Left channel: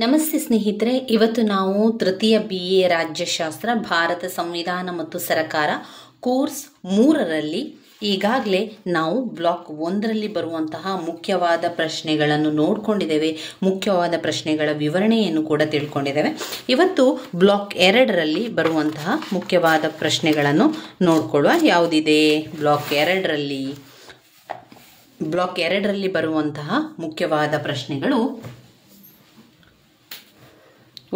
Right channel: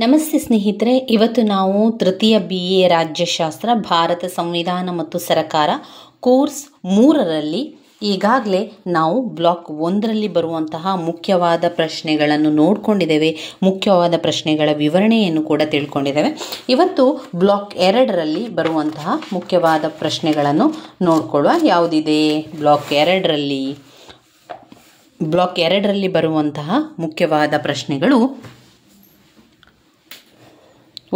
ನಮಸ್ತೆ ಸ್ನೇಹಿತರೆ, ಇವತ್ತು ನಾವು ತೃತೀಯ BA ರಾಜ್ಯಶಾಸ್ತ್ರ ಭಾರತ ಸಂವಿಧಾನ ಮತ್ತು ಸರಕಾರ ಕೋರ್ಸ್ 3ರಲ್ಲಿ ಈಗಾಗಲೇ ನಾವು ಬ್ಲಾಕ್ 1ರಲ್ಲಿ ಬರುವಂತಹ ಮುಖ್ಯವಾದ ಪ್ರಶ್ನೆಗಳನ್ನು ನೋಡಿಕೊಂಡಿದ್ದೇವೆ. ಮುಖ್ಯವಾದ ಪ್ರಶ್ನೆಗಳ ವಿವರಣೆಯನ್ನು ಕೂಡ ತಿಳ್ಕೊಂಡಿದ್ದೇವೆ. ಇವತ್ತು ಬ್ಲಾಕ್ 2ರಲ್ಲಿ ಬರುವಂತಹ ಮುಖ್ಯವಾದ ಪ್ರಶ್ನೆಗಳನ್ನು ನೋಡ್ಕೊಳ್ಳುವ. ಯಾವುದಿದೆ ಬ್ಲಾಕ್ 2ರಲ್ಲಿ ಬರುವಂತಹ ಮುಖ್ಯವಾದ ಪ್ರಶ್ನೆಗಳು:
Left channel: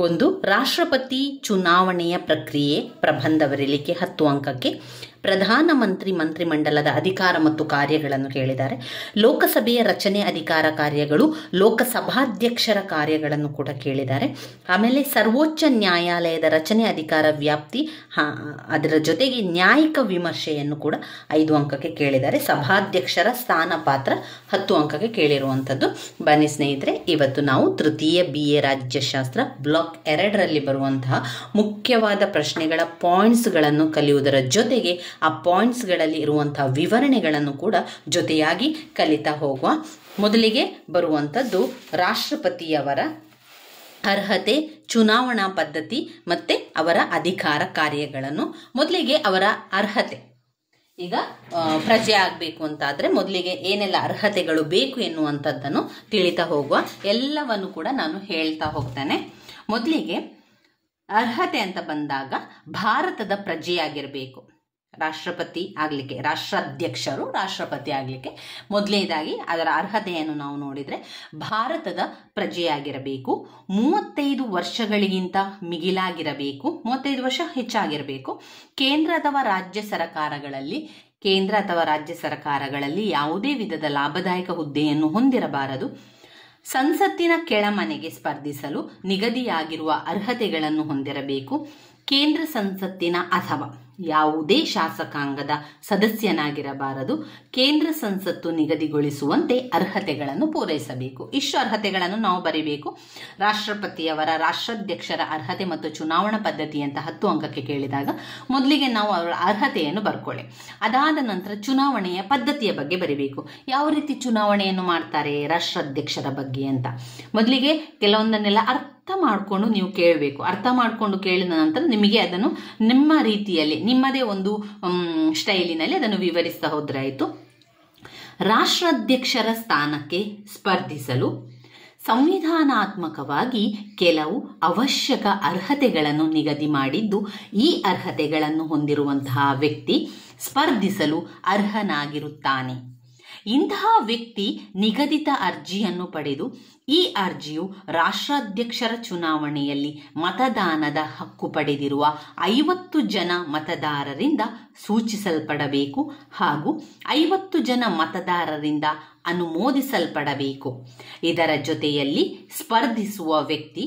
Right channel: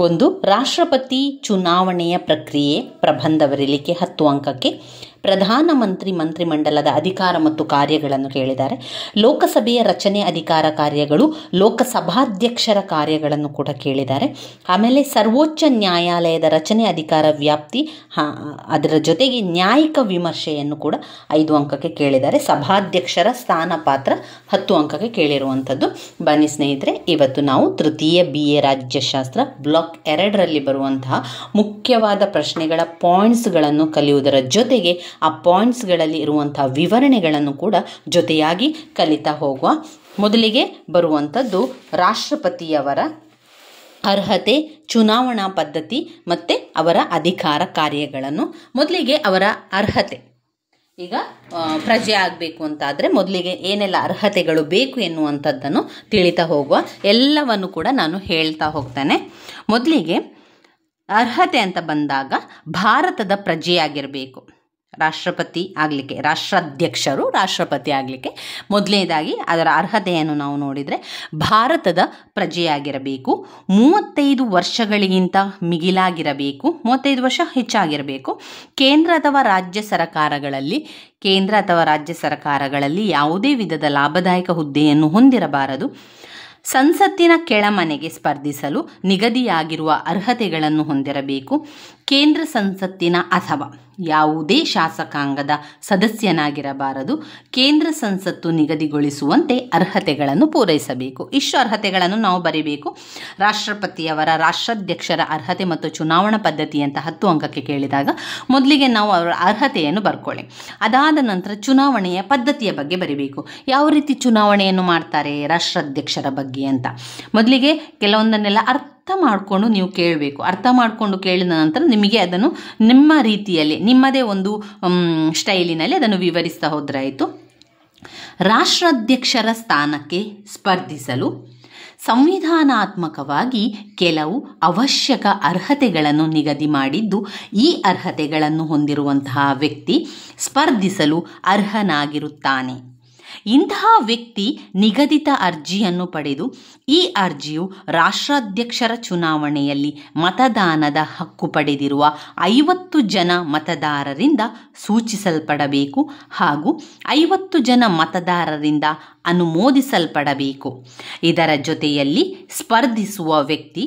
ಒಂದು, ರಾಷ್ಟ್ರಪತಿ ಚುನಾವಣೆಯ ಪ್ರಕ್ರಿಯೆ ಪ್ರಬಂಧ ಬರೀಲಿಕ್ಕೆ 10 ಅಂಕಕ್ಕೆ. ಪ್ರಧಾನಮಂತ್ರಿ ಮಂತ್ರಿಮಂಡಲದ ಅಧಿಕಾರ ಮತ್ತು ಕಾರ್ಯಗಳನ್ನು ಕೇಳಿದ್ದಾರೆ. ಲೋಕಸಭೆಯ ರಚನೆ ಅಧಿಕಾರ ಕಾರ್ಯಗಳು, ಲೋಕಸಭಾಧ್ಯಕ್ಷರ ಕಾರ್ಯಗಳನ್ನು ಕೂಡ ಕೇಳಿದ್ದಾರೆ. ಆಮೇಲೆ ಸರ್ವೋಚ್ಚ ನ್ಯಾಯಾಲಯದ ರಚನೆ ಅಧಿಕಾರ ವ್ಯಾಪ್ತಿ, ಅದರ ಜೊತೆಗೆ ನ್ಯಾಯಿಕ ವಿಮರ್ಶೆಯನ್ನು ಕೂಡ 5 ಅಂಕಕ್ಕೆ ಕೇಳಿದ್ದಾರೆ. ಸಭಾಧ್ಯಕ್ಷರ ಸ್ಥಾನ ಪಾತ್ರ 10 ಅಂಕಕ್ಕೆ ಕೇಳಿರುವಂಥದ್ದು. ಬನ್ನಿ ಸ್ನೇಹಿತರೆ, ಇವತ್ತು ನಾವು ತೃತೀಯ BA ರಾಜ್ಯಶಾಸ್ತ್ರ ಬ್ಲಾಕ್ 2ರಲ್ಲಿ ಬರುವಂತಹ ಮುಖ್ಯವಾದ ಪ್ರಶ್ನೆಗಳ ಪಾಯಿಂಟ್ಸ್ಗಳನ್ನು ಕಲಿಯುವುದರ ಜೊತೆಗೆ ಆ ಪಾಯಿಂಟ್ಸ್ಗಳಲ್ಲಿ ಇರುವಂತಹ ವಿವರಣೆಗಳನ್ನು ಕೂಡ ಜೊತೆಯಾಗಿ ಕಲಿತಾ ಹೋಗುವ. ಮೊದಲಿಗೆ ಬರುವಂಥದ್ದು ರಾಷ್ಟ್ರಪತಿಯವರ ಅರ್ಹತೆ, ಚುನಾವಣಾ ಪದ್ಧತಿ ಮತ್ತು ಅವರ ಅಧಿಕಾರ ಕಾರ್ಯಗಳನ್ನು. ಮೊದಲಿಗೆ ಅವರ ಅರ್ಹತೆ. ಈಗ ಪ್ರಜೆ ಆಗಬೇಕು ಅಂತಾದರೆ ಮೊದಲಿಗೆ ಏನೆಲ್ಲ ಅರ್ಹತೆಗಳು ಬೇಕು ಎನ್ನುವಂಥದ್ದನ್ನು ತಿಳಿತಾ ಹೋಗುವ. ಎಲ್ಲವನ್ನು ಕೂಡ ನಾನು ಹೇಳ್ತಾ ಹೋಗ್ತೇನೆ. ಮೊದಲಿಗೆ ಅರ್ಹತೆ ಅಂತ ಬಂದಾಗ ಭಾರತದ ಪ್ರಜೆಯಾಗಿರಬೇಕು. ರಾಷ್ಟ್ರಪತಿ ಆಗಲಿಕ್ಕೆ, ರಾಷ್ಟ್ರಾಧ್ಯಕ್ಷರು ರಾಷ್ಟ್ರಪತಿ ಆಗಲಿಕ್ಕೆ ಮೊದಲನೇದಾಗಿ ಅದರ ಅರ್ಹತೆಯನ್ನು ನಾವು ನೋಡಿದರೆ ಭಾರತದ ಪ್ರಜೆಯಾಗಿರಬೇಕು, 35 ವರ್ಷಗಳಿಗಿಂತ ಮಿಗಿಲಾಗಿರಬೇಕು, 35 ವರ್ಷ ಹೆಚ್ಚಾಗಿರಬೇಕು, ಕೇಂದ್ರ ಅಥವಾ ರಾಜ್ಯ ಸರ್ಕಾರಗಳಲ್ಲಿ ಯಾವುದೇ ವಿಧದ ಲಾಭದಾಯಕ ಹುದ್ದೆಯನ್ನು ಹೊಂದಿರಬಾರದು, ಸಂಸತ್ತಿನ ಕೆಳಮನೆಗೆ ಸ್ಪರ್ಧಿಸಲು ನಿಗದಿಯಾಗಿರುವ ಅರ್ಹತೆಗಳನ್ನು ಹೊಂದಿರಬೇಕು, ಕೇಂದ್ರ ಸಂಸತ್ತಿನ ಅಥವಾ ಯಾವುದೇ ಶಾಸಕಾಂಗದ ಸದಸ್ಯನಾಗಿರಬಾರದು, ಕೇಂದ್ರ ಸಂಸತ್ತು ನಿಗದಿಗೊಳಿಸುವಂತೆ ಅರ್ಹತೆಗಳನ್ನು ಪೂರೈಸಬೇಕು. ಇಷ್ಟು ಅರ್ಹತೆಗಳನ್ನು ನಾವು ಬರೀಬೇಕು. ರಾಷ್ಟ್ರಪತಿಯವರ, ರಾಷ್ಟ್ರಾಧ್ಯಕ್ಷರ ಅರ್ಹತೆ ಮತ್ತು ಚುನಾವಣಾ ಪದ್ಧತಿ ಅಂತ 10 ಅಂಕಕ್ಕೆ ಕೇಳಿದಾಗ ಮೊದಲಿಗೆ ನಾವು ಅವರ ಅರ್ಹತೆಯನ್ನು ಬರ್ಕೊಳ್ಳಿ. ಅದಾದ ನಂತರ ಚುನಾವಣೆಯ ಪದ್ಧತಿಯ ಬಗ್ಗೆ ಬರೀಬೇಕು. ಯಾವ ರೀತಿ ಚುನಾವಣೆಯನ್ನು ಮಾಡ್ತಾರೆ ರಾಷ್ಟ್ರಾಧ್ಯಕ್ಷರ ಬಗ್ಗೆ ಅಂತ ಮೊದಲಿಗೆ ಕೆಲವೊಂದನ್ನೆಲ್ಲ ಅರ್ಥ ಮಾಡಿಕೊಂಡು ನೀವು ಕೇಳಬೇಕು. ಅರ್ಥ ಮಾಡಿಕೊಂಡು ಕೇಳಿದ ನಂತರ ನಿಮಗೆ ಅದನ್ನು ನಿಮ್ಮ ರೀತಿಯಲ್ಲಿ, ನಿಮ್ಮದೇ ಒಂದು ಸ್ಟೈಲಿನಲ್ಲಿ ಅದನ್ನು ವಿವರಿಸ್ತಾ ಹೋದ್ರಾಯಿತು. ರಾಷ್ಟ್ರಾಧ್ಯಕ್ಷರ ಸ್ಥಾನಕ್ಕೆ ಸ್ಪರ್ಧಿಸಲು ಸಂವಿಧಾನಾತ್ಮಕವಾಗಿ ಕೆಲವು ಅವಶ್ಯಕ ಅರ್ಹತೆಗಳನ್ನು ನಿಗದಿ ಮಾಡಿದ್ದು, ಈ ಅರ್ಹತೆಗಳನ್ನು ಹೊಂದಿರುವಂತಹ ವ್ಯಕ್ತಿ ಸ್ಪರ್ಧಿಸಲು ಅರ್ಹನಾಗಿರುತ್ತಾನೆ. ಇಂತಹ ವ್ಯಕ್ತಿ ನಿಗದಿತ ಅರ್ಜಿಯನ್ನು ಪಡೆದು ಈ ಅರ್ಜಿಯು ರಾಷ್ಟ್ರಾಧ್ಯಕ್ಷರ ಚುನಾವಣೆಯಲ್ಲಿ ಮತದಾನದ ಹಕ್ಕು ಪಡೆದಿರುವ 50 ಜನ ಮತದಾರರಿಂದ ಸೂಚಿಸಲ್ಪಡಬೇಕು ಹಾಗೂ 50 ಜನ ಮತದಾರರಿಂದ ಅನುಮೋದಿಸಲ್ಪಡಬೇಕು. ಇದರ ಜೊತೆಯಲ್ಲಿ ಸ್ಪರ್ಧಿಸುವ ವ್ಯಕ್ತಿ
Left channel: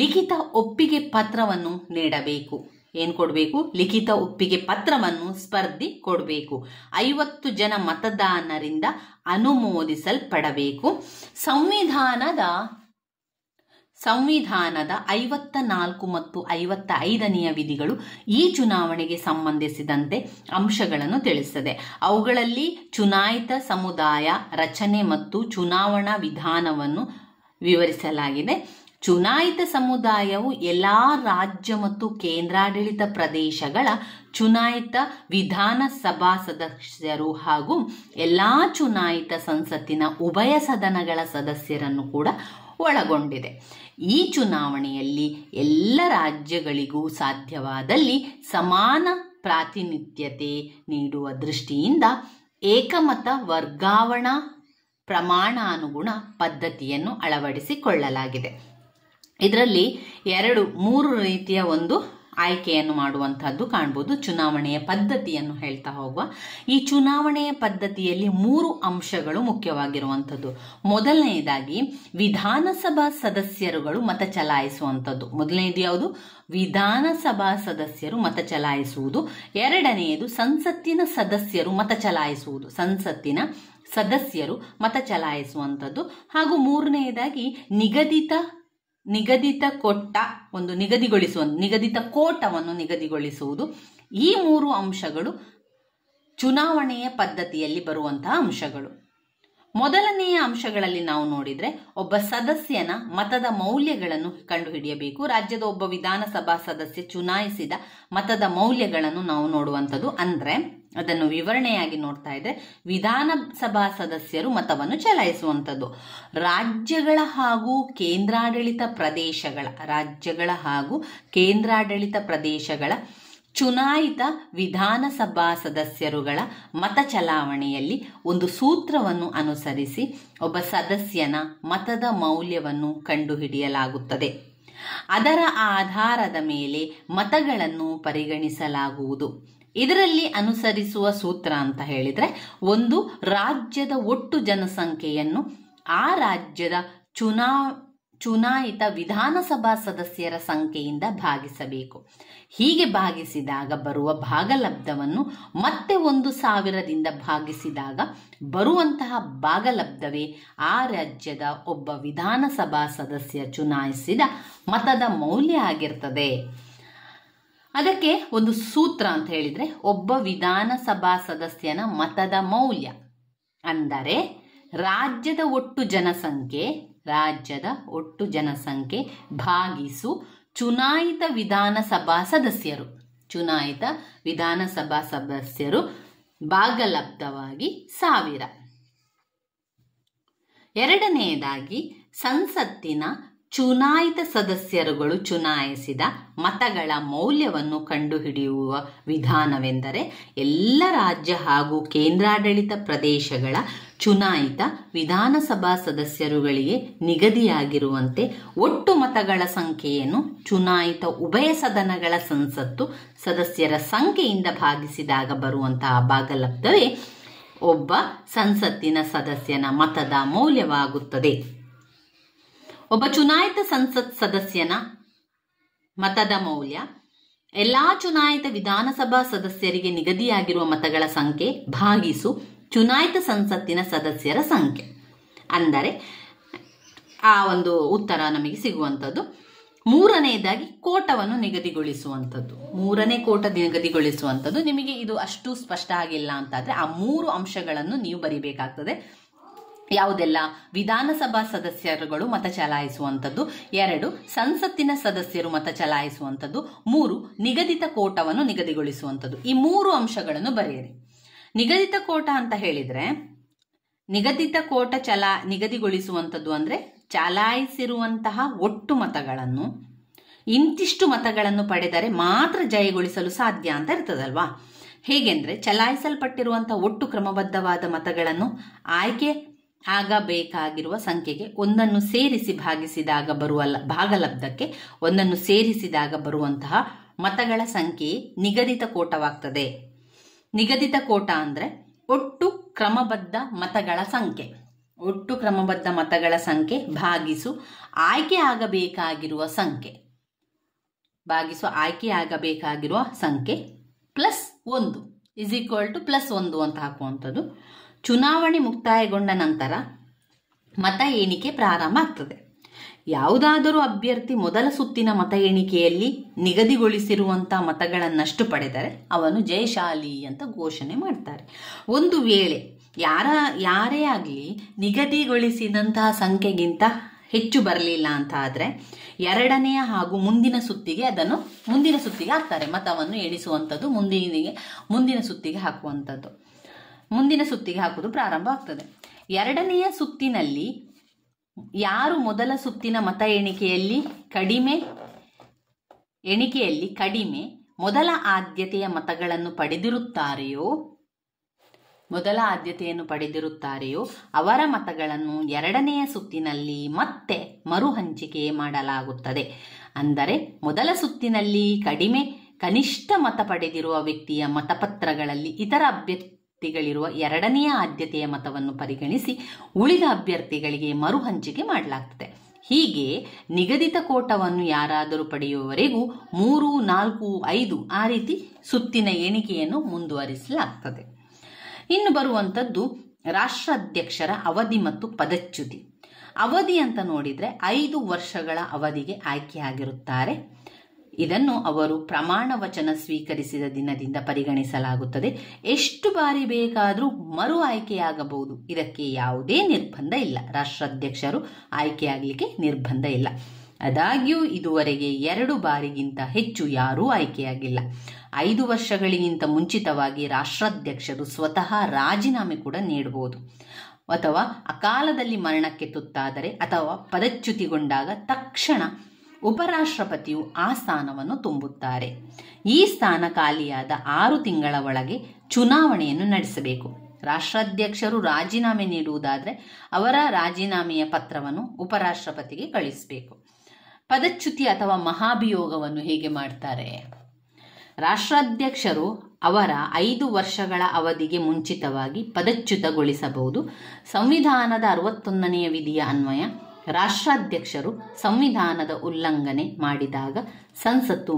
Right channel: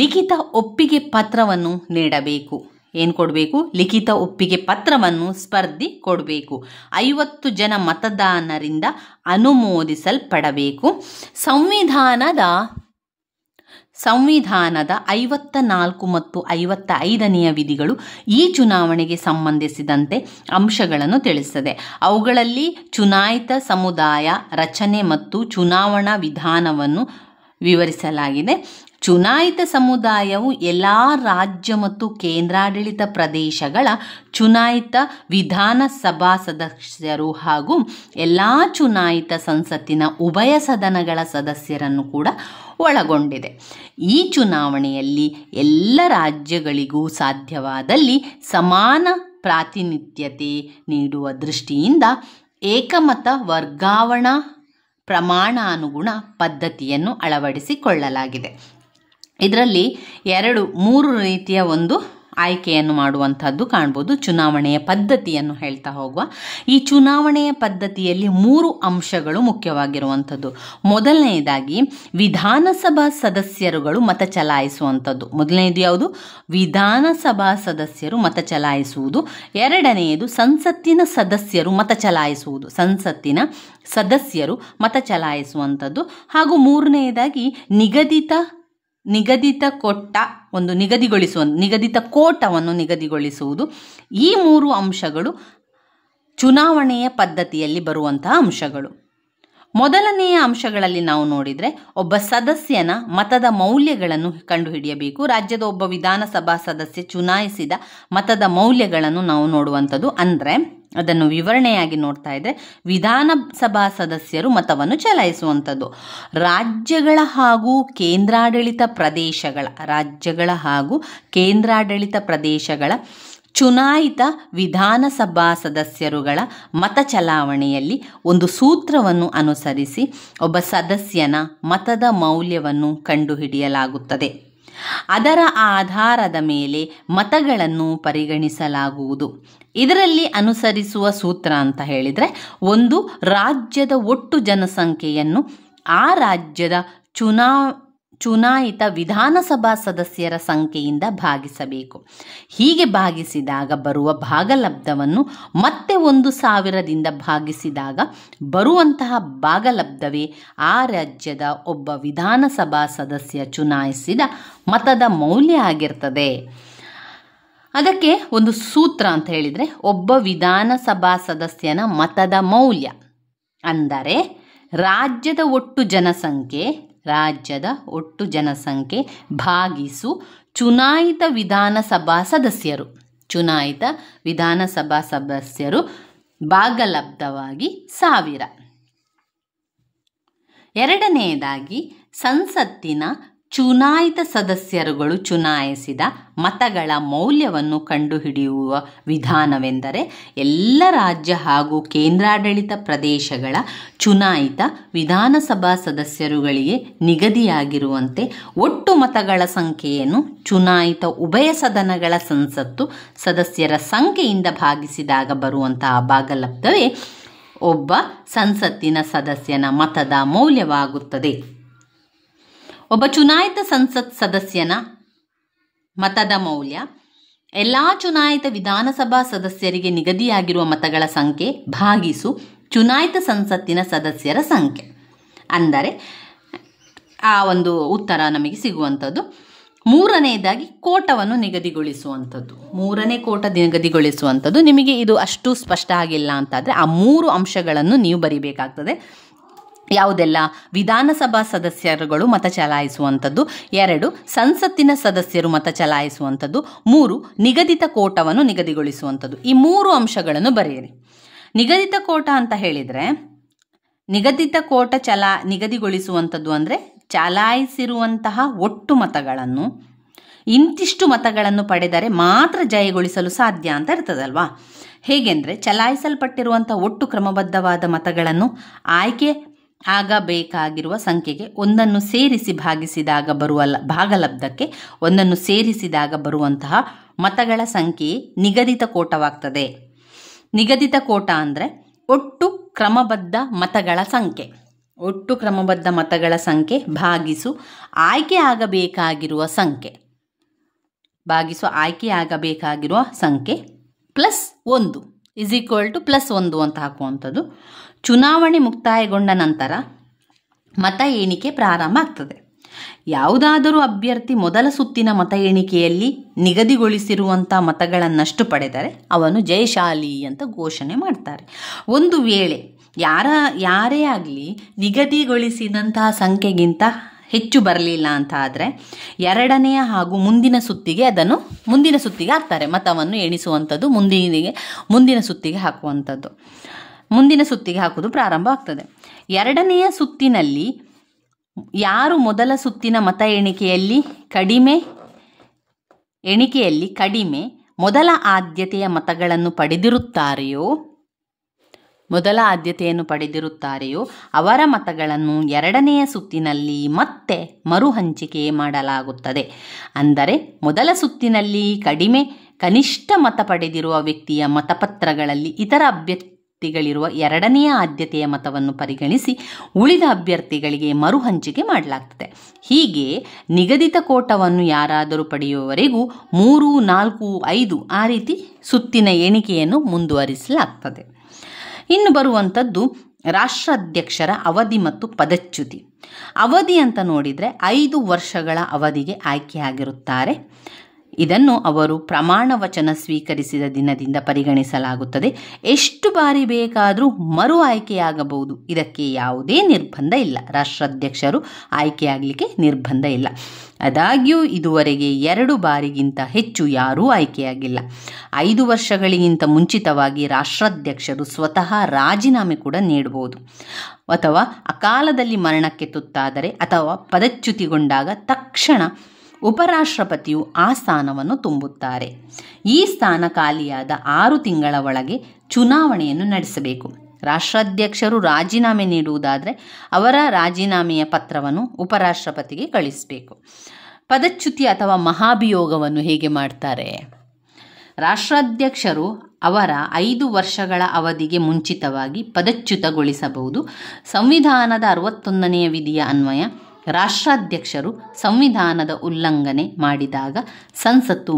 ಲಿಖಿತ ಒಪ್ಪಿಗೆ ಪತ್ರವನ್ನು ನೀಡಬೇಕು. ಏನು ಕೊಡಬೇಕು? ಲಿಖಿತ ಒಪ್ಪಿಗೆ ಪತ್ರವನ್ನು ಸ್ಪರ್ಧಿ ಕೊಡಬೇಕು. 50 ಜನ ಮತದಾನರಿಂದ ಅನುಮೋದಿಸಲ್ಪಡಬೇಕು. ಸಂವಿಧಾನದ 54 ಮತ್ತು 55ನೆಯ ವಿಧಿಗಳು ಈ ಚುನಾವಣೆಗೆ ಸಂಬಂಧಿಸಿದಂತೆ ಅಂಶಗಳನ್ನು ತಿಳಿಸುತ್ತದೆ. ಅವುಗಳಲ್ಲಿ ಚುನಾಯಿತ ಸಮುದಾಯ ರಚನೆ ಮತ್ತು ಚುನಾವಣಾ ವಿಧಾನವನ್ನು ವಿವರಿಸಲಾಗಿದೆ. ಚುನಾಯಿತ ಸಮುದಾಯವು ಎಲ್ಲ ರಾಜ್ಯ ಮತ್ತು ಕೇಂದ್ರಾಡಳಿತ ಪ್ರದೇಶಗಳ ಚುನಾಯಿತ ವಿಧಾನಸಭಾ ಸದಸ್ಯರು ಹಾಗೂ ಎಲ್ಲ ಚುನಾಯಿತ ಸಂಸತ್ತಿನ ಉಭಯ ಸದನಗಳ ಸದಸ್ಯರನ್ನು ಕೂಡ ಒಳಗೊಂಡಿದೆ. ಈ ಚುನಾವಣೆಯಲ್ಲಿ ಎಲ್ಲ ರಾಜ್ಯಗಳಿಗೂ ಸಾಧ್ಯವಾದಲ್ಲಿ ಸಮಾನ ಪ್ರಾತಿನಿಧ್ಯತೆ ನೀಡುವ ದೃಷ್ಟಿಯಿಂದ ಏಕಮತ ವರ್ಗಾವಣಾ ಪ್ರಮಾಣಾನುಗುಣ ಪದ್ಧತಿಯನ್ನು ಅಳವಡಿಸಿಕೊಳ್ಳಲಾಗಿದೆ. ಇದರಲ್ಲಿ 3 ರೀತಿಯ ಒಂದು ಆಯ್ಕೆಯನ್ನು ಮಾಡುವಂಥದ್ದು ಕಾಣ್ಬೋದು. ಚುನಾವಣೆಯ ಪದ್ಧತಿಯನ್ನು ಹೇಳ್ತಾ ಹೋಗುವ. ಈ ಚುನಾವಣೆಯ ಪದ್ಧತಿಯಲ್ಲಿ 3 ಅಂಶಗಳು ಮುಖ್ಯವಾಗಿರುವಂಥದ್ದು. ಮೊದಲನೆಯದಾಗಿ ವಿಧಾನಸಭಾ ಸದಸ್ಯರುಗಳು ಮತ ಚಲಾಯಿಸುವಂಥದ್ದು. ಮೊದಲನೆಯದು ಯಾವುದು? ವಿಧಾನಸಭಾ ಸದಸ್ಯರು ಮತ ಚಲಾಯಿಸುವುದು. ಎರಡನೆಯದು ಸಂಸತ್ತಿನ ಸದಸ್ಯರು ಮತ ಚಲಾಯಿಸುವಂಥದ್ದು. ಹಾಗೂ ಮೂರನೆಯದಾಗಿ ನಿಗದಿತ ಕೋಟವನ್ನು ನಿಗದಿಗೊಳಿಸುವುದು. ಈ 3 ಅಂಶಗಳು ಚುನಾವಣೆಯ ಪದ್ಧತಿಯಲ್ಲಿ ಬರುವಂತಹ ಅಂಶಗಳು. ಮೊದಲನೆಯ ಅಂಶಗಳಲ್ಲಿ ನಾವು ನೋಡಿದರೆ ಒಬ್ಬ ಸದಸ್ಯನ ಮತದ ಮೌಲ್ಯಗಳನ್ನು ಕಂಡುಹಿಡಿಯಬೇಕು. ರಾಜ್ಯದ ಒಬ್ಬ ವಿಧಾನಸಭಾ ಸದಸ್ಯ ಚುನಾಯಿಸಿದ ಮತದ ಮೌಲ್ಯಗಳನ್ನು ನಾವು ನೋಡುವಂಥದ್ದು. ಅಂದರೆ ಅದನ್ನು ವಿವರಣೆಯಾಗಿ ನೋಡ್ತಾ ಇದ್ರೆ ವಿಧಾನಸಭಾ ಸದಸ್ಯರು ಮತವನ್ನು ಚಲಾಯಿಸುವಂಥದ್ದು. ರಾಜ್ಯಗಳ ಹಾಗೂ ಕೇಂದ್ರಾಡಳಿತ ಪ್ರದೇಶಗಳ ಚುನಾಯಿತ ವಿಧಾನಸಭಾ ಸದಸ್ಯರುಗಳ ಮತ ಚಲಾವಣೆಯಲ್ಲಿ ಒಂದು ಸೂತ್ರವನ್ನು ಅನುಸರಿಸಿ ಒಬ್ಬ ಸದಸ್ಯನ ಮತದ ಮೌಲ್ಯವನ್ನು ಕಂಡುಹಿಡಿಯಲಾಗುತ್ತದೆ. ಅದರ ಆಧಾರದ ಮೇಲೆ ಮತಗಳನ್ನು ಪರಿಗಣಿಸಲಾಗುವುದು. ಇದರಲ್ಲಿ ಅನುಸರಿಸುವ ಸೂತ್ರ ಅಂತ ಹೇಳಿದರೆ, ಒಂದು, ರಾಜ್ಯದ ಒಟ್ಟು ಜನಸಂಖ್ಯೆಯನ್ನು ಆ ರಾಜ್ಯದ ಚುನಾಯಿತ ವಿಧಾನಸಭಾ ಸದಸ್ಯರ ಸಂಖ್ಯೆಯಿಂದ ಭಾಗಿಸಬೇಕು. ಹೀಗೆ ಭಾಗಿಸಿದಾಗ ಬರುವ ಭಾಗಲಬ್ಧವನ್ನು ಮತ್ತೆ 1,000ದಿಂದ ಭಾಗಿಸಿದಾಗ ಬರುವಂತಹ ಭಾಗಲಬ್ಧವೇ ಆ ರಾಜ್ಯದ ಒಬ್ಬ ವಿಧಾನಸಭಾ ಸದಸ್ಯ ಚುನಾಯಿಸಿದ ಮತದ ಮೌಲ್ಯ ಆಗಿರ್ತದೆ. ಅದಕ್ಕೆ ಒಂದು ಸೂತ್ರ ಅಂತ ಹೇಳಿದರೆ, ಒಬ್ಬ ವಿಧಾನಸಭಾ ಸದಸ್ಯನ ಮತದ ಮೌಲ್ಯ ಅಂದರೆ ರಾಜ್ಯದ ಒಟ್ಟು ಜನಸಂಖ್ಯೆ ಭಾಗಿಸು ಚುನಾಯಿತ ವಿಧಾನಸಭಾ ಸದಸ್ಯರು ಭಾಗಲಬ್ಧವಾಗಿ 1000. ಎರಡನೆಯದಾಗಿ, ಸಂಸತ್ತಿನ ಚುನಾಯಿತ ಸದಸ್ಯರುಗಳು ಚುನಾಯಿಸಿದ ಮತಗಳ ಮೌಲ್ಯವನ್ನು ಕಂಡುಹಿಡಿಯುವ ವಿಧಾನವೆಂದರೆ, ಎಲ್ಲ ರಾಜ್ಯ ಹಾಗೂ ಕೇಂದ್ರಾಡಳಿತ ಪ್ರದೇಶಗಳ ಚುನಾಯಿತ ವಿಧಾನಸಭಾ ಸದಸ್ಯರುಗಳಿಗೆ ನಿಗದಿಯಾಗಿರುವಂತೆ ಒಟ್ಟು ಮತಗಳ ಸಂಖ್ಯೆಯನ್ನು ಚುನಾಯಿತ ಉಭಯ ಸದನಗಳ ಸಂಸತ್ತು ಸದಸ್ಯರ ಸಂಖ್ಯೆಯಿಂದ ಭಾಗಿಸಿದಾಗ ಬರುವಂತಹ ಭಾಗಲಬ್ಧವೇ ಒಬ್ಬ ಸಂಸತ್ತಿನ ಸದಸ್ಯನ ಮತದ ಮೌಲ್ಯವಾಗುತ್ತದೆ. ಒಬ್ಬ ಚುನಾಯಿತ ಸಂಸತ್ ಸದಸ್ಯನ ಮತದ ಮೌಲ್ಯ ಎಲ್ಲ ಚುನಾಯಿತ ವಿಧಾನಸಭಾ ಸದಸ್ಯರಿಗೆ ನಿಗದಿಯಾಗಿರುವ ಮತಗಳ ಸಂಖ್ಯೆ ಭಾಗಿಸು ಚುನಾಯಿತ ಸಂಸತ್ತಿನ ಸದಸ್ಯರ ಸಂಖ್ಯೆ. ಅಂದರೆ ಆ ಒಂದು ಉತ್ತರ ನಮಗೆ ಸಿಗುವಂಥದ್ದು. ಮೂರನೆಯದಾಗಿ, ಕೋಟವನ್ನು ನಿಗದಿಗೊಳಿಸುವಂಥದ್ದು. ಮೂರನೇ ಕೋಟ ನಿಗದಿಗೊಳಿಸುವಂಥದ್ದು. ನಿಮಗೆ ಇದು ಅಷ್ಟು ಸ್ಪಷ್ಟ ಆಗಿಲ್ಲ ಅಂತಾದರೆ ಆ 3 ಅಂಶಗಳನ್ನು ನೀವು ಬರಿಬೇಕಾಗ್ತದೆ. ಯಾವುದೆಲ್ಲ? ವಿಧಾನಸಭಾ ಸದಸ್ಯರುಗಳು ಮತ ಚಲಾಯಿಸುವಂಥದ್ದು, 2 ಸಂಸತ್ತಿನ ಸದಸ್ಯರು ಮತ ಚಲಾಯಿಸುವಂಥದ್ದು, 3 ನಿಗದಿತ ಕೋಟವನ್ನು ನಿಗದಿಗೊಳಿಸುವಂಥದ್ದು. ಈ 3 ಅಂಶಗಳನ್ನು ಬರೆಯಿರಿ. ನಿಗದಿತ ಕೋಟ ಅಂತ ಹೇಳಿದರೆ, ನಿಗದಿತ ಕೋಟ ನಿಗದಿಗೊಳಿಸುವಂಥದ್ದು ಅಂದರೆ ಚಲಾಯಿಸಿರುವಂತಹ ಒಟ್ಟು ಮತಗಳನ್ನು ಇಂತಿಷ್ಟು ಮತಗಳನ್ನು ಪಡೆದರೆ ಮಾತ್ರ ಜಯಗೊಳಿಸಲು ಸಾಧ್ಯ ಅಂತ ಇರ್ತದಲ್ವಾ. ಹೇಗೆಂದರೆ, ಚಲಾಯಿಸಲ್ಪಟ್ಟಿರುವಂಥ ಒಟ್ಟು ಕ್ರಮಬದ್ಧವಾದ ಮತಗಳನ್ನು ಆಯ್ಕೆ ಆಗಬೇಕಾಗಿರುವ ಸಂಖ್ಯೆಗೆ ಒಂದನ್ನು ಸೇರಿಸಿ ಭಾಗಿಸಿದಾಗ ಬರುವ ಭಾಗಲಬ್ಧಕ್ಕೆ ಒಂದನ್ನು ಸೇರಿಸಿದಾಗ ಬರುವಂತಹ ಮತಗಳ ಸಂಖ್ಯೆಯೇ ನಿಗದಿತ ಕೋಟವಾಗ್ತದೆ. ನಿಗದಿತ ಕೋಟ ಅಂದರೆ ಒಟ್ಟು ಕ್ರಮಬದ್ಧ ಮತಗಳ ಸಂಖ್ಯೆ ಭಾಗಿಸು ಆಯ್ಕೆ ಆಗಬೇಕಾಗಿರುವ ಸಂಖ್ಯೆ ಪ್ಲಸ್ 1 +1 ಅಂತ ಹಾಕುವಂಥದ್ದು. ಚುನಾವಣೆ ಮುಕ್ತಾಯಗೊಂಡ ನಂತರ ಮತ ಎಣಿಕೆ ಪ್ರಾರಂಭ ಆಗ್ತದೆ. ಯಾವುದಾದರೂ ಅಭ್ಯರ್ಥಿ ಮೊದಲ ಸುತ್ತಿನ ಮತ ಎಣಿಕೆಯಲ್ಲಿ ನಿಗದಿಗೊಳಿಸಿರುವಂಥ ಮತಗಳನ್ನಷ್ಟು ಪಡೆದರೆ ಅವನು ಜಯಶಾಲಿ ಅಂತ ಘೋಷಣೆ ಮಾಡ್ತಾರೆ. ಒಂದು ವೇಳೆ ಯಾರೇ ಆಗಲಿ ನಿಗದಿಗೊಳಿಸಿದಂತಹ ಸಂಖ್ಯೆಗಿಂತ ಹೆಚ್ಚು ಬರಲಿಲ್ಲ ಅಂತ ಆದರೆ ಎರಡನೆಯ ಹಾಗೂ ಮುಂದಿನ ಸುತ್ತಿಗೆ ಹಾಕ್ತಾರೆ. ಮತವನ್ನು ಎಣಿಸುವಂಥದ್ದು ಮುಂದಿನ ಸುತ್ತಿಗೆ ಹಾಕುವಂಥದ್ದು. ಮುಂದಿನ ಸುತ್ತಿಗೆ ಹಾಕುವುದು ಪ್ರಾರಂಭ ಆಗ್ತದೆ. ಎರಡನೆಯ ಸುತ್ತಿನಲ್ಲಿ ಯಾರು ಮೊದಲ ಸುತ್ತಿನ ಮತ ಎಣಿಕೆಯಲ್ಲಿ ಕಡಿಮೆ ಮೊದಲ ಆದ್ಯತೆಯ ಮತಗಳನ್ನು ಪಡೆದಿರುತ್ತಾರೆಯೋ ಅವರ ಮತಗಳನ್ನು ಎರಡನೆಯ ಸುತ್ತಿನಲ್ಲಿ ಮತ್ತೆ ಮರು ಹಂಚಿಕೆ ಮಾಡಲಾಗುತ್ತದೆ. ಅಂದರೆ ಮೊದಲ ಸುತ್ತಿನಲ್ಲಿ ಕನಿಷ್ಠ ಮತ ಪಡೆದಿರುವ ವ್ಯಕ್ತಿಯ ಮತಪತ್ರಗಳಲ್ಲಿ ಇತರ ಅಭ್ಯರ್ಥಿಗಳಿರುವ ಎರಡನೆಯ ಆದ್ಯತೆಯ ಮತವನ್ನು ಪರಿಗಣಿಸಿ ಉಳಿದ ಅಭ್ಯರ್ಥಿಗಳಿಗೆ ಮರು ಹಂಚಿಕೆ ಮಾಡಲಾಗ್ತದೆ. ಹೀಗೆ ನಿಗದಿತ ಕೋಟವನ್ನು ಯಾರಾದರೂ ಪಡೆಯುವವರೆಗೂ 3, 4, 5 ಆ ರೀತಿ ಸುತ್ತಿನ ಎಣಿಕೆಯನ್ನು ಮುಂದುವರಿಸಲಾಗ್ತದೆ. ಇನ್ನು ಬರುವಂಥದ್ದು ರಾಷ್ಟ್ರಾಧ್ಯಕ್ಷರ ಅವಧಿ ಮತ್ತು ಪದಚ್ಯುತಿ. ಅವಧಿ ಅಂತ ನೋಡಿದರೆ 5 ವರ್ಷಗಳ ಅವಧಿಗೆ ಆಯ್ಕೆಯಾಗಿರುತ್ತಾರೆ. ಇದನ್ನು ಅವರು ಪ್ರಮಾಣ ವಚನ ಸ್ವೀಕರಿಸಿದ ದಿನದಿಂದ ಪರಿಗಣಿಸಲಾಗುತ್ತದೆ. ಎಷ್ಟು ಬಾರಿ ಬೇಕಾದರೂ ಮರು ಆಯ್ಕೆಯಾಗಬಹುದು. ಇದಕ್ಕೆ ಯಾವುದೇ ನಿರ್ಬಂಧ ಇಲ್ಲ. ರಾಷ್ಟ್ರಾಧ್ಯಕ್ಷರು ಆಯ್ಕೆಯಾಗಲಿಕ್ಕೆ ನಿರ್ಬಂಧ ಇಲ್ಲ. ಆದಾಗ್ಯೂ ಇದುವರೆಗೆ 2 ಬಾರಿಗಿಂತ ಹೆಚ್ಚು ಯಾರೂ ಆಯ್ಕೆಯಾಗಿಲ್ಲ. 5 ವರ್ಷಗಳಿಗಿಂತ ಮುಂಚಿತವಾಗಿ ರಾಷ್ಟ್ರಾಧ್ಯಕ್ಷರು ಸ್ವತಃ ರಾಜೀನಾಮೆ ಕೂಡ ನೀಡಬಹುದು. ಅಥವಾ ಅಕಾಲದಲ್ಲಿ ಮರಣಕ್ಕೆ ತುತ್ತಾದರೆ ಅಥವಾ ಪದಚ್ಯುತಿಗೊಂಡಾಗ ತಕ್ಷಣ ಉಪರಾಷ್ಟ್ರಪತಿಯು ಆ ಸ್ಥಾನವನ್ನು ತುಂಬುತ್ತಾರೆ. ಈ ಸ್ಥಾನ ಖಾಲಿಯಾದ 6 ತಿಂಗಳ ಒಳಗೆ ಚುನಾವಣೆಯನ್ನು ನಡೆಸಬೇಕು. ರಾಷ್ಟ್ರಾಧ್ಯಕ್ಷರು ರಾಜೀನಾಮೆ ನೀಡುವುದಾದರೆ ಅವರ ರಾಜೀನಾಮೆಯ ಪತ್ರವನ್ನು ಉಪರಾಷ್ಟ್ರಪತಿಗೆ ಕಳಿಸಬೇಕು. ಪದಚ್ಯುತಿ ಅಥವಾ ಮಹಾಭಿಯೋಗವನ್ನು ಹೇಗೆ ಮಾಡ್ತಾರೆ? ರಾಷ್ಟ್ರಾಧ್ಯಕ್ಷರು ಅವರ 5 ವರ್ಷಗಳ ಅವಧಿಗೆ ಮುಂಚಿತವಾಗಿ ಪದಚ್ಯುತಗೊಳಿಸಬಹುದು. ಸಂವಿಧಾನದ 61ನೇ ವಿಧಿಯ ಅನ್ವಯ ರಾಷ್ಟ್ರಾಧ್ಯಕ್ಷರು ಸಂವಿಧಾನದ ಉಲ್ಲಂಘನೆ ಮಾಡಿದಾಗ ಸಂಸತ್ತು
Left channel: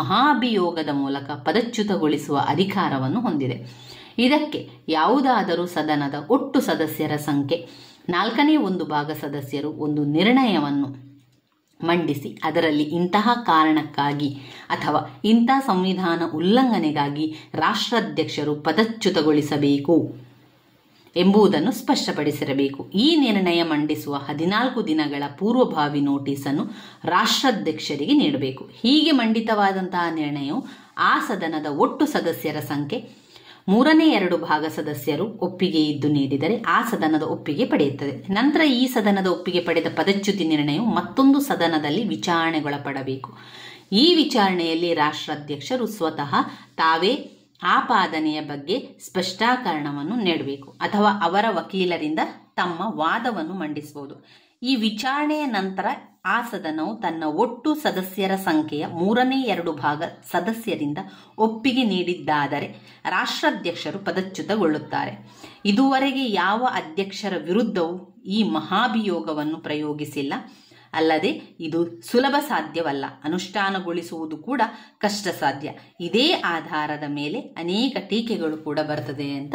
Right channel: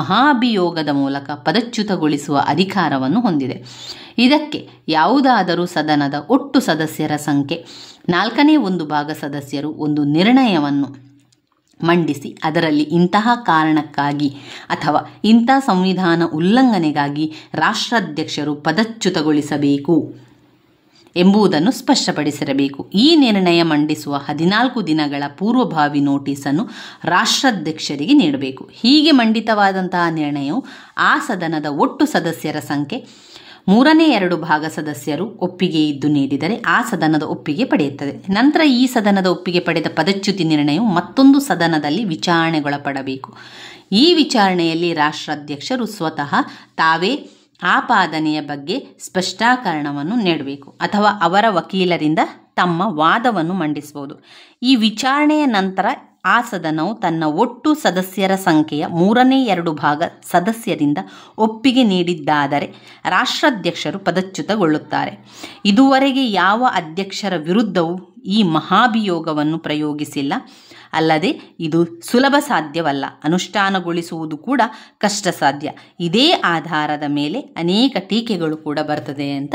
ಮಹಾಭಿಯೋಗದ ಮೂಲಕ ಪದಚ್ಯುತಗೊಳಿಸುವ ಅಧಿಕಾರವನ್ನು ಹೊಂದಿದೆ. ಇದಕ್ಕೆ ಯಾವುದಾದರೂ ಸದನದ ಒಟ್ಟು ಸದಸ್ಯರ ಸಂಖ್ಯೆ 1/4 ಸದಸ್ಯರು ಒಂದು ನಿರ್ಣಯವನ್ನು ಮಂಡಿಸಿ ಅದರಲ್ಲಿ ಇಂತಹ ಕಾರಣಕ್ಕಾಗಿ ಅಥವಾ ಇಂಥ ಸಂವಿಧಾನ ಉಲ್ಲಂಘನೆಗಾಗಿ ರಾಷ್ಟ್ರಾಧ್ಯಕ್ಷರು ಪದಚ್ಯುತಗೊಳಿಸಬೇಕು ಎಂಬುದನ್ನು ಸ್ಪಷ್ಟಪಡಿಸಿರಬೇಕು. ಈ ನಿರ್ಣಯ ಮಂಡಿಸುವ 14 ದಿನಗಳ ಪೂರ್ವಭಾವಿ ನೋಟಿಸನ್ನು ರಾಷ್ಟ್ರಾಧ್ಯಕ್ಷರಿಗೆ ನೀಡಬೇಕು. ಹೀಗೆ ಮಂಡಿತವಾದಂತಹ ನಿರ್ಣಯವು ಆ ಸದನದ ಒಟ್ಟು ಸದಸ್ಯರ ಸಂಖ್ಯೆ 3/2 ಸದಸ್ಯರು ಒಪ್ಪಿಗೆ ಇದ್ದು ನೀಡಿದರೆ ಆ ಸದನದ ಒಪ್ಪಿಗೆ ಪಡೆಯುತ್ತದೆ. ನಂತರ ಈ ಸದನದ ಒಪ್ಪಿಗೆ ಪಡೆದ ಪದಚ್ಯುತಿ ನಿರ್ಣಯವು ಮತ್ತೊಂದು ಸದನದಲ್ಲಿ ವಿಚಾರಣೆಗೊಳಪಡಬೇಕು. ಈ ವಿಚಾರಣೆಯಲ್ಲಿ ರಾಷ್ಟ್ರಾಧ್ಯಕ್ಷರು ಸ್ವತಃ ತಾವೇ ಆಪಾದನೆಯ ಬಗ್ಗೆ ಸ್ಪಷ್ಟೀಕರಣವನ್ನು ನೀಡಬೇಕು ಅಥವಾ ಅವರ ವಕೀಲರಿಂದ ತಮ್ಮ ವಾದವನ್ನು ಮಂಡಿಸಬಹುದು. ಈ ವಿಚಾರಣೆಯ ನಂತರ ಆ ಸದನವು ತನ್ನ ಒಟ್ಟು ಸದಸ್ಯರ ಸಂಖ್ಯೆಯ 3/2 ಸದಸ್ಯರಿಂದ ಒಪ್ಪಿಗೆ ನೀಡಿದ್ದಾದರೆ ರಾಷ್ಟ್ರಾಧ್ಯಕ್ಷರು ಪದಚ್ಯುತಗೊಳ್ಳುತ್ತಾರೆ. ಇದುವರೆಗೆ ಯಾವ ಅಧ್ಯಕ್ಷರ ವಿರುದ್ಧವೂ ಈ ಮಹಾಭಿಯೋಗವನ್ನು ಪ್ರಯೋಗಿಸಿಲ್ಲ. ಅಲ್ಲದೆ ಇದು ಸುಲಭ ಸಾಧ್ಯವಲ್ಲ, ಅನುಷ್ಠಾನಗೊಳಿಸುವುದು ಕೂಡ ಕಷ್ಟ ಸಾಧ್ಯ. ಇದೇ ಆಧಾರದ ಮೇಲೆ ಅನೇಕ ಟೀಕೆಗಳು ಕೂಡ ಬರ್ತದೆ ಅಂತ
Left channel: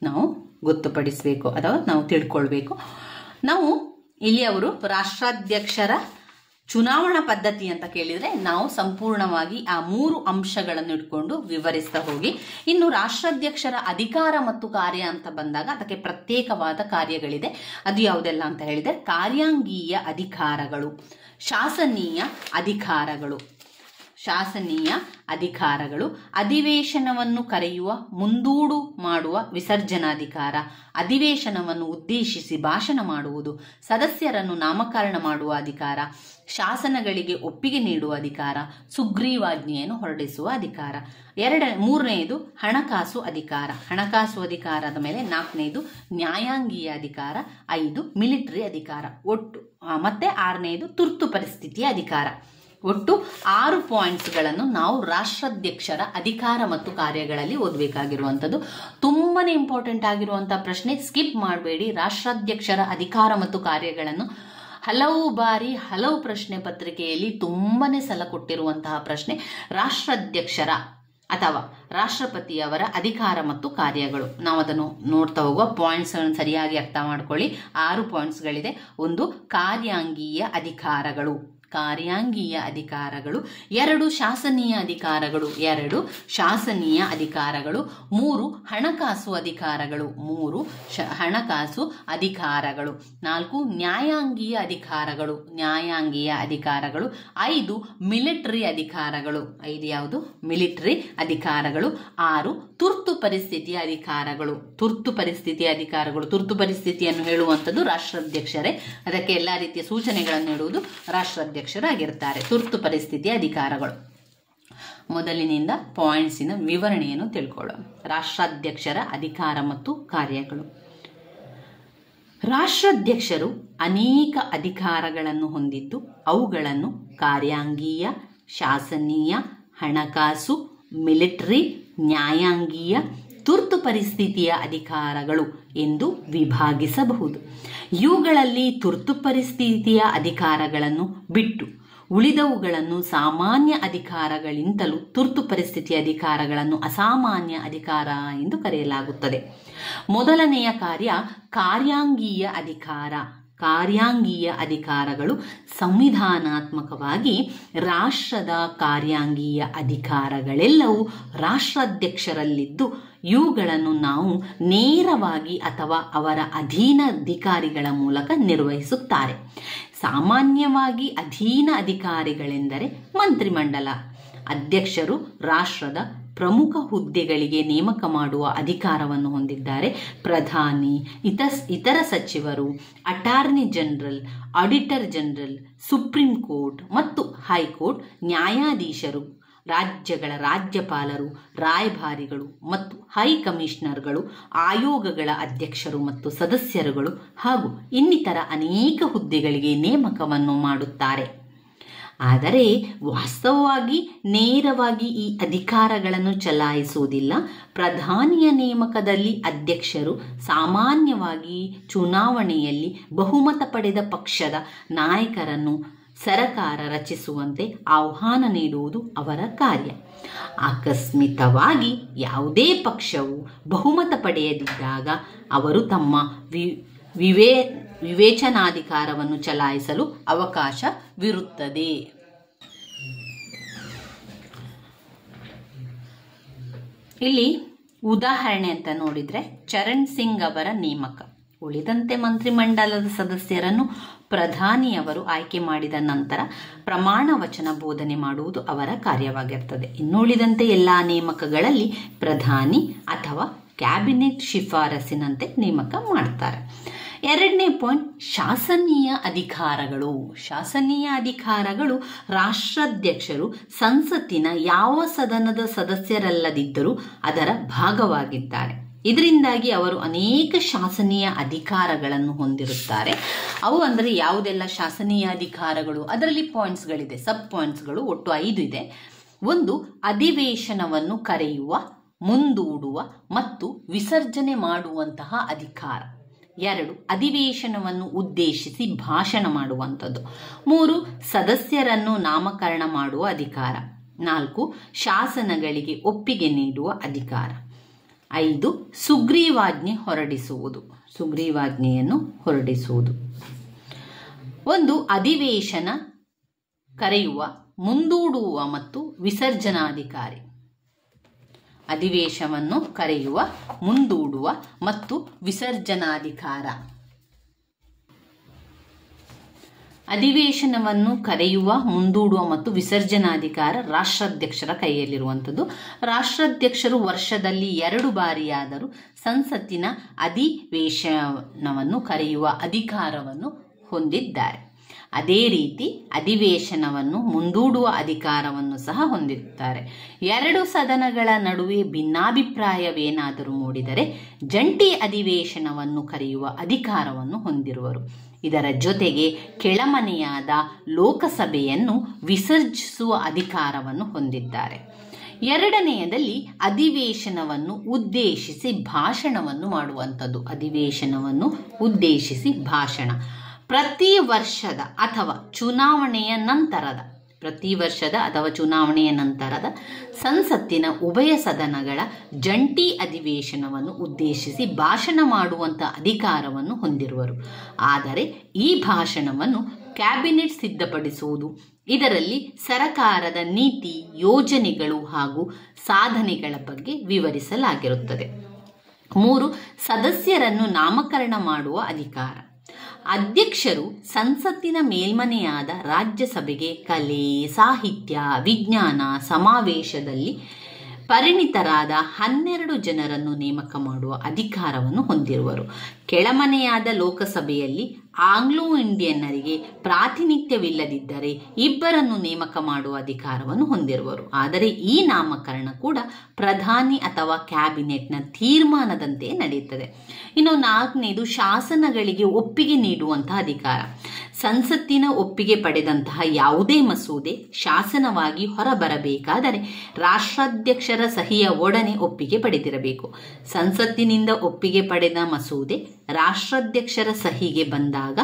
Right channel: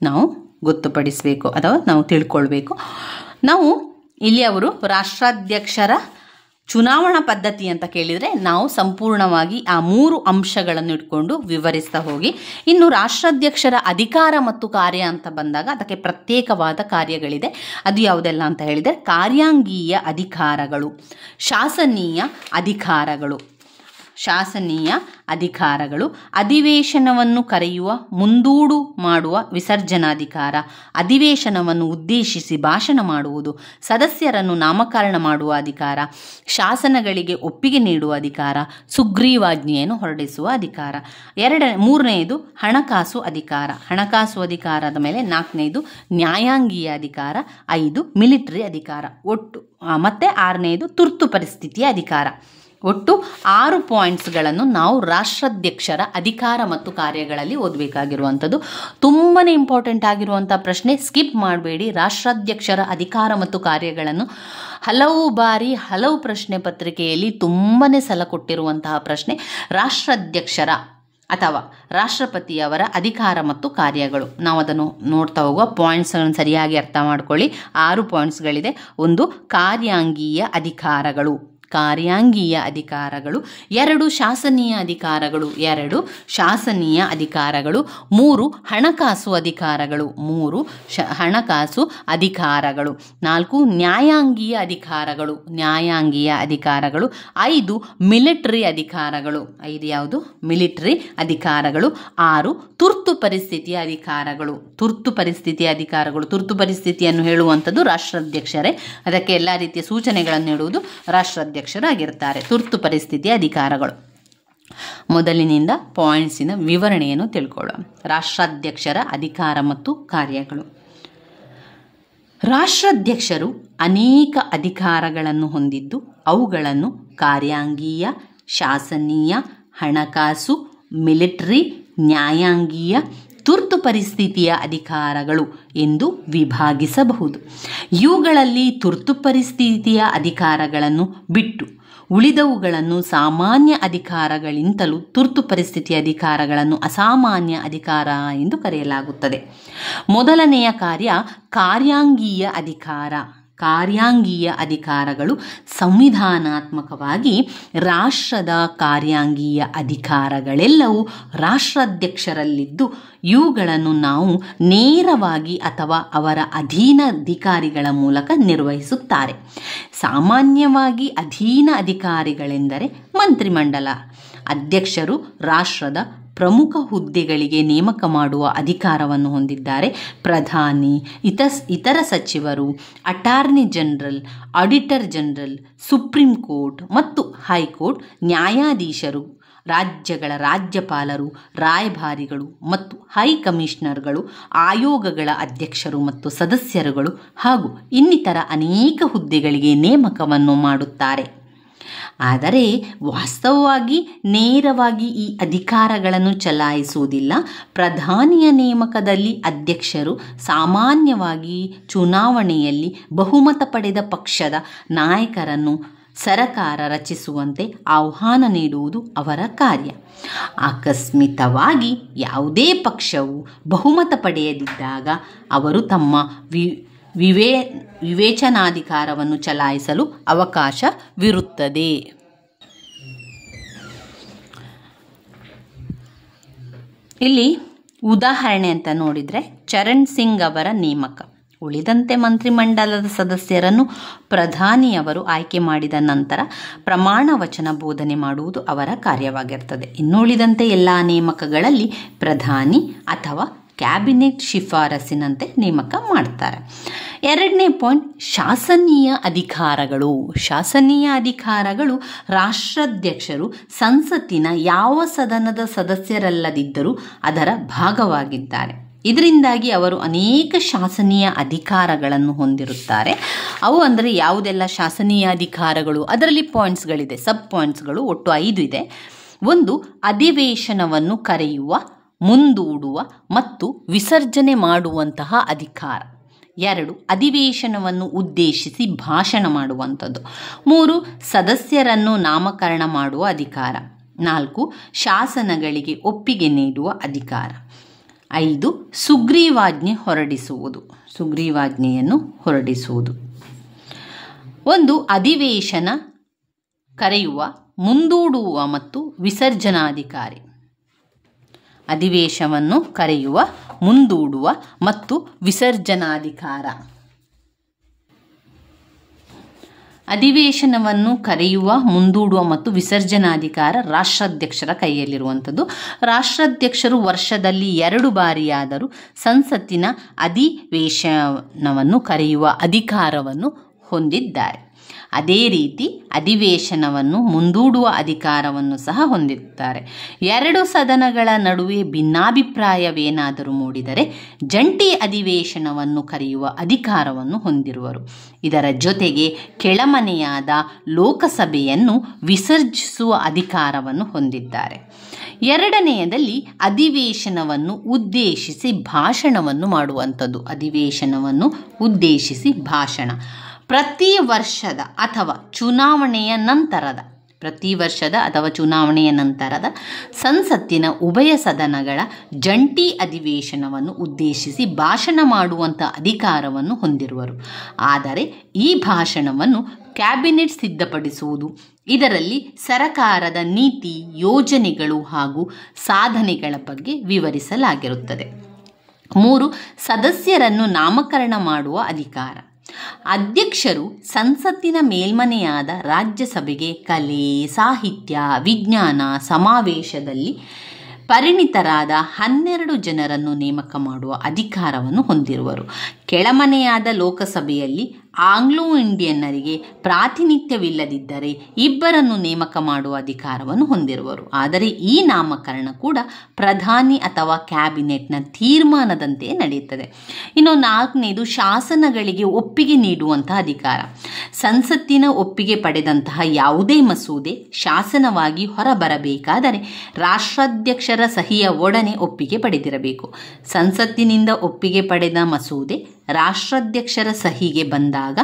ನಾವು ಗೊತ್ತುಪಡಿಸಬೇಕು ಅಥವಾ ನಾವು ತಿಳ್ಕೊಳ್ಬೇಕು. ನಾವು ಇಲ್ಲಿ ಅವರು ರಾಷ್ಟ್ರಾಧ್ಯಕ್ಷರ ಚುನಾವಣಾ ಪದ್ಧತಿ ಅಂತ ಕೇಳಿದರೆ ನಾವು ಸಂಪೂರ್ಣವಾಗಿ ಆ 3 ಅಂಶಗಳನ್ನು ಇಟ್ಕೊಂಡು ವಿವರಿಸ್ತಾ ಹೋಗಿ, ಇನ್ನು ರಾಷ್ಟ್ರಾಧ್ಯಕ್ಷರ ಅಧಿಕಾರ ಮತ್ತು ಕಾರ್ಯ ಅಂತ ಬಂದಾಗ ಅದಕ್ಕೆ ಪ್ರತ್ಯೇಕವಾದ ಕಾರ್ಯಗಳಿದೆ. ಅದು ಯಾವುದೆಲ್ಲ ಅಂತ ಹೇಳಿದರೆ ಕಾರ್ಯಾಂಗೀಯ ಅಧಿಕಾರಗಳು, ಶಾಸನೀಯ ಅಧಿಕಾರಗಳು, ಅಧಿವೇಶನವನ್ನು ಕರೆಯುವ ಮುಂದೂಡು ಮಾಡುವ ವಿಸರ್ಜನಾಧಿಕಾರ, ಅಧಿವೇಶನವನ್ನು ಉದ್ದೇಶಿಸಿ ಭಾಷಣ ಮಾಡುವುದು, ಸದಸ್ಯರನ್ನು ನಾಮಕರಣ ಮಾಡುವ ಅಧಿಕಾರ, ಶಾಸನಗಳಿಗೆ ಒಪ್ಪಿಗೆ ನೀಡುವ ಅಧಿಕಾರ, ಸುಗ್ರೀವಾಜ್ಞೆಯನ್ನು ಹೊರಡಿಸುವ ಅಧಿಕಾರ. ಮೂರನೆಯದು ಹಣಕಾಸು ಅಧಿಕಾರದ ಮೇಲೆ 4ನೇದು ನ್ಯಾಯಾಂಗೀಯ ಅಧಿಕಾರ, 5 ಮಿಲಿಟರಿ ಅಧಿಕಾರ, ಒಟ್ಟು ಮತ್ತೆ 6ನೇದು ತುರ್ತು ಪರಿಸ್ಥಿತಿಯ ಅಧಿಕಾರ. ಒಟ್ಟು 6 ಪಾಯಿಂಟ್ಸ್ಗಳನ್ನು ನಾವು ರಾಷ್ಟ್ರಾಧ್ಯಕ್ಷರ ಅಧಿಕಾರ ಮತ್ತು ಕಾರ್ಯಗಳಲ್ಲಿ ಓದಬೇಕಾಗಿರುವಂಥದ್ದು. ತುಂಬಾ ಇಂಪಾರ್ಟೆಂಟ್ ಆಗಿರುವಂಥ ಪ್ರಶ್ನೆ, ಸ್ಕಿಪ್ ಮಾಡಬೇಡಿ. ರಾಷ್ಟ್ರಾಧ್ಯಕ್ಷರ ಅಧಿಕಾರ ಮತ್ತು ಕಾರ್ಯಗಳನ್ನು ಹಲವು ಬಾರಿ ಹಲವು ಪ್ರಶ್ನೆ ಪತ್ರಿಕೆಯಲ್ಲಿ ತುಂಬಾ ಸಲ ಕೊಟ್ಟಿರುವಂತಹ ಪ್ರಶ್ನೆ. ರಾಷ್ಟ್ರಾಧ್ಯಕ್ಷರ ಅಥವಾ ರಾಷ್ಟ್ರಪತಿಯವರ ಅಧಿಕಾರ ಮತ್ತು ಕಾರ್ಯಗಳು, ನಾವು ಅದನ್ನು ನೋಡ್ತಾ ಹೋಗುವ. ಪಾಯಿಂಟ್ಸ್ಗಳನ್ನು ಸರಿಯಾಗಿ ಅರ್ಥ ಮಾಡ್ಕೊಳ್ಳಿ. 6 ಪಾಯಿಂಟ್ಸ್ಗಳಿದೆ. 1 ಕಾರ್ಯಾಂಗೀಯ ಅಧಿಕಾರಗಳು, 2 ಶಾಸನೀಯ ಅಧಿಕಾರಗಳು, 3 ಹಣಕಾಸು ಅಧಿಕಾರಗಳು, 4 ನ್ಯಾಯಾಂಗೀಯ ಅಧಿಕಾರಗಳು, 5 ಮಿಲಿಟರಿ ಅಧಿಕಾರಗಳು, 5 ಯಾವುದು ಮಿಲಿಟರಿ ಅಧಿಕಾರಗಳು, 6 ತುರ್ತು ಪರಿಸ್ಥಿತಿಯ ಅಧಿಕಾರಗಳು. ತುರ್ತು ಪರಿಸ್ಥಿತಿಯನ್ನು ಹೇಳುವಂಥದ್ದು ರಾಷ್ಟ್ರಾಧ್ಯಕ್ಷರೇ. ಅದಕ್ಕೆ ಎಲ್ಲ ರೀತಿಯ ಸೂಚನೆಗಳನ್ನು ನೀಡುವುದು ರಾಷ್ಟ್ರಾಧ್ಯಕ್ಷರಾಗಿರ್ತಾರೆ. ತುರ್ತು ಪರಿಸ್ಥಿತಿಯ ಅಧಿಕಾರಗಳು. ಮೊದಲಿನಿಂದ ಪಾಯಿಂಟ್ಸಿನ ವಿವರಣೆಯನ್ನು ತಿಳ್ಕೊಳ್ಳೋಣ. ರಾಷ್ಟ್ರಾಧ್ಯಕ್ಷರ ಅಧಿಕಾರ ಮತ್ತು ಕಾರ್ಯಗಳು. ರಾಷ್ಟ್ರಾಧ್ಯಕ್ಷರು ಅನೇಕ ಅಧಿಕಾರಗಳನ್ನು ಹೊಂದಿದ್ದು ಅವುಗಳನ್ನು ಕಾರ್ಯಾಂಗೀಯ, ಶಾಸನೀಯ, ಹಣಕಾಸು, ಮಿಲಿಟರಿ, ನ್ಯಾಯಾಂಗೀಯ, ತುರ್ತು ಪರಿಸ್ಥಿತಿಯ ಅಧಿಕಾರಗಳು ಎಂದು ವಿಭಾಗಿಸಬಹುದು. ಇವುಗಳಲ್ಲಿ ತುರ್ತು ಪರಿಸ್ಥಿತಿಯ ಅಧಿಕಾರಗಳನ್ನು ಬಿಟ್ಟು ಉಳಿದವುಗಳನ್ನು ಸಾಮಾನ್ಯ ಅಧಿಕಾರಗಳಿಂತಲೂ ತುರ್ತು ಪರಿಸ್ಥಿತಿಯ ಅಧಿಕಾರಗಳನ್ನು ಅಸಾಮಾನ್ಯ ಅಧಿಕಾರ ಎಂದು ಕರೆಯಲಾಗುತ್ತದೆ. ಮೊದಲನೆಯ ಕಾರ್ಯ ಕಾರ್ಯಾಂಗೀಯ ಅಧಿಕಾರ. ಕಾರ್ಯಾಂಗೀಯ ಅಧಿಕಾರಗಳು ಸಂವಿಧಾನಾತ್ಮಕವಾಗಿ ರಾಷ್ಟ್ರದ ಕಾರ್ಯಾಂಗೀಯ ಅಧಿಕಾರಗಳೆಲ್ಲವೂ ರಾಷ್ಟ್ರಾಧ್ಯಕ್ಷರಲ್ಲಿದ್ದು ಇವುಗಳನ್ನು ನಾವು ನೇರವಾಗಿ ಅಥವಾ ಅವರ ಅಧೀನ ಅಧಿಕಾರಿಗಳ ಮೂಲಕ ನಿರ್ವಹಿಸುತ್ತಾರೆ. ಸಾಮಾನ್ಯವಾಗಿ ಅಧೀನ ಅಧಿಕಾರಿಗಳೆಂದರೆ ಮಂತ್ರಿಮಂಡಲ. ಅಧ್ಯಕ್ಷರು ರಾಷ್ಟ್ರದ ಪ್ರಮುಖ ಹುದ್ದೆಗಳಿಗೆ ನೇಮಕ ಮಾಡುವ ಅಧಿಕಾರವನ್ನು ಹೊಂದಿದ್ದಾರೆ. ಪ್ರಧಾನಿ, ಇತರ ಸಚಿವರು, attorney general, auditor general, supreme court ಮತ್ತು ಹೈಕೋರ್ಟ್, ನ್ಯಾಯಾಧೀಶರು, ರಾಜ್ಯಗಳ ರಾಜ್ಯಪಾಲರು, ರಾಯಭಾರಿಗಳು ಮತ್ತು ಹೈ ಕಮಿಷನರ್ಗಳು, ಆಯೋಗಗಳ ಅಧ್ಯಕ್ಷರು ಮತ್ತು ಸದಸ್ಯರುಗಳು ಹಾಗೂ ಇನ್ನಿತರ ಅನೇಕ ಹುದ್ದೆಗಳಿಗೆ ನೇಮಕವನ್ನು ಮಾಡುತ್ತಾರೆ. ಆದರೆ ವಾಸ್ತವವಾಗಿ ನೇರವಾಗಿ ಈ ಅಧಿಕಾರಗಳನ್ನು ಚಲಾಯಿಸುವುದಿಲ್ಲ. ಪ್ರಧಾನಿಯ ನೇಮಕದಲ್ಲಿ ಅಧ್ಯಕ್ಷರು ಸಾಮಾನ್ಯವಾಗಿ ಚುನಾವಣೆಯಲ್ಲಿ ಬಹುಮತ ಪಡೆದ ಪಕ್ಷದ ನಾಯಕರನ್ನು ಸರಕಾರ ರಚಿಸುವಂತೆ ಆಹ್ವಾನ ನೀಡುವುದು ಅವರ ಕಾರ್ಯ. ಆಕಸ್ಮಿಕವಾಗಿ ಯಾವುದೇ ಪಕ್ಷವು ಬಹುಮತ ಪಡೆಯದಿದ್ದಾಗ ಅವರು ತಮ್ಮ ವಿವೇಚನಾಧಿಕಾರವನ್ನು ಚಲಾಯಿಸಲು ಅವಕಾಶವಿರುತ್ತದೆ. ಇಲ್ಲಿ ಉದಾಹರಣೆ ಅಂತ ನೋಡಿದರೆ ಚರಣ್ ಸಿಂಗ್ ಅವರ ನೇಮಕ. ಉಳಿದಂತೆ ಮಂತ್ರಿಮಂಡಲದ ಸದಸ್ಯರನ್ನು ಪ್ರಧಾನಿಯವರು ಆಯ್ಕೆ ಮಾಡಿದ ನಂತರ ಪ್ರಮಾಣ ವಚನ ಬೋಧನೆ ಮಾಡುವುದು ಅವರ ಕಾರ್ಯವಾಗಿರ್ತದೆ. ಇನ್ನುಳಿದಂತೆ ಎಲ್ಲ ನೇಮಕಗಳಲ್ಲಿ ಪ್ರಧಾನಿ ಅಥವಾ ಕ್ಯಾಬಿನೆಟ್ ಶಿಫಾರಸಿನಂತೆ ನೇಮಕ ಮಾಡ್ತಾರೆ. ಎರಡನೇ ಪಾಯಿಂಟ್, ಶಾಸನೀಯ ಅಧಿಕಾರಗಳು. ಶಾಸನೀಯ ಅಧಿಕಾರಗಳು ರಾಷ್ಟ್ರಾಧ್ಯಕ್ಷರು ಸಂಸತ್ತಿನ ಯಾವ ಸದನದ ಸದಸ್ಯರಲ್ಲದಿದ್ದರೂ ಅದರ ಭಾಗವಾಗಿದ್ದಾರೆ. ಇದರಿಂದಾಗಿ ಅವರು ಅನೇಕ ಶಾಸನೀಯ ಅಧಿಕಾರಗಳನ್ನು ಹೊಂದಿರುತ್ತಾರೆ. ಅವು ಅಂದರೆ ಯಾವುದೆಲ್ಲ ಶಾಸನೀಯ ಅಧಿಕಾರಗಳು, ಅದರಲ್ಲಿ ಪಾಯಿಂಟ್ಸ್ಗಳಿದೆ, ಸಬ್ ಪಾಯಿಂಟ್ಸ್ಗಳು ಒಟ್ಟು 5 ಇದೆ. 1, ಅಧಿವೇಶನವನ್ನು ಕರೆಯುವ, ಮುಂದೂಡುವ ಮತ್ತು ವಿಸರ್ಜನೆ ಮಾಡುವಂತಹ ಅಧಿಕಾರ. 2, ಅಧಿವೇಶನವನ್ನು ಉದ್ದೇಶಿಸಿ ಭಾಷಣ ಮಾಡುವಂಥದ್ದು. 3, ಸದಸ್ಯರನ್ನು ನಾಮಕರಣ ಮಾಡುವ ಅಧಿಕಾರ. 4, ಶಾಸನಗಳಿಗೆ ಒಪ್ಪಿಗೆ ನೀಡುವ ಅಧಿಕಾರ. 5, ಸುಗ್ರೀವಾಜ್ಞೆಯನ್ನು ಹೊರಡಿಸುವುದು. 1, ಅಧಿವೇಶನ ಕರೆಯುವ, ಮುಂದೂಡುವ ಮತ್ತು ವಿಸರ್ಜನಾಧಿಕಾರಿ. ಅಧಿವೇಶನವನ್ನು ಕರೆಯುವ, ಮುಂದೂಡುವ ಮತ್ತು ವಿಸರ್ಜನಾಧಿಕಾರ. ಅಧಿವೇಶನವನ್ನು ಕರೆಯುವ, ಮುಂದೂಡುವ ಮತ್ತು ವಿಸರ್ಜನಾಧಿಕಾರ ರಾಷ್ಟ್ರಾಧ್ಯಕ್ಷರ ಕೈಯಲ್ಲಿರುವಂಥದ್ದು. ರಾಷ್ಟ್ರಾಧ್ಯಕ್ಷರು ವರ್ಷದಲ್ಲಿ 2 ಬಾರಿಯಾದರೂ ಸಂಸತ್ತಿನ ಅಧಿವೇಶನವನ್ನು ಕರೆಯುವ ಅಧಿಕಾರವನ್ನು ಹೊಂದಿದ್ದಾರೆ. ಅದೇ ರೀತಿ ಅಧಿವೇಶನವನ್ನು ಮುಂದೂಡುವ ಅಧಿಕಾರವನ್ನು ಸಹ ಹೊಂದಿರುತ್ತಾರೆ. 2 ಸದನಗಳ ನಡುವೆ ಭಿನ್ನಾಭಿಪ್ರಾಯವೇನಾದರೂ ಮೂಡಿದರೆ ಜಂಟಿ ಅಧಿವೇಶನವನ್ನು ಕರೆಯುವ ಅಧಿಕಾರವನ್ನು ಹೊಂದಿರುವರು. ಇದರ ಜೊತೆಗೆ ಕೆಳಮನೆಯಾದ ಲೋಕಸಭೆಯನ್ನು ವಿಸರ್ಜಿಸುವ ಅಧಿಕಾರವನ್ನು ಹೊಂದಿದ್ದಾರೆ. 2ನೇಯದಲ್ಲಿ ಅಧಿವೇಶನವನ್ನು ಉದ್ದೇಶಿಸಿ ಭಾಷಣವನ್ನು ಮಾಡುವಂಥದ್ದು. ಅಧಿವೇಶನವನ್ನು ಉದ್ದೇಶಿಸಿ ಭಾಷಣ ಪ್ರತಿ ವರ್ಷದ ಅಥವಾ ಚುನಾವಣೆಯ ನಂತರದ ಸಂಸತ್ತಿನ ಉಭಯ ಸದನಗಳ ಜಂಟಿ ಅಧಿವೇಶನವನ್ನು ಉದ್ದೇಶಿಸಿ ಭಾಷಣ ಮಾಡುವಂಥ ಅಧಿಕಾರವನ್ನು ಹೊಂದಿರುವರು. ಆದರೆ ಈ ಭಾಷಣವನ್ನು ಕ್ಯಾಬಿನೆಟ್ ಸಿದ್ಧಪಡಿಸುವುದು. ಇದರಲ್ಲಿ ಸರಕಾರದ ನೀತಿ, ಯೋಜನೆಗಳು ಹಾಗೂ ಸಾಧನೆಗಳ ಬಗ್ಗೆ ವಿವರಿಸಲಾಗಿರುತ್ತದೆ. 3, ಸದಸ್ಯರನ್ನು ನಾಮಕರಣ ಮಾಡುವ ಅಧಿಕಾರ. ಅಧ್ಯಕ್ಷರು ಸಂಸತ್ತಿನ ಮೇಲ್ಮನೆಯಾದ ರಾಜ್ಯಸಭೆಗೆ ಕಲೆ, ಸಾಹಿತ್ಯ, ವಿಜ್ಞಾನ ಸಮಾವೇಶದಲ್ಲಿ ಪರಿಣಿತರಾದ 12 ಜನರನ್ನು ನೇಮಕ ಮಾಡುವ ಅಧಿಕಾರವನ್ನು ಹೊಂದಿರುವರು. ಕೆಳಮನೆಯಾದ ಲೋಕಸಭೆಯಲ್ಲಿ ಆಂಗ್ಲೋ ಇಂಡಿಯನ್ನರಿಗೆ ಪ್ರಾತಿನಿಧ್ಯವಿಲ್ಲದಿದ್ದರೆ 2 ನೇಮಕ ಮಾಡುವ ಅಧಿಕಾರವನ್ನು ಹೊಂದಿರುವರು. ಆದರೆ ಈ ನಾಮಕರಣ ಕೂಡ ಪ್ರಧಾನಿ ಅಥವಾ ಕ್ಯಾಬಿನೆಟ್ನ ತೀರ್ಮಾನದಂತೆ ನಡೆಯುತ್ತದೆ. ಇನ್ನು 4ನೇದು ಶಾಸನಗಳಿಗೆ ಒಪ್ಪಿಗೆ ನೀಡುವಂತಹ ಅಧಿಕಾರ. ಸಂಸತ್ತಿನ ಒಪ್ಪಿಗೆ ಪಡೆದಂತಹ ಯಾವುದೇ ಮಸೂದೆ ಶಾಸನವಾಗಿ ಹೊರಬರಬೇಕಾದರೆ ರಾಷ್ಟ್ರಾಧ್ಯಕ್ಷರ ಸಹಿಯ ಒಡನೆ ಒಪ್ಪಿಗೆ ಪಡೆದಿರಬೇಕು. ಸಂಸತ್ತಿನಿಂದ ಒಪ್ಪಿಗೆ ಪಡೆದ ಮಸೂದೆ ರಾಷ್ಟ್ರಾಧ್ಯಕ್ಷರ ಸಹಿಗೆ ಬಂದಾಗ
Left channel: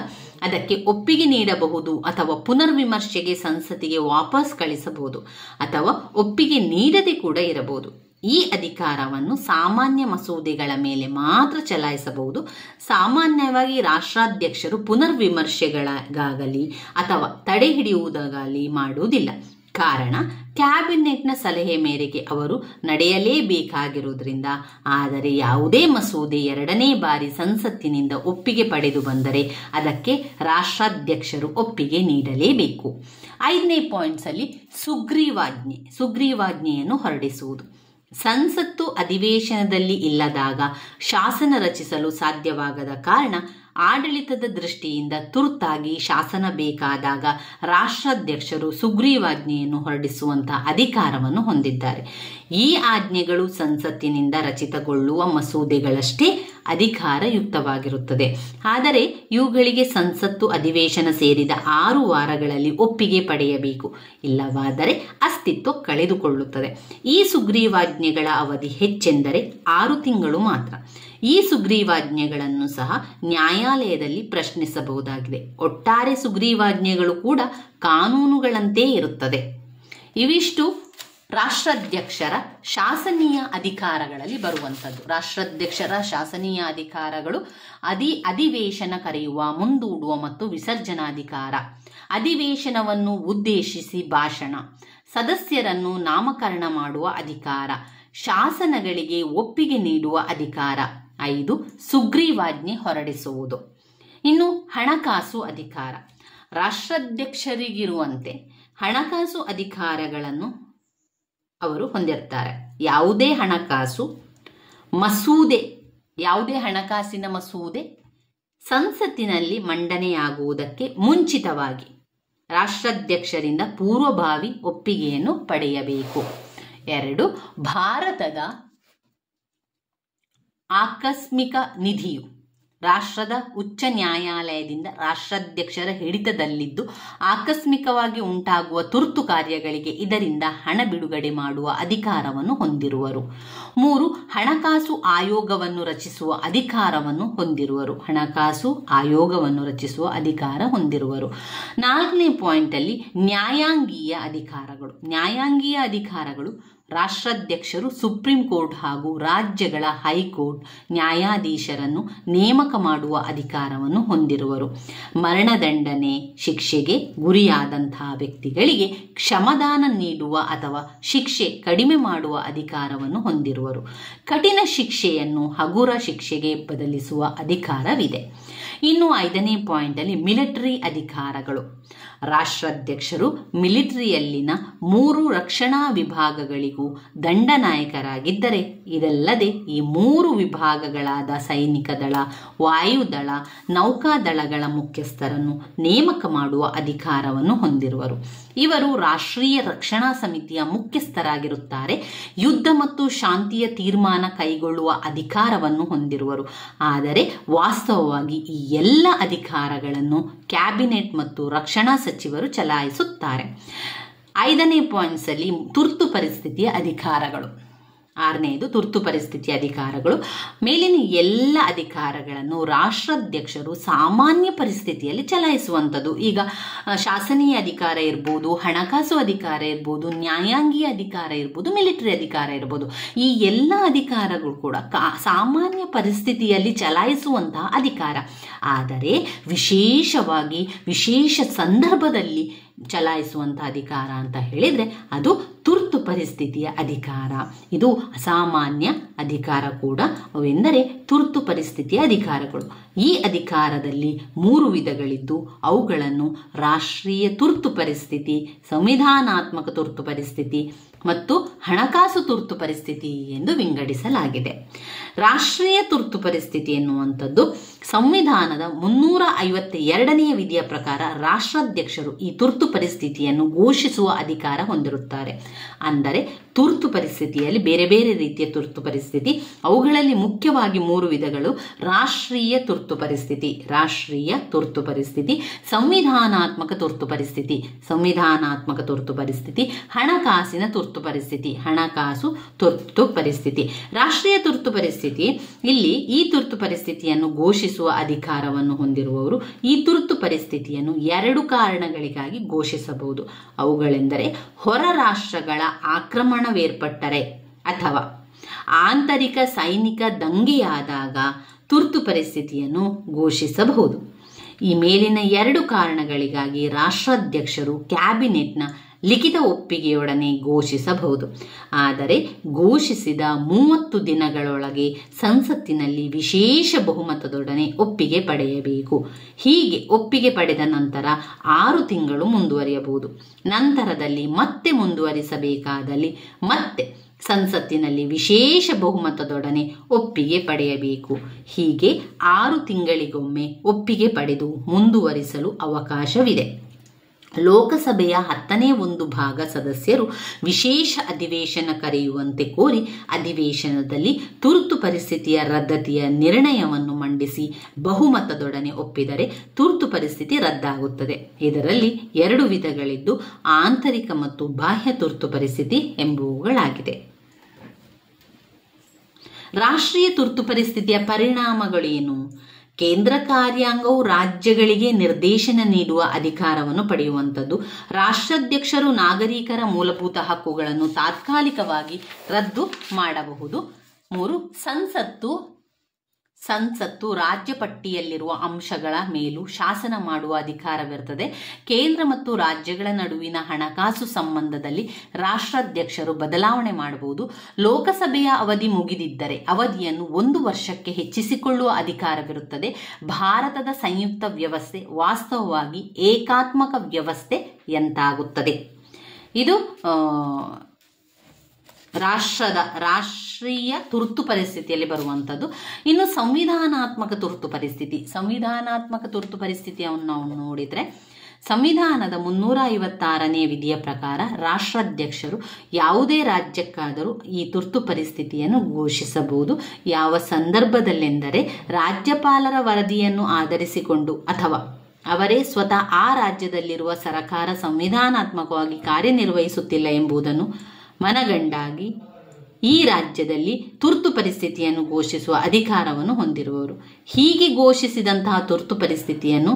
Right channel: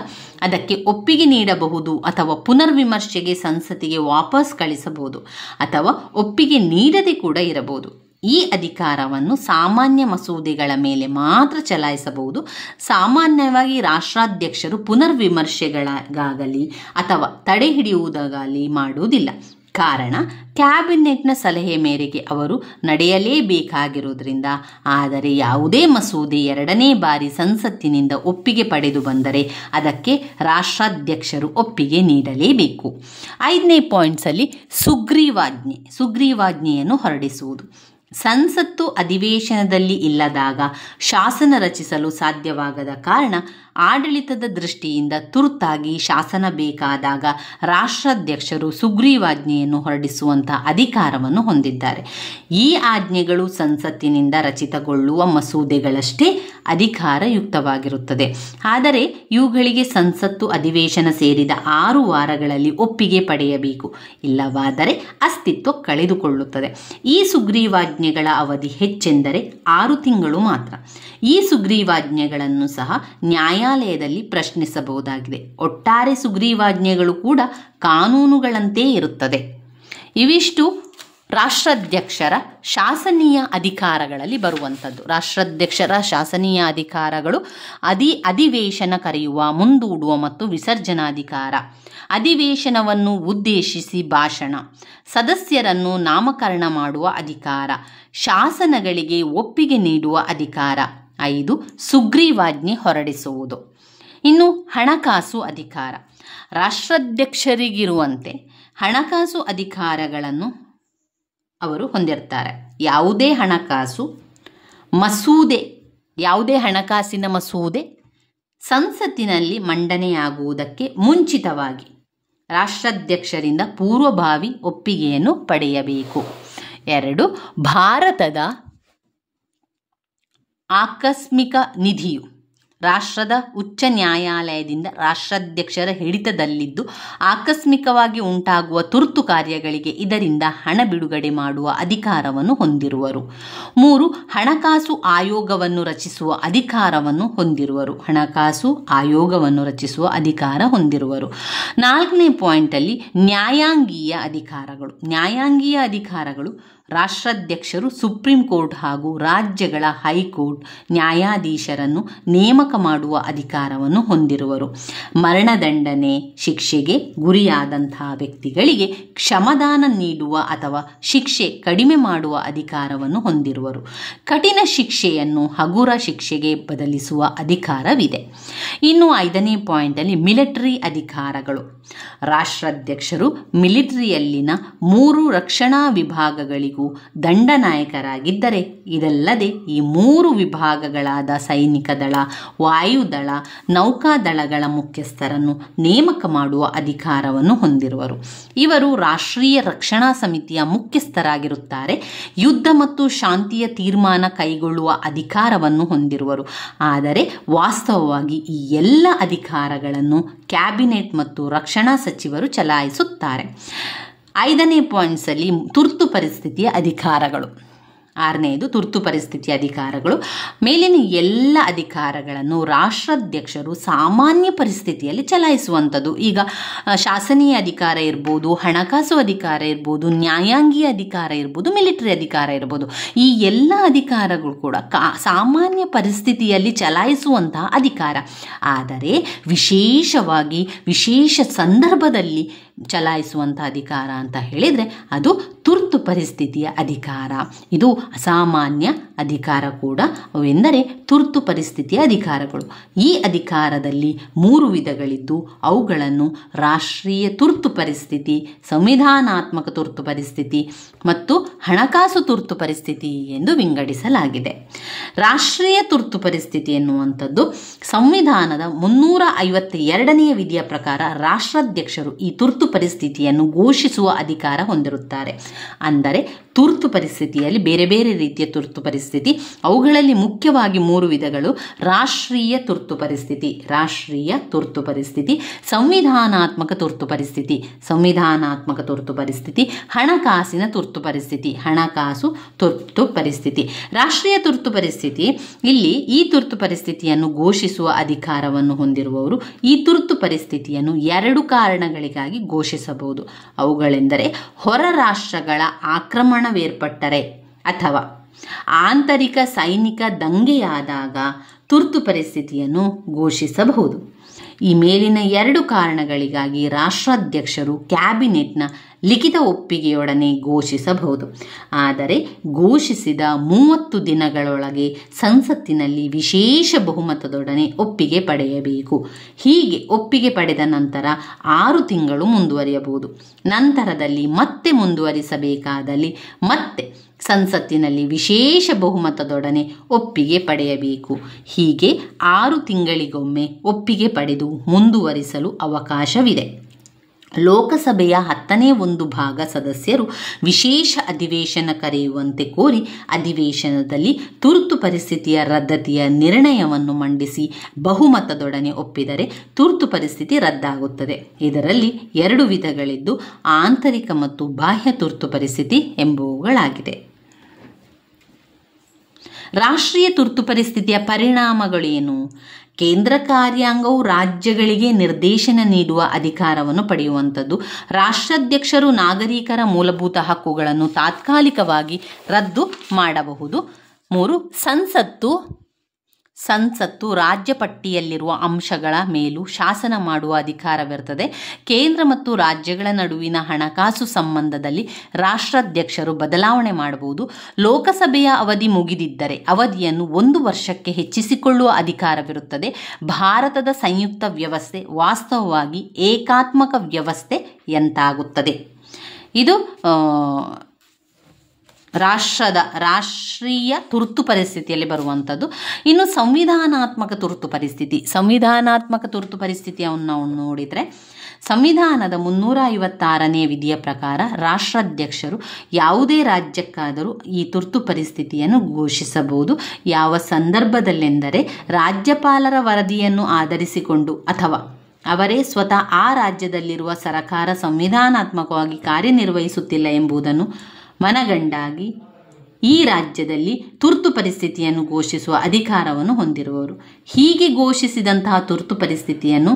ಅದಕ್ಕೆ ಒಪ್ಪಿಗೆ ನೀಡಬಹುದು ಅಥವಾ ಪುನರ್ವಿಮರ್ಶೆಗೆ ಸಂಸತ್ತಿಗೆ ವಾಪಸ್ ಕಳಿಸಬಹುದು ಅಥವಾ ಒಪ್ಪಿಗೆ ನೀಡದೆ ಕೂಡ ಇರಬಹುದು. ಈ ಅಧಿಕಾರವನ್ನು ಸಾಮಾನ್ಯ ಮಸೂದೆಗಳ ಮೇಲೆ ಮಾತ್ರ ಚಲಾಯಿಸಬಹುದು. ಸಾಮಾನ್ಯವಾಗಿ ರಾಷ್ಟ್ರಾಧ್ಯಕ್ಷರು ಪುನರ್ವಿಮರ್ಶೆಗಳಿಗಾಗಲಿ ಅಥವಾ ತಡೆ ಹಿಡಿಯುವುದಾಗಲಿ ಮಾಡುವುದಿಲ್ಲ. ಕಾರಣ, ಕ್ಯಾಬಿನೆಟ್ನ ಸಲಹೆ ಮೇರೆಗೆ ಅವರು ನಡೆಯಲೇಬೇಕಾಗಿರುವುದರಿಂದ. ಆದರೆ ಯಾವುದೇ ಮಸೂದೆ ಎರಡನೇ ಬಾರಿ ಸಂಸತ್ತಿನಿಂದ ಒಪ್ಪಿಗೆ ಪಡೆದು ಬಂದರೆ ಅದಕ್ಕೆ ರಾಷ್ಟ್ರಾಧ್ಯಕ್ಷರು ಒಪ್ಪಿಗೆ ನೀಡಲೇಬೇಕು. 5ನೇ ಪಾಯಿಂಟ್ಸಲ್ಲಿ ಸುಗ್ರೀವಾಜ್ಞೆಯನ್ನು ಹೊರಡಿಸುವುದು. ಸಂಸತ್ತು ಅಧಿವೇಶನದಲ್ಲಿ ಇಲ್ಲದಾಗ ಶಾಸನ ರಚಿಸಲು ಸಾಧ್ಯವಾಗದ ಕಾರಣ ಆಡಳಿತದ ದೃಷ್ಟಿಯಿಂದ ತುರ್ತಾಗಿ ಶಾಸನ ಬೇಕಾದಾಗ ರಾಷ್ಟ್ರಾಧ್ಯಕ್ಷರು ಸುಗ್ರೀವಾಜ್ಞೆಯನ್ನು ಹೊರಡಿಸುವಂಥ ಅಧಿಕಾರವನ್ನು ಹೊಂದಿದ್ದಾರೆ. ಈ ಆಜ್ಞೆಗಳು ಸಂಸತ್ತಿನಿಂದ ರಚಿತಗೊಳ್ಳುವ ಮಸೂದೆಗಳಷ್ಟೇ ಅಧಿಕಾರಯುಕ್ತವಾಗಿರುತ್ತದೆ. ಆದರೆ ಇವುಗಳಿಗೆ ಸಂಸತ್ತು ಅಧಿವೇಶನ ಸೇರಿದ 6 ವಾರಗಳಲ್ಲಿ ಒಪ್ಪಿಗೆ ಪಡೆಯಬೇಕು. ಇಲ್ಲವಾದರೆ ಅಸ್ತಿತ್ವ ಕಳೆದುಕೊಳ್ಳುತ್ತದೆ. ಈ ಸುಗ್ರೀವಾಜ್ಞೆಗಳ ಅವಧಿ ಹೆಚ್ಚೆಂದರೆ 6 ತಿಂಗಳು ಮಾತ್ರ. ಈ ಸುಗ್ರೀವಾಜ್ಞೆಗಳನ್ನು ಸಹ ನ್ಯಾಯಾಲಯದಲ್ಲಿ ಪ್ರಶ್ನಿಸಬಹುದಾಗಿದೆ. ಒಟ್ಟಾರೆ ಸುಗ್ರೀವಾಜ್ಞೆಗಳು ಕೂಡ ಕಾನೂನುಗಳಂತೆ ಇರುತ್ತದೆ. ಇವಿಷ್ಟು ರಾಷ್ಟ್ರಾಧ್ಯಕ್ಷರ ಶಾಸನೀಯ ಅಧಿಕಾರಗಳಲ್ಲಿ ಬರುವಂಥದ್ದು. ರಾಷ್ಟ್ರಾಧ್ಯಕ್ಷರ ಶಾಸನೀಯ ಅಧಿಕಾರಗಳು ಅಧಿವೇಶನ ಕರೆಯುವ, ಮುಂದೂಡುವ ಮತ್ತು ವಿಸರ್ಜನಾಧಿಕಾರ, ಅಧಿವೇಶನವನ್ನು ಉದ್ದೇಶಿಸಿ ಭಾಷಣ, ಸದಸ್ಯರನ್ನು ನಾಮಕರಣ ಮಾಡುವ ಅಧಿಕಾರ, ಶಾಸನಗಳಿಗೆ ಒಪ್ಪಿಗೆ ನೀಡುವ ಅಧಿಕಾರ. 5 ಸುಗ್ರೀವಾಜ್ಞೆ ಹೊರಡಿಸುವುದು. ಇನ್ನು ಹಣಕಾಸು ಅಧಿಕಾರ. ರಾಷ್ಟ್ರಾಧ್ಯಕ್ಷರಿಗಿರುವಂತೆ ಹಣಕಾಸು ಅಧಿಕಾರಗಳನ್ನು ಅವರು ಹೊಂದಿರ್ತಾರೆ. ಯಾವುದೇ ಹಣಕಾಸಿನ ಮಸೂದೆ ಸಂಸತ್ತಿನಲ್ಲಿ ಮಂಡನೆಯಾಗುವುದಕ್ಕೆ ಮುಂಚಿತವಾಗಿ ರಾಷ್ಟ್ರಾಧ್ಯಕ್ಷರಿಂದ ಪೂರ್ವಭಾವಿ ಒಪ್ಪಿಗೆಯನ್ನು ಪಡೆಯಬೇಕು. 2 ಭಾರತದ ಆಕಸ್ಮಿಕ ನಿಧಿಯು ರಾಷ್ಟ್ರದ ಉಚ್ಚ ನ್ಯಾಯಾಲಯದಿಂದ ರಾಷ್ಟ್ರಾಧ್ಯಕ್ಷರ ಹಿಡಿತದಲ್ಲಿದ್ದು ಆಕಸ್ಮಿಕವಾಗಿ ಉಂಟಾಗುವ ತುರ್ತು ಕಾರ್ಯಗಳಿಗೆ ಇದರಿಂದ ಹಣ ಬಿಡುಗಡೆ ಮಾಡುವ ಅಧಿಕಾರವನ್ನು ಹೊಂದಿರುವರು. 3 ಹಣಕಾಸು ಆಯೋಗವನ್ನು ರಚಿಸುವ ಅಧಿಕಾರವನ್ನು ಹೊಂದಿರುವರು. 4ನೇ ಪಾಯಿಂಟಲ್ಲಿ ನ್ಯಾಯಾಂಗೀಯ ಅಧಿಕಾರಗಳು. ರಾಷ್ಟ್ರಾಧ್ಯಕ್ಷರು ಸುಪ್ರೀಂ ಕೋರ್ಟ್ ಹಾಗೂ ರಾಜ್ಯಗಳ ಹೈಕೋರ್ಟ್ ನ್ಯಾಯಾಧೀಶರನ್ನು ನೇಮಕ ಮಾಡುವ ಅಧಿಕಾರವನ್ನು ಹೊಂದಿರುವರು. ಮರಣದಂಡನೆ ಶಿಕ್ಷೆಗೆ ಗುರಿಯಾದಂತಹ ವ್ಯಕ್ತಿಗಳಿಗೆ ಕ್ಷಮಾದಾನ ನೀಡುವ ಅಥವಾ ಶಿಕ್ಷೆ ಕಡಿಮೆ ಮಾಡುವ ಅಧಿಕಾರವನ್ನು ಹೊಂದಿರುವರು. ಕಠಿಣ ಶಿಕ್ಷೆಯನ್ನು ಹಗುರ ಶಿಕ್ಷೆಗೆ ಬದಲಿಸುವ ಅಧಿಕಾರವಿದೆ. ಇನ್ನು 5ನೇ ಪಾಯಿಂಟಲ್ಲಿ ಮಿಲಿಟರಿ ಅಧಿಕಾರಗಳು. ರಾಷ್ಟ್ರಾಧ್ಯಕ್ಷರು ಮಿಲಿಟರಿಯಲ್ಲಿನ 3 ರಕ್ಷಣಾ ವಿಭಾಗಗಳಿಗೂ ದಂಡನಾಯಕರಾಗಿದ್ದರೆ, ಇದಲ್ಲದೆ ಈ 3 ವಿಭಾಗಗಳಾದ ಸೈನಿಕ ದಳ, ವಾಯುದಳ, ನೌಕಾದಳಗಳ ಮುಖ್ಯಸ್ಥರನ್ನು ನೇಮಕ ಮಾಡುವ ಅಧಿಕಾರವನ್ನು ಹೊಂದಿರುವರು. ಇವರು ರಾಷ್ಟ್ರೀಯ ರಕ್ಷಣಾ ಸಮಿತಿಯ ಮುಖ್ಯಸ್ಥರಾಗಿರುತ್ತಾರೆ. ಯುದ್ಧ ಮತ್ತು ಶಾಂತಿಯ ತೀರ್ಮಾನ ಕೈಗೊಳ್ಳುವ ಅಧಿಕಾರವನ್ನು ಹೊಂದಿರುವರು. ಆದರೆ ವಾಸ್ತವವಾಗಿ ಈ ಎಲ್ಲ ಅಧಿಕಾರಗಳನ್ನು ಕ್ಯಾಬಿನೆಟ್ ಮತ್ತು ರಕ್ಷಣಾ ಸಚಿವರು ಚಲಾಯಿಸುತ್ತಾರೆ. 5ನೇ ಪಾಯಿಂಟ್ಸಲ್ಲಿ ತುರ್ತು ಪರಿಸ್ಥಿತಿಯ ಅಧಿಕಾರಗಳು. 6ನೇದು ತುರ್ತು ಪರಿಸ್ಥಿತಿಯ ಅಧಿಕಾರಗಳು. ಮೇಲಿನ ಎಲ್ಲ ಅಧಿಕಾರಗಳನ್ನು ರಾಷ್ಟ್ರಾಧ್ಯಕ್ಷರು ಸಾಮಾನ್ಯ ಪರಿಸ್ಥಿತಿಯಲ್ಲಿ ಚಲಾಯಿಸುವಂಥದ್ದು. ಈಗ ಶಾಸನೀಯ ಅಧಿಕಾರ ಇರ್ಬೋದು, ಹಣಕಾಸು ಅಧಿಕಾರ ಇರ್ಬೋದು, ನ್ಯಾಯಾಂಗೀಯ ಅಧಿಕಾರ ಇರ್ಬೋದು, ಮಿಲಿಟರಿ ಅಧಿಕಾರ ಇರ್ಬೋದು. ಈ ಎಲ್ಲ ಅಧಿಕಾರಗಳು ಕೂಡ ಸಾಮಾನ್ಯ ಪರಿಸ್ಥಿತಿಯಲ್ಲಿ ಚಲಾಯಿಸುವಂತಹ ಅಧಿಕಾರ. ಆದರೆ ವಿಶೇಷವಾಗಿ ವಿಶೇಷ ಸಂದರ್ಭದಲ್ಲಿ ಚಲಾಯಿಸುವಂಥ ಅಧಿಕಾರ ಅಂತ ಹೇಳಿದರೆ ಅದು ತುರ್ತು ಪರಿಸ್ಥಿತಿಯ ಅಧಿಕಾರ. ಇದು ಅಸಾಮಾನ್ಯ ಅಧಿಕಾರ ಕೂಡ. ಅವೆಂದರೆ ತುರ್ತು ಪರಿಸ್ಥಿತಿಯ ಅಧಿಕಾರಗಳು. ಈ ಅಧಿಕಾರದಲ್ಲಿ 3 ವಿಧಗಳಿದ್ದು ಅವುಗಳನ್ನು ರಾಷ್ಟ್ರೀಯ ತುರ್ತು ಪರಿಸ್ಥಿತಿ, ಸಂವಿಧಾನಾತ್ಮಕ ತುರ್ತು ಪರಿಸ್ಥಿತಿ ಮತ್ತು ಹಣಕಾಸು ತುರ್ತು ಪರಿಸ್ಥಿತಿ ಎಂದು ವಿಂಗಡಿಸಲಾಗಿದೆ. ರಾಷ್ಟ್ರೀಯ ತುರ್ತು ಪರಿಸ್ಥಿತಿ ಎನ್ನುವಂಥದ್ದು ಸಂವಿಧಾನದ 352ನೇ ವಿಧಿಯ ಪ್ರಕಾರ ರಾಷ್ಟ್ರಾಧ್ಯಕ್ಷರು ಈ ತುರ್ತು ಪರಿಸ್ಥಿತಿಯನ್ನು ಘೋಷಿಸುವ ಅಧಿಕಾರ ಹೊಂದಿರುತ್ತಾರೆ. ಅಂದರೆ ತುರ್ತು ಪರಿಸ್ಥಿತಿಯಲ್ಲಿ ಬೇರೆ ಬೇರೆ ರೀತಿಯ ತುರ್ತು ಪರಿಸ್ಥಿತಿ, ಅವುಗಳಲ್ಲಿ ಮುಖ್ಯವಾಗಿ 3 ವಿಧಗಳು: ರಾಷ್ಟ್ರೀಯ ತುರ್ತು ಪರಿಸ್ಥಿತಿ, ಸಂವಿಧಾನಾತ್ಮಕ ತುರ್ತು ಪರಿಸ್ಥಿತಿ, ಹಣಕಾಸಿನ ತುರ್ತು ಪರಿಸ್ಥಿತಿ. ರಾಷ್ಟ್ರೀಯ ತುರ್ತು ಪರಿಸ್ಥಿತಿ, ಇಲ್ಲಿ ಈ ತುರ್ತು ಪರಿಸ್ಥಿತಿಯನ್ನು ಘೋಷಿಸುವ ಅಧಿಕಾರವನ್ನು ಹೊಂದಿರುವವರು ಈ ತುರ್ತು ಪರಿಸ್ಥಿತಿಯನ್ನು 2 ಕಾರಣಗಳಿಗಾಗಿ ಘೋಷಿಸಬಹುದು. ಅವುಗಳೆಂದರೆ ಹೊರ ರಾಷ್ಟ್ರಗಳ ಆಕ್ರಮಣವೇರ್ಪಟ್ಟರೆ ಅಥವಾ ಆಂತರಿಕ ಸೈನಿಕ ದಂಗೆಯಾದಾಗ ತುರ್ತು ಪರಿಸ್ಥಿತಿಯನ್ನು ಘೋಷಿಸಬಹುದು. ಈ ಮೇಲಿನ 2 ಕಾರಣಗಳಿಗಾಗಿ ರಾಷ್ಟ್ರಾಧ್ಯಕ್ಷರು ಕ್ಯಾಬಿನೆಟ್ನ ಲಿಖಿತ ಒಪ್ಪಿಗೆಯೊಡನೆ ಘೋಷಿಸಬಹುದು. ಆದರೆ ಘೋಷಿಸಿದ 30 ದಿನಗಳೊಳಗೆ ಸಂಸತ್ತಿನಲ್ಲಿ ವಿಶೇಷ ಬಹುಮತದೊಡನೆ ಒಪ್ಪಿಗೆ ಪಡೆಯಬೇಕು. ಹೀಗೆ ಒಪ್ಪಿಗೆ ಪಡೆದ ನಂತರ 6 ತಿಂಗಳು ಮುಂದುವರಿಯಬಹುದು. ನಂತರದಲ್ಲಿ ಮತ್ತೆ ಮುಂದುವರಿಸಬೇಕಾದಲ್ಲಿ ಮತ್ತೆ ಸಂಸತ್ತಿನಲ್ಲಿ ವಿಶೇಷ ಬಹುಮತದೊಡನೆ ಒಪ್ಪಿಗೆ ಪಡೆಯಬೇಕು. ಹೀಗೆ 6 ತಿಂಗಳಿಗೊಮ್ಮೆ ಒಪ್ಪಿಗೆ ಪಡೆದು ಮುಂದುವರಿಸಲು ಅವಕಾಶವಿದೆ. ಲೋಕಸಭೆಯ 10ನೇ 1 ಭಾಗ ಸದಸ್ಯರು ವಿಶೇಷ ಅಧಿವೇಶನ ಕರೆಯುವಂತೆ ಕೋರಿ ಅಧಿವೇಶನದಲ್ಲಿ ತುರ್ತು ಪರಿಸ್ಥಿತಿಯ ರದ್ದತಿಯ ನಿರ್ಣಯವನ್ನು ಮಂಡಿಸಿ ಬಹುಮತದೊಡನೆ ಒಪ್ಪಿದರೆ ತುರ್ತು ಪರಿಸ್ಥಿತಿ ರದ್ದಾಗುತ್ತದೆ. ಇದರಲ್ಲಿ 2 ವಿಧಗಳಿದ್ದು ಆಂತರಿಕ ಮತ್ತು ಬಾಹ್ಯ ತುರ್ತು ಪರಿಸ್ಥಿತಿ ಎಂಬುವುಗಳಾಗಿದೆ. ರಾಷ್ಟ್ರೀಯ ತುರ್ತು ಪರಿಸ್ಥಿತಿಯ ಪರಿಣಾಮಗಳೇನು? ಕೇಂದ್ರ ಕಾರ್ಯಾಂಗವು ರಾಜ್ಯಗಳಿಗೆ ನಿರ್ದೇಶನ ನೀಡುವ ಅಧಿಕಾರವನ್ನು ಪಡೆಯುವಂಥದ್ದು. ರಾಷ್ಟ್ರಾಧ್ಯಕ್ಷರು ನಾಗರಿಕರ ಮೂಲಭೂತ ಹಕ್ಕುಗಳನ್ನು ತಾತ್ಕಾಲಿಕವಾಗಿ ರದ್ದು ಮಾಡಬಹುದು. 3. ಸಂಸತ್ತು ರಾಜ್ಯ ಪಟ್ಟಿಯಲ್ಲಿರುವ ಅಂಶಗಳ ಮೇಲೂ ಶಾಸನ ಮಾಡುವ ಅಧಿಕಾರವಿರುತ್ತದೆ. ಕೇಂದ್ರ ಮತ್ತು ರಾಜ್ಯಗಳ ನಡುವಿನ ಹಣಕಾಸು ಸಂಬಂಧದಲ್ಲಿ ರಾಷ್ಟ್ರಾಧ್ಯಕ್ಷರು ಬದಲಾವಣೆ ಮಾಡಬಹುದು. ಲೋಕಸಭೆಯ ಅವಧಿ ಮುಗಿದಿದ್ದರೆ ಅವಧಿಯನ್ನು 1 ವರ್ಷಕ್ಕೆ ಹೆಚ್ಚಿಸಿಕೊಳ್ಳುವ ಅಧಿಕಾರವಿರುತ್ತದೆ. ಭಾರತದ ಸಂಯುಕ್ತ ವ್ಯವಸ್ಥೆ ವಾಸ್ತವವಾಗಿ ಏಕಾತ್ಮಕ ವ್ಯವಸ್ಥೆಯಂತಾಗುತ್ತದೆ. ಇದು ರಾಷ್ಟ್ರೀಯ ತುರ್ತು ಪರಿಸ್ಥಿತಿಯಲ್ಲಿ ಬರುವಂಥದ್ದು. ಇನ್ನು ಸಂವಿಧಾನಾತ್ಮಕ ತುರ್ತು ಪರಿಸ್ಥಿತಿಯನ್ನು ನಾವು ನೋಡಿದರೆ, ಸಂವಿಧಾನದ 356ನೇ ವಿಧಿಯ ಪ್ರಕಾರ ರಾಷ್ಟ್ರಾಧ್ಯಕ್ಷರು ಯಾವುದೇ ರಾಜ್ಯಕ್ಕಾದರೂ ಈ ತುರ್ತು ಪರಿಸ್ಥಿತಿಯನ್ನು ಘೋಷಿಸಬಹುದು. ಯಾವ ಸಂದರ್ಭದಲ್ಲೆಂದರೆ ರಾಜ್ಯಪಾಲರ ವರದಿಯನ್ನು ಆಧರಿಸಿಕೊಂಡು ಅಥವಾ ಅವರೇ ಸ್ವತಃ ಆ ರಾಜ್ಯದಲ್ಲಿರುವ ಸರ್ಕಾರ ಸಂವಿಧಾನಾತ್ಮಕವಾಗಿ ಕಾರ್ಯನಿರ್ವಹಿಸುತ್ತಿಲ್ಲ ಎಂಬುದನ್ನು ಮನಗಂಡಾಗಿ ಈ ರಾಜ್ಯದಲ್ಲಿ ತುರ್ತು ಪರಿಸ್ಥಿತಿಯನ್ನು ಘೋಷಿಸುವ ಅಧಿಕಾರವನ್ನು ಹೊಂದಿರುವವರು. ಹೀಗೆ ಘೋಷಿಸಿದಂತಹ ತುರ್ತು ಪರಿಸ್ಥಿತಿಯನ್ನು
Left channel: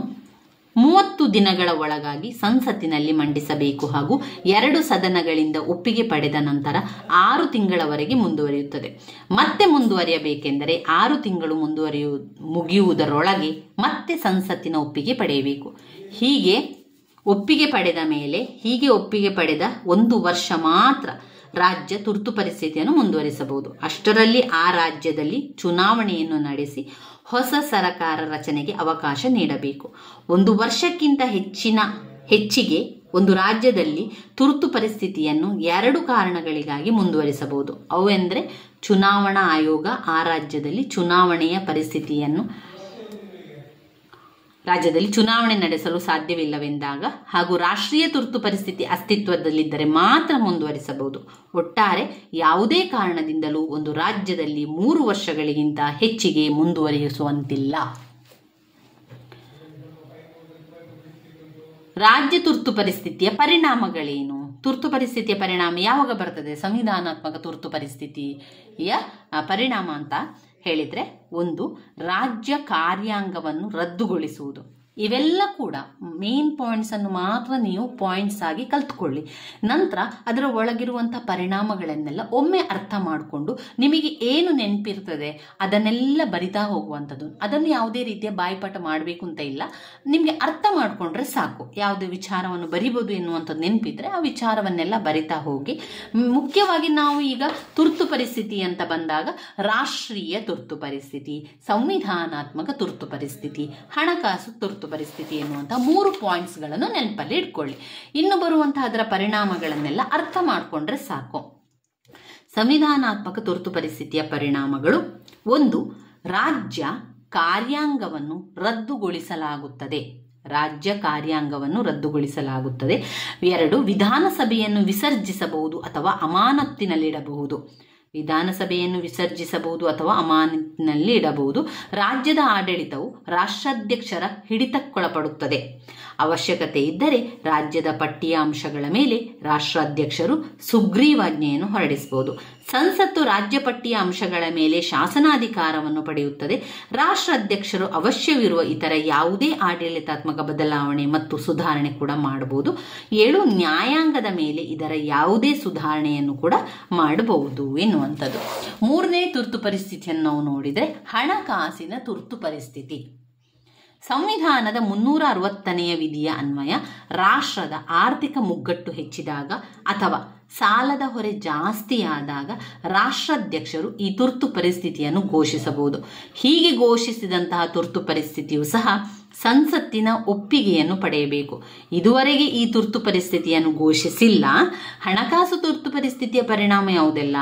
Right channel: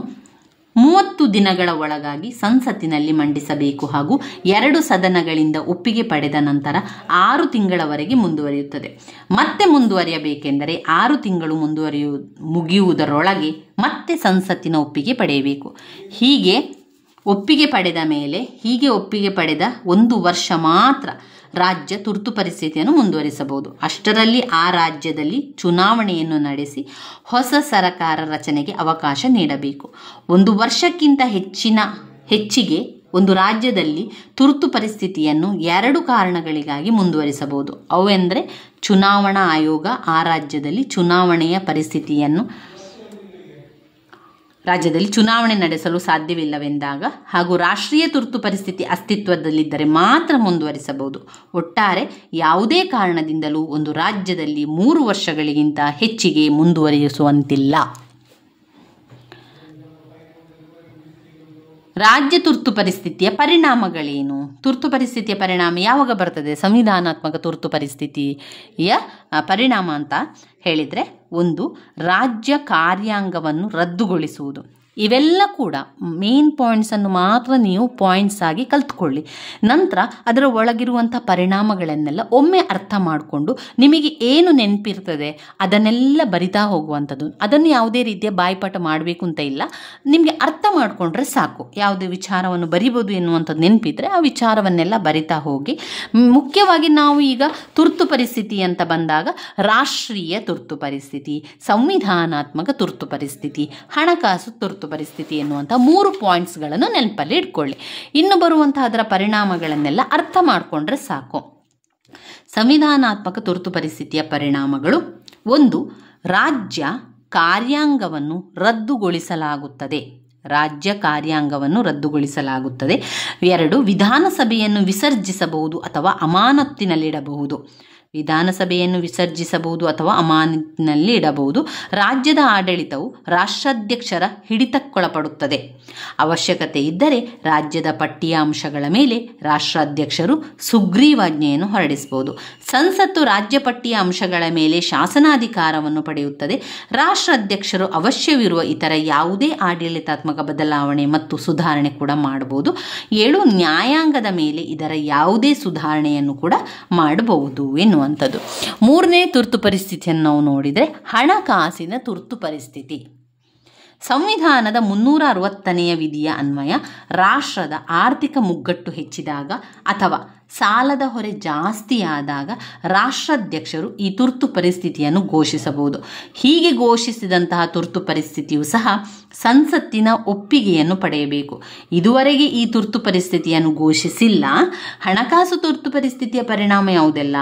30 ದಿನಗಳ ಒಳಗಾಗಿ ಸಂಸತ್ತಿನಲ್ಲಿ ಮಂಡಿಸಬೇಕು ಹಾಗೂ 2 ಸದನಗಳಿಂದ ಒಪ್ಪಿಗೆ ಪಡೆದ ನಂತರ 6 ತಿಂಗಳವರೆಗೆ ಮುಂದುವರಿಯುತ್ತದೆ. ಮತ್ತೆ ಮುಂದುವರಿಯಬೇಕೆಂದರೆ 6 ತಿಂಗಳು ಮುಗಿಯುವುದರೊಳಗೆ ಮತ್ತೆ ಸಂಸತ್ತಿನ ಒಪ್ಪಿಗೆ ಪಡೆಯಬೇಕು. ಹೀಗೆ ಒಪ್ಪಿಗೆ ಪಡೆದ 1 ವರ್ಷ ಮಾತ್ರ ರಾಜ್ಯ ತುರ್ತು ಪರಿಸ್ಥಿತಿಯನ್ನು ಮುಂದುವರಿಸಬಹುದು. ಅಷ್ಟರಲ್ಲಿ ಆ ರಾಜ್ಯದಲ್ಲಿ ಚುನಾವಣೆಯನ್ನು ನಡೆಸಿ ಹೊಸ ಸರ್ಕಾರ ರಚನೆಗೆ ಅವಕಾಶ ನೀಡಬೇಕು. 1 ವರ್ಷಕ್ಕಿಂತ ಹೆಚ್ಚಿಗೆ ಒಂದು ರಾಜ್ಯದಲ್ಲಿ ತುರ್ತು ಪರಿಸ್ಥಿತಿಯನ್ನು 2 ಕಾರಣಗಳಿಗಾಗಿ ಮುಂದುವರಿಸಬಹುದು. ಅವೆಂದರೆ ಚುನಾವಣಾ ಆಯೋಗ ಆ ರಾಜ್ಯದಲ್ಲಿ ಚುನಾವಣೆ ನಡೆಸಲು ಸಾಧ್ಯವಿಲ್ಲವೆಂದಾಗ ಹಾಗೂ ರಾಷ್ಟ್ರೀಯ ತುರ್ತು ಪರಿಸ್ಥಿತಿ ಅಸ್ತಿತ್ವದಲ್ಲಿದ್ದರೆ ಮಾತ್ರ ಮುಂದುವರಿಸಬಹುದು. ಒಟ್ಟಾರೆ ಯಾವುದೇ ಕಾರಣದಿಂದಲೂ ಒಂದು ರಾಜ್ಯದಲ್ಲಿ 3 ವರ್ಷಗಳಿಗಿಂತ ಹೆಚ್ಚಿಗೆ ಮುಂದುವರಿಸುವಂತಿಲ್ಲ. ರಾಜ್ಯ ತುರ್ತು ಪರಿಸ್ಥಿತಿಯ ಪರಿಣಾಮಗಳೇನು? ತುರ್ತು ಪರಿಸ್ಥಿತಿಯ ಪರಿಣಾಮ ಯಾವಾಗ ಬರ್ತದೆ? ಸಂವಿಧಾನಾತ್ಮಕ ತುರ್ತು ಪರಿಸ್ಥಿತಿಯ ಪರಿಣಾಮ ಅಂತ ಹೇಳಿದರೆ, 1. ರಾಜ್ಯ ಕಾರ್ಯಾಂಗವನ್ನು ರದ್ದುಗೊಳಿಸುವುದು. ಇವೆಲ್ಲ ಕೂಡ ಮೇನ್ ಪಾಯಿಂಟ್ಸನ್ನು ಮಾತ್ರ ನೀವು ಪಾಯಿಂಟ್ಸ್ ಆಗಿ ಕಲ್ತ್ಕೊಳ್ಳಿ. ನಂತರ ಅದರ ಒಳಗಿರುವಂಥ ಪರಿಣಾಮಗಳನ್ನೆಲ್ಲ ಒಮ್ಮೆ ಅರ್ಥ ಮಾಡಿಕೊಂಡು ನಿಮಗೆ ಏನು ನೆನಪಿರ್ತದೆ ಅದನ್ನೆಲ್ಲ ಬರಿತಾ ಹೋಗುವಂಥದ್ದು. ಅದನ್ನು ಯಾವುದೇ ರೀತಿಯ ಬಾಯ್ಪಾಠ ಮಾಡಬೇಕು ಅಂತ ಇಲ್ಲ, ನಿಮಗೆ ಅರ್ಥ ಮಾಡಿಕೊಂಡ್ರೆ ಸಾಕು. ಯಾವುದೇ ವಿಚಾರವನ್ನು ಬರಿಬೋದು ಎನ್ನುವಂಥದ್ದು ನೆನಪಿದ್ರೆ ಆ ವಿಚಾರವನ್ನೆಲ್ಲ ಬರಿತಾ ಹೋಗಿ. ಮುಖ್ಯವಾಗಿ ನಾವು ಈಗ ತುರ್ತು ಪರಿಸ್ಥಿತಿ ಅಂತ ಬಂದಾಗ ರಾಷ್ಟ್ರೀಯ ತುರ್ತು ಪರಿಸ್ಥಿತಿ, ಸಂವಿಧಾನಾತ್ಮಕ ತುರ್ತು ಪರಿಸ್ಥಿತಿ, ಹಣಕಾಸು ತುರ್ತು ಪರಿಸ್ಥಿತಿ ಎನ್ನುವಂಥ 3 ಪಾಯಿಂಟ್ಸ್ಗಳನ್ನು ನೆನಪಲ್ಲಿ ಇಟ್ಕೊಳ್ಳಿ. ಇನ್ನು ಬರುವಂತಹ ಅದರ ಪರಿಣಾಮಗಳನ್ನೆಲ್ಲ ಅರ್ಥ ಮಾಡಿಕೊಂಡ್ರೆ ಸಾಕು. ಸಂವಿಧಾನಾತ್ಮಕ ತುರ್ತು ಪರಿಸ್ಥಿತಿಯ ಪರಿಣಾಮಗಳು: 1. ರಾಜ್ಯ ಕಾರ್ಯಾಂಗವನ್ನು ರದ್ದುಗೊಳಿಸಲಾಗುತ್ತದೆ. 2. ವಿಧಾನಸಭೆಯನ್ನು ವಿಸರ್ಜಿಸಬಹುದು ಅಥವಾ ಅಮಾನತ್ತಿನಲ್ಲಿಡಬಹುದು. ರಾಜ್ಯದ ಆಡಳಿತವು ರಾಷ್ಟ್ರಾಧ್ಯಕ್ಷರ ಹಿಡಿತಕ್ಕೊಳಪಡುತ್ತದೆ. ಅವಶ್ಯಕತೆ ಇದ್ದರೆ ರಾಜ್ಯದ ಪಟ್ಟಿಯ ಅಂಶಗಳ ಮೇಲೆ ರಾಷ್ಟ್ರಾಧ್ಯಕ್ಷರು ಸುಗ್ರೀವಾಜ್ಞೆಯನ್ನು ಹೊರಡಿಸಬಹುದು. ಸಂಸತ್ತು ರಾಜ್ಯ ಪಟ್ಟಿಯ ಅಂಶಗಳ ಮೇಲೆ ಶಾಸನಾಧಿಕಾರವನ್ನು ಪಡೆಯುತ್ತದೆ. ರಾಷ್ಟ್ರಾಧ್ಯಕ್ಷರು ಅವಶ್ಯವಿರುವ ಇತರ ಯಾವುದೇ ಆಡಳಿತಾತ್ಮಕ ಬದಲಾವಣೆ ಮತ್ತು ಸುಧಾರಣೆ ಕೂಡ ಮಾಡಬಹುದು. 7. ನ್ಯಾಯಾಂಗದ ಮೇಲೆ ಇದರ ಯಾವುದೇ ಸುಧಾರಣೆಯನ್ನು ಕೂಡ ಮಾಡಬಹುದು ಎನ್ನುವಂಥದ್ದು. ಎನ್ನುವಂಥದ್ದು. ಮೂರನೇ ತುರ್ತು ಪರಿಸ್ಥಿತಿಯನ್ನು ನಾವು ನೋಡಿದರೆ ಹಣಕಾಸಿನ ತುರ್ತು ಪರಿಸ್ಥಿತಿ. ಸಂವಿಧಾನದ 360ನೇ ವಿಧಿಯ ಅನ್ವಯ ರಾಷ್ಟ್ರದ ಆರ್ಥಿಕ ಮುಗ್ಗಟ್ಟು ಹೆಚ್ಚಿದಾಗ ಅಥವಾ ಸಾಲದ ಹೊರೆ ಜಾಸ್ತಿಯಾದಾಗ ರಾಷ್ಟ್ರಾಧ್ಯಕ್ಷರು ಈ ತುರ್ತು ಪರಿಸ್ಥಿತಿಯನ್ನು ಘೋಷಿಸಬಹುದು. ಹೀಗೆ ಘೋಷಿಸಿದಂತಹ ತುರ್ತು ಪರಿಸ್ಥಿತಿಯು ಸಹ ಸಂಸತ್ತಿನ ಒಪ್ಪಿಗೆಯನ್ನು ಪಡೆಯಬೇಕು. ಇದುವರೆಗೆ ಈ ತುರ್ತು ಪರಿಸ್ಥಿತಿಯನ್ನು ಘೋಷಿಸಿಲ್ಲ. ಹಣಕಾಸು ತುರ್ತು ಪರಿಸ್ಥಿತಿಯ ಪರಿಣಾಮ ಯಾವುದೆಲ್ಲ?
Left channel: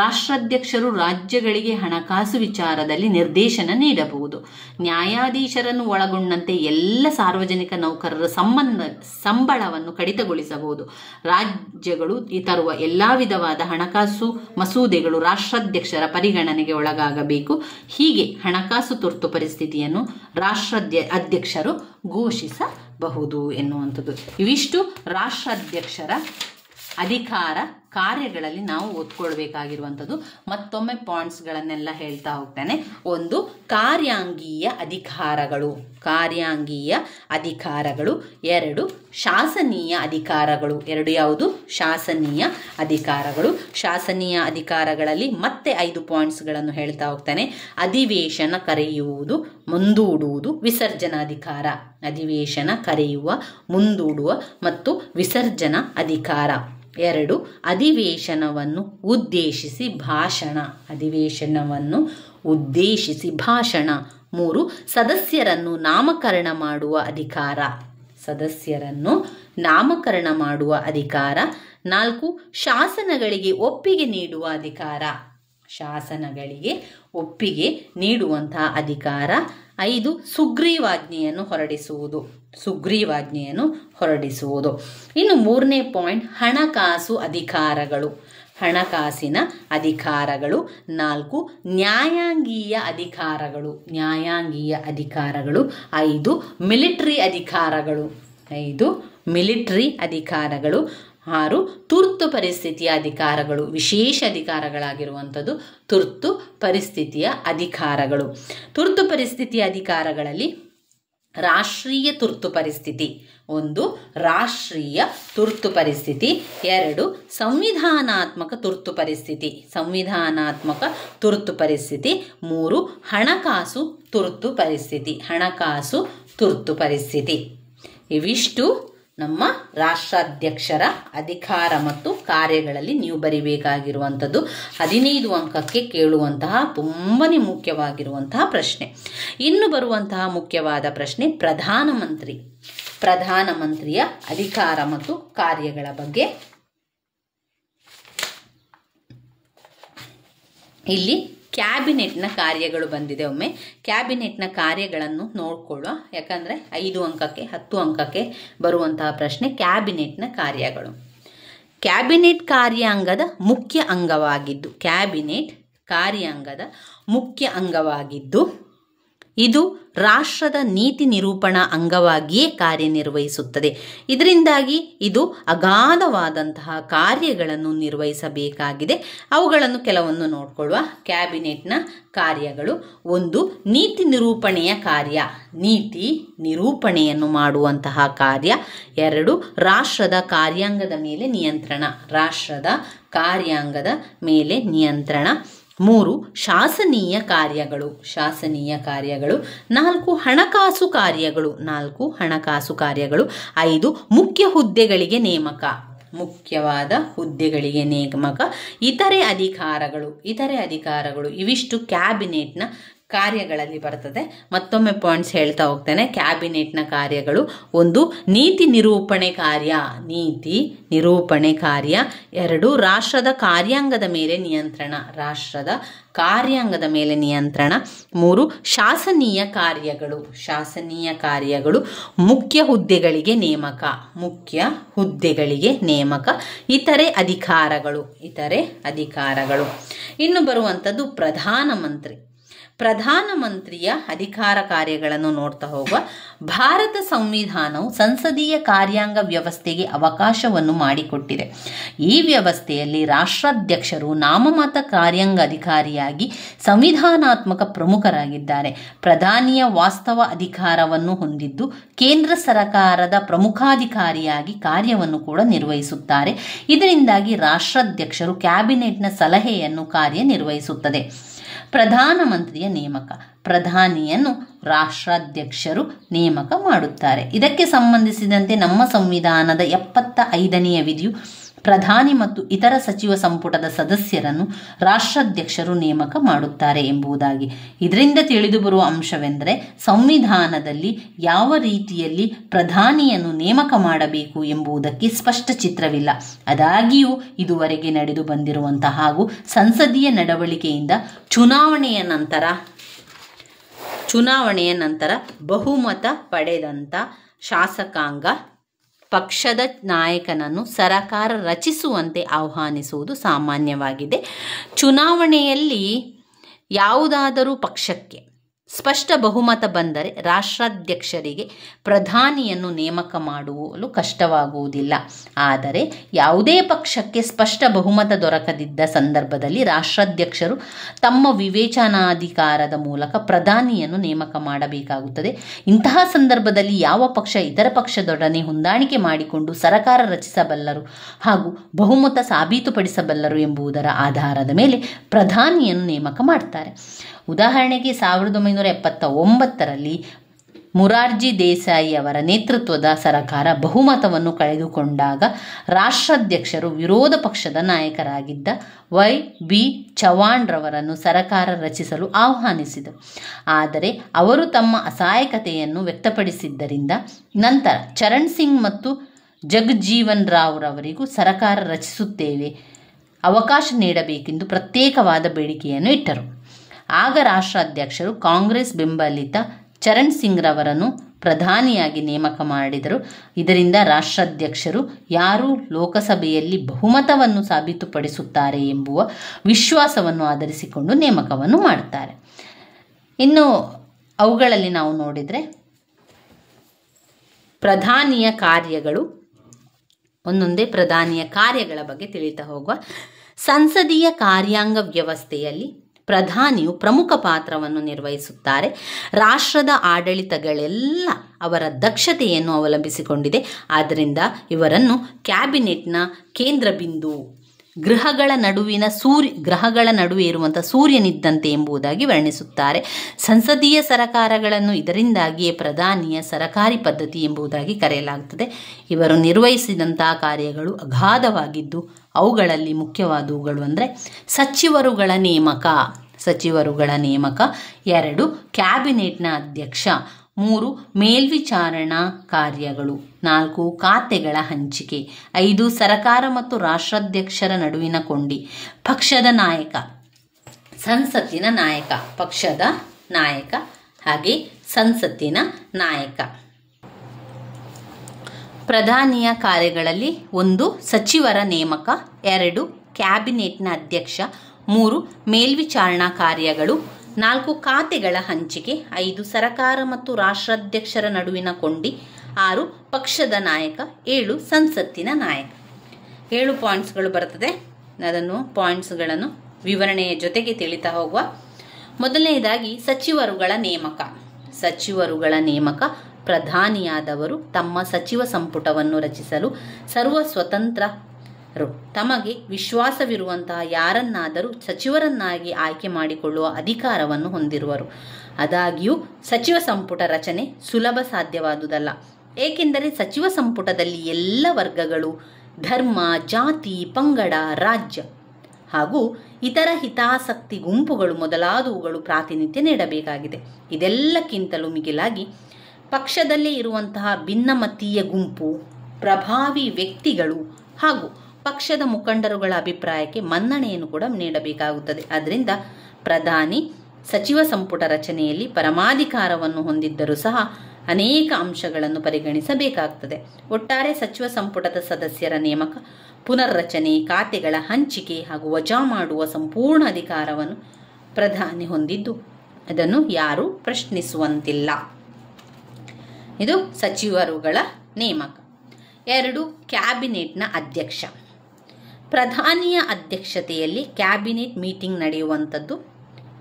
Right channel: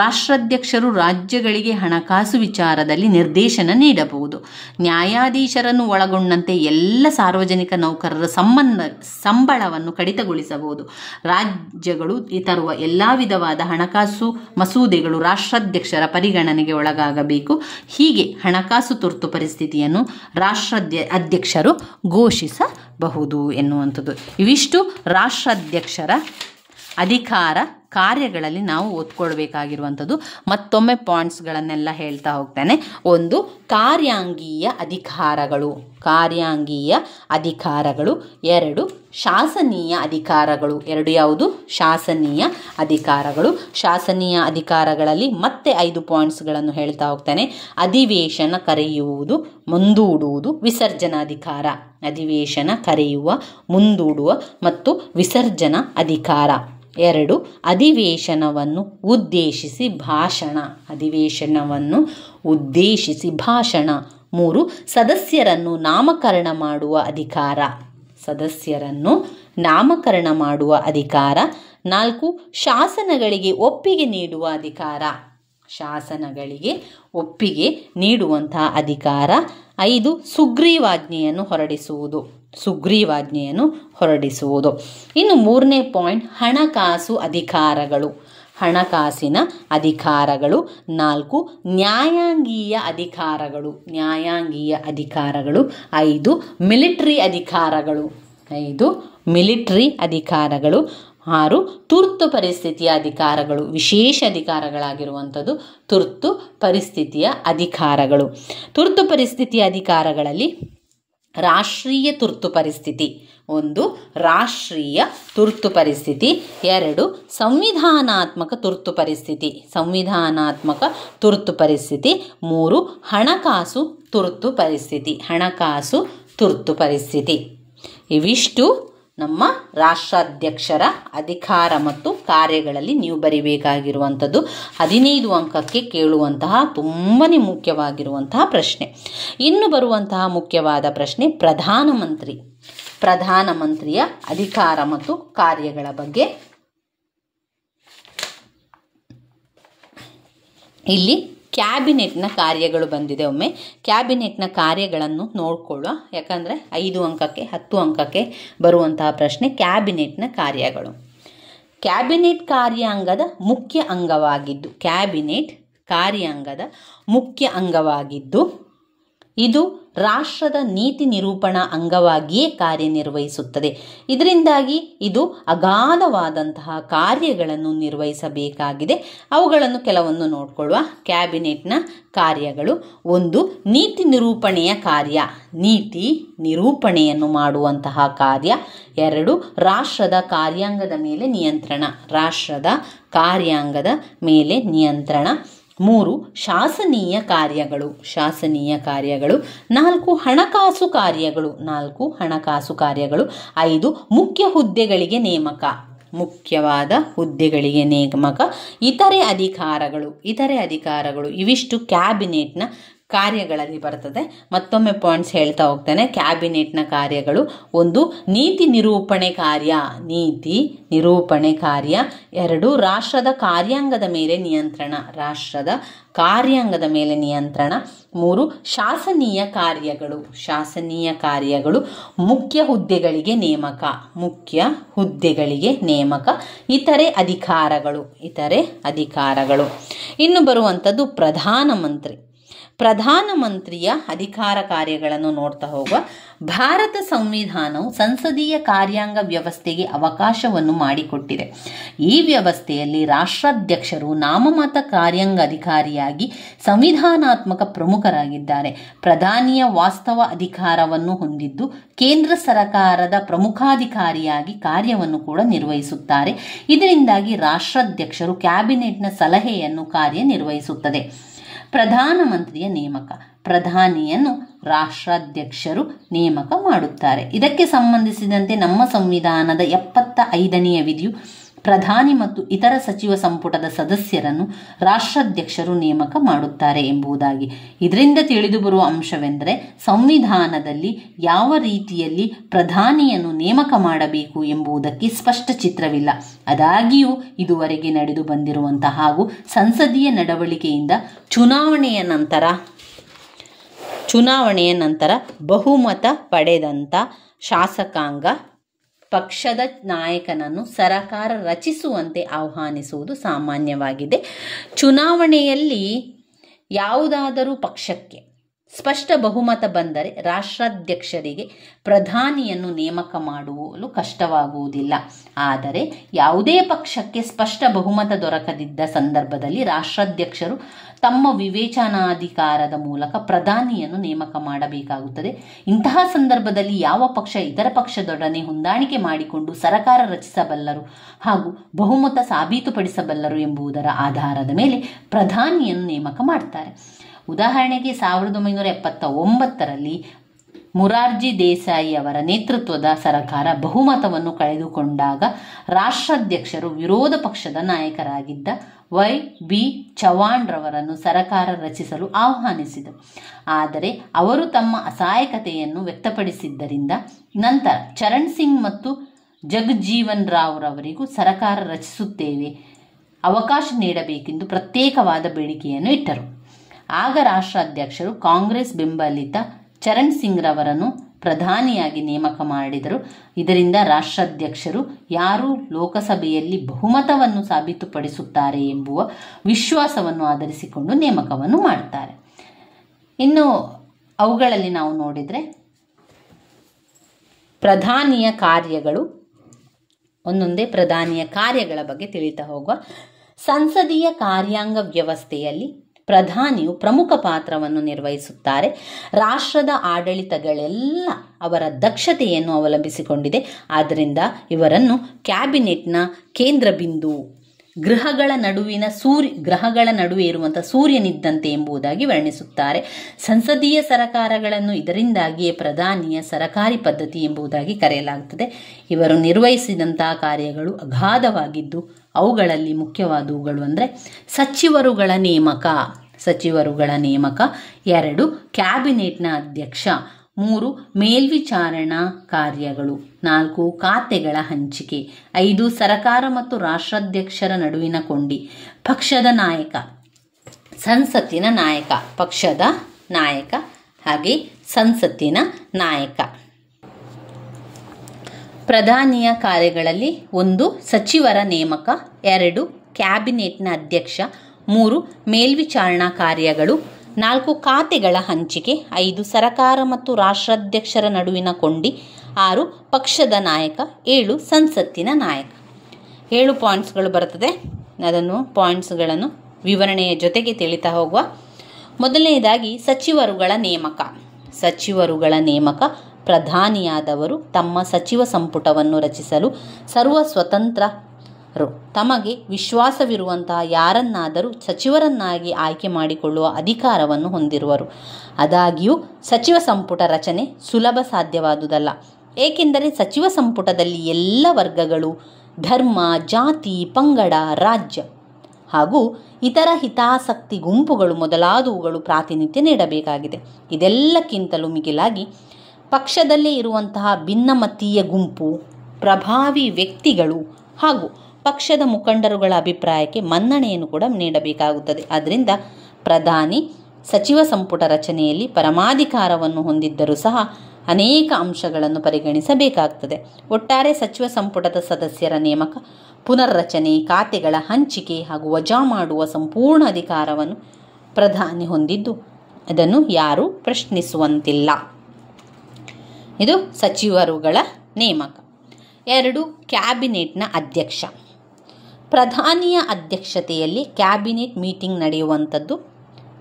ರಾಷ್ಟ್ರಾಧ್ಯಕ್ಷರು ರಾಜ್ಯಗಳಿಗೆ ಹಣಕಾಸು ವಿಚಾರದಲ್ಲಿ ನಿರ್ದೇಶನ ನೀಡಬಹುದು. ನ್ಯಾಯಾಧೀಶರನ್ನು ಒಳಗೊಂಡಂತೆ ಎಲ್ಲ ಸಾರ್ವಜನಿಕ ನೌಕರರ ಸಂಬಳವನ್ನು ಕಡಿತಗೊಳಿಸಬಹುದು. ರಾಜ್ಯಗಳು ತರುವ ಎಲ್ಲ ವಿಧವಾದ ಹಣಕಾಸು ಮಸೂದೆಗಳು ರಾಷ್ಟ್ರಾಧ್ಯಕ್ಷರ ಪರಿಗಣನೆಗೆ ಒಳಗಾಗಬೇಕು. ಹೀಗೆ ಹಣಕಾಸು ತುರ್ತು ಪರಿಸ್ಥಿತಿಯನ್ನು ಅಧ್ಯಕ್ಷರು ಘೋಷಿಸಬಹುದು ಎನ್ನುವಂಥದ್ದು. ಇವಿಷ್ಟು ರಾಷ್ಟ್ರಾಧ್ಯಕ್ಷರ ಅಧಿಕಾರ ಕಾರ್ಯಗಳಲ್ಲಿ ನಾವು ಓದ್ಕೊಳ್ಬೇಕಾಗಿರುವಂಥದ್ದು. ಮತ್ತೊಮ್ಮೆ ಪಾಯಿಂಟ್ಸ್ಗಳನ್ನೆಲ್ಲ ಹೇಳ್ತಾ ಹೋಗ್ತಾನೆ. ಒಂದು, ಕಾರ್ಯಾಂಗೀಯ ಅಧಿಕಾರಗಳು. ಎರಡು, ಶಾಸನೀಯ ಅಧಿಕಾರಗಳು. ಯಾವುದು? ಶಾಸನೀಯ ಅಧಿಕಾರಗಳು. ಶಾಸನೀಯ ಅಧಿಕಾರಗಳಲ್ಲಿ ಮತ್ತೆ 5 ಪಾಯಿಂಟ್ಸ್ಗಳನ್ನು ಹೇಳ್ತಾ ಹೋಗ್ತಾನೆ. ಅಧಿವೇಶನ ಕರೆಯುವುದು, ಮುಂದೂಡುವುದು, ವಿಸರ್ಜನಾಧಿಕಾರ. ಅಧಿವೇಶನ ಕರೆಯುವ, ಮುಂದೂಡುವ ಮತ್ತು ವಿಸರ್ಜನಾ ಅಧಿಕಾರ. 2, ಅಧಿವೇಶನವನ್ನು ಉದ್ದೇಶಿಸಿ ಭಾಷಣ. 3, ಸದಸ್ಯರನ್ನು ನಾಮಕರಣ ಮಾಡುವ ಅಧಿಕಾರ. 4, ಶಾಸನಗಳಿಗೆ ಒಪ್ಪಿಗೆ ನೀಡುವಂತಹ ಅಧಿಕಾರ. 5, ಸುಗ್ರೀವಾಜ್ಞೆಯನ್ನು ಹೊರಡಿಸುವುದು. ಇನ್ನು 3ನೇ ಪಾಯಿಂಟ್, ಹಣಕಾಸಿನ ಅಧಿಕಾರಗಳು. 4, ನ್ಯಾಯಾಂಗೀಯ ಅಧಿಕಾರಗಳು. 5, ಮಿಲಿಟರಿ ಅಧಿಕಾರಗಳು. 6, ತುರ್ತು ಪರಿಸ್ಥಿತಿಯ ಅಧಿಕಾರಗಳು. ವಿಶೇಷ ಅಧಿಕಾರಗಳಾಗಿರುವಂಥದ್ದು ತುರ್ತು ಪರಿಸ್ಥಿತಿಯ ಅಧಿಕಾರಗಳು. ತುರ್ತು ಪರಿಸ್ಥಿತಿಯ ಅಧಿಕಾರಗಳಲ್ಲಿ ರಾಷ್ಟ್ರೀಯ ತುರ್ತು ಪರಿಸ್ಥಿತಿ. 1, ರಾಷ್ಟ್ರೀಯ ತುರ್ತು ಪರಿಸ್ಥಿತಿ. 2, ಸಂವಿಧಾನಾತ್ಮಕ ತುರ್ತು ಪರಿಸ್ಥಿತಿ. 3, ಹಣಕಾಸು ತುರ್ತು ಪರಿಸ್ಥಿತಿ. ಇವಿಷ್ಟು ನಮ್ಮ ರಾಷ್ಟ್ರಾಧ್ಯಕ್ಷರ ಅಧಿಕಾರ ಮತ್ತು ಕಾರ್ಯಗಳಲ್ಲಿ ನೀವು ಬರಿಬೇಕಾಗಿರುವಂಥದ್ದು. 15 ಅಂಕಕ್ಕೆ ಕೇಳುವಂತಹ ತುಂಬನೇ ಮುಖ್ಯವಾಗಿರುವಂತಹ ಪ್ರಶ್ನೆ. ಇನ್ನು ಬರುವಂತಹ ಮುಖ್ಯವಾದ ಪ್ರಶ್ನೆ ಪ್ರಧಾನಮಂತ್ರಿಯ ಅಧಿಕಾರ ಮತ್ತು ಕಾರ್ಯಗಳ ಬಗ್ಗೆ. ಇಲ್ಲಿ ಕ್ಯಾಬಿನೆಟ್ನ ಕಾರ್ಯಗಳು ಬಂದಿದೆ. ಒಮ್ಮೆ ಕ್ಯಾಬಿನೆಟ್ನ ಕಾರ್ಯಗಳನ್ನು ನೋಡ್ಕೊಳ್ಳುವ. ಯಾಕಂದರೆ 5 ಅಂಕಕ್ಕೆ 10 ಅಂಕಕ್ಕೆ ಬರುವಂತಹ ಪ್ರಶ್ನೆ ಕ್ಯಾಬಿನೆಟ್ನ ಕಾರ್ಯಗಳು. ಕ್ಯಾಬಿನೆಟ್ ಕಾರ್ಯಾಂಗದ ಮುಖ್ಯ ಅಂಗವಾಗಿದ್ದು ಇದು ರಾಷ್ಟ್ರದ ನೀತಿ ನಿರೂಪಣಾ ಅಂಗವಾಗಿಯೇ ಕಾರ್ಯನಿರ್ವಹಿಸುತ್ತದೆ. ಇದರಿಂದಾಗಿ ಇದು ಅಗಾಧವಾದಂತಹ ಕಾರ್ಯಗಳನ್ನು ನಿರ್ವಹಿಸಬೇಕಾಗಿದೆ. ಅವುಗಳನ್ನು ಕೆಲವನ್ನು ನೋಡಿಕೊಳ್ಳುವ. ಕ್ಯಾಬಿನೆಟ್ನ ಕಾರ್ಯಗಳು. 1, ನೀತಿ ನಿರೂಪಣೆಯನ್ನು ಮಾಡುವಂತಹ ಕಾರ್ಯ. 2, ರಾಷ್ಟ್ರದ ಕಾರ್ಯಾಂಗದ ಮೇಲೆ ನಿಯಂತ್ರಣ. 3, ಶಾಸನೀಯ ಕಾರ್ಯಗಳು. 4, ಹಣಕಾಸು ಕಾರ್ಯಗಳು. 5, ಮುಖ್ಯವಾದ ಹುದ್ದೆಗಳಿಗೆ ನೇಮಕ. ಇತರೆ ಅಧಿಕಾರಗಳು. ಇವಿಷ್ಟು ಕ್ಯಾಬಿನೆಟ್ನ ಕಾರ್ಯಗಳಲ್ಲಿ ಬರ್ತದೆ. ಮತ್ತೊಮ್ಮೆ ಪಾಯಿಂಟ್ಸ್ ಹೇಳ್ತಾ ಹೋಗ್ತಾನೆ. ಕ್ಯಾಬಿನೆಟ್ನ ಕಾರ್ಯಗಳು. 1, ನೀತಿ ನಿರೂಪಣೆ ಕಾರ್ಯ. 2, ರಾಷ್ಟ್ರದ ಕಾರ್ಯಾಂಗದ ಮೇಲೆ ನಿಯಂತ್ರಣ. 3, ಶಾಸನೀಯ ಕಾರ್ಯಗಳು. ಮುಖ್ಯ ಹುದ್ದೆಗಳಿಗೆ ನೇಮಕ. ಇತರೆ ಅಧಿಕಾರಗಳು. ಇನ್ನು ಬರುವಂಥದ್ದು ಪ್ರಧಾನಮಂತ್ರಿಯ ಅಧಿಕಾರ ಕಾರ್ಯಗಳನ್ನು ನೋಡ್ತಾ ಹೋಗುವ. ಭಾರತ ಸಂವಿಧಾನವು ಸಂಸದೀಯ ಕಾರ್ಯಾಂಗ ವ್ಯವಸ್ಥೆಗೆ ಅವಕಾಶವನ್ನು ಮಾಡಿಕೊಟ್ಟಿದೆ. ಈ ವ್ಯವಸ್ಥೆಯಲ್ಲಿ ರಾಷ್ಟ್ರಾಧ್ಯಕ್ಷರು ನಾಮಮಾತ್ರ ಕಾರ್ಯಾಂಗ ಅಧಿಕಾರಿಯಾಗಿ ಸಂವಿಧಾನಾತ್ಮಕ ಪ್ರಮುಖರಾಗಿದ್ದಾರೆ. ಪ್ರಧಾನಿಯ ವಾಸ್ತವ ಅಧಿಕಾರವನ್ನು ಹೊಂದಿದ್ದು ಕೇಂದ್ರ ಸರ್ಕಾರದ ಪ್ರಮುಖಾಧಿಕಾರಿಯಾಗಿ ಕಾರ್ಯವನ್ನು ಕೂಡ ನಿರ್ವಹಿಸುತ್ತಾರೆ. ಇದರಿಂದಾಗಿ ರಾಷ್ಟ್ರಾಧ್ಯಕ್ಷರು ಕ್ಯಾಬಿನೆಟ್ನ ಸಲಹೆಯನ್ನು ಕಾರ್ಯನಿರ್ವಹಿಸುತ್ತದೆ. ಪ್ರಧಾನಮಂತ್ರಿಯ ನೇಮಕ. ಪ್ರಧಾನಿಯನ್ನು ರಾಷ್ಟ್ರಾಧ್ಯಕ್ಷರು ನೇಮಕ ಮಾಡುತ್ತಾರೆ. ಇದಕ್ಕೆ ಸಂಬಂಧಿಸಿದಂತೆ ನಮ್ಮ ಸಂವಿಧಾನದ 75ನೇ ವಿಧಿಯು ಪ್ರಧಾನಿ ಮತ್ತು ಇತರ ಸಚಿವ ಸಂಪುಟದ ಸದಸ್ಯರನ್ನು ರಾಷ್ಟ್ರಾಧ್ಯಕ್ಷರು ನೇಮಕ ಮಾಡುತ್ತಾರೆ ಎಂಬುದಾಗಿ. ಇದರಿಂದ ತಿಳಿದು ಬರುವ ಅಂಶವೆಂದರೆ ಸಂವಿಧಾನದಲ್ಲಿ ಯಾವ ರೀತಿಯಲ್ಲಿ ಪ್ರಧಾನಿಯನ್ನು ನೇಮಕ ಮಾಡಬೇಕು ಎಂಬುದಕ್ಕೆ ಸ್ಪಷ್ಟ ಚಿತ್ರವಿಲ್ಲ. ಆದಾಗ್ಯೂ ಇದುವರೆಗೆ ನಡೆದು ಬಂದಿರುವಂತಹ ಹಾಗೂ ಸಂಸದೀಯ ನಡವಳಿಕೆಯಿಂದ ಚುನಾವಣೆಯ ನಂತರ ಬಹುಮತ ಪಡೆದಂಥ ಶಾಸಕಾಂಗ ಪಕ್ಷದ ನಾಯಕನನ್ನು ಸರಕಾರ ರಚಿಸುವಂತೆ ಆಹ್ವಾನಿಸುವುದು ಸಾಮಾನ್ಯವಾಗಿದೆ. ಚುನಾವಣೆಯಲ್ಲಿ ಯಾವುದಾದರೂ ಪಕ್ಷಕ್ಕೆ ಸ್ಪಷ್ಟ ಬಹುಮತ ಬಂದರೆ ರಾಷ್ಟ್ರಾಧ್ಯಕ್ಷರಿಗೆ ಪ್ರಧಾನಿಯನ್ನು ನೇಮಕ ಮಾಡಲು ಕಷ್ಟವಾಗುವುದಿಲ್ಲ. ಆದರೆ ಯಾವುದೇ ಪಕ್ಷಕ್ಕೆ ಸ್ಪಷ್ಟ ಬಹುಮತ ದೊರಕದಿದ್ದ ಸಂದರ್ಭದಲ್ಲಿ ರಾಷ್ಟ್ರಾಧ್ಯಕ್ಷರು ತಮ್ಮ ವಿವೇಚನಾಧಿಕಾರದ ಮೂಲಕ ಪ್ರಧಾನಿಯನ್ನು ನೇಮಕ ಮಾಡಬೇಕಾಗುತ್ತದೆ. ಇಂತಹ ಸಂದರ್ಭದಲ್ಲಿ ಯಾವ ಪಕ್ಷ ಇತರ ಪಕ್ಷದೊಡನೆ ಹೊಂದಾಣಿಕೆ ಮಾಡಿಕೊಂಡು ಸರ್ಕಾರ ರಚಿಸಬಲ್ಲರು ಹಾಗೂ ಬಹುಮತ ಸಾಬೀತುಪಡಿಸಬಲ್ಲರು ಎಂಬುದರ ಆಧಾರದ ಮೇಲೆ ಪ್ರಧಾನಿಯನ್ನು ನೇಮಕ ಮಾಡ್ತಾರೆ. ಉದಾಹರಣೆಗೆ 1979ರಲ್ಲಿ ಮೊರಾರ್ಜಿ ದೇಸಾಯಿ ಅವರ ನೇತೃತ್ವದ ಸರ್ಕಾರ ಬಹುಮತವನ್ನು ಕಳೆದುಕೊಂಡಾಗ ರಾಷ್ಟ್ರಾಧ್ಯಕ್ಷರು ವಿರೋಧ ಪಕ್ಷದ ನಾಯಕರಾಗಿದ್ದ Y.B. ಚವಾಣ್ ರವರನ್ನು ಸರ್ಕಾರ ರಚಿಸಲು ಆಹ್ವಾನಿಸಿದರು. ಆದರೆ ಅವರು ತಮ್ಮ ಅಸಹಾಯಕತೆಯನ್ನು ವ್ಯಕ್ತಪಡಿಸಿದ್ದರಿಂದ ನಂತರ ಚರಣ್ ಸಿಂಗ್ ಮತ್ತು ಜಗಜೀವನ್ ರಾವ್ ರವರಿಗೂ ಸರ್ಕಾರ ರಚಿಸುತ್ತೇವೆ, ಅವಕಾಶ ನೀಡಬೇಕೆಂದು ಪ್ರತ್ಯೇಕವಾದ ಬೇಡಿಕೆಯನ್ನು ಇಟ್ಟರು. ಆಗ ರಾಷ್ಟ್ರಾಧ್ಯಕ್ಷರು ಕಾಂಗ್ರೆಸ್ ಬೆಂಬಲಿತ ಚರಣ್ ಸಿಂಗ್ ರವರನ್ನು ಪ್ರಧಾನಿಯಾಗಿ ನೇಮಕ ಮಾಡಿದರು. ಇದರಿಂದ ರಾಷ್ಟ್ರಾಧ್ಯಕ್ಷರು ಯಾರು ಲೋಕಸಭೆಯಲ್ಲಿ ಬಹುಮತವನ್ನು ಸಾಬೀತುಪಡಿಸುತ್ತಾರೆ ಎಂಬುವ ವಿಶ್ವಾಸವನ್ನು ಆಧರಿಸಿಕೊಂಡು ನೇಮಕವನ್ನು ಮಾಡುತ್ತಾರೆ. ಇನ್ನು ಅವುಗಳಲ್ಲಿ ನಾವು ನೋಡಿದರೆ ಪ್ರಧಾನಿಯ ಕಾರ್ಯಗಳು, ಒಂದೊಂದೇ ಪ್ರಧಾನಿಯ ಕಾರ್ಯಗಳ ಬಗ್ಗೆ ತಿಳಿತಾ ಹೋಗುವ. ಸಂಸದೀಯ ಕಾರ್ಯಾಂಗ ವ್ಯವಸ್ಥೆಯಲ್ಲಿ ಪ್ರಧಾನಿಯು ಪ್ರಮುಖ ಪಾತ್ರವನ್ನು ನಿರ್ವಹಿಸುತ್ತಾರೆ. ರಾಷ್ಟ್ರದ ಆಡಳಿತಗಳೆಲ್ಲ ಅವರ ದಕ್ಷತೆಯನ್ನು ಅವಲಂಬಿಸಿಕೊಂಡಿದೆ. ಆದ್ದರಿಂದ ಇವರನ್ನು ಕ್ಯಾಬಿನೆಟ್ನ ಕೇಂದ್ರ ಬಿಂದು, ಗ್ರಹಗಳ ನಡುವೆ ಇರುವಂಥ ಸೂರ್ಯನಿದ್ದಂತೆ ಎಂಬುದಾಗಿ ವರ್ಣಿಸುತ್ತಾರೆ. ಸಂಸದೀಯ ಸರಕಾರಗಳನ್ನು ಇದರಿಂದಾಗಿಯೇ ಪ್ರಧಾನಿಯ ಸರಕಾರಿ ಪದ್ಧತಿ ಎಂಬುದಾಗಿ ಕರೆಯಲಾಗುತ್ತದೆ. ಇವರು ನಿರ್ವಹಿಸಿದಂತಹ ಕಾರ್ಯಗಳು ಅಗಾಧವಾಗಿದ್ದು ಅವುಗಳಲ್ಲಿ ಮುಖ್ಯವಾದವುಗಳು ಅಂದರೆ ಸಚಿವರುಗಳ ನೇಮಕ, 2 ಕ್ಯಾಬಿನೆಟ್ನ ಅಧ್ಯಕ್ಷ, 3 ಮೇಲ್ವಿಚಾರಣಾ ಕಾರ್ಯಗಳು, 4 ಖಾತೆಗಳ ಹಂಚಿಕೆ, 5 ಸರ್ಕಾರ ಮತ್ತು ರಾಷ್ಟ್ರಾಧ್ಯಕ್ಷರ ನಡುವಿನ ಕೊಂಡಿ, ಪಕ್ಷದ ನಾಯಕ, ಸಂಸತ್ತಿನ ನಾಯಕ, ಪಕ್ಷದ ನಾಯಕ ಹಾಗೆ ಸಂಸತ್ತಿನ ನಾಯಕ. ಪ್ರಧಾನಿಯ ಕಾರ್ಯಗಳಲ್ಲಿ 1 ಸಚಿವರ ನೇಮಕ, 2 ಕ್ಯಾಬಿನೆಟ್ನ ಅಧ್ಯಕ್ಷ, 3 ಮೇಲ್ವಿಚಾರಣಾ ಕಾರ್ಯಗಳು, 4 ಖಾತೆಗಳ ಹಂಚಿಕೆ, 5 ಸರ್ಕಾರ ಮತ್ತು ರಾಷ್ಟ್ರಾಧ್ಯಕ್ಷರ ನಡುವಿನ ಕೊಂಡಿ, 6 ಪಕ್ಷದ ನಾಯಕ, 7 ಸಂಸತ್ತಿನ ನಾಯಕ. 7 ಪಾಯಿಂಟ್ಸ್ಗಳು ಬರ್ತದೆ. ಅದನ್ನು ಪಾಯಿಂಟ್ಸ್ಗಳನ್ನು ವಿವರಣೆಯ ಜೊತೆಗೆ ತಿಳಿತಾ ಹೋಗುವ. ಮೊದಲನೆಯದಾಗಿ ಸಚಿವರುಗಳ ನೇಮಕ. ಪ್ರಧಾನಿಯಾದವರು ತಮ್ಮ ಸಚಿವ ಸಂಪುಟವನ್ನು ರಚಿಸಲು ಸರ್ವ ಸ್ವತಂತ್ರರು. ತಮಗೆ ವಿಶ್ವಾಸವಿರುವಂತಹ ಯಾರನ್ನಾದರೂ ಸಚಿವರನ್ನಾಗಿ ಆಯ್ಕೆ ಮಾಡಿಕೊಳ್ಳುವ ಅಧಿಕಾರವನ್ನು ಹೊಂದಿರುವರು. ಆದಾಗ್ಯೂ ಸಚಿವ ಸಂಪುಟ ರಚನೆ ಸುಲಭ ಸಾಧ್ಯವಾದುದಲ್ಲ. ಏಕೆಂದರೆ ಸಚಿವ ಸಂಪುಟದಲ್ಲಿ ಎಲ್ಲ ವರ್ಗಗಳು, ಧರ್ಮ, ಜಾತಿ, ಪಂಗಡ, ರಾಜ್ಯ ಹಾಗೂ ಇತರ ಹಿತಾಸಕ್ತಿ ಗುಂಪುಗಳು ಮೊದಲಾದವುಗಳು ಪ್ರಾತಿನಿಧ್ಯ ನೀಡಬೇಕಾಗಿದೆ. ಇದೆಲ್ಲಕ್ಕಿಂತಲೂ ಮಿಗಿಲಾಗಿ ಪಕ್ಷದಲ್ಲೇ ಇರುವಂತಹ ಭಿನ್ನಮತೀಯ ಗುಂಪು, ಪ್ರಭಾವಿ ವ್ಯಕ್ತಿಗಳು ಹಾಗೂ ಪಕ್ಷದ ಮುಖಂಡರುಗಳ ಅಭಿಪ್ರಾಯಕ್ಕೆ ಮನ್ನಣೆಯನ್ನು ಕೂಡ ನೀಡಬೇಕಾಗುತ್ತದೆ. ಆದ್ದರಿಂದ ಪ್ರಧಾನಿ ಸಚಿವ ಸಂಪುಟ ರಚನೆಯಲ್ಲಿ ಪರಮಾಧಿಕಾರವನ್ನು ಹೊಂದಿದ್ದರೂ ಸಹ ಅನೇಕ ಅಂಶಗಳನ್ನು ಪರಿಗಣಿಸಬೇಕಾಗುತ್ತದೆ. ಒಟ್ಟಾರೆ ಸಚಿವ ಸಂಪುಟದ ಸದಸ್ಯರ ನೇಮಕ, ಪುನರ್ರಚನೆ, ಖಾತೆಗಳ ಹಂಚಿಕೆ ಹಾಗೂ ವಜಾ ಮಾಡುವ ಸಂಪೂರ್ಣ ಅಧಿಕಾರವನ್ನು ಪ್ರಧಾನಿ ಹೊಂದಿದ್ದು ಅದನ್ನು ಯಾರೂ ಪ್ರಶ್ನಿಸುವಂತಿಲ್ಲ. ಇದು ಸಚಿವರುಗಳ ನೇಮಕ. 2. ಕ್ಯಾಬಿನೆಟ್ನ ಅಧ್ಯಕ್ಷ. ಪ್ರಧಾನಿಯ ಅಧ್ಯಕ್ಷತೆಯಲ್ಲಿ ಕ್ಯಾಬಿನೆಟ್ ಮೀಟಿಂಗ್ ನಡೆಯುವಂಥದ್ದು.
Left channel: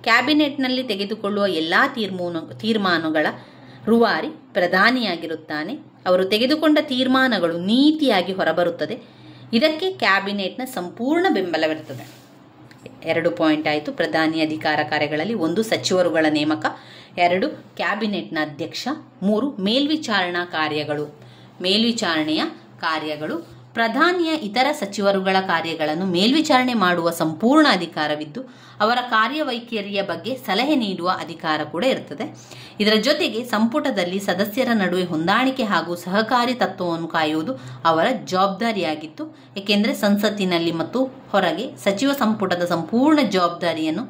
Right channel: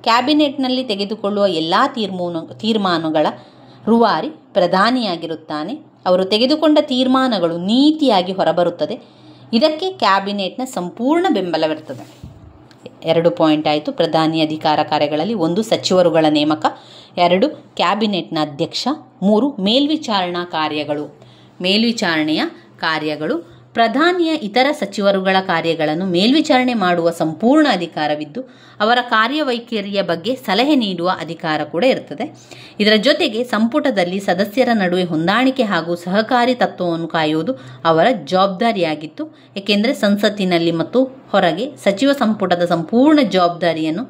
ಕ್ಯಾಬಿನೆಟ್ನಲ್ಲಿ ತೆಗೆದುಕೊಳ್ಳುವ ಎಲ್ಲ ತೀರ್ಮಾನಗಳ ರೂವಾರಿ ಪ್ರಧಾನಿಯಾಗಿರುತ್ತಾನೆ. ಅವರು ತೆಗೆದುಕೊಂಡ ತೀರ್ಮಾನಗಳು ನೀತಿಯಾಗಿ ಹೊರಬರುತ್ತದೆ. ಇದಕ್ಕೆ ಕ್ಯಾಬಿನೆಟ್ನ ಸಂಪೂರ್ಣ ಬೆಂಬಲವಿರುತ್ತದೆ. 2 ಪಾಯಿಂಟ್ ಆಯಿತು. ಪ್ರಧಾನಿ ಅಧಿಕಾರ ಕಾರ್ಯಗಳಲ್ಲಿ 1 ಸಚಿವರುಗಳ ನೇಮಕ, 2 ಕ್ಯಾಬಿನೆಟ್ನ ಅಧ್ಯಕ್ಷ, 3 ಮೇಲ್ವಿಚಾರಣಾ ಕಾರ್ಯಗಳು. ಮೇಲ್ವಿಚಾರಣೆಯ ಕಾರ್ಯಗಳು. ಪ್ರಧಾನಿಯ ಇತರ ಸಚಿವರುಗಳ ಕಾರ್ಯಗಳನ್ನು ಮೇಲ್ವಿಚಾರಣೆ ಮಾಡುವ ಸಂಪೂರ್ಣ ಅಧಿಕಾರವಿದ್ದು ಅವರ ಕಾರ್ಯವೈಖರಿಯ ಬಗ್ಗೆ ಸಲಹೆ ನೀಡುವ ಅಧಿಕಾರ ಕೂಡ ಇರ್ತದೆ. ಇದರ ಜೊತೆಗೆ ಸಂಪುಟದಲ್ಲಿ ಸದಸ್ಯರ ನಡುವೆ ಹೊಂದಾಣಿಕೆ ಹಾಗೂ ಸಹಕಾರಿ ತತ್ವವನ್ನು ಕಾಯುವುದು ಅವರ ಜವಾಬ್ದಾರಿಯಾಗಿತ್ತು. ಏಕೆಂದರೆ ಸಂಸತ್ತಿನಲ್ಲಿ ಮತ್ತು ಹೊರಗೆ ಸಚಿವ ಸಂಪುಟದ ಸಂಪೂರ್ಣ ಜವಾಬ್ದಾರಿಯನ್ನು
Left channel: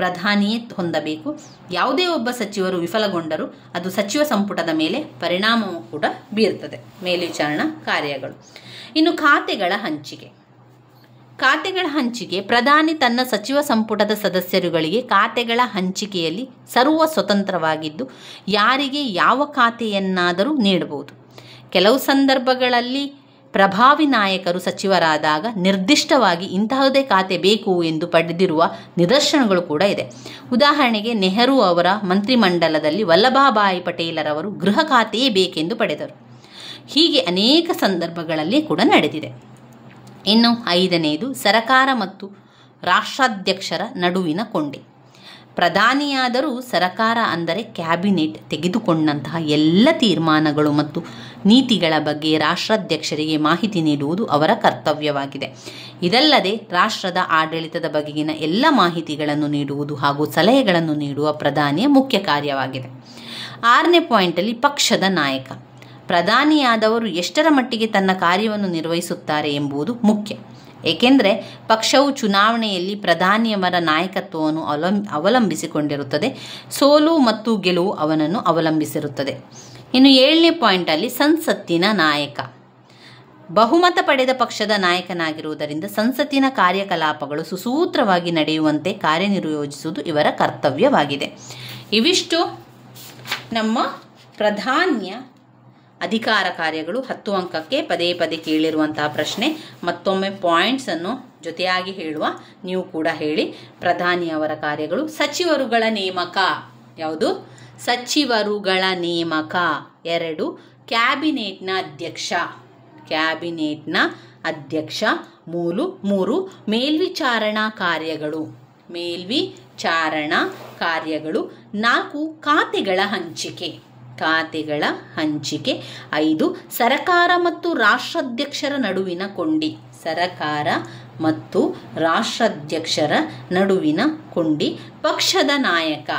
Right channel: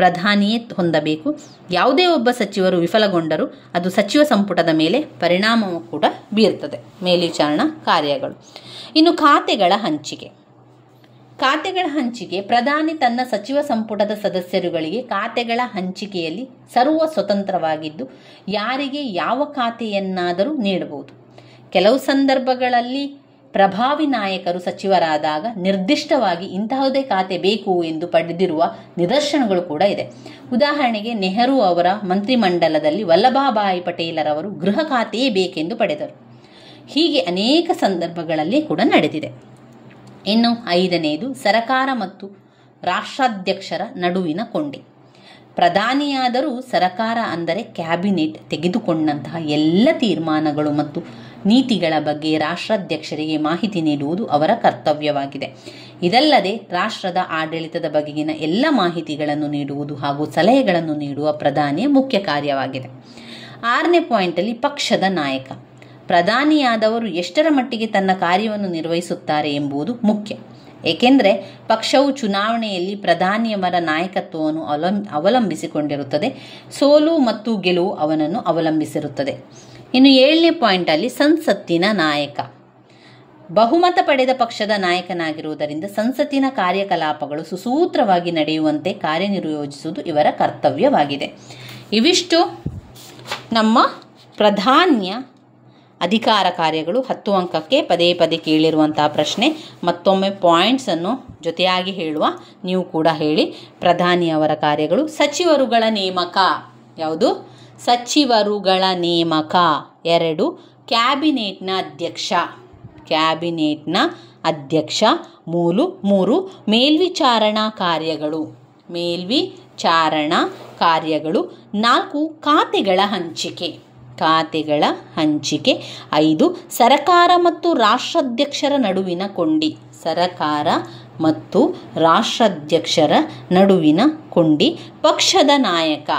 ಪ್ರಧಾನಿಯೇ ಹೊಂದಬೇಕು. ಯಾವುದೇ ಒಬ್ಬ ಸಚಿವರು ವಿಫಲಗೊಂಡರೂ ಅದು ಸಚಿವ ಸಂಪುಟದ ಮೇಲೆ ಪರಿಣಾಮವೂ ಕೂಡ ಬೀರ್ತದೆ. ಮೇಲ್ವಿಚಾರಣಾ ಕಾರ್ಯಗಳು. ಇನ್ನು ಖಾತೆಗಳ ಹಂಚಿಕೆ. ಖಾತೆಗಳ ಹಂಚಿಕೆ. ಪ್ರಧಾನಿ ತನ್ನ ಸಚಿವ ಸಂಪುಟದ ಸದಸ್ಯರುಗಳಿಗೆ ಖಾತೆಗಳ ಹಂಚಿಕೆಯಲ್ಲಿ ಸರ್ವ ಸ್ವತಂತ್ರವಾಗಿದ್ದು ಯಾರಿಗೆ ಯಾವ ಖಾತೆಯನ್ನಾದರೂ ನೀಡಬಹುದು. ಕೆಲವು ಸಂದರ್ಭಗಳಲ್ಲಿ ಪ್ರಭಾವಿ ನಾಯಕರು ಸಚಿವರಾದಾಗ ನಿರ್ದಿಷ್ಟವಾಗಿ ಇಂತಹದೇ ಖಾತೆ ಬೇಕು ಎಂದು ಪಡೆದಿರುವ ನಿದರ್ಶನಗಳು ಕೂಡ ಇದೆ. ಉದಾಹರಣೆಗೆ ನೆಹರು ಅವರ ಮಂತ್ರಿಮಂಡಲದಲ್ಲಿ ವಲ್ಲಭಭಾಯಿ ಪಟೇಲರವರು ಗೃಹ ಖಾತೆಯೇ ಬೇಕೆಂದು ಪಡೆದರು. ಹೀಗೆ ಅನೇಕ ಸಂದರ್ಭಗಳಲ್ಲಿ ಕೂಡ ನಡೆದಿದೆ. ಇನ್ನು 5ನೇದು ಸರಕಾರ ಮತ್ತು ರಾಷ್ಟ್ರಾಧ್ಯಕ್ಷರ ನಡುವಿನ ಕೊಂಡಿ. ಪ್ರಧಾನಿಯಾದರೂ ಸರಕಾರ ಅಂದರೆ ಕ್ಯಾಬಿನೆಟ್ ತೆಗೆದುಕೊಂಡಂತಹ ಎಲ್ಲ ತೀರ್ಮಾನಗಳು ಮತ್ತು ನೀತಿಗಳ ಬಗ್ಗೆ ರಾಷ್ಟ್ರಾಧ್ಯಕ್ಷರಿಗೆ ಮಾಹಿತಿ ನೀಡುವುದು ಅವರ ಕರ್ತವ್ಯವಾಗಿದೆ. ಇದಲ್ಲದೆ ರಾಷ್ಟ್ರದ ಆಡಳಿತದ ಬಗೆಗಿನ ಎಲ್ಲ ಮಾಹಿತಿಗಳನ್ನು ನೀಡುವುದು ಹಾಗೂ ಸಲಹೆಗಳನ್ನು ನೀಡುವ ಪ್ರಧಾನಿಯ ಮುಖ್ಯ ಕಾರ್ಯವಾಗಿದೆ. 6ನೇ ಪಾಯಿಂಟಲ್ಲಿ ಪಕ್ಷದ ನಾಯಕ. ಪ್ರಧಾನಿಯಾದವರು ಎಷ್ಟರ ಮಟ್ಟಿಗೆ ತನ್ನ ಕಾರ್ಯವನ್ನು ನಿರ್ವಹಿಸುತ್ತಾರೆ ಎಂಬುದು ಮುಖ್ಯ. ಏಕೆಂದರೆ ಪಕ್ಷವು ಚುನಾವಣೆಯಲ್ಲಿ ಪ್ರಧಾನಿಯವರ ನಾಯಕತ್ವವನ್ನು ಅವಲಂಬಿಸಿಕೊಂಡಿರುತ್ತದೆ. ಸೋಲು ಮತ್ತು ಗೆಲುವು ಅವನನ್ನು ಅವಲಂಬಿಸಿರುತ್ತದೆ. ಇನ್ನು 7ನೇ ಪಾಯಿಂಟಲ್ಲಿ ಸಂಸತ್ತಿನ ನಾಯಕ. ಬಹುಮತ ಪಡೆದ ಪಕ್ಷದ ನಾಯಕನಾಗಿರುವುದರಿಂದ ಸಂಸತ್ತಿನ ಕಾರ್ಯಕಲಾಪಗಳು ಸುಸೂತ್ರವಾಗಿ ನಡೆಯುವಂತೆ ಕಾರ್ಯನಿರ್ವಹಿಸುವುದು ಇವರ ಕರ್ತವ್ಯವಾಗಿದೆ. ಇವಿಷ್ಟು ನಮ್ಮ ಪ್ರಧಾನಿಯ ಅಧಿಕಾರ ಕಾರ್ಯಗಳು. 10 ಅಂಕಕ್ಕೆ ಪದೇ ಪದೇ ಕೇಳಿರುವಂತಹ ಪ್ರಶ್ನೆ. ಮತ್ತೊಮ್ಮೆ ಪಾಯಿಂಟ್ಸನ್ನು ಜೊತೆಯಾಗಿ ಹೇಳುವ, ನೀವು ಕೂಡ ಹೇಳಿ. ಪ್ರಧಾನಿಯವರ ಕಾರ್ಯಗಳು. ಸಚಿವರುಗಳ ನೇಮಕ. ಯಾವುದು? ಸಚಿವರುಗಳ ನೇಮಕ. 2 ಕ್ಯಾಬಿನೆಟ್ನ ಅಧ್ಯಕ್ಷ. ಕ್ಯಾಬಿನೆಟ್ನ ಅಧ್ಯಕ್ಷ. 3 ಮೇಲ್ವಿಚಾರಣಾ ಕಾರ್ಯಗಳು. ಮೇಲ್ವಿಚಾರಣಾ ಕಾರ್ಯಗಳು. 4 ಖಾತೆಗಳ ಹಂಚಿಕೆ. ಖಾತೆಗಳ ಹಂಚಿಕೆ. 5 ಸರಕಾರ ಮತ್ತು ರಾಷ್ಟ್ರಾಧ್ಯಕ್ಷರ ನಡುವಿನ ಕೊಂಡಿ. ಸರಕಾರ ಮತ್ತು ರಾಷ್ಟ್ರಾಧ್ಯಕ್ಷರ ನಡುವಿನ ಕೊಂಡಿ. ಪಕ್ಷದ ನಾಯಕ.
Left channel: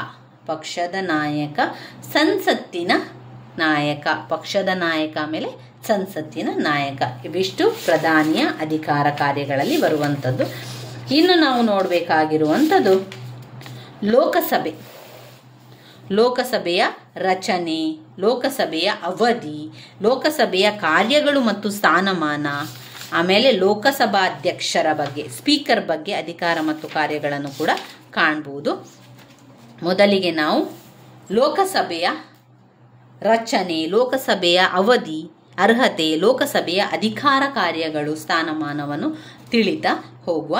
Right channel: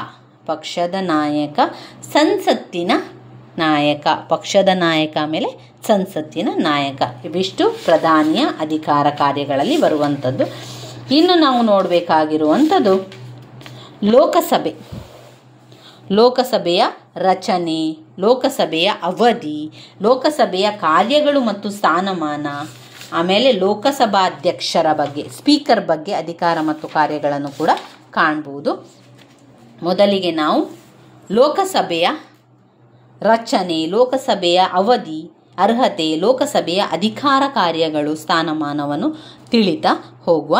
ಪಕ್ಷದ ನಾಯಕ. ಸಂಸತ್ತಿನ ನಾಯಕ. ಪಕ್ಷದ ನಾಯಕ ಆಮೇಲೆ ಸಂಸತ್ತಿನ ನಾಯಕ. ಇವಿಷ್ಟು ಪ್ರಧಾನಿಯ ಅಧಿಕಾರ ಕಾರ್ಯಗಳಲ್ಲಿ ಬರುವಂಥದ್ದು. ಇನ್ನು ನಾವು ನೋಡಬೇಕಾಗಿರುವಂಥದ್ದು ಲೋಕಸಭೆ. ಲೋಕಸಭೆಯ ರಚನೆ, ಲೋಕಸಭೆಯ ಅವಧಿ, ಲೋಕಸಭೆಯ ಕಾರ್ಯಗಳು ಮತ್ತು ಸ್ಥಾನಮಾನ, ಆಮೇಲೆ ಲೋಕಸಭಾಧ್ಯಕ್ಷರ ಬಗ್ಗೆ, ಸ್ಪೀಕರ್ ಬಗ್ಗೆ ಅಧಿಕಾರ ಮತ್ತು ಕಾರ್ಯಗಳನ್ನು ಕೂಡ ಕಾಣಬಹುದು. ಮೊದಲಿಗೆ ನಾವು ಲೋಕಸಭೆಯ ರಚನೆ, ಲೋಕಸಭೆಯ ಅವಧಿ, ಅರ್ಹತೆ, ಲೋಕಸಭೆಯ ಅಧಿಕಾರ ಕಾರ್ಯಗಳು, ಸ್ಥಾನಮಾನವನ್ನು ತಿಳಿತಾ ಹೋಗುವ.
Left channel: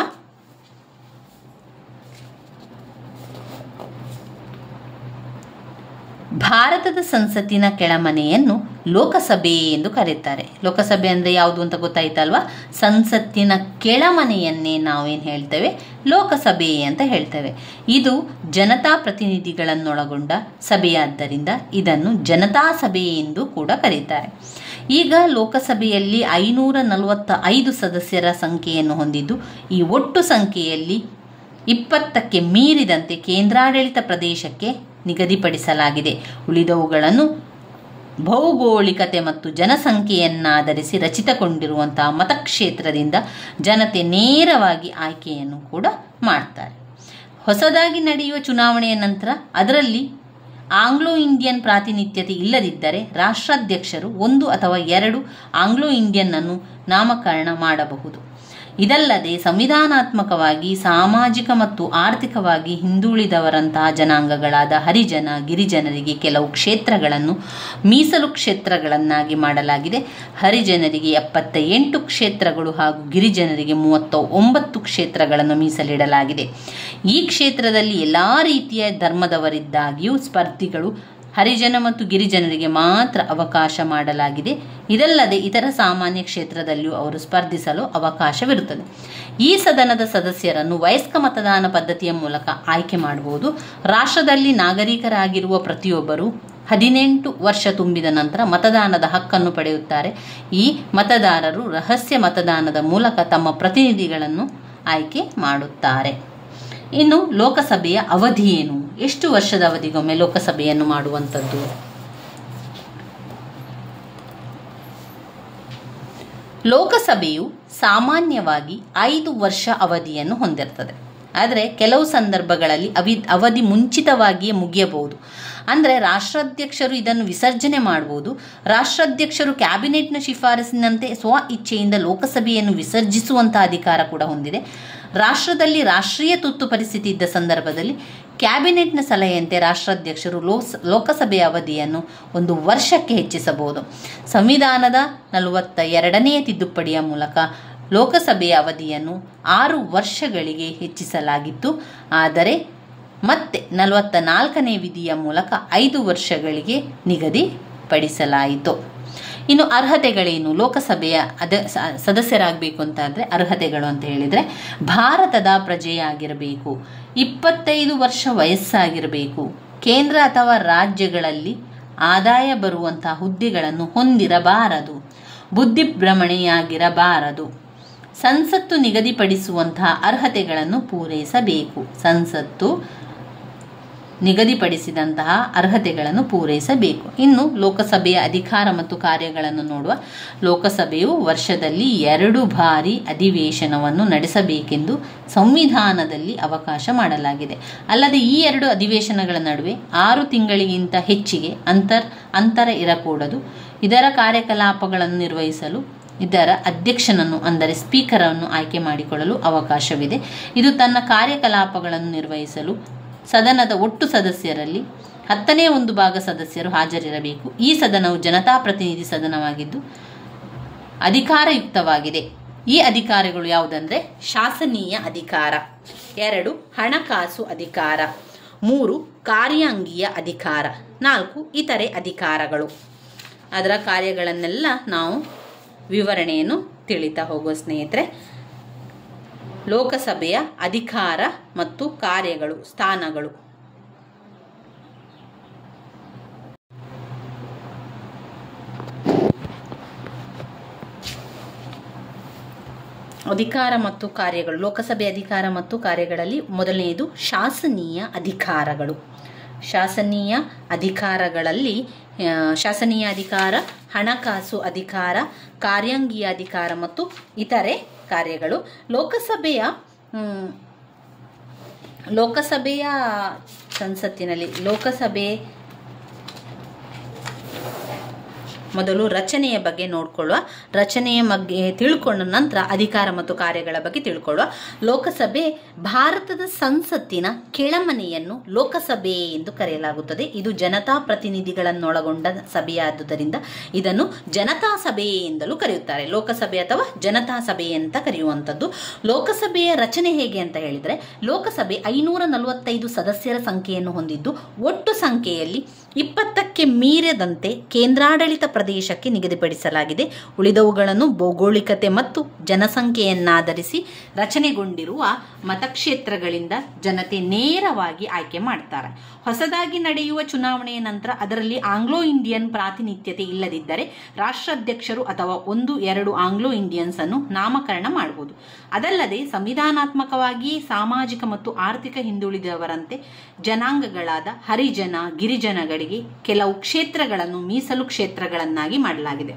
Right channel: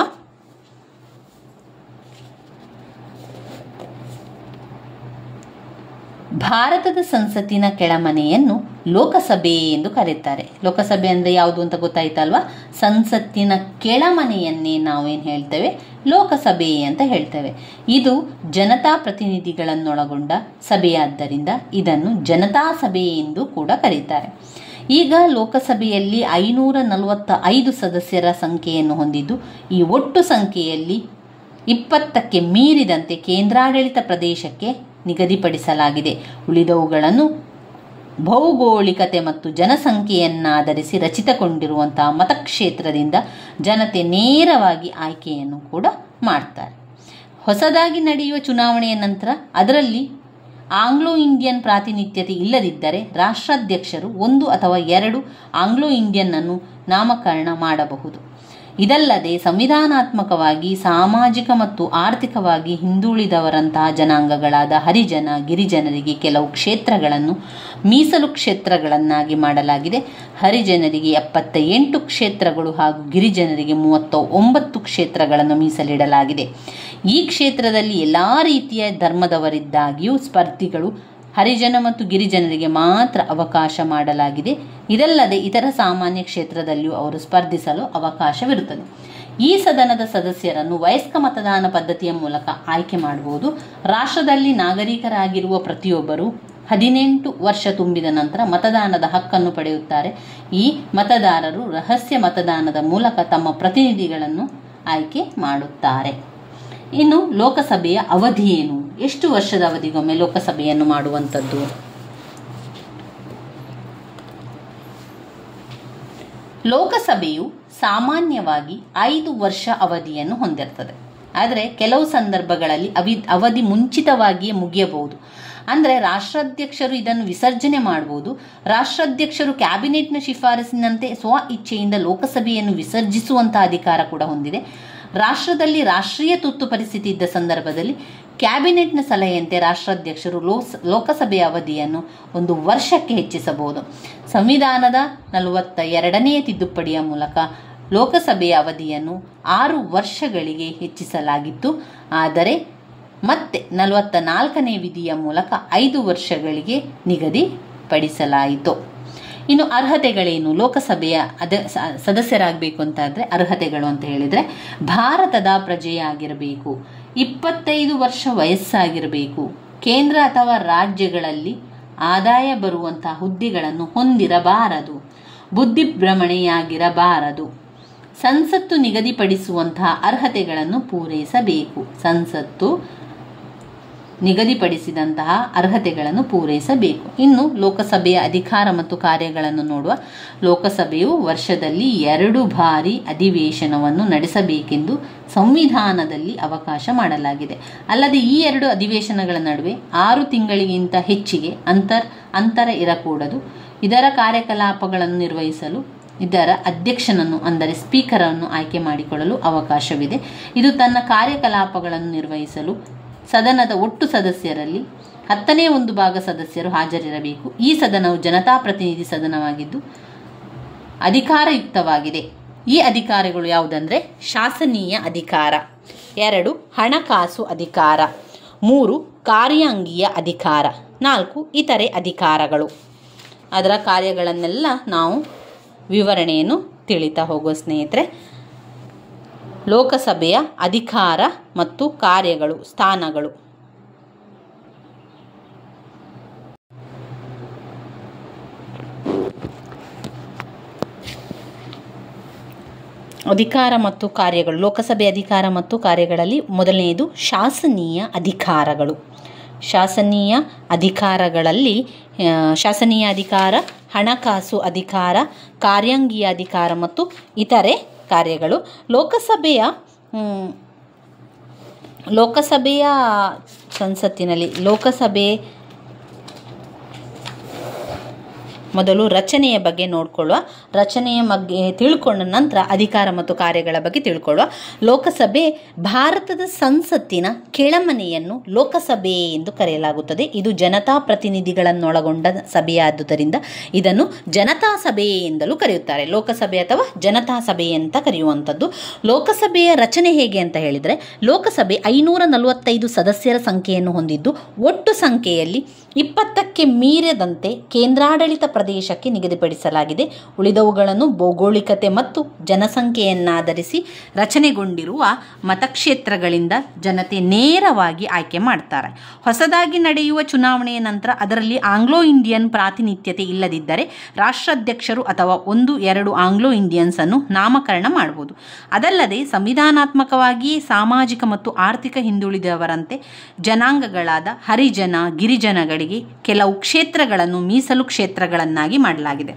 ಭಾರತದ ಸಂಸತ್ತಿನ ಕೆಳಮನೆಯನ್ನು ಲೋಕಸಭೆ ಎಂದು ಕರೆಯುತ್ತಾರೆ. ಲೋಕಸಭೆ ಅಂದರೆ ಯಾವುದು ಅಂತ ಗೊತ್ತಾಯ್ತಲ್ವಾ? ಸಂಸತ್ತಿನ ಕೆಳಮನೆಯನ್ನೇ ನಾವೇನು ಹೇಳ್ತೇವೆ? ಲೋಕಸಭೆ ಅಂತ ಹೇಳ್ತೇವೆ. ಇದು ಜನತಾ ಪ್ರತಿನಿಧಿಗಳನ್ನೊಳಗೊಂಡ ಸಭೆಯಾದ್ದರಿಂದ ಇದನ್ನು ಜನತಾ ಸಭೆ ಎಂದು ಕೂಡ ಕರೀತಾರೆ. ಈಗ ಲೋಕಸಭೆಯಲ್ಲಿ 545 ಸದಸ್ಯರ ಸಂಖ್ಯೆಯನ್ನು ಹೊಂದಿದ್ದು, ಈ ಒಟ್ಟು ಸಂಖ್ಯೆಯಲ್ಲಿ 20ಕ್ಕೆ ಮೀರಿದಂತೆ ಕೇಂದ್ರಾಡಳಿತ ಪ್ರದೇಶಕ್ಕೆ ನಿಗದಿಪಡಿಸಲಾಗಿದೆ. ಉಳಿದವುಗಳನ್ನು ಭೌಗೋಳಿಕತೆ ಮತ್ತು ಜನಸಂಖ್ಯೆಯನ್ನಾಧರಿಸಿ ರಚಿತಗೊಂಡಿರುವಂತಹ ಮತಕ್ಷೇತ್ರದಿಂದ ಜನತೆ ನೇರವಾಗಿ ಆಯ್ಕೆಯನ್ನು ಕೂಡ ಮಾಡ್ತಾರೆ. ಹೊಸದಾಗಿ ನಡೆಯುವ ಚುನಾವಣೆಯ ನಂತರ ಅದರಲ್ಲಿ ಆಂಗ್ಲೋ ಇಂಡಿಯನ್ ಪ್ರಾತಿನಿಧ್ಯತೆ ಇಲ್ಲದಿದ್ದರೆ ರಾಷ್ಟ್ರಾಧ್ಯಕ್ಷರು 1 ಅಥವಾ 2 ಆಂಗ್ಲೋ ಇಂಡಿಯನ್ ಅನ್ನು ನಾಮಕರಣ ಮಾಡಬಹುದು. ಇದಲ್ಲದೆ ಸಂವಿಧಾನಾತ್ಮಕವಾಗಿ ಸಾಮಾಜಿಕ ಮತ್ತು ಆರ್ಥಿಕವಾಗಿ ಹಿಂದುಳಿದವರಂತಹ ಜನಾಂಗಗಳಾದ ಹರಿಜನ ಗಿರಿಜನರಿಗೆ ಕೆಲವು ಕ್ಷೇತ್ರಗಳನ್ನು ಮೀಸಲು ಕ್ಷೇತ್ರಗಳನ್ನಾಗಿ ಮಾಡಲಾಗಿದೆ. ಹರಿಜನರಿಗೆ 78 ಕ್ಷೇತ್ರಗಳು ಹಾಗೂ ಗಿರಿಜನರಿಗೆ 39 ಕ್ಷೇತ್ರಗಳನ್ನು ಮೀಸಲಿಡಲಾಗಿದೆ. ಈ ಕ್ಷೇತ್ರದಲ್ಲಿ ಎಲ್ಲ ರೀತಿಯ ಧರ್ಮದವರಿದ್ದಾಗಿಯೂ ಸ್ಪರ್ಧಿಗಳು ಹರಿಜನ ಮತ್ತು ಗಿರಿಜನರಿಗೆ ಮಾತ್ರ ಅವಕಾಶ ಮಾಡಲಾಗಿದೆ. ಇದಲ್ಲದೆ ಇತರ ಸಾಮಾನ್ಯ ಕ್ಷೇತ್ರದಲ್ಲಿಯೂ ಅವರು ಸ್ಪರ್ಧಿಸಲು ಅವಕಾಶವಿರುತ್ತದೆ. ಈ ಸದನದ ಸದಸ್ಯರನ್ನು ವಯಸ್ಕ ಮತದಾನ ಪದ್ಧತಿಯ ಮೂಲಕ ಆಯ್ಕೆ ಮಾಡಬಹುದು. ರಾಷ್ಟ್ರದಲ್ಲಿ ನಾಗರಿಕರಾಗಿರುವ ಪ್ರತಿಯೊಬ್ಬರು 18 ವರ್ಷ ತುಂಬಿದ ನಂತರ ಮತದಾನದ ಹಕ್ಕನ್ನು ಪಡೆಯುತ್ತಾರೆ. ಈ ಮತದಾರರು ರಹಸ್ಯ ಮತದಾನದ ಮೂಲಕ ತಮ್ಮ ಪ್ರತಿನಿಧಿಗಳನ್ನು ಆಯ್ಕೆ ಮಾಡುತ್ತಾರೆ. ಇನ್ನು ಲೋಕಸಭೆಯ ಅವಧಿ ಏನು? ಎಷ್ಟು ವರ್ಷದ ಅವಧಿಗೊಮ್ಮೆ ಲೋಕಸಭೆಯನ್ನು ಮಾಡುವಂಥದ್ದು? ಲೋಕಸಭೆಯು ಸಾಮಾನ್ಯವಾಗಿ 5 ವರ್ಷ ಅವಧಿಯನ್ನು ಹೊಂದಿರುತ್ತದೆ. ಆದರೆ ಕೆಲವು ಸಂದರ್ಭಗಳಲ್ಲಿ ಅವಧಿ ಮುಂಚಿತವಾಗಿಯೇ ಮುಗಿಯಬಹುದು. ಅಂದರೆ ರಾಷ್ಟ್ರಾಧ್ಯಕ್ಷರು ಇದನ್ನು ವಿಸರ್ಜನೆ ಮಾಡಬಹುದು. ರಾಷ್ಟ್ರಾಧ್ಯಕ್ಷರು ಕ್ಯಾಬಿನೆಟ್ನ ಶಿಫಾರಸಿನಂತೆ ಸ್ವ ಇಚ್ಛೆಯಿಂದ ಲೋಕಸಭೆಯನ್ನು ವಿಸರ್ಜಿಸುವಂತಹ ಅಧಿಕಾರ ಕೂಡ ಹೊಂದಿದೆ. ರಾಷ್ಟ್ರದಲ್ಲಿ ರಾಷ್ಟ್ರೀಯ ತುರ್ತು ಪರಿಸ್ಥಿತಿ ಇದ್ದ ಸಂದರ್ಭದಲ್ಲಿ ಕ್ಯಾಬಿನೆಟ್ನ ಸಲಹೆಯಂತೆ ರಾಷ್ಟ್ರಾಧ್ಯಕ್ಷರು ಲೋಕಸಭೆಯ ಅವಧಿಯನ್ನು 1 ವರ್ಷಕ್ಕೆ ಹೆಚ್ಚಿಸಬಹುದು. ಸಂವಿಧಾನದ 42ನೇ ತಿದ್ದುಪಡಿಯ ಮೂಲಕ ಲೋಕಸಭೆಯ ಅವಧಿಯನ್ನು 6 ವರ್ಷಗಳಿಗೆ ಹೆಚ್ಚಿಸಲಾಗಿತ್ತು. ಆದರೆ ಮತ್ತೆ 44ನೇ ವಿಧಿಯ ಮೂಲಕ 5 ವರ್ಷಗಳಿಗೆ ನಿಗದಿಪಡಿಸಲಾಯಿತು. ಇನ್ನು ಅರ್ಹತೆಗಳೇನು? ಲೋಕಸಭೆಯ ಸದಸ್ಯರಾಗಬೇಕು ಅಂತಾದರೆ ಅರ್ಹತೆಗಳು ಅಂತ ಹೇಳಿದರೆ, ಭಾರತದ ಪ್ರಜೆಯಾಗಿರಬೇಕು, 25 ವರ್ಷ ವಯಸ್ಸಾಗಿರಬೇಕು, ಕೇಂದ್ರ ಅಥವಾ ರಾಜ್ಯಗಳಲ್ಲಿ ಆದಾಯ ಬರುವಂತಹ ಹುದ್ದೆಗಳನ್ನು ಹೊಂದಿರಬಾರದು, ಬುದ್ಧಿಭ್ರಮಣೆಯಾಗಿರಬಾರದು, ಸಂಸತ್ತು ನಿಗದಿಪಡಿಸುವಂತಹ ಅರ್ಹತೆಗಳನ್ನು ಪೂರೈಸಬೇಕು. ಸಂಸತ್ತು ನಿಗದಿಪಡಿಸಿದಂತಹ ಅರ್ಹತೆಗಳನ್ನು ಪೂರೈಸಬೇಕು. ಇನ್ನು ಲೋಕಸಭೆಯ ಅಧಿಕಾರ ಮತ್ತು ಕಾರ್ಯಗಳನ್ನು ನೋಡುವ. ಲೋಕಸಭೆಯು ವರ್ಷದಲ್ಲಿ 2 ಬಾರಿ ಅಧಿವೇಶನವನ್ನು ನಡೆಸಬೇಕೆಂದು ಸಂವಿಧಾನದಲ್ಲಿ ಅವಕಾಶ ಮಾಡಲಾಗಿದೆ. ಅಲ್ಲದೆ ಈ 2 ಅಧಿವೇಶನಗಳ ನಡುವೆ 6 ತಿಂಗಳಿಗಿಂತ ಹೆಚ್ಚಿಗೆ ಅಂತರ ಇರಕೂಡದು. ಇದರ ಕಾರ್ಯಕಲಾಪಗಳನ್ನು ನಿರ್ವಹಿಸಲು ಇದರ ಅಧ್ಯಕ್ಷನನ್ನು ಅಂದರೆ ಸ್ಪೀಕರನ್ನು ಆಯ್ಕೆ ಮಾಡಿಕೊಳ್ಳಲು ಅವಕಾಶವಿದೆ. ಇದು ತನ್ನ ಕಾರ್ಯಕಲಾಪಗಳನ್ನು ನಿರ್ವಹಿಸಲು ಸದನದ ಒಟ್ಟು ಸದಸ್ಯರಲ್ಲಿ 10ನೇ 1 ಭಾಗ ಸದಸ್ಯರು ಹಾಜರಿರಬೇಕು. ಈ ಸದನವು ಜನತಾಪ್ರತಿನಿಧಿ ಸದನವಾಗಿದ್ದು ಅಧಿಕಾರಯುಕ್ತವಾಗಿದೆ. ಈ ಅಧಿಕಾರಗಳು ಯಾವುದಂದರೆ ಶಾಸನೀಯ ಅಧಿಕಾರ, 2 ಹಣಕಾಸು ಅಧಿಕಾರ, 3 ಕಾರ್ಯಾಂಗೀಯ ಅಧಿಕಾರ, 4 ಇತರೆ ಅಧಿಕಾರಗಳು. ಅದರ ಕಾರ್ಯಗಳನ್ನೆಲ್ಲ ನಾವು ವಿವರಣೆಯನ್ನು ತಿಳಿತಾ ಹೋಗುವ ಸ್ನೇಹಿತರೆ. ಲೋಕಸಭೆಯ ಅಧಿಕಾರ ಮತ್ತು ಕಾರ್ಯಗಳು, ಸ್ಥಾನಗಳು. ಅಧಿಕಾರ ಮತ್ತು ಕಾರ್ಯಗಳು. ಲೋಕಸಭೆ ಅಧಿಕಾರ ಮತ್ತು ಕಾರ್ಯಗಳಲ್ಲಿ ಮೊದಲನೆಯದು ಶಾಸನೀಯ ಅಧಿಕಾರಗಳು. ಶಾಸನೀಯ ಅಧಿಕಾರಗಳಲ್ಲಿ ಶಾಸನೀಯ ಅಧಿಕಾರ, ಹಣಕಾಸು ಅಧಿಕಾರ, ಕಾರ್ಯಾಂಗೀಯ ಅಧಿಕಾರ ಮತ್ತು ಇತರೆ ಕಾರ್ಯಗಳು. ಲೋಕಸಭೆಯ ಸಂಸತ್ತಿನಲ್ಲಿ ಮೊದಲು ರಚನೆಯ ಬಗ್ಗೆ ನೋಡಿಕೊಳ್ಳುವ. ರಚನೆಯ ಬಗ್ಗೆ ತಿಳ್ಕೊಂಡ ನಂತರ ಅಧಿಕಾರ ಮತ್ತು ಕಾರ್ಯಗಳ ಬಗ್ಗೆ ತಿಳ್ಕೊಳ್ಳುವ. ಲೋಕಸಭೆ ಭಾರತದ ಸಂಸತ್ತಿನ ಕೆಳಮನೆಯನ್ನು ಲೋಕಸಭೆ ಎಂದು ಕರೆಯಲಾಗುತ್ತದೆ. ಇದು ಜನತಾ ಪ್ರತಿನಿಧಿಗಳನ್ನೊಳಗೊಂಡ ಸಭೆಯಾದುದರಿಂದ ಇದನ್ನು ಜನತಾ ಸಭೆ ಎಂದಲೂ ಕರೆಯುತ್ತಾರೆ. ಲೋಕಸಭೆ ಅಥವಾ ಜನತಾ ಸಭೆ ಅಂತ ಕರೆಯುವಂಥದ್ದು. ಲೋಕಸಭೆಯ ರಚನೆ ಹೇಗೆ ಅಂತ ಹೇಳಿದರೆ, ಲೋಕಸಭೆ 545 ಸದಸ್ಯರ ಸಂಖ್ಯೆಯನ್ನು ಹೊಂದಿದ್ದು ಒಟ್ಟು ಸಂಖ್ಯೆಯಲ್ಲಿ 20ಕ್ಕೆ ಮೀರದಂತೆ ಕೇಂದ್ರಾಡಳಿತ ಪ್ರದೇಶಕ್ಕೆ ನಿಗದಿಪಡಿಸಲಾಗಿದೆ. ಉಳಿದವುಗಳನ್ನು ಭೌಗೋಳಿಕತೆ ಮತ್ತು ಜನಸಂಖ್ಯೆಯನ್ನಾಧರಿಸಿ ರಚನೆಗೊಂಡಿರುವ ಮತಕ್ಷೇತ್ರಗಳಿಂದ ಜನತೆ ನೇರವಾಗಿ ಆಯ್ಕೆ ಮಾಡ್ತಾರೆ. ಹೊಸದಾಗಿ ನಡೆಯುವ ಚುನಾವಣೆಯ ನಂತರ ಅದರಲ್ಲಿ ಆಂಗ್ಲೋ ಇಂಡಿಯನ್ ಪ್ರಾತಿನಿಧ್ಯತೆ ಇಲ್ಲದಿದ್ದರೆ ರಾಷ್ಟ್ರಾಧ್ಯಕ್ಷರು ಅಥವಾ 1-2 ಆಂಗ್ಲೋ ಇಂಡಿಯನ್ಸ್ ಅನ್ನು ನಾಮಕರಣ ಮಾಡಬಹುದು. ಅದಲ್ಲದೆ ಸಂವಿಧಾನಾತ್ಮಕವಾಗಿ ಸಾಮಾಜಿಕ ಮತ್ತು ಆರ್ಥಿಕ ಹಿಂದುಳಿದವರಂತೆ ಜನಾಂಗಗಳಾದ ಹರಿಜನ ಗಿರಿಜನಗಳಿಗೆ ಕೆಲವು ಕ್ಷೇತ್ರಗಳನ್ನು ಮೀಸಲು ಕ್ಷೇತ್ರಗಳನ್ನಾಗಿ ಮಾಡಲಾಗಿದೆ.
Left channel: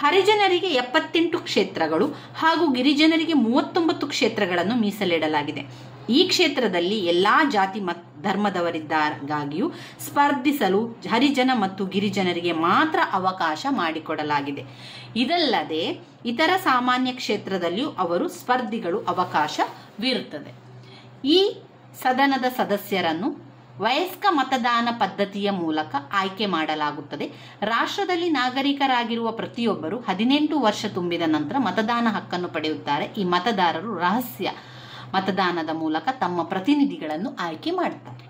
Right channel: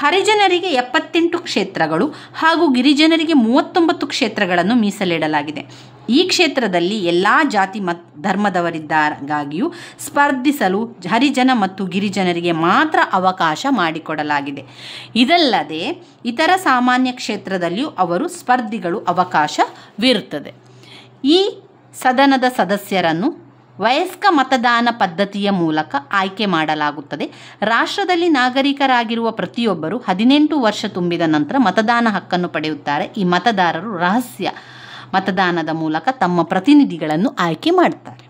ಹರಿಜನರಿಗೆ 78 ಕ್ಷೇತ್ರಗಳು ಹಾಗೂ ಗಿರಿಜನರಿಗೆ 39 ಕ್ಷೇತ್ರಗಳನ್ನು ಮೀಸಲಿಡಲಾಗಿದೆ. ಈ ಕ್ಷೇತ್ರದಲ್ಲಿ ಎಲ್ಲ ಜಾತಿ ಧರ್ಮದವರಿದ್ದಾಗಿಯೂ ಸ್ಪರ್ಧಿಸಲು ಹರಿಜನ ಮತ್ತು ಗಿರಿಜನರಿಗೆ ಮಾತ್ರ ಅವಕಾಶ ಮಾಡಿಕೊಡಲಾಗಿದೆ. ಇದಲ್ಲದೆ ಇತರ ಸಾಮಾನ್ಯ ಕ್ಷೇತ್ರದಲ್ಲಿಯೂ ಅವರು ಸ್ಪರ್ಧಿಗಳು ಅವಕಾಶವಿರುತ್ತದೆ. ಈ ಸದನದ ಸದಸ್ಯರನ್ನು ವಯಸ್ಕ ಮತದಾನ ಪದ್ಧತಿಯ ಮೂಲಕ ಆಯ್ಕೆ ಮಾಡಲಾಗುತ್ತದೆ. ರಾಷ್ಟ್ರದಲ್ಲಿ ನಾಗರಿಕರಾಗಿರುವ ಪ್ರತಿಯೊಬ್ಬರು 18 ವರ್ಷ ತುಂಬಿದ ನಂತರ ಮತದಾನ ಹಕ್ಕನ್ನು ಪಡೆಯುತ್ತಾರೆ. ಈ ಮತದಾರರು ರಹಸ್ಯ ಮತದಾನದ ಮೂಲಕ ತಮ್ಮ ಪ್ರತಿನಿಧಿಗಳನ್ನು ಆಯ್ಕೆ ಮಾಡುತ್ತಾರೆ.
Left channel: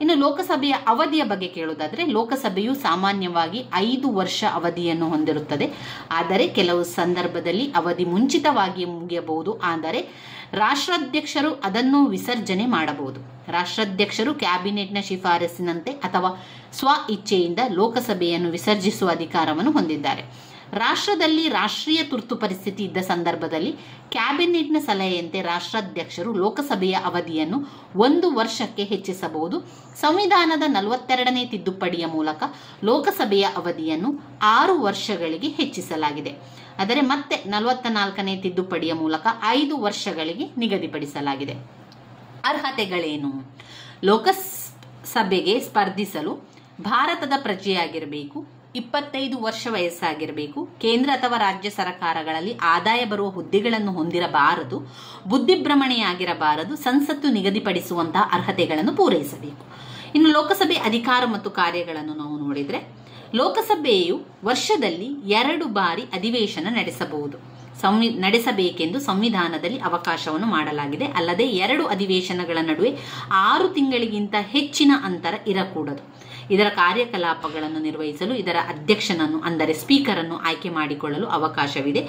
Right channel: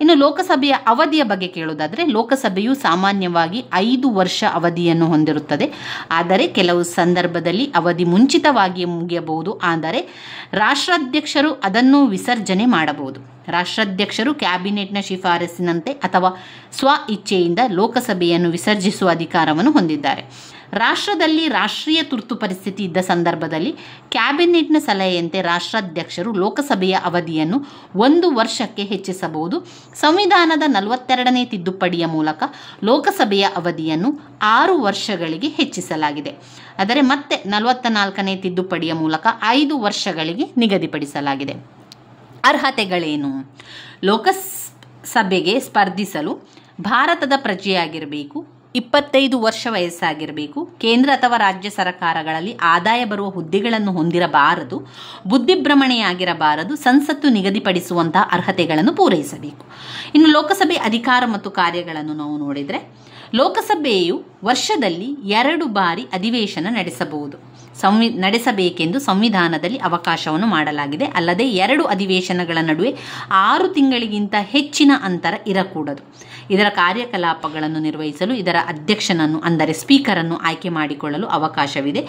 ಇನ್ನು ಲೋಕಸಭೆಯ ಅವಧಿಯ ಬಗ್ಗೆ ಕೇಳುವುದಾದರೆ, ಲೋಕಸಭೆಯು ಸಾಮಾನ್ಯವಾಗಿ 5 ವರ್ಷ ಅವಧಿಯನ್ನು ಹೊಂದಿರುತ್ತದೆ. ಆದರೆ ಕೆಲವು ಸಂದರ್ಭದಲ್ಲಿ ಅವಧಿ ಮುಂಚಿತವಾಗಿ ಮುಗಿಯಬಹುದು. ಆದರೆ ರಾಷ್ಟ್ರಾಧ್ಯಕ್ಷರು ಅದನ್ನು ವಿಸರ್ಜನೆ ಮಾಡಬಹುದು. ರಾಷ್ಟ್ರಾಧ್ಯಕ್ಷರು ಕ್ಯಾಬಿನೆಟ್ನ ಶಿಫಾರಸಿನಂತೆ ಅಥವಾ ಸ್ವ ಇಚ್ಛೆಯಿಂದ ಲೋಕಸಭೆಯನ್ನು ವಿಸರ್ಜಿಸುವ ಅಧಿಕಾರವನ್ನು ಹೊಂದಿದ್ದಾರೆ. ರಾಷ್ಟ್ರದಲ್ಲಿ ರಾಷ್ಟ್ರೀಯ ತುರ್ತು ಪರಿಸ್ಥಿತಿ ಇದ್ದ ಸಂದರ್ಭದಲ್ಲಿ ಕ್ಯಾಬಿನೆಟ್ನ ಸಲಹೆಯಂತೆ ರಾಷ್ಟ್ರಾಧ್ಯಕ್ಷರು ಲೋಕಸಭೆಯ ಅವಧಿಯನ್ನು 1 ವರ್ಷಕ್ಕೆ ಹೆಚ್ಚಿಸಬಹುದು. ಸಂವಿಧಾನದ 42ನೇ ತಿದ್ದುಪಡಿಯ ಮೂಲಕ ಲೋಕಸಭೆಯ ಅವಧಿಯನ್ನು 6 ವರ್ಷಗಳಿಗೆ ಹೆಚ್ಚಿಸಲಾಗಿದೆ. ಆದರೆ ಮತ್ತೆ 44ನೇ ತಿದ್ದುಪಡಿಯ ಮೂಲಕ 5 ವರ್ಷಗಳಿಗೆ ನಿಗದಿಪಡಿಸಲಾಗಿದೆ. ಅರ್ಹತೆಗಳೇನು? ಲೋಕಸಭೆಗೆ ಸ್ಪರ್ಧಿಸಲು ಭಾರತದ ಪ್ರಜೆಯಾಗಿರಬೇಕು, 25 ವರ್ಷ ವಯಸ್ಸಾಗಿರಬೇಕು, ಕೇಂದ್ರ ಅಥವಾ ರಾಜ್ಯ ಸರ್ಕಾರಗಳಲ್ಲಿ ಆದಾಯ ಬರುವ ಹುದ್ದೆಗಳನ್ನು ಹೊಂದಿರಬಾರದು, ಬುದ್ಧಿಭ್ರಮಣೆಯಾಗಿರಬಾರದು, ಸಂಸತ್ತು ನಿಗದಿಪಡಿಸುವಂತಹ ಅರ್ಹತೆಗಳನ್ನು ಪೂರೈಸಬೇಕು. ಇನ್ನು ಲೋಕಸಭೆ ಅಧಿಕಾರ ಮತ್ತು ಕಾರ್ಯಗಳನ್ನು ನಾವು ನೋಡಿದರೆ, ಲೋಕಸಭೆಯು ವರ್ಷದಲ್ಲಿ 2 ಬಾರಿ ಅಧಿವೇಶನ ನಡೆಸಬೇಕೆಂದು ಸಂವಿಧಾನದಲ್ಲಿ ಅವಕಾಶವನ್ನು ಮಾಡಲಾಗಿದೆ. ಅಲ್ಲದೆ 2 ಅಧಿವೇಶನಗಳ ನಡುವೆ 6 ತಿಂಗಳಿಗಿಂತ ಹೆಚ್ಚಿನ ಅಂತರ ಇರಕೂಡದು. ಇದರ ಕಾರ್ಯಕಲಾಪಗಳನ್ನು ನಿರ್ವಹಿಸಲು ಇದರ ಅಧ್ಯಕ್ಷನನ್ನು ಅಂದರೆ ಸ್ಪೀಕರನ್ನು ಆಯ್ಕೆ ಮಾಡಿಕೊಳ್ಳಲು ಅವಕಾಶವಿದೆ.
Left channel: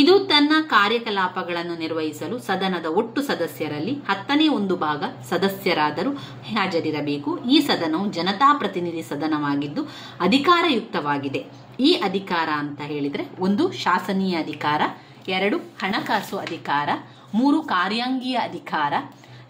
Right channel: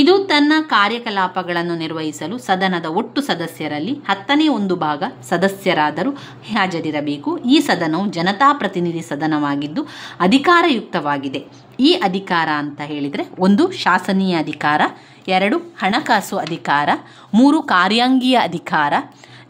ಇದು ತನ್ನ ಕಾರ್ಯಕಲಾಪಗಳನ್ನು ನಿರ್ವಹಿಸಲು ಸದನದ ಒಟ್ಟು ಸದಸ್ಯರಲ್ಲಿ 10ನೇ 1 ಭಾಗ ಸದಸ್ಯರಾದರೂ ಹಾಜರಿರಬೇಕು. ಈ ಸದನವು ಜನತಾ ಪ್ರತಿನಿಧಿ ಸದನವಾಗಿದ್ದು ಅಧಿಕಾರಯುಕ್ತವಾಗಿದೆ. ಈ ಅಧಿಕಾರ ಅಂತ ಹೇಳಿದರೆ 1 ಶಾಸನೀಯ ಅಧಿಕಾರ, 2 ಹಣಕಾಸು ಅಧಿಕಾರ, 3 ಕಾರ್ಯಾಂಗೀಯ ಅಧಿಕಾರ,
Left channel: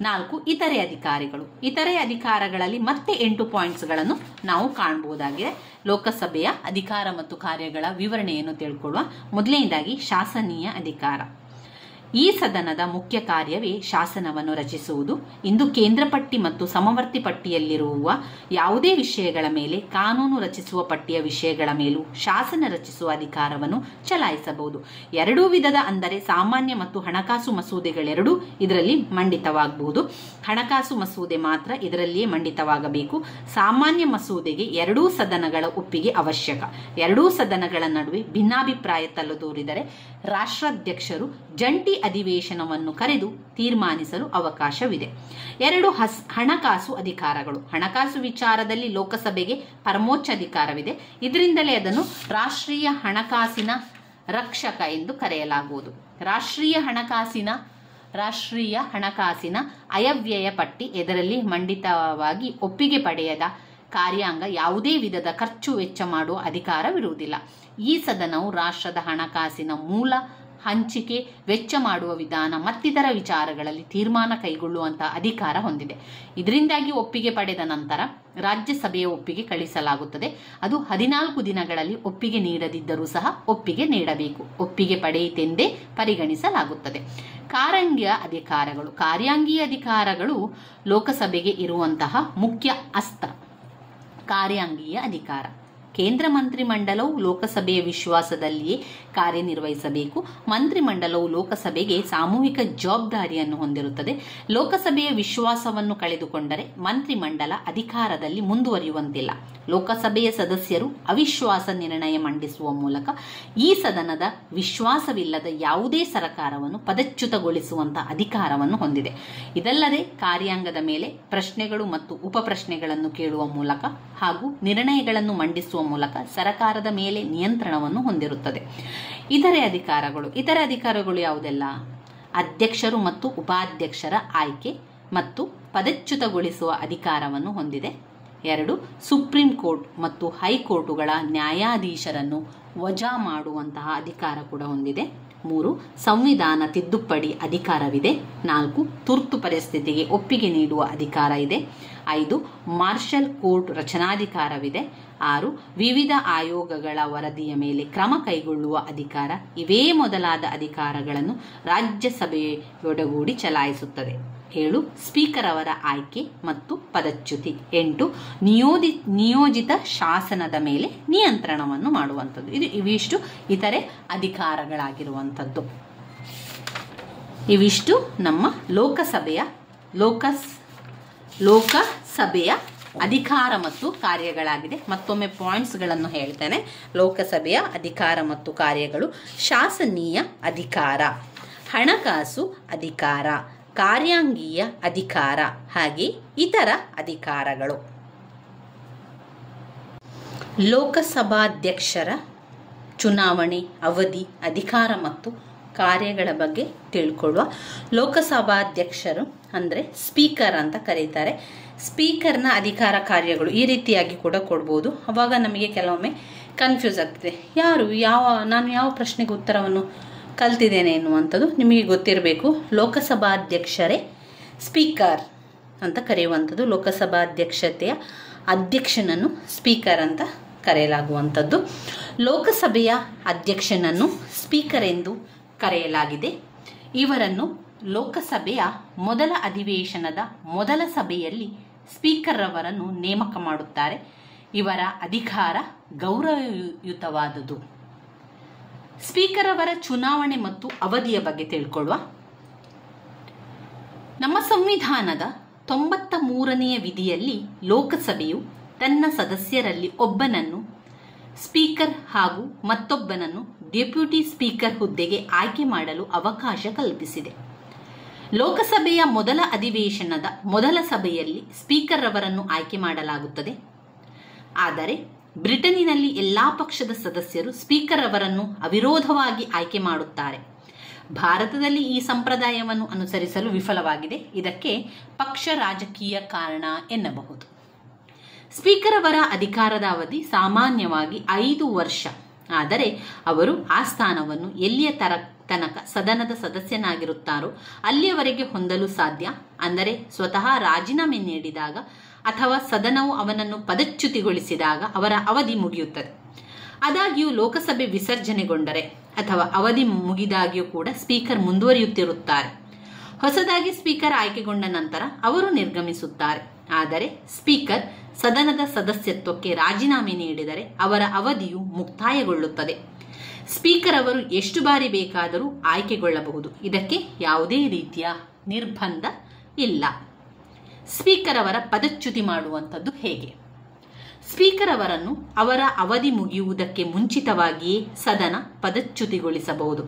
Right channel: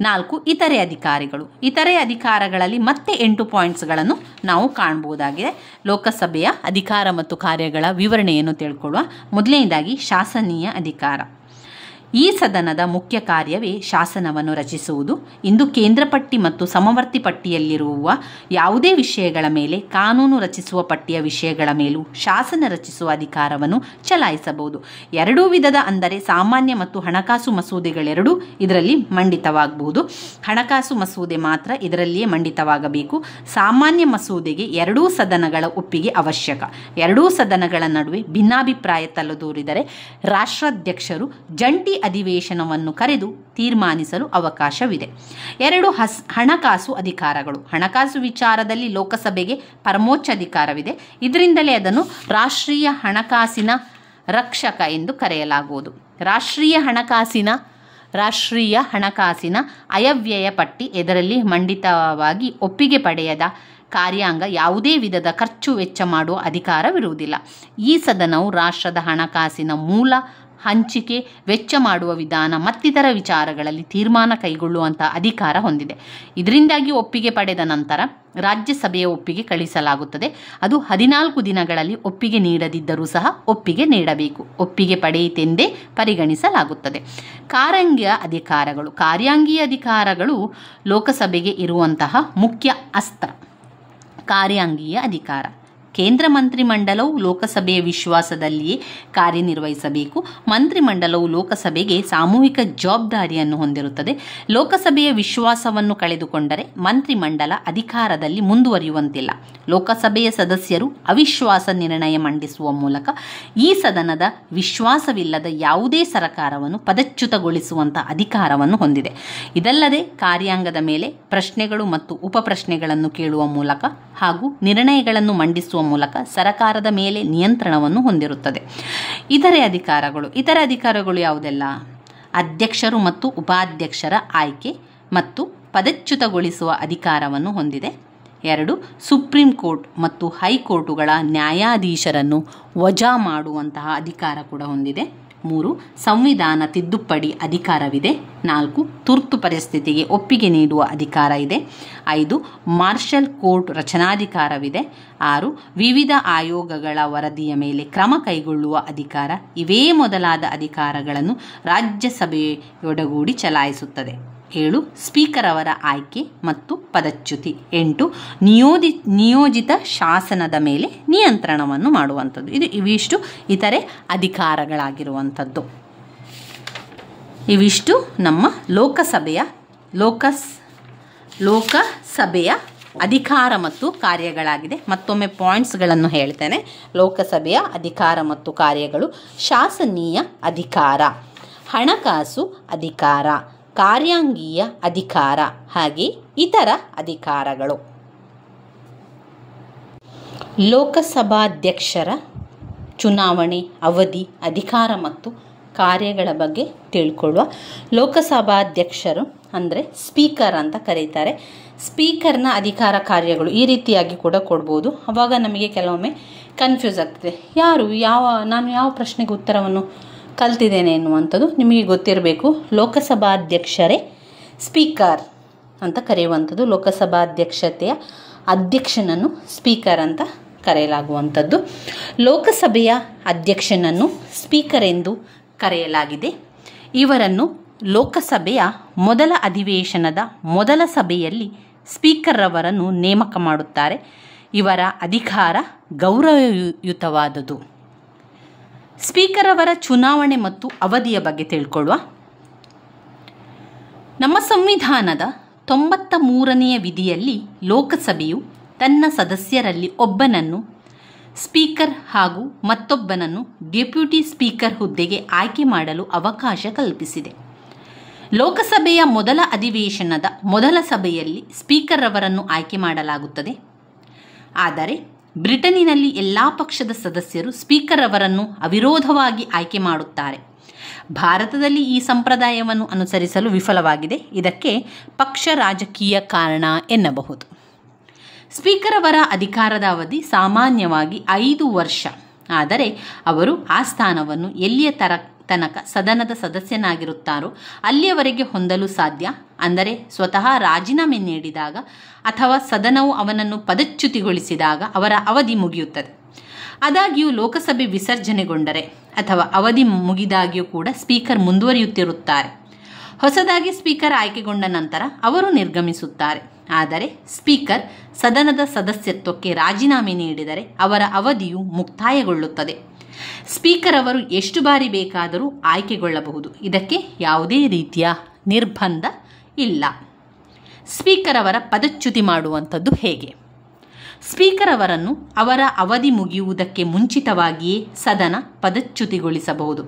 4 ಇತರೆ ಅಧಿಕಾರಿಗಳು. ಇತರೆ ಅಧಿಕಾರಗಳಲ್ಲಿ ಮತ್ತೆ 8 ಪಾಯಿಂಟ್ಸ್ಗಳನ್ನು ನಾವು ಕಾಣಬಹುದಾಗಿದೆ. ಲೋಕಸಭೆಯ ಅಧಿಕಾರ ಮತ್ತು ಕಾರ್ಯಗಳ ವಿವರಣೆಯನ್ನು ತಿಳ್ಕೊಳ್ಳುವ. ಮೊದಲನೇದಾಗಿ ಶಾಸನೀಯ ಅಧಿಕಾರ. ಈ ಸದನದ ಮುಖ್ಯ ಕಾರ್ಯವೇ ಶಾಸನವನ್ನು ರಚಿಸುವುದು. ಇಂದು ಕೇಂದ್ರ ಪಟ್ಟಿ ಮತ್ತು ಸಮವರ್ತಿ ಪಟ್ಟಿಯಲ್ಲಿರುವ ಯಾವುದೇ ವಿಷಯಗಳ ಮೇಲೆ, ಕಾನೂನು ರಚಿಸುವ ಪಟ್ಟಿಯ ವಿಷಯಗಳ ಮೇಲೂ ಶಾಸನ ರಚಿಸುವ ಅಧಿಕಾರವನ್ನು ಚಲಾಯಿಸಬಹುದು. 2 ವಿಧದ ಅಂದರೆ ಸಾಮಾನ್ಯ ಮತ್ತು ಹಣಕಾಸು ಮಸೂದೆಗಳೆರಡೂ ಇದರಲ್ಲಿ ಮಂಡಿತವಾಗಬಹುದು. ಹಣಕಾಸು ಮಸೂದೆ ಮಾತ್ರ ಇದರಲ್ಲಿಯೇ ಮಂಡಿತವಾಗಬೇಕು. ಸಾಮಾನ್ಯ ಮಸೂದೆಗೆ 2 ಸದನಗಳ ಒಪ್ಪಿಗೆ ಅವಶ್ಯಕ. 2 ಸದನಗಳ ನಡುವೆ ಭಿನ್ನಾಭಿಪ್ರಾಯ ತಲೆದೋರಿದರೆ ರಾಷ್ಟ್ರಾಧ್ಯಕ್ಷರು ಜಂಟಿ ಅಧಿವೇಶನವನ್ನು ಕರೆದು ತೀರ್ಮಾನಿಸಲು ಅವಕಾಶವಿದೆ. 2 ಹಣಕಾಸು ಅಧಿಕಾರಗಳು. ಹಣಕಾಸು ವಿಚಾರದಲ್ಲಿ ಲೋಕಸಭೆಗೆ ಪರಮೋಚ್ಚ ಅಧಿಕಾರವಿದೆ. ಇದರಿಂದಲೇ ಅದನ್ನು ರಾಷ್ಟ್ರೀಯ ಹಣಕಾಸಿನ ರಕ್ಷಕ ಎಂದು ಕರೆಯಲಾಗುವುದು. ರಾಷ್ಟ್ರೀಯ ಹಣಕಾಸಿನ ಅಯವ್ಯಯ ಪಟ್ಟಿ ಇದರಲ್ಲಿ ಮಂಡಿತವಾಗಿ ಒಪ್ಪಿಗೆ ಪಡೆಯದ ಕಾರ್ಯಾಂಗ ಯಾವುದೇ ವಿಧದ ಖರ್ಚು ವೆಚ್ಚ ಮಾಡುವ ಅಧಿಕಾರವಿರುವುದಿಲ್ಲ. ಈ ಸದನವು ರಾಷ್ಟ್ರದ ಹಣಕಾಸಿನ ಮೂಲ, ಹಂಚಿಕೆ, ವೆಚ್ಚ ಮಾಡುವ ವಿಧಾನ ಮತ್ತಿತರ ವಿಚಾರಗಳಲ್ಲಿ ತೀರ್ಮಾನ ಕೈಗೊಳ್ಳುವಂತಹ ಅಧಿಕಾರ ಹೊಂದಿದೆ. ಇದರಿಂದಾಗಿ ಒಪ್ಪಿಗೆ ಪಡೆದ ನಂತರ ರಾಜ್ಯಸಭೆಯ ಒಪ್ಪಿಗೆ ಕಳಿಸಲಾಗುತ್ತದೆ. ಅದು 14 ದಿನಗಳಲ್ಲಿ ಒಪ್ಪಿಗೆ ನೀಡದಿದ್ದರೂ ಸಹ ಒಪ್ಪಿಗೆ ನೀಡಬೇಕು. ಒಪ್ಪಿಗೆ ಪಡೆಯಿತೆಂದೇ ಪರಿಗಣಿಸಲಾಗುತ್ತದೆ. ಕಾರ್ಯಾಂಗೀಯ ಅಧಿಕಾರಗಳು ಲೋಕಸಭೆಗೆ ಇರುವಂತಹ ಮುಖ್ಯ ಅಸ್ತ್ರ. ಕಾರ್ಯಾಂಗೀಯ ಅಧಿಕಾರ. ಕೇಂದ್ರ ಮಂತ್ರಿಮಂಡಲವು ಲೋಕಸಭೆಯ ವಿಶ್ವಾಸದಲ್ಲಿಯೇ ಕಾರ್ಯನಿರ್ವಹಿಸಬೇಕು. ಮಂತ್ರಿಮಂಡಲವು ಲೋಕಸಭೆಗೆ ಸಾಮೂಹಿಕ ಜವಾಬ್ದಾರಿಯನ್ನು ಹೊಂದಿರುತ್ತದೆ. ಲೋಕಸಭೆಯ ವಿಶ್ವಾಸವನ್ನು ಕಳೆದುಕೊಂಡರೆ ಮಂತ್ರಿಮಂಡಲ ಅಧಿಕಾರದಲ್ಲಿ ಮುಂದುವರಿಯುವಂತಿಲ್ಲ. ಲೋಕಸಭೆಯ ಸದಸ್ಯರು ಅವಿಶ್ವಾಸ ನಿರ್ಣಯ ಮಂಡಿಸುವ ಮೂಲಕ ಈ ಸದನದ ವಿಶ್ವಾಸವಿಲ್ಲದ ಯಾವುದೇ ಸರ್ಕಾರವನ್ನು ಪದಚ್ಯುತಗೊಳಿಸುವಂತಹ ಅಧಿಕಾರವನ್ನು ಹೊಂದಿದೆ. ಇದಲ್ಲದೆ ಕಾರ್ಯಾಂಗದ ಮೇಲೆ ಪ್ರಶ್ನೆಗಳು ಮತ್ತು ಉಪಪ್ರಶ್ನೆಗಳನ್ನು ಕೇಳುವ ಮೂಲಕ ಹಾಗೂ ನಿರ್ಣಯಗಳನ್ನು ಮಂಡಿಸುವ ಮೂಲಕ ಸರ್ಕಾರದ ಮೇಲೆ ನಿಯಂತ್ರಣವನ್ನು ಹೊಂದಿರುತ್ತದೆ. ಇತರೆ ಅಧಿಕಾರಗಳು ಯಾವುದೆಲ್ಲ? ಅಧ್ಯಕ್ಷರು ಮತ್ತು ಉಪಾಧ್ಯಕ್ಷರ ಆಯ್ಕೆ ಮತ್ತು ಪದಚ್ಯುತಗೊಳಿಸುವ ಅಧಿಕಾರವನ್ನು ಹೊಂದಿದೆ. 2 ಸುಪ್ರೀಂ ಕೋರ್ಟ್ ಮತ್ತು ಹೈಕೋರ್ಟುಗಳ ನ್ಯಾಯಾಧೀಶರನ್ನು ವಜಾ ಮಾಡುವಂತಹ ಅಧಿಕಾರ ಕೂಡ ಹೊಂದಿದೆ. 3. ಸಂವಿಧಾನ ತಿದ್ದುಪಡಿ ಅಧಿಕಾರವಿದೆ. 4. ತುರ್ತು ಪರಿಸ್ಥಿತಿಗೆ ಒಪ್ಪಿಗೆ ನೀಡುವ ಅಧಿಕಾರ ಇದೆ. 5. ಮಾರ್ಷಲ್ ಕೋರ್ಟ್ ರಚನಾಧಿಕಾರವಿದೆ. 6. ವಿವಿಧ ಆಯೋಗಗಳ ವರದಿಯ ಮೇಲೆ ಕ್ರಮ ಕೈಗೊಳ್ಳುವ ಅಧಿಕಾರ. ಇವೇ ಮೊದಲಾದ ಅಧಿಕಾರಗಳನ್ನು ರಾಜ್ಯಸಭೆಯೊಡಗೂಡಿ ಚಲಾಯಿಸುತ್ತದೆ. 7. ಸ್ಪೀಕರ್ ಅವರ ಆಯ್ಕೆ ಮತ್ತು ಪದಚ್ಯುತಿ. 8. ನಿಯೋಜಿತ ಶಾಸನದ ಮೇಲೆ ನಿಯಂತ್ರಣವನ್ನು ಮಾಡುವಂಥದ್ದು. ಇವಿಷ್ಟು ಇತರೆ ಅಧಿಕಾರಗಳಾಗಿರುವಂಥದ್ದು. ಇವಿಷ್ಟು ನಮ್ಮ ಲೋಕಸಭೆಯ ಅಧಿಕಾರ ಮತ್ತು ಕಾರ್ಯಗಳಾಗಿದೆ. ಮತ್ತೊಮ್ಮೆ ಪಾಯಿಂಟ್ಸ್ಗಳನ್ನು ಹೇಳ್ತೇನೆ. ಲೋಕಸಭೆಯ ಅಧಿಕಾರ ಮತ್ತು ಕಾರ್ಯಗಳು: ಶಾಸನೀಯ ಅಧಿಕಾರ, ಹಣಕಾಸು ಅಧಿಕಾರ, ಕಾರ್ಯಾಂಗೀಯ ಅಧಿಕಾರ, ಹಾಗೆ ಇತರ ಅಧಿಕಾರಗಳು. ಲೋಕಸಭಾಧ್ಯಕ್ಷರ ಚುನಾವಣೆ, ಅವಧಿ, ಅಧಿಕಾರ ಮತ್ತು ಕಾರ್ಯಗಳ ಬಗ್ಗೆ ತಿಳ್ಕೊಳ್ಳುವ. ಲೋಕಸಭಾಧ್ಯಕ್ಷರು ಅಂದರೆ ಸ್ಪೀಕರ್ ಅಂತ ಕರೀತಾರೆ. ಸ್ಪೀಕರ್ನ ಅಧಿಕಾರ ಕಾರ್ಯಗಳು ಈ ರೀತಿಯಾಗಿ ಕೂಡ ಕೊಡ್ಬೋದು. ಆವಾಗ ನಮಗೆ ಕೆಲವೊಮ್ಮೆ ಕನ್ಫ್ಯೂಸ್ ಆಗ್ತದೆ, ನಾನು ಯಾವ ಪ್ರಶ್ನೆಗೆ ಉತ್ತರವನ್ನು ಕಲ್ತಿದ್ದೇನೆ ಎನ್ನುವಂಥದ್ದು ನಿಮಗೆ ಗೊತ್ತಿರಬೇಕು. ಲೋಕಸಭಾಧ್ಯಕ್ಷರೇ ಸ್ಪೀಕರ್ ಅಂತ ಕರೆಯುವಂಥದ್ದು. ಲೋಕಸಭಾಧ್ಯಕ್ಷತೆಯ ಅಧ್ಯಕ್ಷನನ್ನು ಸ್ಪೀಕರ್ ಅಂತ ಕರೆಯಲಾಗುವಂಥದ್ದು. ಲೋಕಸಭೆಯ ಅಧ್ಯಕ್ಷನನ್ನು ಸ್ಪೀಕರ್ ಎಂದು ಕರೆಯಲಾಗಿದೆ. ಇವರನ್ನು ಲೋಕಸಭೆಯ ಮೊದಲ ಅಧಿವೇಶನದ ಮೊದಲ ಸಭೆಯಲ್ಲಿ ಸ್ಪೀಕರ್ ಅವರನ್ನು ನೇಮಕ ಮಾಡುತ್ತಾರೆ. ಇವರ ಅಧಿಕಾರ ಗೌರವಯುತವಾದುದು. ಸ್ಪೀಕರ್ ಅವರ ಚುನಾವಣೆ ಮತ್ತು ಅವಧಿಯ ಬಗ್ಗೆ ತಿಳ್ಕೊಳ್ಳುವ. ನಮ್ಮ ಸಂವಿಧಾನದ 93ನೇ ವಿಧಿಯಲ್ಲಿ ಲೋಕಸಭೆಯು ತನ್ನ ಸದಸ್ಯರಲ್ಲಿ ಒಬ್ಬನನ್ನು ಸ್ಪೀಕರ್ ಹಾಗೂ ಮತ್ತೊಬ್ಬನನ್ನು ಡೆಪ್ಯೂಟಿ ಸ್ಪೀಕರ್ ಹುದ್ದೆಗೆ ಆಯ್ಕೆ ಮಾಡಲು ಅವಕಾಶ ಕಲ್ಪಿಸಿದೆ. ಲೋಕಸಭೆಯ ಮೊದಲ ಅಧಿವೇಶನದ ಮೊದಲ ಸಭೆಯಲ್ಲಿ ಸ್ಪೀಕರ್ ಅವರನ್ನು ಆಯ್ಕೆ ಮಾಡಲಾಗುತ್ತದೆ. ಆದರೆ ಬ್ರಿಟನ್ನಿನಲ್ಲಿ ಎಲ್ಲ ಪಕ್ಷದ ಸದಸ್ಯರು ಸ್ಪೀಕರ್ ಅವರನ್ನು ಅವಿರೋಧವಾಗಿ ಆಯ್ಕೆ ಮಾಡುತ್ತಾರೆ. ಭಾರತದಲ್ಲಿ ಈ ಸಂಪ್ರದಾಯವನ್ನು ಅನುಸರಿಸಲು ವಿಫಲವಾಗಿದೆ. ಇದಕ್ಕೆ ಪಕ್ಷ ರಾಜಕೀಯ ಕಾರಣ ಎನ್ನಬಹುದು. ಸ್ಪೀಕರ್ ಅವರ ಅಧಿಕಾರದ ಅವಧಿ ಸಾಮಾನ್ಯವಾಗಿ 5 ವರ್ಷ. ಆದರೆ ಅವರು ಆ ಸ್ಥಾನವನ್ನು ಎಲ್ಲಿಯ ತನಕ ಸದನದ ಸದಸ್ಯನಾಗಿರುತ್ತಾರೋ ಅಲ್ಲಿಯವರೆಗೆ ಹೊಂದಲು ಸಾಧ್ಯ. ಅಂದರೆ ಸ್ವತಃ ರಾಜೀನಾಮೆ ನೀಡಿದಾಗ ಅಥವಾ ಸದನವು ಅವನನ್ನು ಪದಚ್ಯುತಿಗೊಳಿಸಿದಾಗ ಅವರ ಅವಧಿ ಮುಗಿಯುತ್ತದೆ. ಆದಾಗ್ಯೂ ಲೋಕಸಭೆ ವಿಸರ್ಜನೆಗೊಂಡರೆ ಅಥವಾ ಅವಧಿ ಮುಗಿದಾಗ್ಯೂ ಕೂಡ ಸ್ಪೀಕರ್ ಮುಂದುವರಿಯುತ್ತಿರುತ್ತಾರೆ. ಹೊಸದಾಗಿ ಸ್ಪೀಕರ್ ಆಯ್ಕೆಗೊಂಡ ನಂತರ ಅವರು ನಿರ್ಗಮಿಸುತ್ತಾರೆ. ಆದರೆ ಸ್ಪೀಕರ್ ಸದನದ ಸದಸ್ಯತ್ವಕ್ಕೆ ರಾಜೀನಾಮೆ ನೀಡಿದರೆ ಅವರ ಅವಧಿಯು ಮುಕ್ತಾಯಗೊಳ್ಳುತ್ತದೆ. ಸ್ಪೀಕರ್ ಅವರು ಎಷ್ಟು ಬಾರಿ ಬೇಕಾದರೂ ಆಯ್ಕೆಗೊಳ್ಳಬಹುದು. ಇದಕ್ಕೆ ಯಾವುದೇ ರೀತಿಯ ನಿರ್ಬಂಧ ಇಲ್ಲ. ಸ್ಪೀಕರ್ ಅವರ ಪದಚ್ಯುತಿ ಮಾಡುವಂಥದ್ದು ಹೇಗೆ? ಸ್ಪೀಕರ್ ಅವರನ್ನು ಅವರ ಅವಧಿ ಮುಗಿಯುವುದಕ್ಕೆ ಮುಂಚಿತವಾಗಿಯೇ ಸದನ ಪದಚ್ಯುತಿಗೊಳಿಸಬಹುದು.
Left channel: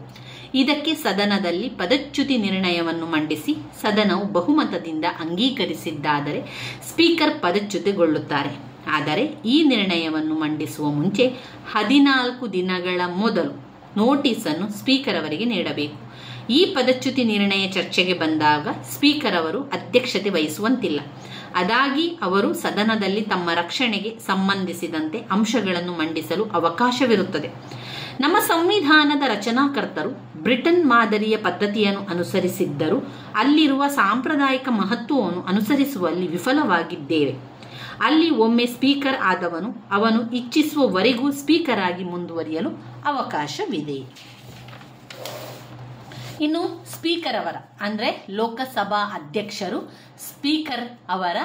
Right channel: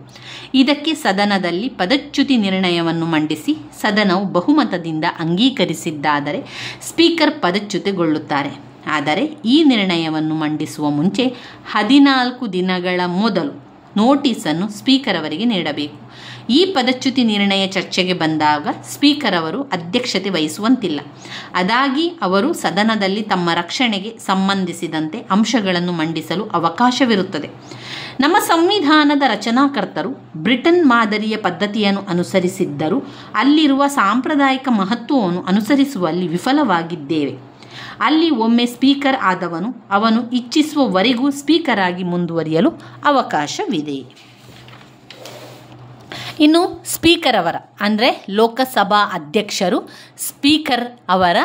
ಇದಕ್ಕೆ ಸದನದಲ್ಲಿ ಪದಚ್ಯುತಿ ನಿರ್ಣಯವನ್ನು ಮಂಡಿಸಿ ಸದನವು ಬಹುಮತದಿಂದ ಅಂಗೀಕರಿಸಿದ್ದಾದರೆ ಸ್ಪೀಕರ್ ಪದಚ್ಯುತಿಗೊಳ್ಳುತ್ತಾರೆ. ಆದರೆ ಈ ನಿರ್ಣಯವನ್ನು ಮಂಡಿಸುವ ಮುಂಚೆ 14 ದಿನಗಳ ಮೊದಲು ನೋಟಿಸನ್ನು ಸ್ಪೀಕರ್ ಅವರಿಗೆ ನೀಡಬೇಕು. ಈ ಪದಚ್ಯುತಿ ನಿರ್ಣಯ ಚರ್ಚೆಗೆ ಬಂದಾಗ ಸ್ಪೀಕರ್ ಅವರು ಅಧ್ಯಕ್ಷತೆ ವಹಿಸುವಂತಿಲ್ಲ. ಅದಾಗಿ ಅವರು ಸದನದಲ್ಲಿ ತಮ್ಮ ರಕ್ಷಣೆಗೆ ಸಂಬಂಧಿಸಿದಂತೆ ಅಂಶಗಳನ್ನು ಮಂಡಿಸಲು ಅವಕಾಶವಿರುತ್ತದೆ. ನಮ್ಮ ಸಂವಿಧಾನದ ರಚನಾಕರ್ತರು ಬ್ರಿಟನ್ ಮಾದರಿಯ ಪದ್ಧತಿಯನ್ನು ಅನುಸರಿಸಿದ್ದರೂ ಅಲ್ಲಿರುವ ಸಾಂಪ್ರದಾಯಿಕ ಮಹತ್ವವನ್ನು ಅನುಸರಿಸುವಲ್ಲಿ ವಿಫಲವಾಗಿದ್ದೇವೆ. ಅಲ್ಲಿ ಒಮ್ಮೆ ಸ್ಪೀಕರ್ ಆದವನು ಅವನು ಇಚ್ಛಿಸುವವರೆಗೂ ಸ್ಪೀಕರ್ ಆಗಿ ಮುಂದುವರಿಯಲು ಅವಕಾಶವಿದೆ. ಇನ್ನು ಸ್ಪೀಕರ್ ಅವರ ಅಂದರೆ ಲೋಕಸಭಾ ಅಧ್ಯಕ್ಷರು ಸ್ಪೀಕರ್ ಅವರ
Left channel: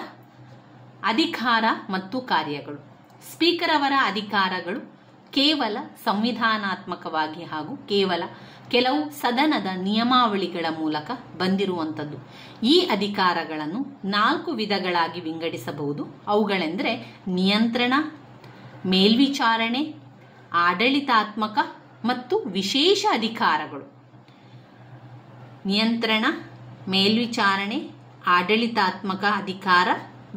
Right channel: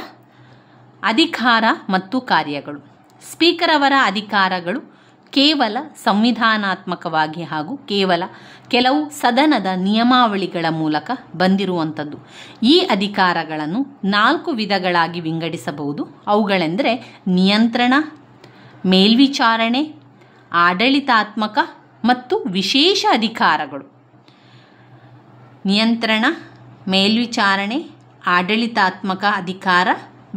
ಅಧಿಕಾರ ಮತ್ತು ಕಾರ್ಯಗಳು. ಸ್ಪೀಕರ್ ಅವರ ಅಧಿಕಾರಗಳು ಕೇವಲ ಸಂವಿಧಾನಾತ್ಮಕವಾಗಿ ಹಾಗೂ ಕೆಲವು ಸದನದ ನಿಯಮಾವಳಿಗಳ ಮೂಲಕ ಬಂದಿರುವಂಥದ್ದು. ಈ ಅಧಿಕಾರಗಳನ್ನು 4 ವಿಧಗಳಾಗಿ ವಿಂಗಡಿಸಬಹುದು. ಅವುಗಳೆಂದರೆ ನಿಯಂತ್ರಣ, ಮೇಲ್ವಿಚಾರಣೆ, ಆಡಳಿತಾತ್ಮಕ ಮತ್ತು ವಿಶೇಷ ಅಧಿಕಾರಗಳು. ನಿಯಂತ್ರಣ, ಮೇಲ್ವಿಚಾರಣೆ, ಆಡಳಿತಾತ್ಮಕ ಅಧಿಕಾರ,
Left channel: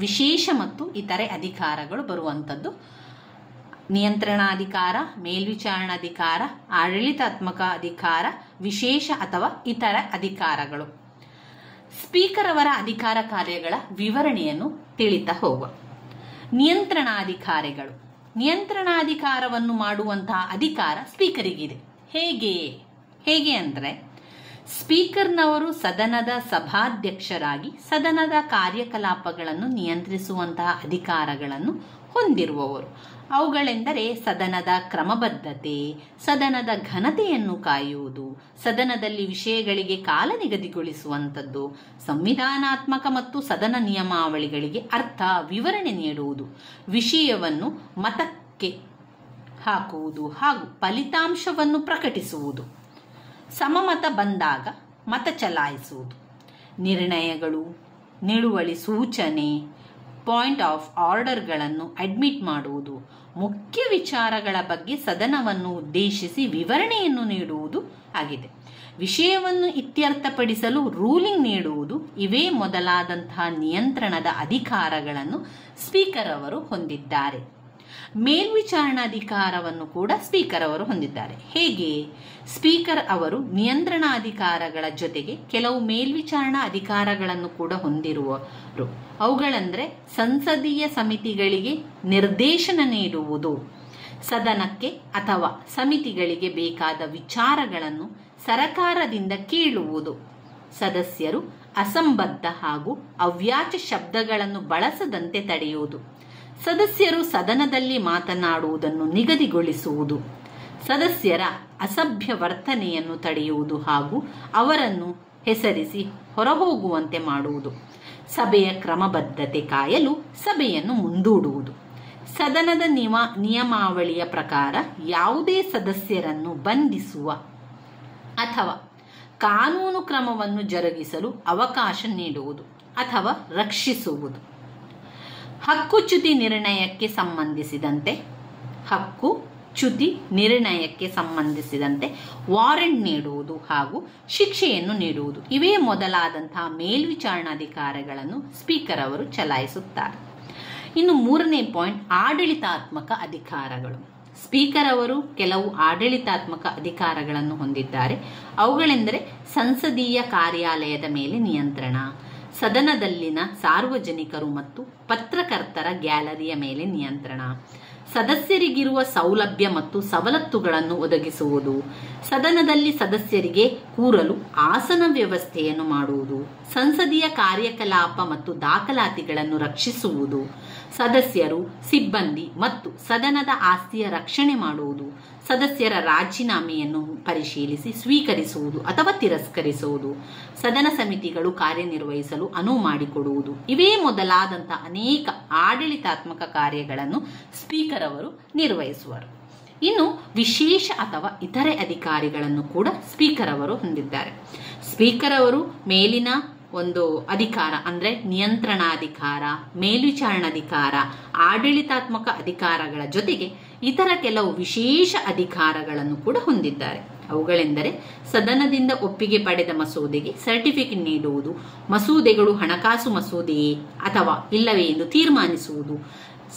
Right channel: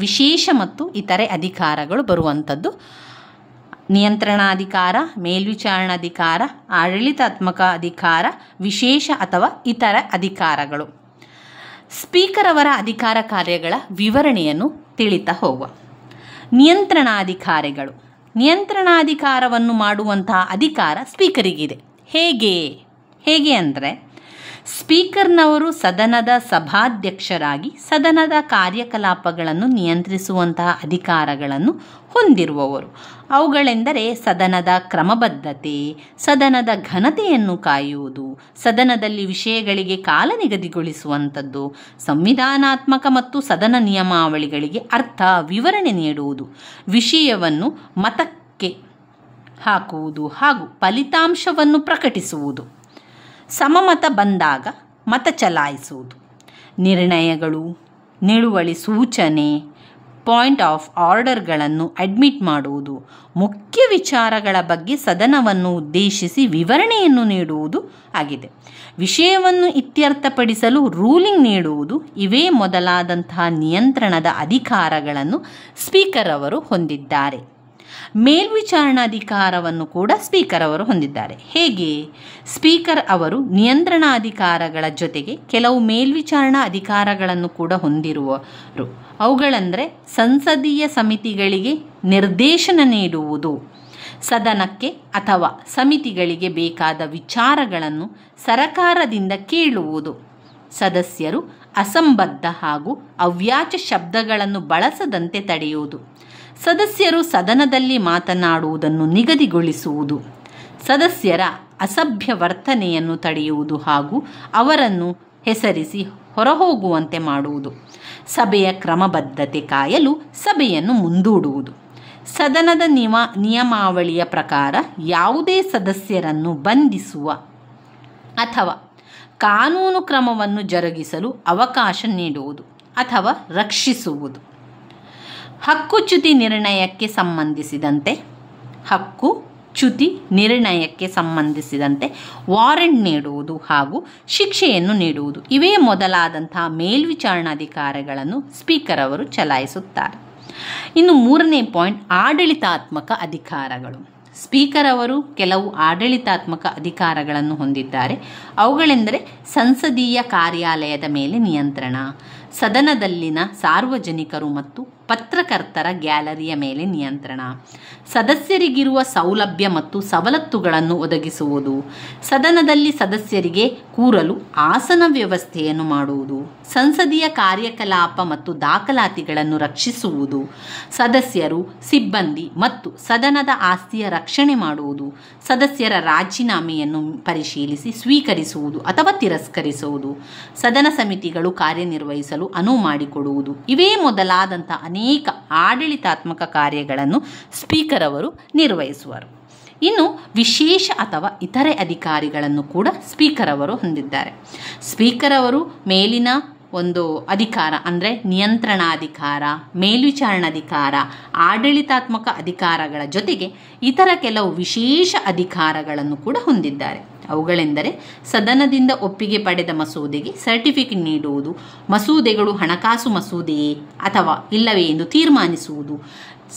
ವಿಶೇಷ ಮತ್ತು ಇತರೆ ಅಧಿಕಾರಗಳು ಬರುವಂಥದ್ದು. ನಿಯಂತ್ರಣಾಧಿಕಾರ, ಮೇಲ್ವಿಚಾರಣಾಧಿಕಾರ, ಆಡಳಿತಾತ್ಮಕ ಅಧಿಕಾರ, ವಿಶೇಷ ಅಥವಾ ಇತರ ಅಧಿಕಾರಗಳು. ಸ್ಪೀಕರ್ ಅವರ ಅಧಿಕಾರ ಕಾರ್ಯಗಳ ವಿವರಣೆಯನ್ನು ತಿಳಿತಾ ಹೋಗುವ. ನಿಯಂತ್ರಣಾಧಿಕಾರಿಗಳು. ನಿಯಂತ್ರಣಾಧಿಕಾರವನ್ನು ಮಾಡುವಂತಹ ಅಧಿಕಾರ ಸ್ಪೀಕರಿಗಿದೆ. ಹೇಗೆ ಅಂದರೆ, ಸ್ಪೀಕರ್ನವರು ಸದನದ ಸಭಾಧ್ಯಕ್ಷರಾಗಿ ಸದನದ ಕಾರ್ಯಕಲಾಪಗಳನ್ನು ನಿಯಂತ್ರಿಸುವಂತಹ ಅಧಿಕಾರಗಳನ್ನು ಹೊಂದಿರುವವರು. ಅವುಗಳೆಂದರೆ ಸದನದ ಕ್ರಮಬದ್ಧತೆ, ಸದನದ ಘನತೆಯನ್ನು ಕಾಯುವುದು, ಸದನದಲ್ಲಿ ವಿಷಯಗಳಿಗೆ ಕಾಲ ನಿಗದಿಗೊಳಿಸುವಂಥದ್ದು, ಸಂವಿಧಾನಾತ್ಮಕ ಮತ್ತು ಸದನ ನಿಯಮಾವಳಿಗಳಿಗೆ ಅರ್ಥ ವಿವರಣೆ ನೀಡುವುದು, ವಿಷಯವನ್ನು ಮತಕ್ಕೆ ಹಾಕುವುದು ಹಾಗೂ ಫಲಿತಾಂಶವನ್ನು ಪ್ರಕಟಿಸುವುದು, ಸಮಮತ ಬಂದಾಗ ಮತ ಚಲಾಯಿಸುವುದು, ನಿರ್ಣಯಗಳು, ನಿಲುವಳಿ ಸೂಚನೆ, ಪಾಯಿಂಟ್ ಆಫ್ ಆರ್ಡರ್ಗಳನ್ನು ಅಡ್ಮಿಟ್ ಮಾಡುವುದು, ಮುಖ್ಯ ವಿಚಾರಗಳ ಬಗ್ಗೆ ಸದನವನ್ನು ಉದ್ದೇಶಿಸಿ ವಿವರಣೆಯನ್ನು ನೀಡುವುದು ಆಗಿದೆ. ವಿಷಯವನ್ನು ಇತ್ಯರ್ಥಪಡಿಸಲು ರೂಲಿಂಗ್ ನೀಡುವುದು, ಇವೇ ಮೊದಲಾದಂತಹ ನಿಯಂತ್ರಣದ ಅಧಿಕಾರಗಳನ್ನು ಸ್ಪೀಕರ್ ಅವರು ಹೊಂದಿದ್ದಾರೆ. ಮೇಲ್ವಿಚಾರಣಾಧಿಕಾರವನ್ನು ಕೂಡ ಸ್ಪೀಕರ್ ಅವರು ಹೊಂದಿದ್ದಾರೆ. ಹೇಗೆ? ಸ್ಪೀಕರ್ ಅವರು ನಿಯಂತ್ರಣಾಧಿಕಾರಗಳ ಜೊತೆಗೆ ಕೆಲವು ಮೇಲ್ವಿಚಾರಣಾ ಅಧಿಕಾರಗಳನ್ನು ಕೂಡ ಹೊಂದಿರುವರು. ಅವುಗಳೆಂದರೆ ಸಂಸದೀಯ ಸಮಿತಿಗಳಿಗೆ ನಿರ್ದೇಶನ ನೀಡುವುದು, ಸದನಕ್ಕೆ ಅಥವಾ ಸಮಿತಿಗಳಿಗೆ ಬೇಕಾದ ವಿಚಾರಗಳನ್ನು ಸರಕಾರದಿಂದ ಕೇಳುವುದು, ಸದಸ್ಯರು ಅಸಂಬದ್ಧ ಹಾಗೂ ಅವ್ಯಾಚ ಶಬ್ದಗಳನ್ನು ಬಳಸದಂತೆ ತಡೆಯುವುದು, ಸದಸ್ಯರು ಸದನದಲ್ಲಿ ಮಾತನಾಡುವುದನ್ನು ನಿಗದಿಗೊಳಿಸುವುದು, ಸದಸ್ಯರ ಅಸಭ್ಯ ವರ್ತನೆಯನ್ನು ತಡೆಯುವುದು ಹಾಗೂ ಅವರನ್ನು ಹೆಸರಿಸಿ ಹೊರಹೋಗುವಂತೆ ಮಾಡುವುದು, ಸಭೆಯ ಕ್ರಮಬದ್ಧತೆ ಕಾಯಲು ಸಭೆಯನ್ನು ಮುಂದೂಡುವುದು, ಸದನದ ನಿಯಮಾವಳಿಯ ಪ್ರಕಾರ ಯಾವುದೇ ಸದಸ್ಯರನ್ನು ಬಂಧಿಸುವ ಅಥವಾ ಕಾನೂನು ಕ್ರಮವನ್ನು ಜರುಗಿಸಲು ಅವಕಾಶ ನೀಡುವುದು ಅಥವಾ ರಕ್ಷಿಸುವುದು, ಹಕ್ಕುಚ್ಯುತಿ ನಿರ್ಣಯಕ್ಕೆ ಸಂಬಂಧಿಸಿದಂತೆ ವಾರೆಂಟ್ ನೀಡುವುದು ಹಾಗೂ ಶಿಕ್ಷೆಯನ್ನು ನೀಡುವುದು, ಇವೇ ಮೊದಲಾದಂತಹ ಮೇಲ್ವಿಚಾರಣಾಧಿಕಾರಗಳನ್ನು ಸ್ಪೀಕರ್ ಅವರು ಚಲಾಯಿಸುತ್ತಾರೆ. ಇನ್ನು 3ನೇ ಪಾಯಿಂಟ್, ಆಡಳಿತಾತ್ಮಕ ಅಧಿಕಾರಗಳು. ಸ್ಪೀಕರ್ ಅವರು ಕೆಲವು ಆಡಳಿತಾತ್ಮಕ ಅಧಿಕಾರಗಳನ್ನು ಹೊಂದಿದ್ದಾರೆ. ಅವುಗಳೆಂದರೆ ಸಂಸದೀಯ ಕಾರ್ಯಾಲಯದ ಮೇಲೆ ನಿಯಂತ್ರಣ, ಸದನದಲ್ಲಿನ ಸಾರ್ವಜನಿಕರು ಮತ್ತು ಪತ್ರಕರ್ತರ ಗ್ಯಾಲರಿಯ ಮೇಲೆ ನಿಯಂತ್ರಣ, ಸದಸ್ಯರಿಗಿರುವ ಸೌಲಭ್ಯ ಮತ್ತು ಸವಲತ್ತುಗಳನ್ನು ಒದಗಿಸುವುದು, ಸದನದಲ್ಲಿ ಸದಸ್ಯರಿಗೆ ಕೂರಲು ಆಸನ ವ್ಯವಸ್ಥೆಯನ್ನು ಮಾಡುವುದು, ಸಂಸದೀಯ ಕಾರ್ಯಕಲಾಪ ಮತ್ತು ದಾಖಲಾತಿಗಳನ್ನು ರಕ್ಷಿಸುವುದು, ಸದಸ್ಯರು, ಸಿಬ್ಬಂದಿ ಮತ್ತು ಸದನದ ಆಸ್ತಿಯ ರಕ್ಷಣೆ ಮಾಡುವುದು, ಸದಸ್ಯರ ರಾಜೀನಾಮೆಯನ್ನು ಪರಿಶೀಲಿಸಿ ಸ್ವೀಕರಿಸುವುದು ಅಥವಾ ತಿರಸ್ಕರಿಸುವುದು, ಸದನ ಸಮಿತಿಗಳು ಕಾರ್ಯನಿರ್ವಹಿಸಲು ಅನುವು ಮಾಡಿಕೊಡುವುದು, ಇವೇ ಮೊದಲಾದಂಥ ಅನೇಕ ಆಡಳಿತಾತ್ಮಕ ಕಾರ್ಯಗಳನ್ನು ಸ್ಪೀಕರ್ ಅವರು ನಿರ್ವಹಿಸುವರು. ಇನ್ನು ವಿಶೇಷ ಅಥವಾ ಇತರೆ ಅಧಿಕಾರಿಗಳನ್ನು ಕೂಡ ಸ್ಪೀಕರ್ ಅವರು ಹೊಂದಿದ್ದಾರೆ. ಸ್ಪೀಕರ್ ಅವರು ಮೇಲಿನ ಒಂದು ಅಧಿಕಾರ ಅಂದರೆ ನಿಯಂತ್ರಣಾಧಿಕಾರ, ಮೇಲ್ವಿಚಾರಣಾಧಿಕಾರ, ಆಡಳಿತಾತ್ಮಕ ಅಧಿಕಾರಗಳ ಜೊತೆಗೆ ಇತರ ಕೆಲವು ವಿಶೇಷ ಅಧಿಕಾರಗಳನ್ನು ಕೂಡ ಹೊಂದಿದ್ದಾರೆ. ಅವುಗಳೆಂದರೆ ಸದನದಿಂದ ಒಪ್ಪಿಗೆ ಪಡೆದ ಮಸೂದೆಗೆ ಸರ್ಟಿಫಿಕೇಟ್ ನೀಡುವುದು, ಮಸೂದೆಗಳು ಹಣಕಾಸು ಮಸೂದೆಯೇ ಅಥವಾ ಇಲ್ಲವೇ ಎಂದು ತೀರ್ಮಾನಿಸುವುದು,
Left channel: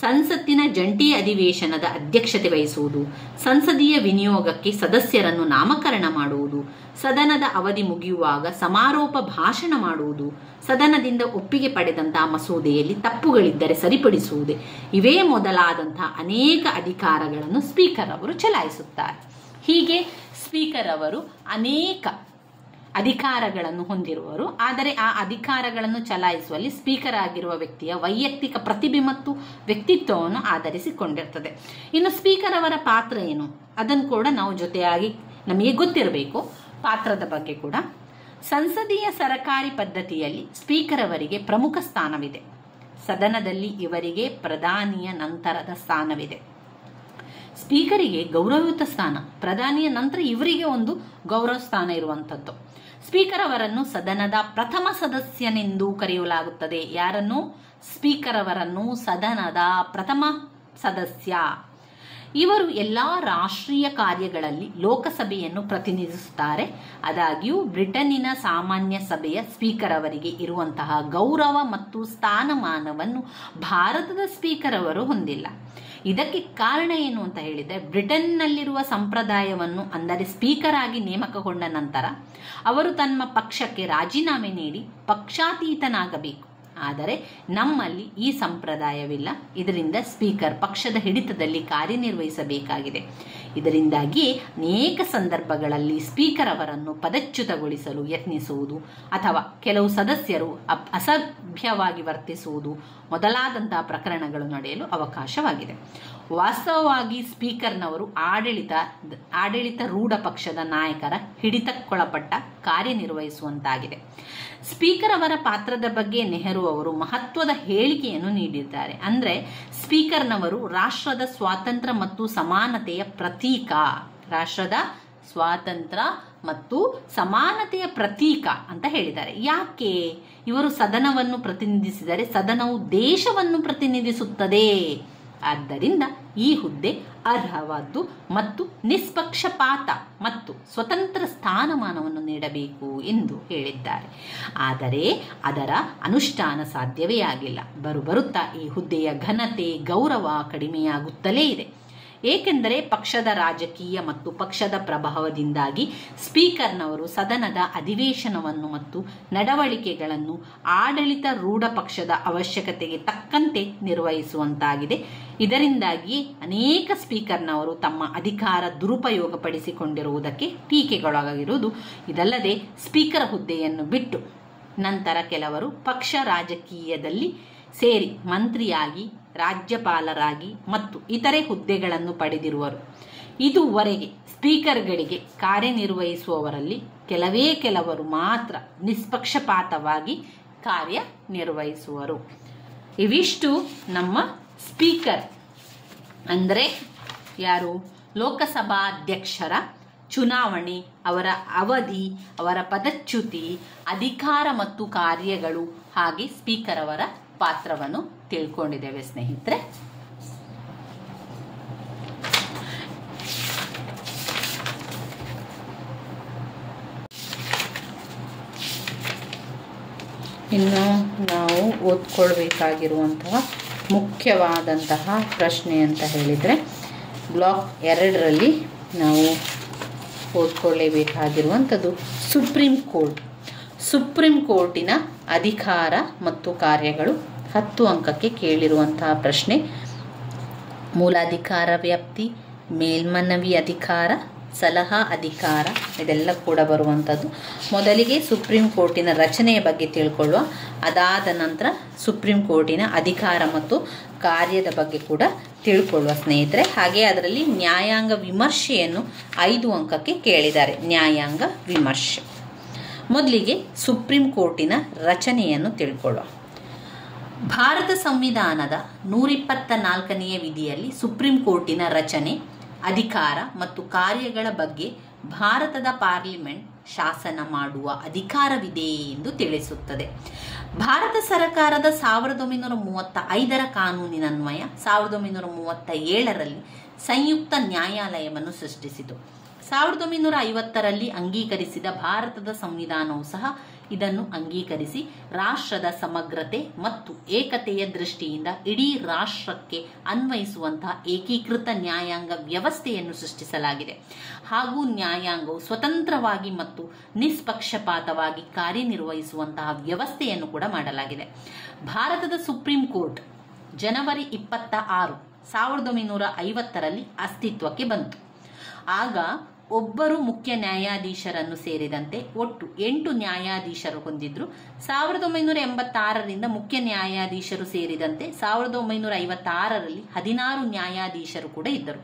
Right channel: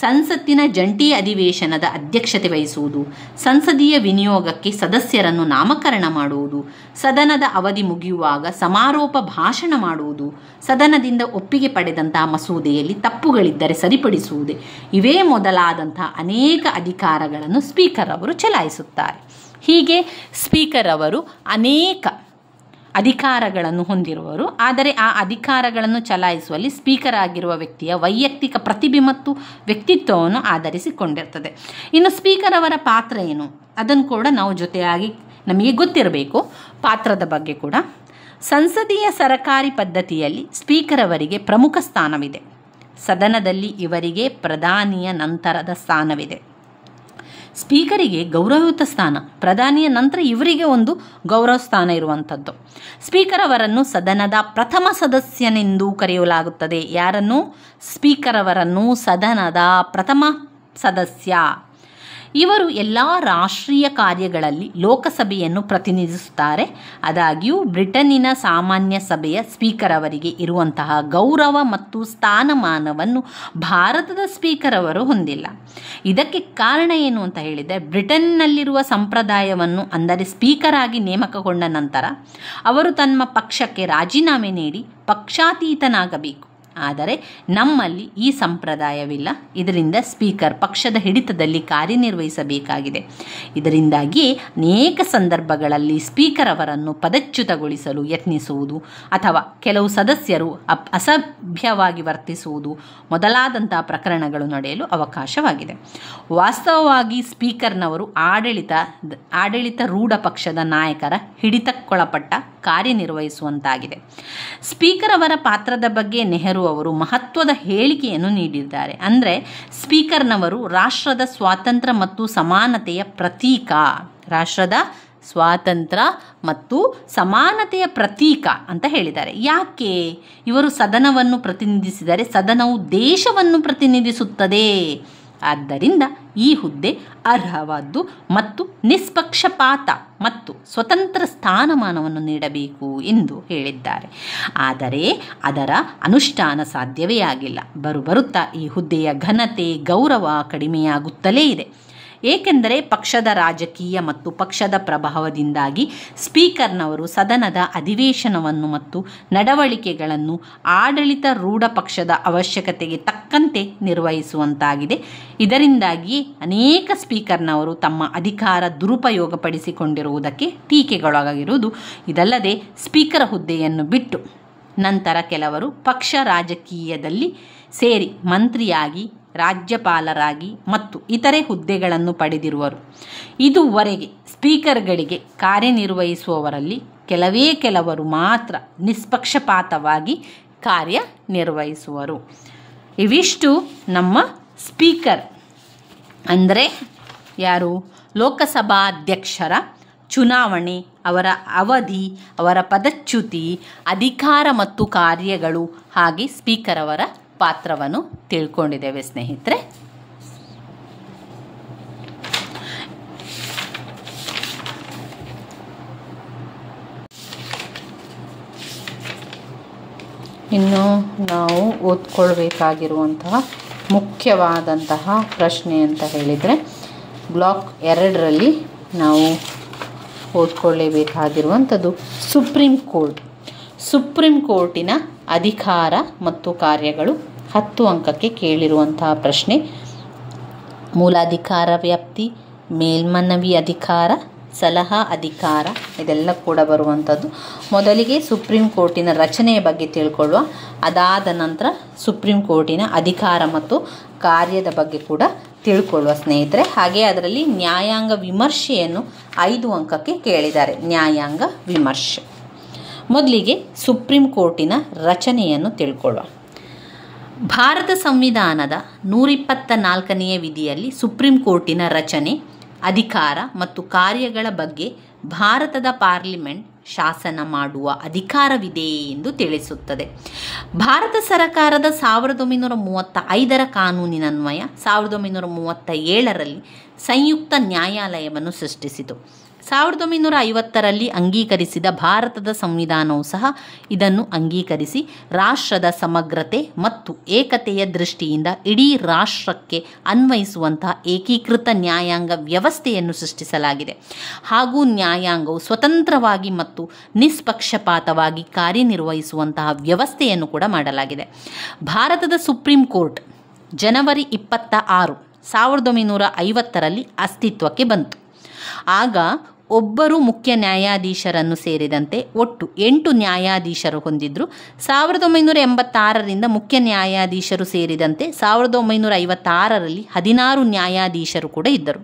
ಸಂಸತ್ತಿನ ಜಂಟಿ ಅಧಿವೇಶನದ ಅಧ್ಯಕ್ಷತೆ ವಹಿಸುವುದು, ಸಂಸದೀಯ ವಿನಿಯೋಗಕ್ಕೆ ಸದಸ್ಯರನ್ನು ನಾಮಕರಣ ಮಾಡುವುದು, ಸದನದ ಅವಧಿ ಮುಗಿಯುವಾಗ ಸಮಾರೋಪ ಭಾಷಣ ಮಾಡುವುದು, ಸದನದಿಂದ ಒಪ್ಪಿಗೆ ಪಡೆದಂತಹ ಮಸೂದೆಯಲ್ಲಿ ತಪ್ಪುಗಳಿದ್ದರೆ ಸರಿಪಡಿಸುವುದು, ಇವೇ ಮೊದಲಾದಂತಹ ಅನೇಕ ಅಧಿಕಾರಗಳನ್ನು ಸ್ಪೀಕರ್ ಅವರು ಚಲಾಯಿಸುತ್ತಾರೆ. ಹೀಗೆ ಸ್ಪೀಕರ್ ಅವರು ಅನೇಕ ಅಧಿಕಾರಗಳನ್ನು ಹೊಂದಿರುವರು. ಆದರೆ ಆ ಅಧಿಕಾರಗಳನ್ನು ಚಲಾಯಿಸುವಲ್ಲಿ ಸ್ಪೀಕರ್ ಆಗಿರುವ ವ್ಯಕ್ತಿಯ ವೈಯಕ್ತಿಕ ಪ್ರತಿಭೆ ಮತ್ತು ವ್ಯಕ್ತಿತ್ವವನ್ನು ಆಧರಿಸಿಕೊಂಡಿರ್ತದೆ. ಇನ್ನು ಸ್ಪೀಕರ್ ಅವರ ಪಾತ್ರ ಏನು ಅದನ್ನು ಕೂಡ ನಾವು ಜೊತೆಯಾಗಿ ನಮಗೆ ಗೊತ್ತಿರಬೇಕು. ಪಾತ್ರದ ಬಗ್ಗೆ ಕೂಡ ಸಂಸದೀಯ ಸರಕಾರಿ ಪದ್ಧತಿಯಲ್ಲಿ ಸ್ಪೀಕರ್ ಅವರಿಗೆ ಪ್ರಮುಖ ಸ್ಥಾನವಿದೆ. ಸದನದಲ್ಲಿ ಇವರಿಗೆ ಪ್ರಧಾನಿಯ ನಂತರದ ಸ್ಥಾನವಿದೆ. ಸ್ಪೀಕರಿಗೆ ಗೌರವಯುತ ಸ್ಥಾನ, ಪ್ರಧಾನಿಯ ನಂತರ ಇವರಿಗೆ ಒಂದು ಗೌರವ ಸ್ಥಾನ ಇರುವಂಥದ್ದು. ಸ್ಪೀಕರ್ ಅವರನ್ನು ಸದನದ ಪ್ರಥಮ ಸದಸ್ಯನೆಂದು ಕರೆಯಲಾಗುತ್ತದೆ. ಯಾರನ್ನು? ಸ್ಪೀಕರ್ ಅವರನ್ನು ಸದನದ ಪ್ರಥಮ ಸದಸ್ಯ. ಇವರು ಎಲ್ಲ ರಾಷ್ಟ್ರೀಯ ಕಾರ್ಯಗಳಲ್ಲಿ ಲೋಕಸಭೆಯನ್ನು ಪ್ರತಿನಿಧಿಸುತ್ತಾರೆ. ಆದಾಗ್ಯೂ ಬ್ರಿಟನ್ನಿನ ಸಾಮಾನ್ಯ ಸಭೆಯ ಸ್ಪೀಕರ್ ಅವರಿಗೆ ಇರುವಂತಹ ಗೌರವ ಮತ್ತು ಸ್ಥಾನಮಾನವನ್ನು ಭಾರತದ ಸ್ಪೀಕರ್ ಅವರು ಹೊಂದಿಲ್ಲ. ಇದಕ್ಕೆ ಕಾರಣ ಏನು ಅಂತ ಹೇಳಿದರೆ, ಬ್ರಿಟನ್ನಲ್ಲಿರುವ ಸಂಪ್ರದಾಯವನ್ನು, ಅಂದರೆ ಸ್ಪೀಕರ್ ಆಗಿ ನೇಮಕಗೊಂಡ ನಂತರ ಅವರು ತಮ್ಮ ಪಕ್ಷಕ್ಕೆ ರಾಜೀನಾಮೆ ನೀಡಿ ಪಕ್ಷಾತೀತನಾಗಬೇಕು. ಆದರೆ ನಮ್ಮಲ್ಲಿ ಈ ಸಂಪ್ರದಾಯವಿಲ್ಲ. ಇದರಿಂದ ಸ್ಪೀಕರ್ ಪಕ್ಷದ ಹಿಡಿತದಲ್ಲಿ ಕಾರ್ಯನಿರ್ವಹಿಸಬೇಕಾಗಿದೆ. ಇದರಿಂದಾಗಿ ಅನೇಕ ಸಂದರ್ಭಗಳಲ್ಲಿ ಸ್ಪೀಕರ್ ಅವರನ್ನು ಪದಚ್ಯುತಗೊಳಿಸಲು ಯತ್ನಿಸುವುದು ಅಥವಾ ಕೆಲವು ಸದಸ್ಯರು ಅಸಭ್ಯವಾಗಿ ವರ್ತಿಸುವುದು ಮೊದಲಾದಂತಹ ಪ್ರಕರಣಗಳು ನಡೆಯಲು ಅವಕಾಶವಾಗಿದೆ. ವಾಸ್ತವವಾಗಿ ಸ್ಪೀಕರ್ನವರು ಆಡಳಿತಾರೂಢ ಪಕ್ಷದ ನಾಯಕರ ಹಿಡಿತಕ್ಕೊಳಪಟ್ಟ ಕಾರ್ಯನಿರ್ವಹಿಸುವಂತಾಗಿದೆ. ಸ್ಪೀಕರ್ ಅವರ ಪಾತ್ರದ ಬಗ್ಗೆ ನೆಹರು ಅವರು ಮಹತ್ವದ ಹೇಳಿಕೆಯನ್ನು ನೀಡಿದ್ದಾರೆ. ಅಂದರೆ ಸ್ಪೀಕರ್ನವರು ರಾಷ್ಟ್ರದ ಸ್ವಾತಂತ್ರ್ಯ ಮತ್ತು ಸಮಾನತೆಯ ಪ್ರತೀಕ, ರಾಷ್ಟ್ರದ ಸ್ವಾತಂತ್ರ್ಯ ಮತ್ತು ಸಮಾನತೆಯ ಪ್ರತೀಕ ಅಂತ ಹೇಳಿದ್ದಾರೆ. ಯಾಕೆ? ಇವರು ಸದನವನ್ನು ಪ್ರತಿನಿಧಿಸಿದರೆ ಸದನವು ದೇಶವನ್ನು ಪ್ರತಿನಿಧಿಸುತ್ತದೆ. ಆದ್ದರಿಂದ ಈ ಹುದ್ದೆ ಅರ್ಹವಾದ್ದು ಮತ್ತು ನಿಷ್ಪಕ್ಷಪಾತ ಮತ್ತು ಸ್ವತಂತ್ರ ಸ್ಥಾನಮಾನವನ್ನು ನೀಡಬೇಕು ಎಂದು ಹೇಳಿದ್ದಾರೆ. ಆದರೆ ಅದರ ಅನುಷ್ಠಾನ ಸಾಧ್ಯವೇ ಆಗಿಲ್ಲ. ಬರುತ್ತಾ ಈ ಹುದ್ದೆಯ ಘನತೆ, ಗೌರವ ಕಡಿಮೆಯಾಗುತ್ತಲೇ ಇದೆ. ಏಕೆಂದರೆ ಪಕ್ಷದ ರಾಜಕೀಯ ಮತ್ತು ಪಕ್ಷದ ಪ್ರಭಾವದಿಂದಾಗಿ ಸ್ಪೀಕರ್ನವರು ಸದನದ ಅಧಿವೇಶನವನ್ನು ಮತ್ತು ನಡವಳಿಕೆಗಳನ್ನು ಆಡಳಿತಾರೂಢ ಪಕ್ಷದ ಅವಶ್ಯಕತೆಗೆ ತಕ್ಕಂತೆ ನಿರ್ವಹಿಸುವಂತಾಗಿದೆ. ಇದರಿಂದಾಗಿ ಅನೇಕ ಸ್ಪೀಕರ್ನವರು ತಮ್ಮ ಅಧಿಕಾರ ದುರುಪಯೋಗಪಡಿಸಿಕೊಂಡಿರುವುದಕ್ಕೆ ಟೀಕೆಗೊಳಗಾಗಿರುವುದು. ಇದಲ್ಲದೆ ಸ್ಪೀಕರ್ ಹುದ್ದೆಯನ್ನು ಬಿಟ್ಟು ನಂತರ ಕೆಲವರು ಪಕ್ಷ ರಾಜಕೀಯದಲ್ಲಿ ಸೇರಿ ಮಂತ್ರಿಯಾಗಿ, ರಾಜ್ಯಪಾಲರಾಗಿ ಮತ್ತು ಇತರೆ ಹುದ್ದೆಗಳನ್ನು ಪಡೆದಿರುವರು. ಇದುವರೆಗೆ ಸ್ಪೀಕರ್ಗಳಿಗೆ ಕಾರ್ಯನಿರ್ವಹಿಸುವವರಲ್ಲಿ ಕೆಲವರು ಮಾತ್ರ ನಿಷ್ಪಕ್ಷಪಾತವಾಗಿ ಕಾರ್ಯನಿರ್ವಹಿಸುವರು. ಇವಿಷ್ಟು ನಮ್ಮ ಸ್ಪೀಕರ್ ಅಂದರೆ ಯಾರು? ಲೋಕಸಭಾಧ್ಯಕ್ಷರ ಚುನಾವಣೆ, ಅವರ ಅವಧಿ, ಅವರ ಪದಚ್ಯುತಿ, ಅಧಿಕಾರ ಮತ್ತು ಕಾರ್ಯಗಳು, ಹಾಗೆ ಸ್ಪೀಕರ್ ಅವರ ಪಾತ್ರವನ್ನು ತಿಳ್ಕೊಂಡಿದ್ದೇವೆ ಸ್ನೇಹಿತರೆ. ಇನ್ನು ನಾವು ಓದ್ಕೊಳ್ಬೇಕಾಗಿರುವಂತಹ ಮುಖ್ಯವಾದಂತಹ ಪ್ರಶ್ನೆ ಅಂತ ಹೇಳಿದರೆ ಬ್ಲಾಕ್ 2ರಲ್ಲಿ ನಾವು ಓದ್ಕೊಳ್ಳೇಬೇಕಾಗಿರುವಂಥದ್ದು ಸುಪ್ರೀಂ ಕೋರ್ಟಿನ ಅಧಿಕಾರ ಮತ್ತು ಕಾರ್ಯಗಳು. 10 ಅಂಕಕ್ಕೆ ಕೇಳಿರುವಂತಹ ಪ್ರಶ್ನೆ. ಮೂಲಾಧಿಕಾರ ವ್ಯಾಪ್ತಿ, ಮೇಲ್ಮನವಿ ಅಧಿಕಾರ, ಸಲಹಾ ಅಧಿಕಾರ ಇದೆಲ್ಲ ಕೂಡ ಬರುವಂಥದ್ದು. ಮೊದಲಿಗೆ ಸುಪ್ರೀಂ ಕೋರ್ಟಿನ ರಚನೆಯ ಬಗ್ಗೆ ತಿಳ್ಕೊಳ್ಳುವ. ಅದಾದ ನಂತರ ಸುಪ್ರೀಂ ಕೋರ್ಟಿನ ಅಧಿಕಾರ ಮತ್ತು ಕಾರ್ಯದ ಬಗ್ಗೆ ಕೂಡ ತಿಳ್ಕೊಳ್ಳುವ ಸ್ನೇಹಿತರೆ. ಹಾಗೆ ಅದರಲ್ಲಿ ನ್ಯಾಯಾಂಗ ವಿಮರ್ಶೆಯನ್ನು 5 ಅಂಕಕ್ಕೆ ಕೇಳಿದ್ದಾರೆ. ನ್ಯಾಯಾಂಗ ವಿಮರ್ಶೆ. ಮೊದಲಿಗೆ ಸುಪ್ರೀಂ ಕೋರ್ಟಿನ ರಚನೆಯನ್ನು ತಿಳ್ಕೊಳ್ಳುವ. ಭಾರತ ಸಂವಿಧಾನದ 124ನೇ ವಿಧಿಯಲ್ಲಿ ಸುಪ್ರೀಂ ಕೋರ್ಟಿನ ರಚನೆ, ಅಧಿಕಾರ ಮತ್ತು ಕಾರ್ಯಗಳ ಬಗ್ಗೆ ಭಾರತದ ಪಾರ್ಲಿಮೆಂಟ್ ಶಾಸನ ಮಾಡುವ ಅಧಿಕಾರವಿದೆ ಎಂದು ತಿಳಿಸುತ್ತದೆ. ಭಾರತ ಸರ್ಕಾರದ 1935ರ ಕಾನೂನಿನನ್ವಯ 1937ರಲ್ಲಿ ಸಂಯುಕ್ತ ನ್ಯಾಯಾಲಯವನ್ನು ಸೃಷ್ಟಿಸಿತು. 1950ರಲ್ಲಿ ಅಂಗೀಕರಿಸಿದ ಭಾರತದ ಸಂವಿಧಾನವು ಸಹ ಇದನ್ನು ಅಂಗೀಕರಿಸಿ ರಾಷ್ಟ್ರದ ಸಮಗ್ರತೆ ಮತ್ತು ಏಕತೆಯ ದೃಷ್ಟಿಯಿಂದ ಇಡೀ ರಾಷ್ಟ್ರಕ್ಕೆ ಅನ್ವಯಿಸುವಂತಹ ಏಕೀಕೃತ ನ್ಯಾಯಾಂಗ ವ್ಯವಸ್ಥೆಯನ್ನು ಸೃಷ್ಟಿಸಲಾಗಿದೆ. ಹಾಗೂ ನ್ಯಾಯಾಂಗವು ಸ್ವತಂತ್ರವಾಗಿ ಮತ್ತು ನಿಷ್ಪಕ್ಷಪಾತವಾಗಿ ಕಾರ್ಯನಿರ್ವಹಿಸುವಂತಹ ವ್ಯವಸ್ಥೆಯನ್ನು ಕೂಡ ಮಾಡಲಾಗಿದೆ. ಭಾರತದ ಸುಪ್ರೀಂ ಕೋರ್ಟ್ ಜನವರಿ 26, 1950ರಲ್ಲಿ ಅಸ್ತಿತ್ವಕ್ಕೆ ಬಂತು. ಆಗ ಒಬ್ಬರು ಮುಖ್ಯ ನ್ಯಾಯಾಧೀಶರನ್ನು ಸೇರಿದಂತೆ ಒಟ್ಟು 8 ನ್ಯಾಯಾಧೀಶರು ಹೊಂದಿದ್ರು. 1986ರಿಂದ ಮುಖ್ಯ ನ್ಯಾಯಾಧೀಶರು ಸೇರಿದಂತೆ 1956ರಲ್ಲಿ 16 ನ್ಯಾಯಾಧೀಶರು ಕೂಡ ಇದ್ದರು.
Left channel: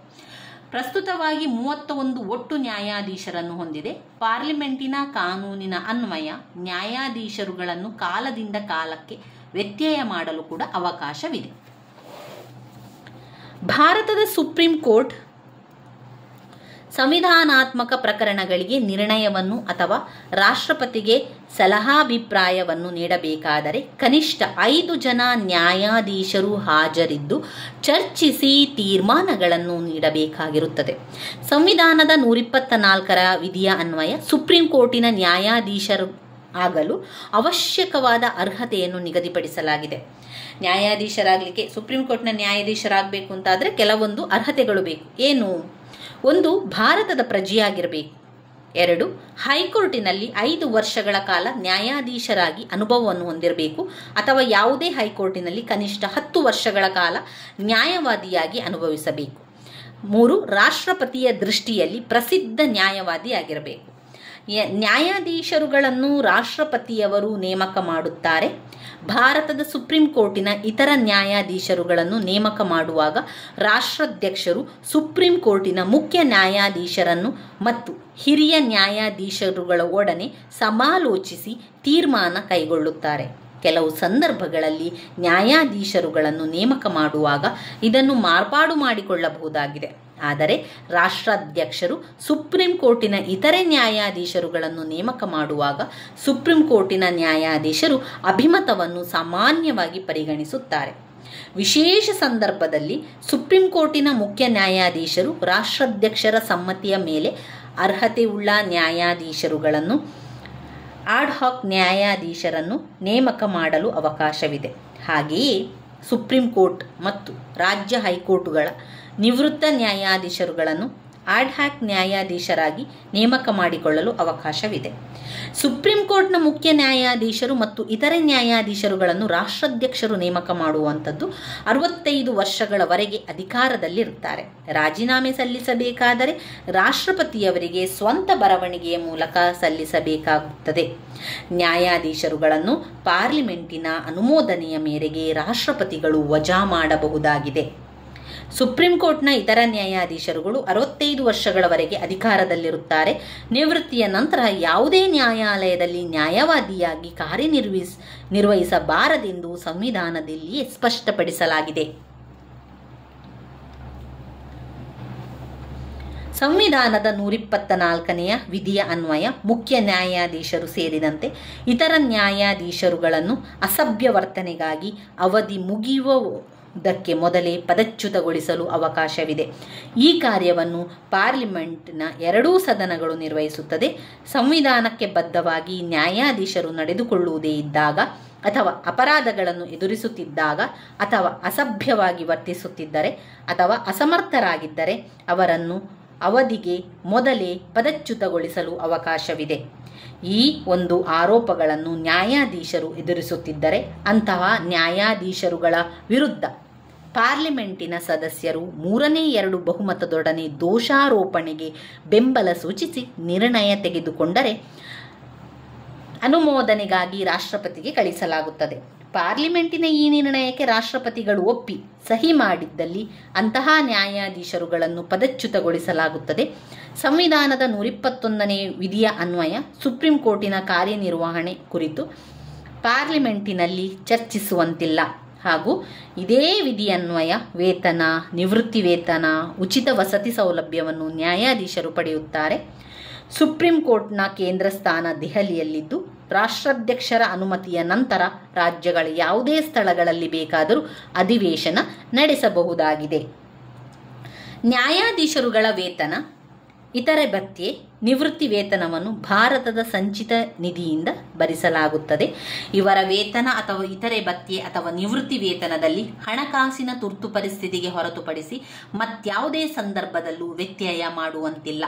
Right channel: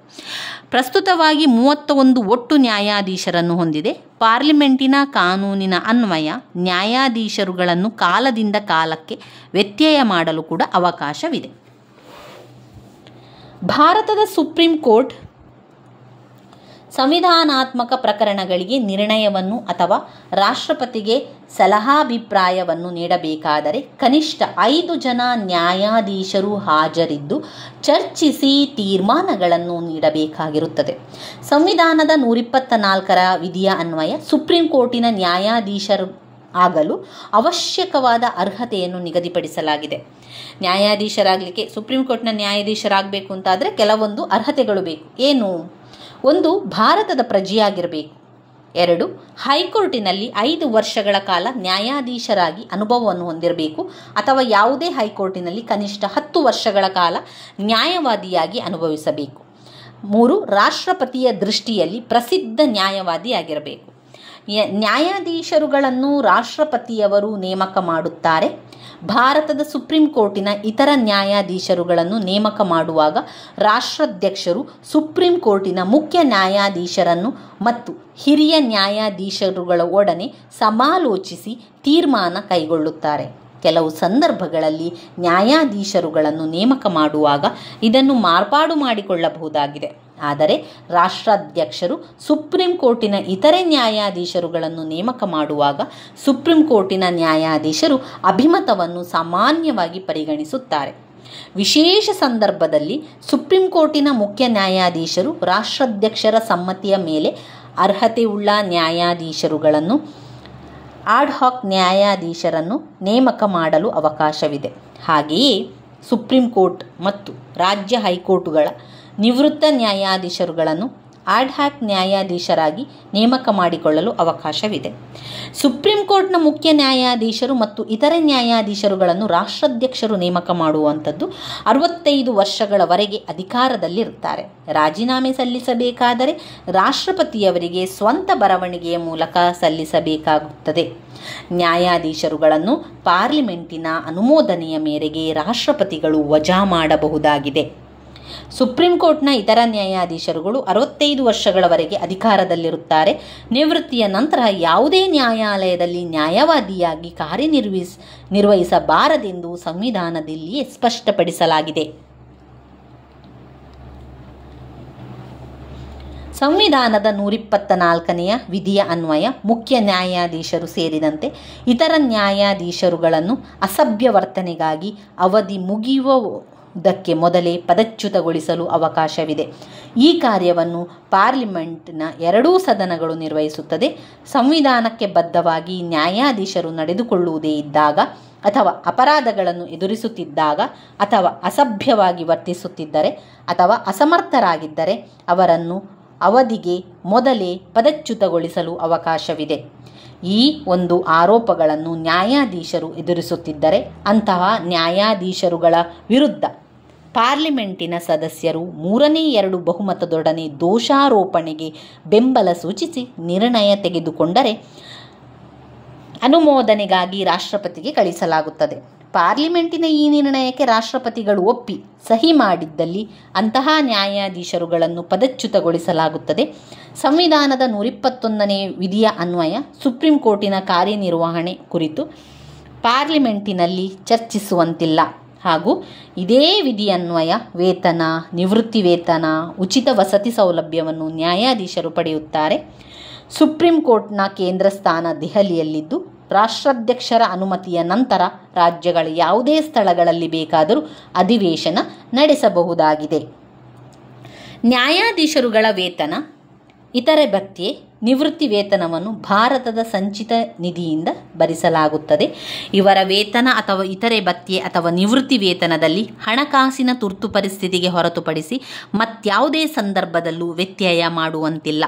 ಪ್ರಸ್ತುತವಾಗಿ 31 ಒಟ್ಟು ನ್ಯಾಯಾಧೀಶರನ್ನು ಹೊಂದಿದೆ. ಪಾರ್ಲಿಮೆಂಟಿನ ಕಾನೂನಿನ ಅನ್ವಯ ನ್ಯಾಯಾಧೀಶರುಗಳನ್ನು ಕಾಲದಿಂದ ಕಾಲಕ್ಕೆ ವ್ಯತ್ಯಯ ಮಾಡಲು ಕೂಡ ಅವಕಾಶವಿದೆ. ಭಾರತದ ಸುಪ್ರೀಂ ಕೋರ್ಟ್ ಸಂವಿಧಾನಾತ್ಮಕ ಪ್ರಕರಣಗಳಿಗೆ ನಿರ್ಣಯವನ್ನು ಅಥವಾ ರಾಷ್ಟ್ರಪತಿಗೆ ಸಲಹಾಭಿಪ್ರಾಯವನ್ನು ನೀಡಬೇಕಾದರೆ ಕನಿಷ್ಠ 5 ಜನ ನ್ಯಾಯಾಧೀಶರು ಹಾಜರಿದ್ದು ಚರ್ಚಿಸಿ ತೀರ್ಮಾನಗಳನ್ನು ನೀಡಬೇಕಾಗಿರುತ್ತದೆ. ಸಂವಿಧಾನದ 124ರ ವಿಧಿಯ ಅನ್ವಯ ಸುಪ್ರೀಂ ಕೋರ್ಟಿನ ನ್ಯಾಯಾಧೀಶರು ಆಗಲು ಅವಶ್ಯಕವಾದ ಅರ್ಹತೆಯನ್ನು ನಿಗದಿಪಡಿಸಲಾಗಿದೆ. ನ್ಯಾಯಾಧೀಶರಾಗಲಿಕ್ಕೆ, ಸುಪ್ರೀಂ ಕೋರ್ಟ್ನ ನ್ಯಾಯಾಧೀಶರಾಗಬೇಕು ಅಂತಾದರೆ ಕೆಲವೊಂದು ಅರ್ಹತೆಗಳು ಬೇಕು. ಏನು? ಒಂದು, ಭಾರತದ ಪ್ರಜೆಯಾಗಿರಬೇಕು. 2. ಹೈಕೋರ್ಟಿನಲ್ಲಿ 5 ವರ್ಷಗಳ ಕಾಲ ನ್ಯಾಯಾಧೀಶರಾಗಿ ಅನುಭವವನ್ನು ಹೊಂದಿರಬೇಕು ಅಥವಾ ಯಾವುದೇ ಹೈಕೋರ್ಟಿನಲ್ಲಿ ಕನಿಷ್ಠ 10 ವರ್ಷಗಳ ಕಾಲ ನ್ಯಾಯವಾದಿಯಾಗಿ ಅನುಭವಿಸಬೇಕು. 3. ರಾಷ್ಟ್ರಪತಿಯ ದೃಷ್ಟಿಯಲ್ಲಿ ಪ್ರಸಿದ್ಧ ನ್ಯಾಯವಾದಿಯಾಗಿರಬೇಕು. ನ್ಯಾಯಾಧೀಶರುಗಳನ್ನು ರಾಷ್ಟ್ರಪತಿಯವರು ನೇಮಕ ಮಾಡುತ್ತಾರೆ. ಭಾರತದ ಸುಪ್ರೀಂ ಕೋರ್ಟಿನ ಇತರ ನ್ಯಾಯಾಧೀಶರುಗಳನ್ನು ನೇಮಕ ಮಾಡುವಾಗ ರಾಷ್ಟ್ರಾಧ್ಯಕ್ಷರು ಸುಪ್ರೀಂ ಕೋರ್ಟಿನ ಮುಖ್ಯ ನ್ಯಾಯಾಧೀಶರನ್ನು ಮತ್ತು ಹಿರಿಯ ನ್ಯಾಯಾಧೀಶರುಗಳ ಒಡನೆ ಸಮಾಲೋಚಿಸಿ ತೀರ್ಮಾನ ಕೈಗೊಳ್ಳುತ್ತಾರೆ. ಕೆಲವು ಸಂದರ್ಭಗಳಲ್ಲಿ ನ್ಯಾಯಾಧೀಶರುಗಳನ್ನು ನೇಮಕ ಮಾಡುವಾಗ ಇದನ್ನು ಮಾರ್ಪಾಡು ಮಾಡಿಕೊಳ್ಳಬಹುದಾಗಿದೆ. ಆದರೆ ರಾಷ್ಟ್ರಾಧ್ಯಕ್ಷರು ಸುಪ್ರೀಂ ಕೋರ್ಟಿನ ಇತರೆ ನ್ಯಾಯಾಧೀಶರುಗಳನ್ನು ನೇಮಕ ಮಾಡುವಾಗ ಸುಪ್ರೀಂ ಕೋರ್ಟಿನ ನ್ಯಾಯಾಧೀಶರು ಅಭಿಮತವನ್ನು ಸಾಮಾನ್ಯವಾಗಿ ಪರಿಗಣಿಸುತ್ತಾರೆ. ವಿಶೇಷ ಸಂದರ್ಭದಲ್ಲಿ ಸುಪ್ರೀಂ ಕೋರ್ಟಿನ ಮುಖ್ಯ ನ್ಯಾಯಾಧೀಶರು ರಾಷ್ಟ್ರಾಧ್ಯಕ್ಷರ ಸಮ್ಮತಿಯ ಮೇಲೆ ಅರ್ಹತೆಯುಳ್ಳ ನ್ಯಾಯಾಧೀಶರುಗಳನ್ನು ಆಡ್ಹಾಕ್ ನ್ಯಾಯಾಧೀಶರನ್ನು ನೇಮಕ ಮಾಡಲು ಅವಕಾಶವಿದೆ. ಹಾಗೆಯೇ ಸುಪ್ರೀಂ ಕೋರ್ಟ್ ಮತ್ತು ರಾಜ್ಯ ಹೈಕೋರ್ಟುಗಳ ನಿವೃತ್ತ ನ್ಯಾಯಾಧೀಶರುಗಳನ್ನು ಆಡ್ಹಾಕ್ ನ್ಯಾಯಾಧೀಶರಾಗಿ ನೇಮಕ ಮಾಡಿಕೊಳ್ಳಲು ಅವಕಾಶವಿದೆ. ಸುಪ್ರೀಂ ಕೋರ್ಟ್ನ ಮುಖ್ಯ ನ್ಯಾಯಾಧೀಶರು ಮತ್ತು ಇತರೆ ನ್ಯಾಯಾಧೀಶರುಗಳನ್ನು ರಾಷ್ಟ್ರಾಧ್ಯಕ್ಷರು ನೇಮಕ ಮಾಡುವಂಥದ್ದು 65 ವರ್ಷಗಳವರೆಗೆ ಅಧಿಕಾರದಲ್ಲಿರುತ್ತಾರೆ. ರಾಜೀನಾಮೆ ಸಲ್ಲಿಸಬೇಕಾದರೆ ರಾಷ್ಟ್ರಪತಿಯವರಿಗೆ ಸ್ವಂತ ಬರವಣಿಗೆಯ ಮೂಲಕ ಸಲ್ಲಿಸಬೇಕಾಗುತ್ತದೆ. ನ್ಯಾಯಾಧೀಶರುಗಳನ್ನು ಪಾರ್ಲಿಮೆಂಟಿನ ಅನುಮೋದನೆಯ ಮೇರೆಗೆ ರಾಷ್ಟ್ರಪತಿಗಳು ವಜಾ ಮಾಡಬಹುದಾಗಿದೆ. ಸುಪ್ರೀಂ ಕೋರ್ಟ್ನ ಇತರ ನ್ಯಾಯಾಧೀಶರುಗಳು 65 ವರ್ಷಗಳವರೆಗೆ ಅಧಿಕಾರದಲ್ಲಿರುತ್ತಾರೆ. ನಿವೃತ್ತಿಯ ನಂತರ ಯಾವುದೇ ನ್ಯಾಯಾಲಯದಲ್ಲಿ ನ್ಯಾಯವಾದಿಯಾಗಿ ಕಾರ್ಯನಿರ್ವಹಿಸಬಾರದೆಂದು ಸಂವಿಧಾನದಲ್ಲಿಯೇ ಸ್ಪಷ್ಟಪಡಿಸಲಾಗಿದೆ. ಸಂವಿಧಾನದ 124ನೇ ವಿಧಿಯ ಅನ್ವಯ ಮುಖ್ಯ ನ್ಯಾಯಾಧೀಶರು ಸೇರಿದಂತೆ ಇತರ ನ್ಯಾಯಾಧೀಶರುಗಳನ್ನು ಅಸಭ್ಯ ವರ್ತನೆಗಾಗಿ ಅವಧಿ ಮುಗಿಯುವುದಕ್ಕೆ ಮೊದಲೇ ಪದಚ್ಯುತಗೊಳಿಸಲು ಅವಕಾಶವಿದೆ. ಈ ಕಾರ್ಯವನ್ನು ಪಾರ್ಲಿಮೆಂಟ್ನ 2 ಸದನಗಳು ನಿರ್ವಹಿಸುತ್ತದೆ. ಸಂವಿಧಾನಕ್ಕೆ ಬದ್ಧವಾಗಿ ನ್ಯಾಯಾಧೀಶರು ನಡೆದುಕೊಳ್ಳುವುದೇ ಇದ್ದಾಗ ಅಥವಾ ಅಪರಾಧಗಳನ್ನು ಎದುರಿಸುತ್ತಿದ್ದಾಗ ಅಥವಾ ಅಸಭ್ಯವಾಗಿ ವರ್ತಿಸುತ್ತಿದ್ದರೆ ಅಥವಾ ಅಸಮರ್ಥರಾಗಿದ್ದರೆ ಅವರನ್ನು ಅವಧಿಗೆ ಮೊದಲೇ ಪದಚ್ಯುತಗೊಳಿಸಲು ಅವಕಾಶವಿದೆ. ಈ ಒಂದು ಆರೋಪಗಳನ್ನು ನ್ಯಾಯಾಧೀಶರು ಎದುರಿಸುತ್ತಿದ್ದರೆ ಅಂತಹ ನ್ಯಾಯಾಧೀಶರುಗಳ ವಿರುದ್ಧ ಪಾರ್ಲಿಮೆಂಟಿನ ಸದಸ್ಯರು 3/2 ಬಹುಮತದೊಡನೆ ದೋಷಾರೋಪಣೆಗೆ ಬೆಂಬಲ ಸೂಚಿಸಿ ನಿರ್ಣಯ ತೆಗೆದುಕೊಂಡರೆ ಅನುಮೋದನೆಗಾಗಿ ರಾಷ್ಟ್ರಪತಿಗೆ ಕಳಿಸಲಾಗುತ್ತದೆ. ಪಾರ್ಲಿಮೆಂಟಿನ ಈ ನಿರ್ಣಯಕ್ಕೆ ರಾಷ್ಟ್ರಪತಿಗಳು ಒಪ್ಪಿ ಸಹಿ ಮಾಡಿದ್ದಲ್ಲಿ ಅಂತಹ ನ್ಯಾಯಾಧೀಶರುಗಳನ್ನು ಪದಚ್ಯುತಗೊಳಿಸಲಾಗುತ್ತದೆ. ಸಂವಿಧಾನದ 121ನೇ ವಿಧಿಯ ಅನ್ವಯ ಸುಪ್ರೀಂ ಕೋರ್ಟಿನ ಕಾರ್ಯನಿರ್ವಹಣೆ ಕುರಿತು ಪಾರ್ಲಿಮೆಂಟಿನಲ್ಲಿ ಚರ್ಚಿಸುವಂತಿಲ್ಲ ಹಾಗೂ ಇದೇ ವಿಧಿಯನ್ವಯ ವೇತನ, ನಿವೃತ್ತಿ ವೇತನ, ಉಚಿತ ವಸತಿ ಸೌಲಭ್ಯವನ್ನು ನ್ಯಾಯಾಧೀಶರು ಪಡೆಯುತ್ತಾರೆ. ಸುಪ್ರೀಂ ಕೋರ್ಟ್ನ ಕೇಂದ್ರ ಸ್ಥಾನ ದೆಹಲಿಯಲ್ಲಿದ್ದು ರಾಷ್ಟ್ರಾಧ್ಯಕ್ಷರ ಅನುಮತಿಯ ನಂತರ ರಾಜ್ಯಗಳ ಯಾವುದೇ ಸ್ಥಳಗಳಲ್ಲಿ ಬೇಕಾದರೂ ಅಧಿವೇಶನ ನಡೆಸಬಹುದಾಗಿದೆ. ನ್ಯಾಯಾಧೀಶರುಗಳ ವೇತನ, ಇತರೆ ಭತ್ಯೆ, ನಿವೃತ್ತಿ ವೇತನವನ್ನು ಭಾರತದ ಸಂಚಿತ ನಿಧಿಯಿಂದ ಭರಿಸಲಾಗುತ್ತದೆ. ಇವರ ವೇತನ ಅಥವಾ ಇತರೆ ಭತ್ಯೆ ಅಥವಾ ನಿವೃತ್ತಿ ವೇತನದಲ್ಲಿ ಹಣಕಾಸಿನ ತುರ್ತು ಪರಿಸ್ಥಿತಿಗೆ ಹೊರತುಪಡಿಸಿ ಮತ್ಯಾವುದೇ ಸಂದರ್ಭದಲ್ಲೂ ವ್ಯತ್ಯಯ ಮಾಡುವಂತಿಲ್ಲ.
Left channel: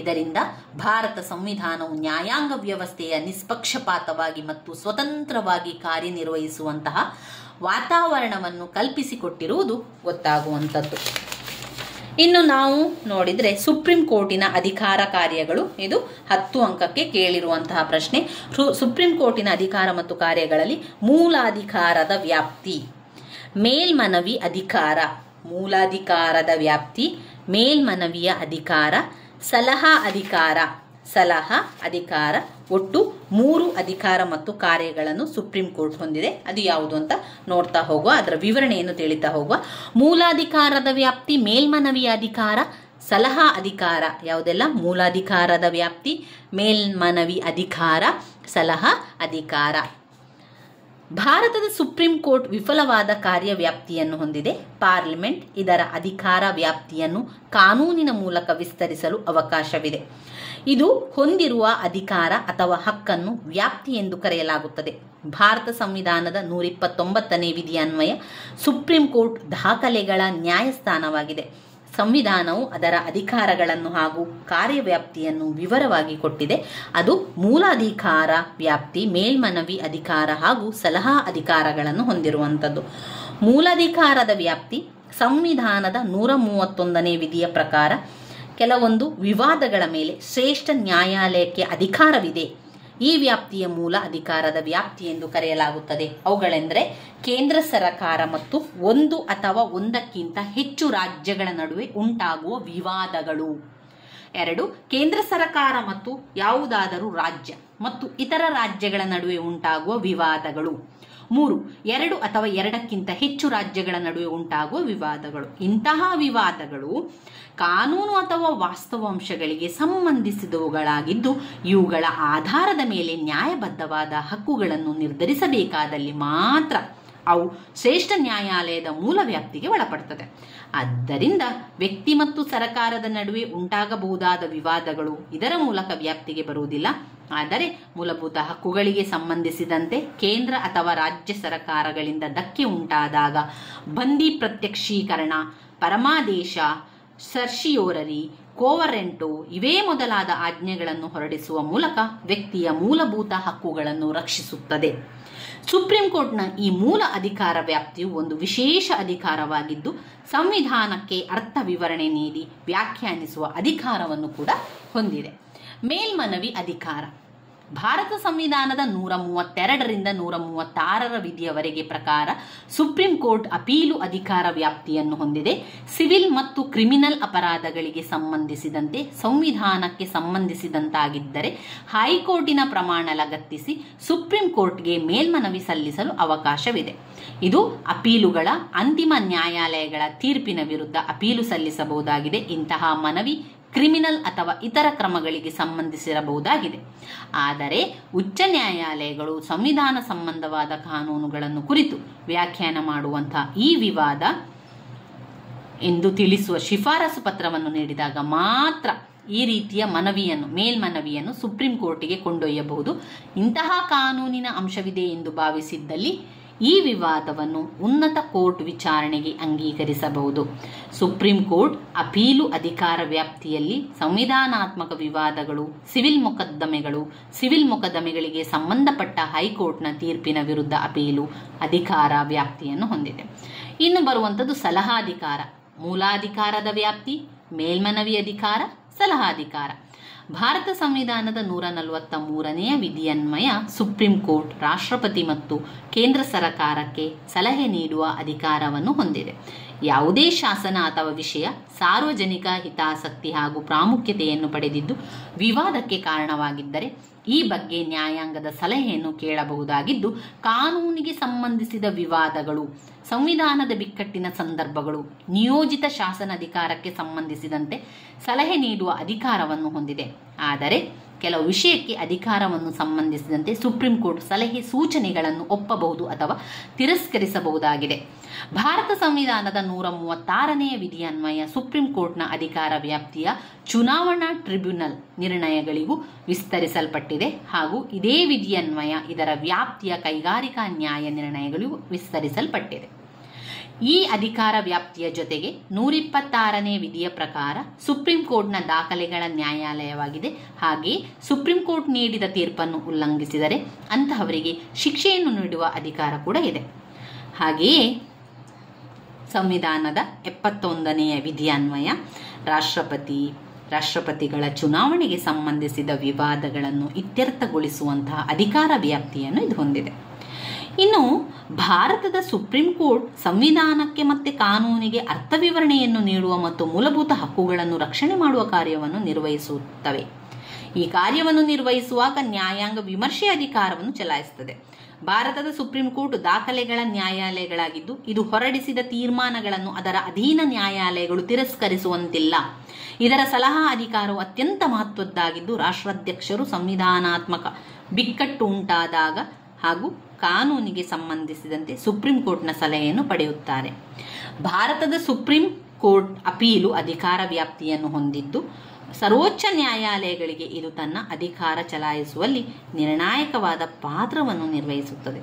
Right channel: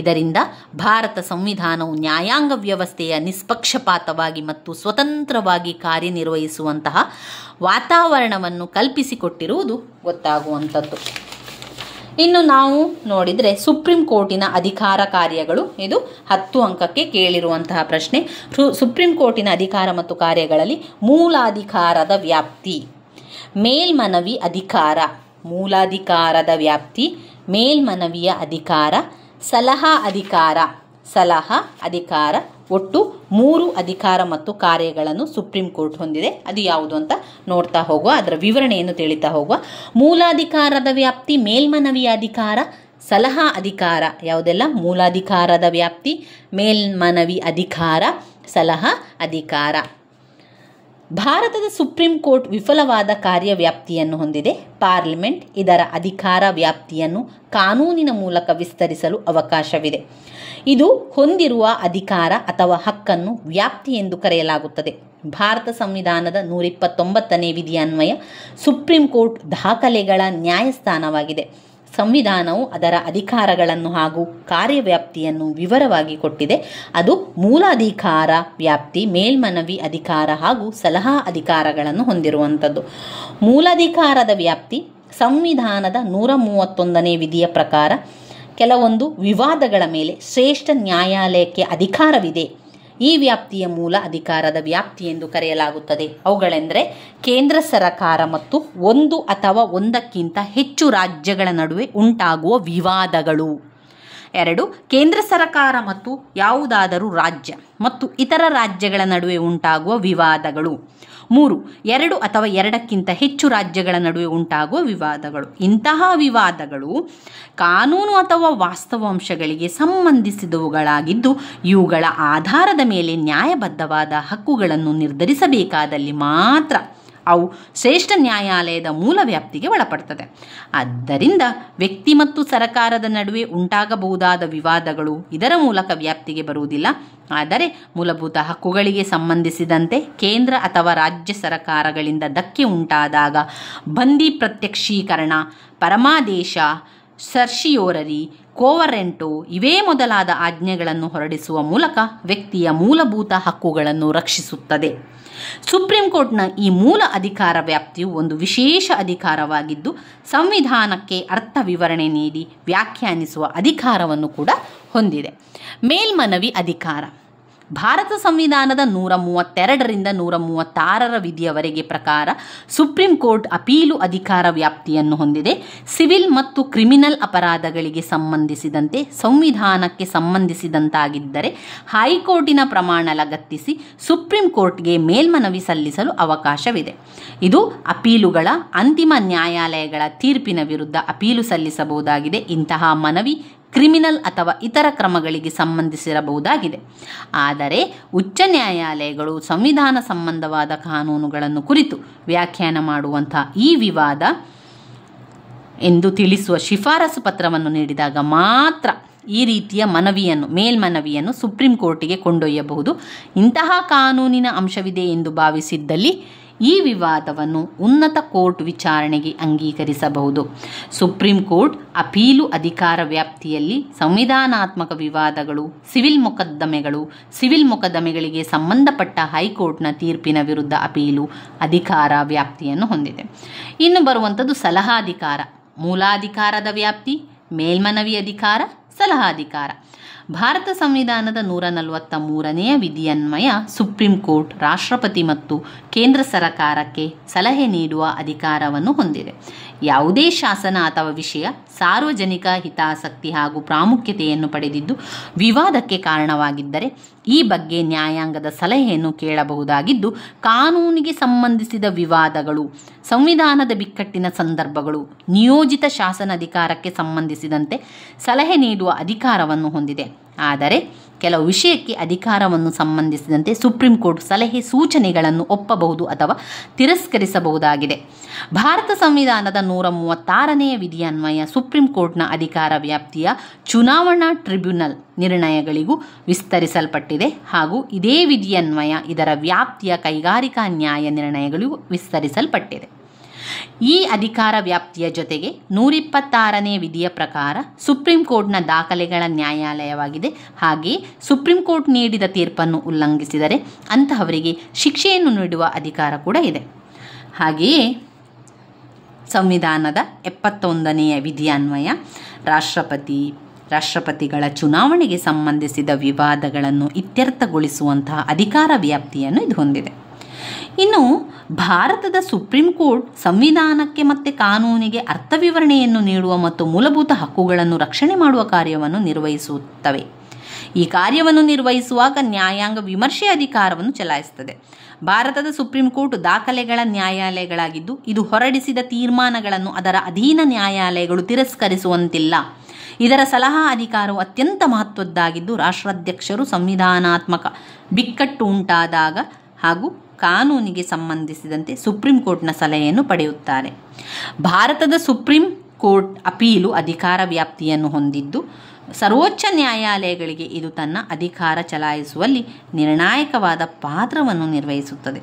ಇದರಿಂದ ಭಾರತ ಸಂವಿಧಾನವು ನ್ಯಾಯಾಂಗ ವ್ಯವಸ್ಥೆಯ ನಿಷ್ಪಕ್ಷಪಾತವಾಗಿ ಮತ್ತು ಸ್ವತಂತ್ರವಾಗಿ ಕಾರ್ಯನಿರ್ವಹಿಸುವಂತಹ ವಾತಾವರಣವನ್ನು ಕಲ್ಪಿಸಿಕೊಟ್ಟಿರುವುದು ಗೊತ್ತಾಗುವಂಥದ್ದು. ಇನ್ನು ನಾವು ನೋಡಿದರೆ ಸುಪ್ರೀಂ ಕೋರ್ಟಿನ ಅಧಿಕಾರ ಕಾರ್ಯಗಳು, ಇದು 10 ಅಂಕಕ್ಕೆ ಕೇಳಿರುವಂತಹ ಪ್ರಶ್ನೆ. ಸುಪ್ರೀಂ ಕೋರ್ಟಿನ ಅಧಿಕಾರ ಮತ್ತು ಕಾರ್ಯಗಳಲ್ಲಿ ಮೂಲಾಧಿಕಾರದ ವ್ಯಾಪ್ತಿ, ಮೇಲ್ಮನವಿ ಅಧಿಕಾರ, ಮೂಲಾಧಿಕಾರದ ವ್ಯಾಪ್ತಿ, ಮೇಲ್ಮನವಿಯ ಅಧಿಕಾರ, ಸಲಹಾ ಅಧಿಕಾರ, ಒಟ್ಟು 3 ಅಧಿಕಾರ ಮತ್ತು ಕಾರ್ಯಗಳನ್ನು ಸುಪ್ರೀಂ ಕೋರ್ಟ್ ಹೊಂದಿದೆ. ಅದು ಯಾವುದು ಅಂತ ನೋಡ್ತಾ ಹೋಗುವ, ಅದರ ವಿವರಣೆಯನ್ನು ತಿಳಿತಾ ಹೋಗುವ. ಮೂಲಾಧಿಕಾರದ ವ್ಯಾಪ್ತಿ, ಮೇಲ್ಮನವಿಯ ಅಧಿಕಾರ, ಸಲಹಾ ಅಧಿಕಾರ ಯಾವುದೆಲ್ಲ? ಮೂಲಾಧಿಕಾರದ ವ್ಯಾಪ್ತಿ, ಮೇಲ್ಮನವಿ ಅಧಿಕಾರ, ಸಲಹಾ ಅಧಿಕಾರ. ಭಾರತದ ಸುಪ್ರೀಂ ಕೋರ್ಟ್ ವಿಫಲವಾದ ಕಾರ್ಯವ್ಯಾಪ್ತಿಯನ್ನು ಹೊಂದಿದೆ. ಪಾರ್ಲಿಮೆಂಟ್ ಇದರ ಅಧಿಕಾರ ವ್ಯಾಪ್ತಿಯನ್ನು ಕಾನೂನಿನ ಮೂಲಕ ವಿಸ್ತರಿಸಲು ಅವಕಾಶವಿದೆ. ಇದು ಹೊಂದಿರುವ ಅಧಿಕಾರ ಅಥವಾ ಹಕ್ಕನ್ನು ವ್ಯಾಪ್ತಿ ಎಂದು ಕರೆಯಲಾಗುತ್ತದೆ. ಭಾರತ ಸಂವಿಧಾನದ 129ನೇ ವಿಧಿಯ ಅನ್ವಯ ಸುಪ್ರೀಂ ಕೋರ್ಟ್ ದಾಖಲೆಗಳ ನ್ಯಾಯಸ್ಥಾನವಾಗಿದೆ. ಸಂವಿಧಾನವು ಅದರ ಅಧಿಕಾರಗಳನ್ನು ಹಾಗೂ ಕಾರ್ಯವ್ಯಾಪ್ತಿಯನ್ನು ವಿವರವಾಗಿ ಕೊಟ್ಟಿದೆ. ಅದು ಮೂಲಾಧಿಕಾರ ವ್ಯಾಪ್ತಿ, ಮೇಲ್ಮನವಿ ಅಧಿಕಾರ ಹಾಗೂ ಸಲಹಾ ಅಧಿಕಾರಗಳನ್ನು ಹೊಂದಿರುವಂಥದ್ದು. ಮೂಲಾಧಿಕಾರದ ವ್ಯಾಪ್ತಿ ಸಂವಿಧಾನದ 131ನೇ ವಿಧಿಯ ಪ್ರಕಾರ ಕೆಲವೊಂದು ವಿವಾದಗಳ ಮೇಲೆ ಶ್ರೇಷ್ಠ ನ್ಯಾಯಾಲಯಕ್ಕೆ ಅಧಿಕಾರವಿದೆ. ಈ ವ್ಯಾಪ್ತಿಯ ಮೂಲ ಅಧಿಕಾರದ ವ್ಯಾಪ್ತಿ ಎಂದು ಕರೆಯಲಾಗುತ್ತದೆ. ಅವುಗಳೆಂದರೆ ಕೇಂದ್ರ ಸರ್ಕಾರ ಮತ್ತು ಒಂದು ಅಥವಾ ಒಂದಕ್ಕಿಂತ ಹೆಚ್ಚು ರಾಜ್ಯಗಳ ನಡುವೆ ಉಂಟಾಗುವ ವಿವಾದಗಳು. 2. ಕೇಂದ್ರ ಸರ್ಕಾರ ಮತ್ತು ಯಾವುದಾದರೂ ರಾಜ್ಯ ಮತ್ತು ಇತರ ರಾಜ್ಯಗಳ ನಡುವೆ ಉಂಟಾಗುವ ವಿವಾದಗಳು. 3. 2 ಅಥವಾ ಎರಡಕ್ಕಿಂತ ಹೆಚ್ಚು ರಾಜ್ಯಗಳ ನಡುವೆ ಉಂಟಾಗುವ ವಿವಾದಗಳು. ಇಂತಹ ವಿವಾದಗಳು ಕಾನೂನು ಅಥವಾ ವಾಸ್ತವಾಂಶಗಳಿಗೆ ಸಂಬಂಧಿಸಿದವುಗಳಾಗಿದ್ದು ಇವುಗಳ ಆಧಾರದ ಮೇಲೆ ನ್ಯಾಯಬದ್ಧವಾದ ಹಕ್ಕುಗಳನ್ನು ನಿರ್ಧರಿಸಬೇಕಾದಲ್ಲಿ ಮಾತ್ರ ಅವು ಶ್ರೇಷ್ಠ ನ್ಯಾಯಾಲಯದ ಮೂಲ ವ್ಯಾಪ್ತಿಗೆ ಒಳಪಡುತ್ತದೆ. ಆದ್ದರಿಂದ ವ್ಯಕ್ತಿ ಮತ್ತು ಸರ್ಕಾರದ ನಡುವೆ ಉಂಟಾಗಬಹುದಾದ ವಿವಾದಗಳು ಇದರ ಮೂಲಕ ವ್ಯಾಪ್ತಿಗೆ ಬರುವುದಿಲ್ಲ. ಆದರೆ ಮೂಲಭೂತ ಹಕ್ಕುಗಳಿಗೆ ಸಂಬಂಧಿಸಿದಂತೆ ಕೇಂದ್ರ ಅಥವಾ ರಾಜ್ಯ ಸರ್ಕಾರಗಳಿಂದ ಧಕ್ಕೆ ಉಂಟಾದಾಗ ಬಂದಿ ಪ್ರತ್ಯಕ್ಷೀಕರಣ, ಪರಮಾದೇಶ, ಸರ್ಶಿಯೋರರಿ, ಕೋವರೆಂಟೋ ಇವೇ ಮೊದಲಾದ ಆಜ್ಞೆಗಳನ್ನು ಹೊರಡಿಸುವ ಮೂಲಕ ವ್ಯಕ್ತಿಯ ಮೂಲಭೂತ ಹಕ್ಕುಗಳನ್ನು ರಕ್ಷಿಸುತ್ತದೆ. ಸುಪ್ರೀಂ ಕೋರ್ಟ್ನ ಈ ಮೂಲ ಅಧಿಕಾರ ವ್ಯಾಪ್ತಿಯು ಒಂದು ವಿಶೇಷ ಅಧಿಕಾರವಾಗಿದ್ದು ಸಂವಿಧಾನಕ್ಕೆ ಅರ್ಥ ವಿವರಣೆ ನೀಡಿ ವ್ಯಾಖ್ಯಾನಿಸುವ ಅಧಿಕಾರವನ್ನು ಕೂಡ ಹೊಂದಿದೆ. ಮೇಲ್ಮನವಿ ಅಧಿಕಾರ. ಭಾರತ ಸಂವಿಧಾನದ 132ರಿಂದ 136ರ ವಿಧಿಯವರೆಗೆ ಪ್ರಕಾರ ಸುಪ್ರೀಂ ಕೋರ್ಟ್ ಅಪೀಲು ಅಧಿಕಾರ ವ್ಯಾಪ್ತಿಯನ್ನು ಹೊಂದಿದೆ. ಸಿವಿಲ್ ಮತ್ತು ಕ್ರಿಮಿನಲ್ ಅಪರಾಧಗಳಿಗೆ ಸಂಬಂಧಿಸಿದಂತೆ ಸಂವಿಧಾನಕ್ಕೆ ಸಂಬಂಧಿಸಿದಂತಾಗಿದ್ದರೆ ಹೈಕೋರ್ಟಿನ ಪ್ರಮಾಣ ಲಗತ್ತಿಸಿ ಸುಪ್ರೀಂ ಕೋರ್ಟ್ಗೆ ಮೇಲ್ಮನವಿ ಸಲ್ಲಿಸಲು ಅವಕಾಶವಿದೆ. ಇದು ಅಪೀಲುಗಳ ಅಂತಿಮ ನ್ಯಾಯಾಲಯಗಳ ತೀರ್ಪಿನ ವಿರುದ್ಧ ಅಪೀಲು ಸಲ್ಲಿಸಬಹುದಾಗಿದೆ. ಇಂತಹ ಮನವಿ ಕ್ರಿಮಿನಲ್ ಅಥವಾ ಇತರ ಕ್ರಮಗಳಿಗೆ ಸಂಬಂಧಿಸಿರಬಹುದಾಗಿದೆ. ಆದರೆ ಉಚ್ಚ ನ್ಯಾಯಾಲಯಗಳು ಸಂವಿಧಾನ ಸಂಬಂಧವಾದ ಕಾನೂನುಗಳನ್ನು ಕುರಿತು ವ್ಯಾಖ್ಯಾನ ಮಾಡುವಂತಹ ಈ ವಿವಾದ ಎಂದು ತಿಳಿಸುವ ಶಿಫಾರಸು ಪತ್ರವನ್ನು ನೀಡಿದಾಗ ಮಾತ್ರ ಈ ರೀತಿಯ ಮೇಲ್ಮನವಿಯನ್ನು ಸುಪ್ರೀಂ ಕೋರ್ಟಿಗೆ ಕೊಂಡೊಯ್ಯಬಹುದು. ಇಂತಹ ಕಾನೂನಿನ ಅಂಶವಿದೆ ಎಂದು ಭಾವಿಸಿದ್ದಲ್ಲಿ ಈ ವಿವಾದವನ್ನು ಉನ್ನತ ಕೋರ್ಟ್ ವಿಚಾರಣೆಗೆ ಅಂಗೀಕರಿಸಬಹುದು. ಸುಪ್ರೀಂ ಕೋರ್ಟ್ ಅಪೀಲು ಅಧಿಕಾರ ವ್ಯಾಪ್ತಿಯಲ್ಲಿ ಸಂವಿಧಾನಾತ್ಮಕ ವಿವಾದಗಳು, ಸಿವಿಲ್ ಮೊಕದ್ದಮೆಗಳಿಗೆ ಸಂಬಂಧಪಟ್ಟ ಹೈಕೋರ್ಟ್ನ ತೀರ್ಪಿನ ವಿರುದ್ಧ ಅಪೀಲು ಅಧಿಕಾರ ವ್ಯಾಪ್ತಿಯನ್ನು ಹೊಂದಿದೆ. ಇನ್ನು ಬರುವಂಥದ್ದು ಸಲಹಾಧಿಕಾರ. ಮೂಲಾಧಿಕಾರದ ವ್ಯಾಪ್ತಿ, ಮೇಲ್ಮನವಿ ಅಧಿಕಾರ, ಸಲಹಾಧಿಕಾರ. ಭಾರತ ಸಂವಿಧಾನದ 143ನೇ ವಿಧಿಯನ್ವಯ ಸುಪ್ರೀಂ ಕೋರ್ಟ್ ರಾಷ್ಟ್ರಪತಿ ಮತ್ತು ಕೇಂದ್ರ ಸರ್ಕಾರಕ್ಕೆ ಸಲಹೆ ನೀಡುವ ಅಧಿಕಾರವನ್ನು ಹೊಂದಿದೆ. ಯಾವುದೇ ಶಾಸನ ಅಥವಾ ವಿಷಯ ಸಾರ್ವಜನಿಕ ಹಿತಾಸಕ್ತಿ ಹಾಗೂ ಪ್ರಾಮುಖ್ಯತೆಯನ್ನು ಪಡೆದಿದ್ದು ವಿವಾದಕ್ಕೆ ಕಾರಣವಾಗಿದ್ದರೆ ಈ ಬಗ್ಗೆ ನ್ಯಾಯಾಂಗದ ಸಲಹೆಯನ್ನು ಕೇಳಬಹುದಾಗಿದ್ದು ಕಾನೂನಿಗೆ ಸಂಬಂಧಿಸಿದ ವಿವಾದಗಳು, ಸಂವಿಧಾನದ ಬಿಕ್ಕಟ್ಟಿನ ಸಂದರ್ಭಗಳು, ನಿಯೋಜಿತ ಶಾಸನಾಧಿಕಾರಕ್ಕೆ ಸಂಬಂಧಿಸಿದಂತೆ ಸಲಹೆ ನೀಡುವ ಅಧಿಕಾರವನ್ನು ಹೊಂದಿದೆ. ಆದರೆ ಕೆಲವು ವಿಷಯಕ್ಕೆ ಅಧಿಕಾರವನ್ನು ಸಂಬಂಧಿಸಿದಂತೆ ಸುಪ್ರೀಂ ಕೋರ್ಟ್ ಸಲಹೆ ಸೂಚನೆಗಳನ್ನು ಒಪ್ಪಬಹುದು ಅಥವಾ ತಿರಸ್ಕರಿಸಬಹುದಾಗಿದೆ. ಭಾರತ ಸಂವಿಧಾನದ 136ನೇ ವಿಧಿಯನ್ವಯ ಸುಪ್ರೀಂ ಕೋರ್ಟ್ನ ಅಧಿಕಾರ ವ್ಯಾಪ್ತಿಯ ಚುನಾವಣಾ ಟ್ರಿಬ್ಯುನಲ್ ನಿರ್ಣಯಗಳಿಗೂ ವಿಸ್ತರಿಸಲ್ಪಟ್ಟಿದೆ ಹಾಗೂ ಇದೇ ವಿಧಿಯನ್ವಯ ಇದರ ವ್ಯಾಪ್ತಿಯ ಕೈಗಾರಿಕಾ ನ್ಯಾಯ ನಿರ್ಣಯಗಳಿಗೂ ವಿಸ್ತರಿಸಲ್ಪಟ್ಟಿದೆ. ಈ ಅಧಿಕಾರ ವ್ಯಾಪ್ತಿಯ ಜೊತೆಗೆ 126ನೇ ವಿಧಿಯ ಪ್ರಕಾರ ಸುಪ್ರೀಂ ಕೋರ್ಟ್ನ ದಾಖಲೆಗಳ ನ್ಯಾಯಾಲಯವಾಗಿದೆ. ಹಾಗೆಯೇ ಸುಪ್ರೀಂ ಕೋರ್ಟ್ ನೀಡಿದ ತೀರ್ಪನ್ನು ಉಲ್ಲಂಘಿಸಿದರೆ ಅಂತಹವರಿಗೆ ಶಿಕ್ಷೆಯನ್ನು ನೀಡುವ ಅಧಿಕಾರ ಕೂಡ ಇದೆ. ಹಾಗೆಯೇ ಸಂವಿಧಾನದ 71ನೇ ವಿಧಿಯನ್ವಯ ರಾಷ್ಟ್ರಪತಿಗಳ ಚುನಾವಣೆಗೆ ಸಂಬಂಧಿಸಿದ ವಿವಾದಗಳನ್ನು ಇತ್ಯರ್ಥಗೊಳಿಸುವಂತಹ ಅಧಿಕಾರ ವ್ಯಾಪ್ತಿಯನ್ನು ಇದು ಹೊಂದಿದೆ. ಇನ್ನು ಭಾರತದ ಸುಪ್ರೀಂ ಕೋರ್ಟ್ ಸಂವಿಧಾನಕ್ಕೆ ಮತ್ತು ಕಾನೂನಿಗೆ ಅರ್ಥ ವಿವರಣೆಯನ್ನು ನೀಡುವ ಮತ್ತು ಮೂಲಭೂತ ಹಕ್ಕುಗಳನ್ನು ರಕ್ಷಣೆ ಮಾಡುವ ಕಾರ್ಯವನ್ನು ನಿರ್ವಹಿಸುತ್ತವೆ. ಈ ಕಾರ್ಯವನ್ನು ನಿರ್ವಹಿಸುವಾಗ ನ್ಯಾಯಾಂಗ ವಿಮರ್ಶೆ ಅಧಿಕಾರವನ್ನು ಚಲಾಯಿಸುತ್ತದೆ. ಭಾರತದ ಸುಪ್ರೀಂ ಕೋರ್ಟ್ ದಾಖಲೆಗಳ ನ್ಯಾಯಾಲಯಗಳಾಗಿದ್ದು ಇದು ಹೊರಡಿಸಿದ ತೀರ್ಮಾನಗಳನ್ನು ಅದರ ಅಧೀನ ನ್ಯಾಯಾಲಯಗಳು ತಿರಸ್ಕರಿಸುವಂತಿಲ್ಲ. ಇದರ ಸಲಹಾ ಅಧಿಕಾರವು ಅತ್ಯಂತ ಮಹತ್ವದ್ದಾಗಿದ್ದು ರಾಷ್ಟ್ರಾಧ್ಯಕ್ಷರು ಸಂವಿಧಾನಾತ್ಮಕ ಬಿಕ್ಕಟ್ಟು ಉಂಟಾದಾಗ ಹಾಗೂ ಕಾನೂನಿಗೆ ಸಂಬಂಧಿಸಿದಂತೆ ಸುಪ್ರೀಂ ಕೋರ್ಟ್ನ ಸಲಹೆಯನ್ನು ಪಡೆಯುತ್ತಾರೆ. ಭಾರತದ ಸುಪ್ರೀಂ ಕೋರ್ಟ್ ಅಪೀಲು ಅಧಿಕಾರ ವ್ಯಾಪ್ತಿಯನ್ನು ಹೊಂದಿದ್ದು ಸರ್ವೋಚ್ಚ ನ್ಯಾಯಾಲಯಗಳಿಗೆ ಇದು ತನ್ನ ಅಧಿಕಾರ ಚಲಾಯಿಸುವಲ್ಲಿ ನಿರ್ಣಾಯಕವಾದ ಪಾತ್ರವನ್ನು ನಿರ್ವಹಿಸುತ್ತದೆ.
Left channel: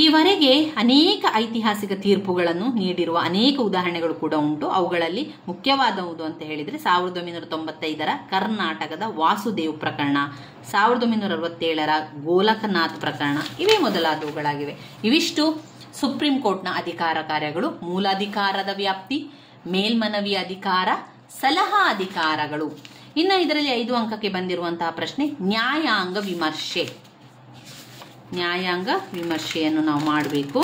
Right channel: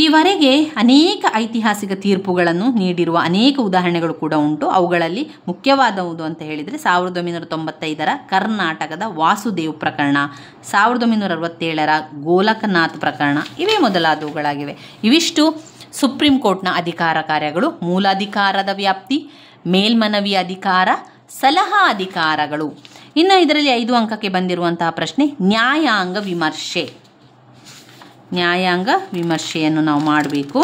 ಈವರೆಗೆ ಅನೇಕ ಐತಿಹಾಸಿಕ ತೀರ್ಪುಗಳನ್ನು ನೀಡಿರುವ ಅನೇಕ ಉದಾಹರಣೆಗಳು ಕೂಡ ಉಂಟು. ಅವುಗಳಲ್ಲಿ ಮುಖ್ಯವಾದವುದು ಅಂತ ಹೇಳಿದರೆ 1995ರ ಕರ್ನಾಟಕದ ವಾಸುದೇವ್ ಪ್ರಕರಣ, 1967ರ ಗೋಲಕನಾಥ್ ಪ್ರಕರಣ, ಇವೇ ಮೊದಲಾದವುಗಳಾಗಿವೆ. ಇವಿಷ್ಟು ಸುಪ್ರೀಂ ಕೋರ್ಟ್ನ ಅಧಿಕಾರ ಕಾರ್ಯಗಳು. ಮೂಲಾಧಿಕಾರದ ವ್ಯಾಪ್ತಿ, ಮೇಲ್ಮನವಿ ಅಧಿಕಾರ, ಸಲಹಾ ಅಧಿಕಾರಗಳು. ಇನ್ನು ಇದರಲ್ಲಿ 5 ಅಂಕಕ್ಕೆ ಬಂದಿರುವಂತಹ ಪ್ರಶ್ನೆ ನ್ಯಾಯಾಂಗ ವಿಮರ್ಶೆ. ನ್ಯಾಯಾಂಗ ವಿಮರ್ಶೆಯನ್ನು ನಾವು ಮಾಡಬೇಕು.